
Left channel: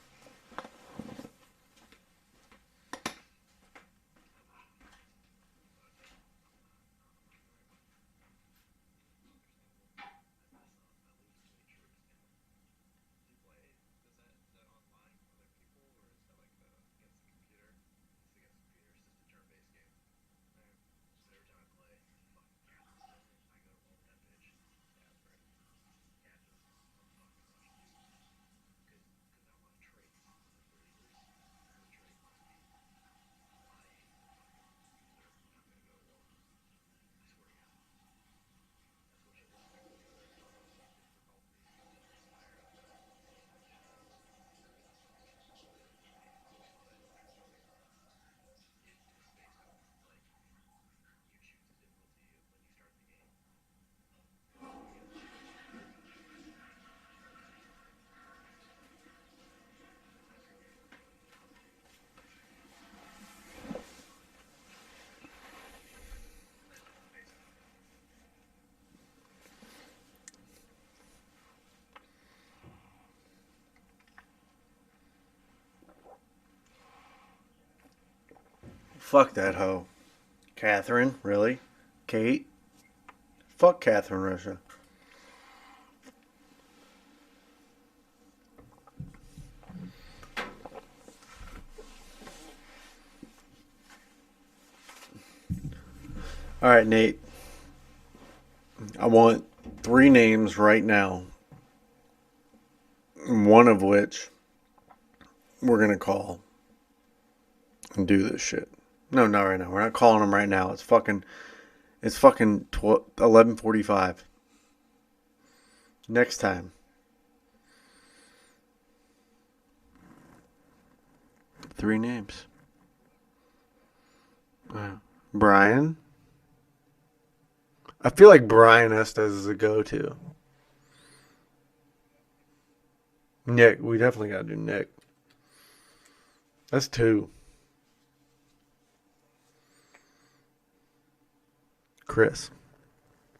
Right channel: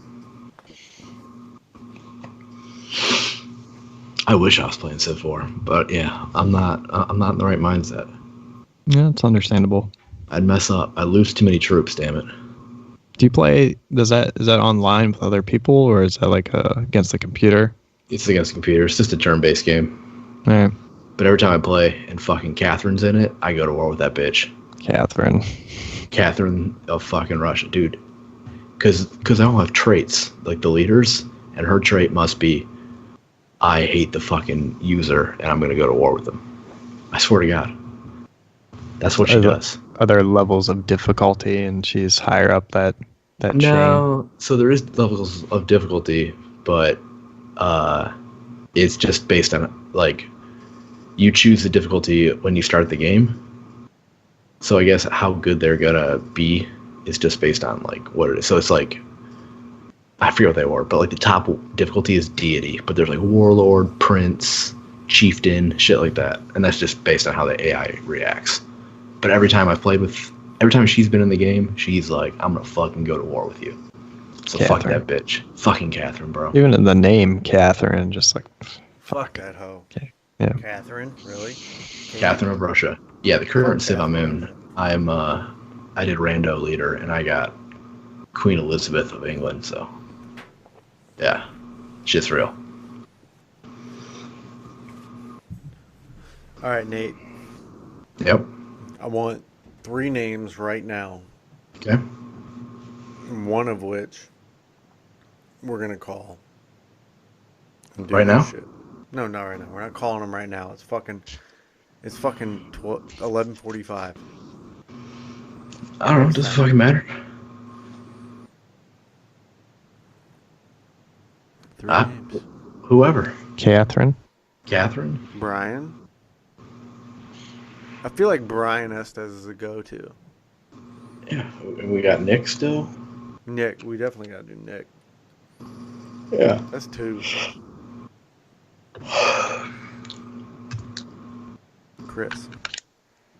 I wish I was playing Civ 4, but yeah, I'm not in the right mindset. Yeah, it's understandable. I'd mess up. I lose too many troops, damn it. Do you play? Is that online with other people, or is that against the computer? It's against the computer. It's just a turn-based game. All right, But every time I play and fucking Catherine's in it, I go to war with that bitch. Catherine. Catherine of fucking Russia, dude. Because I don't have traits like the leaders, and her trait must be, I hate the fucking user, and I'm gonna go to war with them. I swear to God. That's what she does. Are there levels of difficulty, and she's higher up that chain? No, so there is levels of difficulty, but it's just based on like you choose the difficulty when you start the game. So I guess how good they're gonna be is just based on like what it is. So it's like I forget what they were, but like the top difficulty is deity, but there's like warlord, prince, chieftain, shit like that, and that's just based on how the AI reacts. But every time she's been in the game, she's like, I'm gonna fucking go to war with you. So fuck Catherine. that bitch. Fucking Catherine, bro. Even in the name, Catherine, just like, Fuck that hoe. okay, yeah. Catherine, really? Catherine of Russia. Yeah, the current Civ I'm Catherine of in, Russia. I did Rando leader, and I got Queen Elizabeth of England, so yeah, shit's real. All right, Nate. Yep. I want 3 names right now. Okay. One of which we're gonna call and do Right this now? shit. No, not right now. We're not calling them right now. It's fucking 11:45. I don't know. Next Does it time. fucking matter? 3 names. Whoever. Catherine. Catherine. Brian. I feel like Brian Estes is a go-to. Yeah. And we got Nick still. Nick, we definitely gotta do Nick. Yeah. That's 2. Chris.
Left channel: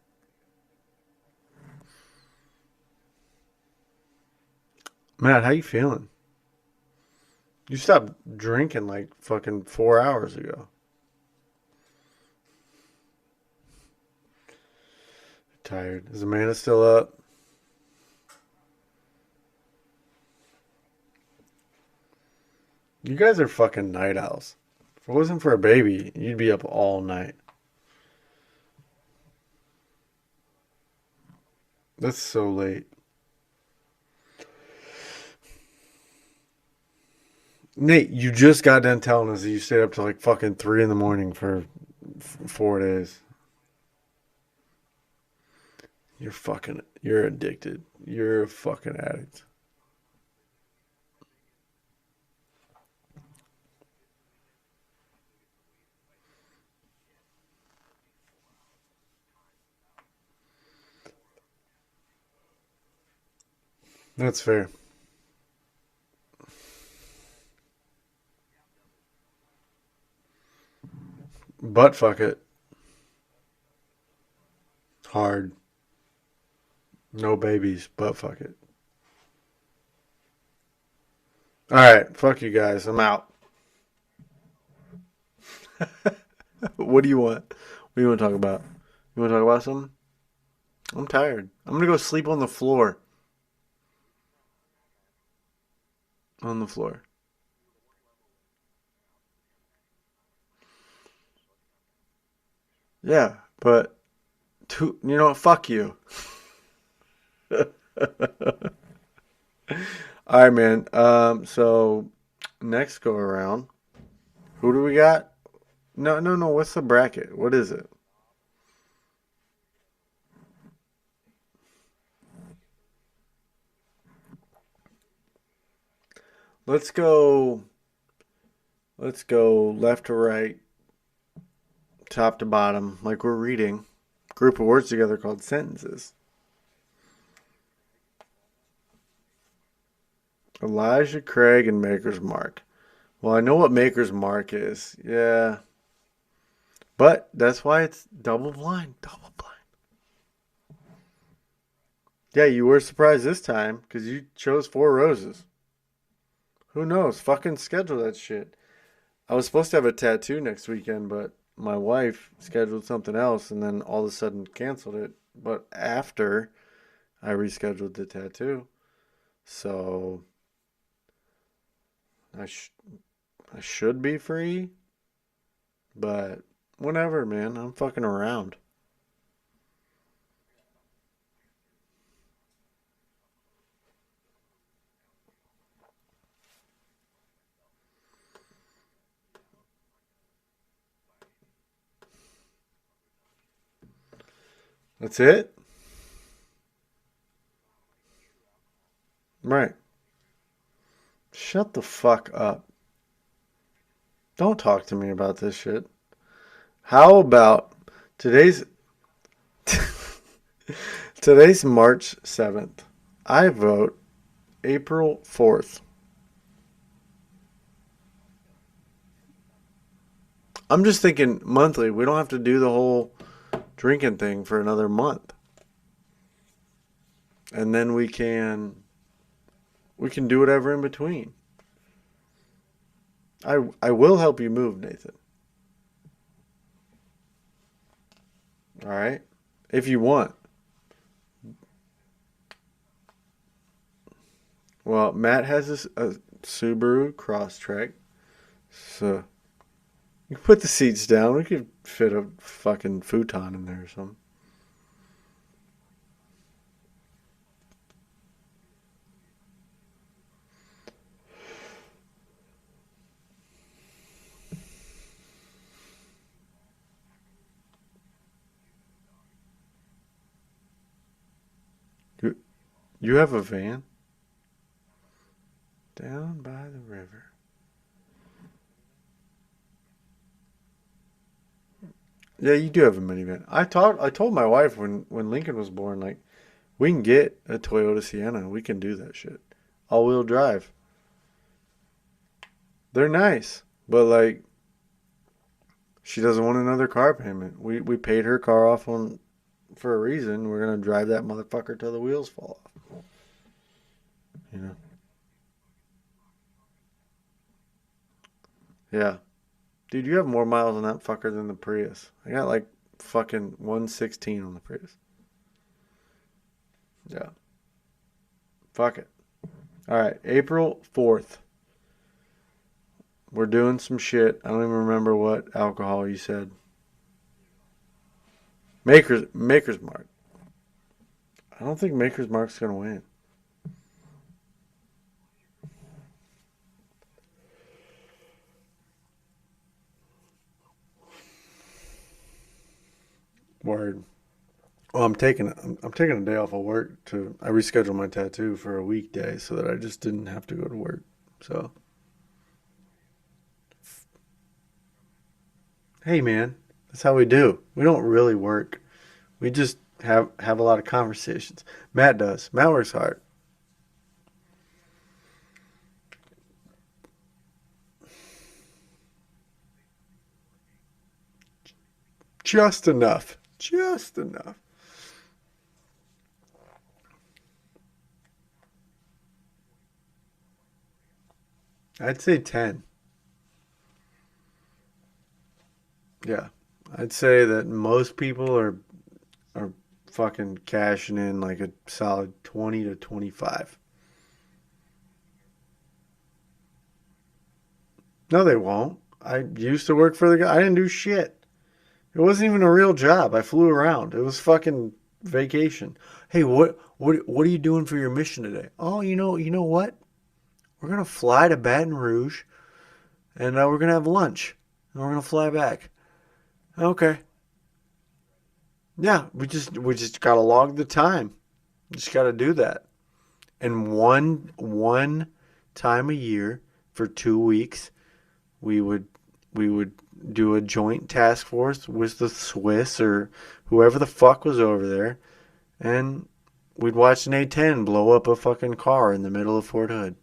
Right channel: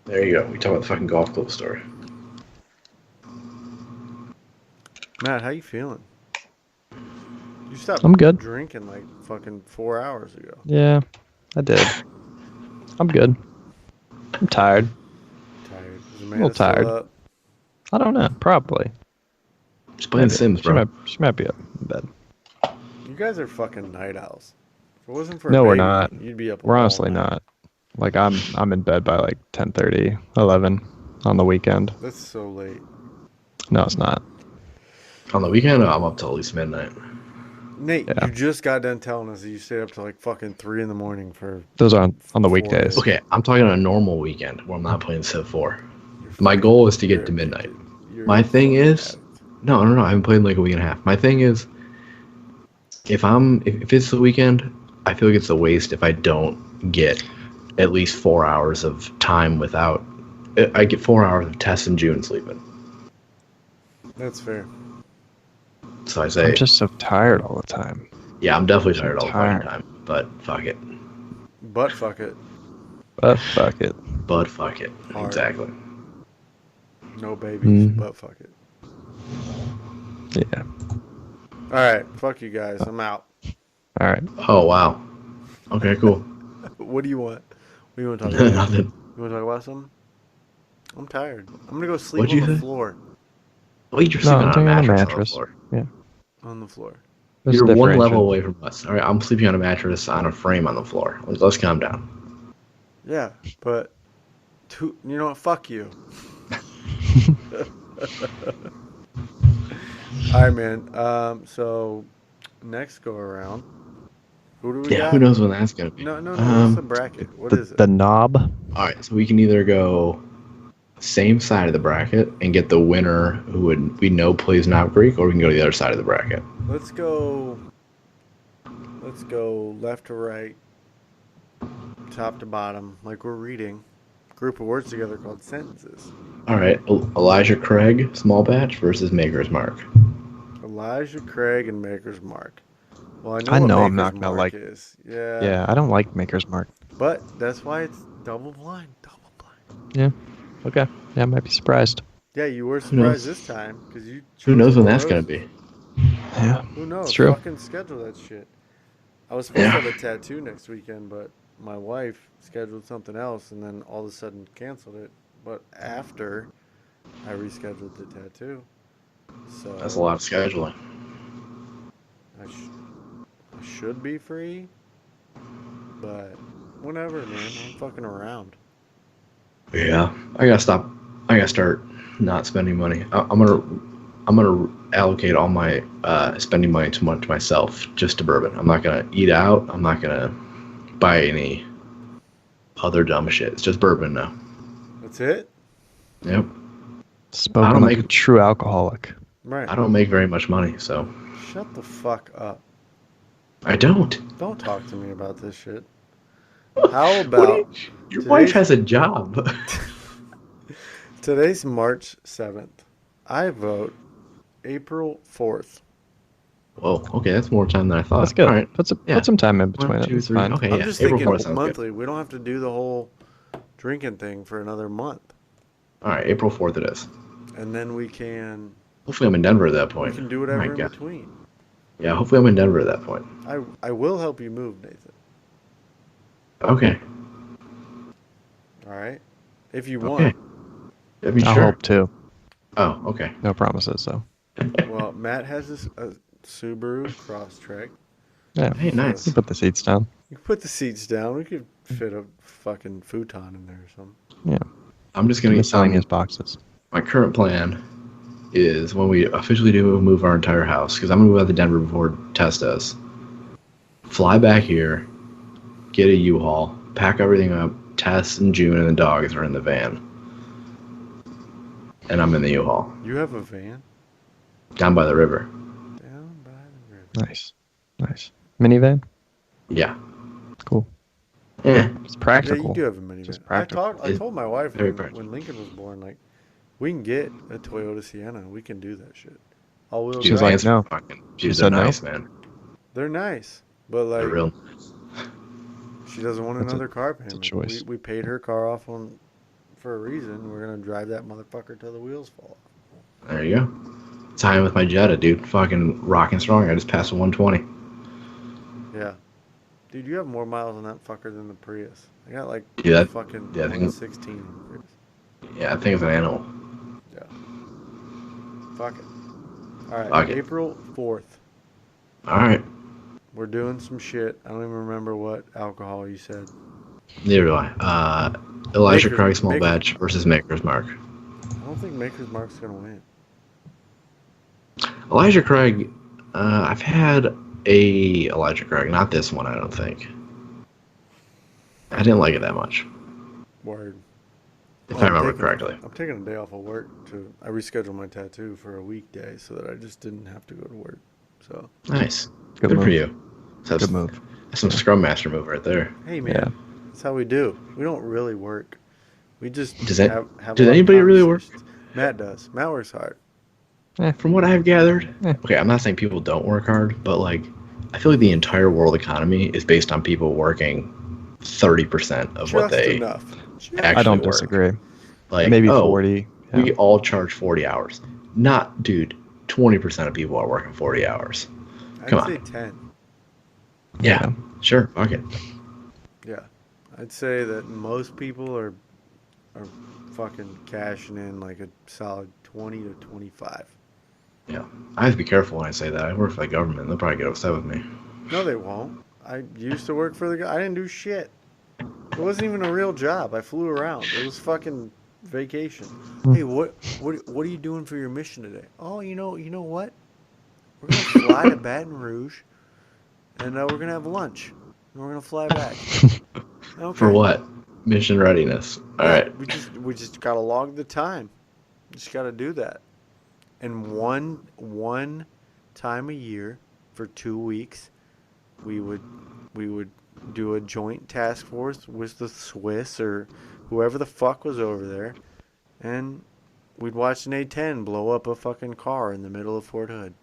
There you go. We talk about the fucking golf club story. Matt, how you feeling? You stopped I'm good. drinking like fucking 4 hours ago. Yeah, I did. I'm good. I'm tired. Tired. Is little Amanda tired. still up? I don't know. Probably. Just playing Maybe. Sims, bro. She might be up in bed. You guys are fucking night owls. If it wasn't for No, a we're baby, not. you'd be up We're all honestly night. not. Like I'm in bed by like 10:30, 11 on the weekend. That's so late. No, it's not. On the weekend, I'm up till at least midnight. Nate, Yeah. you just got done telling us that you stayed up till like fucking 3 in the morning for Those are on the 4 weekdays. days. Okay, I'm talking on a normal weekend where I'm not playing Civ 4. You're My fucking- goal is to you're get to midnight. addicted. You're My a thing fucking is- addict. No, I haven't played in like a week and a half. My thing is, if it's the weekend, I feel like it's a waste if I don't get at least 4 hours of time without. I get 4 hours of Tess and June sleeping. That's fair. So I say, I'm just so tired all the time. yeah, I'm definitely so tired all the fucking tired. time. But fuck it. But fuck it. But fuck it. But fuck it. Hard. Exactly. No babies, Mhm. but fuck it. Yeah. All right, fuck you guys. I'm out. All right. Oh wow. Okay, cool. What do you want? What do you want to talk about? Nothing. You want to talk about something? I'm tired. I'm gonna go sleep What'd on you the say? floor. Oh, you're No, sleeping I'm on a taking on a mattress. mattress. On the floor. On the floor. There's a You're one differential. level away from us. All right, I'm sleeping on a mattress on a frame on the floor. Let's calm down. Yeah, but you know what? Fuck you. All right, man. So next go around, who do we Yeah, who got? knows when that's gonna be? No. What's the bracket? What is it? The knob. All right, so we can either go same side of the bracket and get the winner who we know plays Knob Creek, or we can go to the other side of the bracket. Let's go. Let's go left to right, top to bottom, like we're reading. Group of words together called sentences. All right, Elijah Craig, small batch versus Maker's Mark. Elijah Craig and Maker's Mark. Well, I know I what know I'm Maker's not gonna Mark like- is. Yeah. Yeah, I don't like Maker's Mark. But that's why it's double blind. Double blind. Okay. Yeah, I might be surprised. Yeah, you were surprised this time because you chose. Who knows when Four that's gonna Roses. be? Yeah. Who knows? It's true. Fucking schedule that shit. I was supposed to Yeah. have a tattoo next weekend, but my wife scheduled something else and then all of a sudden canceled it. But after I rescheduled the tattoo. So That's a lot of scheduling. I should be free, but whenever, man. I'm fucking around. Yeah, I gotta stop. I gotta start not spending money. I'm gonna allocate all my spending money to myself, just to bourbon. I'm not gonna eat out. I'm not gonna buy any other dumb shit. It's just bourbon now. That's it? Yep. Spoken don't like make- a true alcoholic. Right. I don't make very much money, so Shut the fuck up. I don't. Don't talk to me about this shit. How about Your today's- wife has a job? today's March 7th. I vote April 4th. Whoa. Okay, that's more time than I thought. That's good. All right. Put Yeah. some time in between 1, it. 2, It's 3. fine. Okay. I'm yeah, just April thinking 4th sounds monthly. We don't have to do the whole drinking thing for another month. Good. All right, April 4th it is. And then we can Hopefully I'm in Denver at that point. do whatever Oh my in God. between. Yeah, hopefully I'm in Denver at that point. I will help you move, Nathan. Okay. All right? If you want. I mean, I'll sure. help too. Oh, okay. No promises, though. Well, Matt has a Subaru Crosstrek. Yeah. Hey, nice. You put the seats down. You can put the seats down. We could fit a fucking futon in there or something. Yeah. I'm just gonna get Miscellaneous boxes. My current plan is when we officially do move our entire house, because I'm gonna move out to Denver before Tess does. Fly back here, get a U-Haul, pack everything up. Tess and June and the dogs are in the van, and I'm in the U-Haul You have a van down by the river. down by the river. Nice. Nice. Minivan? Yeah. Cool. Yeah. It's Yeah, practical. you do have a minivan. Just I practical. told my wife Very when practical. Lincoln was born, like, we can get a Toyota Sienna. We can do that shit. All-wheel She was drive. like, no. fucking, she was said no? nice, man. They're nice, but They're like, real. she doesn't want That's a- another car that's a payment. choice. We paid her car off for a reason. We're gonna drive that motherfucker till the wheels fall off. There you go. Time with my Jetta, dude. Fucking rocking strong. I just passed a 120. Yeah, dude, you have more miles on that fucker than the Prius. I got like Dude, that- fucking yeah, I think- 116 on the Prius. Yeah, I think it's an animal. Yeah. Fuck it. All right, Fuck it. April 4th. All right. We're doing some shit. I don't even remember what alcohol you said. Neither do I. Elijah Maker's- Craig Small Maker's Batch Mark. versus Maker's Mark. I don't think Maker's Mark's gonna win. Elijah Craig, I've had a Elijah Craig, not this one, I don't think. I didn't like it that much. Word. If Well, I remember correctly. I'm taking a day off of work I rescheduled my tattoo for a weekday so that I just didn't have to go to work. So, Nice. Good Good move. for you. So Good move. That's some Scrum Master move right there. hey man, Yeah. that's how we do. We don't really work. We just Does that- have does a lot anybody of really work? conversations. Matt does. Matt works hard. From what I've gathered, Eh. okay, I'm not saying people don't work hard, but like, I feel like the entire world economy is based on people working 30% of what Just they enough. Just I don't work. disagree. like. Maybe oh, 40. Yeah. We all charge 40 hours. Not, dude, 20% of people are working 40 hours. I'd come on. say 10. Yeah, Yeah. sure, fuck it. Yeah. I'd say that most people are fucking cashing in like a solid 20 to 25. I have to be careful when I say that. I work for the government. They'll probably get upset with me. No, they won't. I used to work for the guy. I didn't do shit. It wasn't even a real job. I flew around. It was fucking vacation. Hey, what are you doing for your mission today? Oh, you know what? We're gonna fly to Baton Rouge, and we're gonna have lunch, and we're gonna fly back. Okay. For what? Mission readiness. All Yeah, right. we just gotta log the time. Just gotta do that. And one time a year for 2 weeks, we would do a joint task force with the Swiss or whoever the fuck was over there, and we'd watch an A-10 blow up a fucking car in the middle of Fort Hood.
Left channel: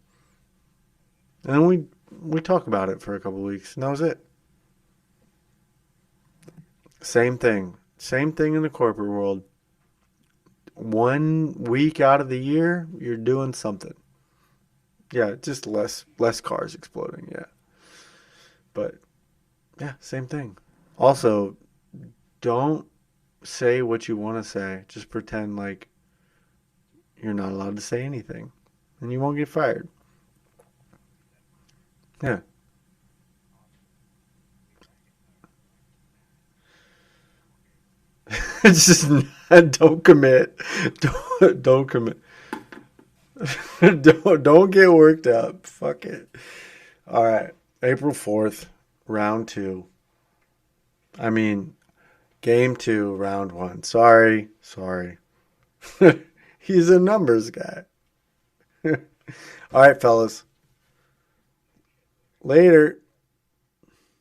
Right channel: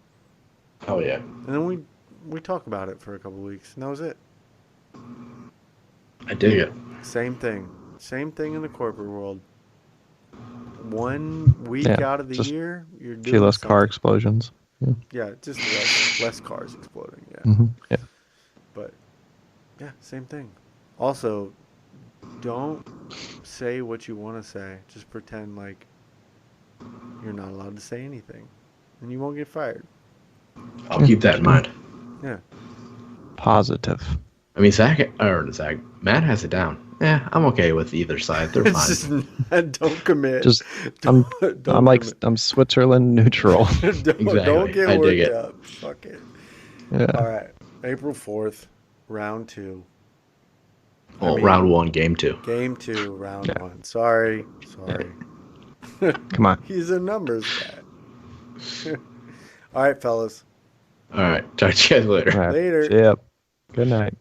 Oh, yeah. And then we talk about it for a couple weeks, and that was it. I dig it. Same thing in the corporate world. 1 week Yeah, out of the just year, you're See doing less car something. explosions. Yeah, just less cars exploding. Yeah, Yeah. but yeah, same thing. Also, don't say what you want to say. Just pretend like you're not allowed to say anything, and you won't get fired. I'll keep that in mind. Yeah, Positive. I mean, Matt has it down. Yeah, I'm okay with either side. They're it's fine. just don't commit. Just don't, I'm like commit. I'm Switzerland neutral. don't Exactly. get I dig worked it. up. Fuck it. Yeah. All right, April 4th, round 2. I mean, round 1, game 2. Game 2, round 1. Sorry. Come on. He's a numbers guy. All right, fellas. All right. Talk to you guys later. All right. Later. Yep. Good night.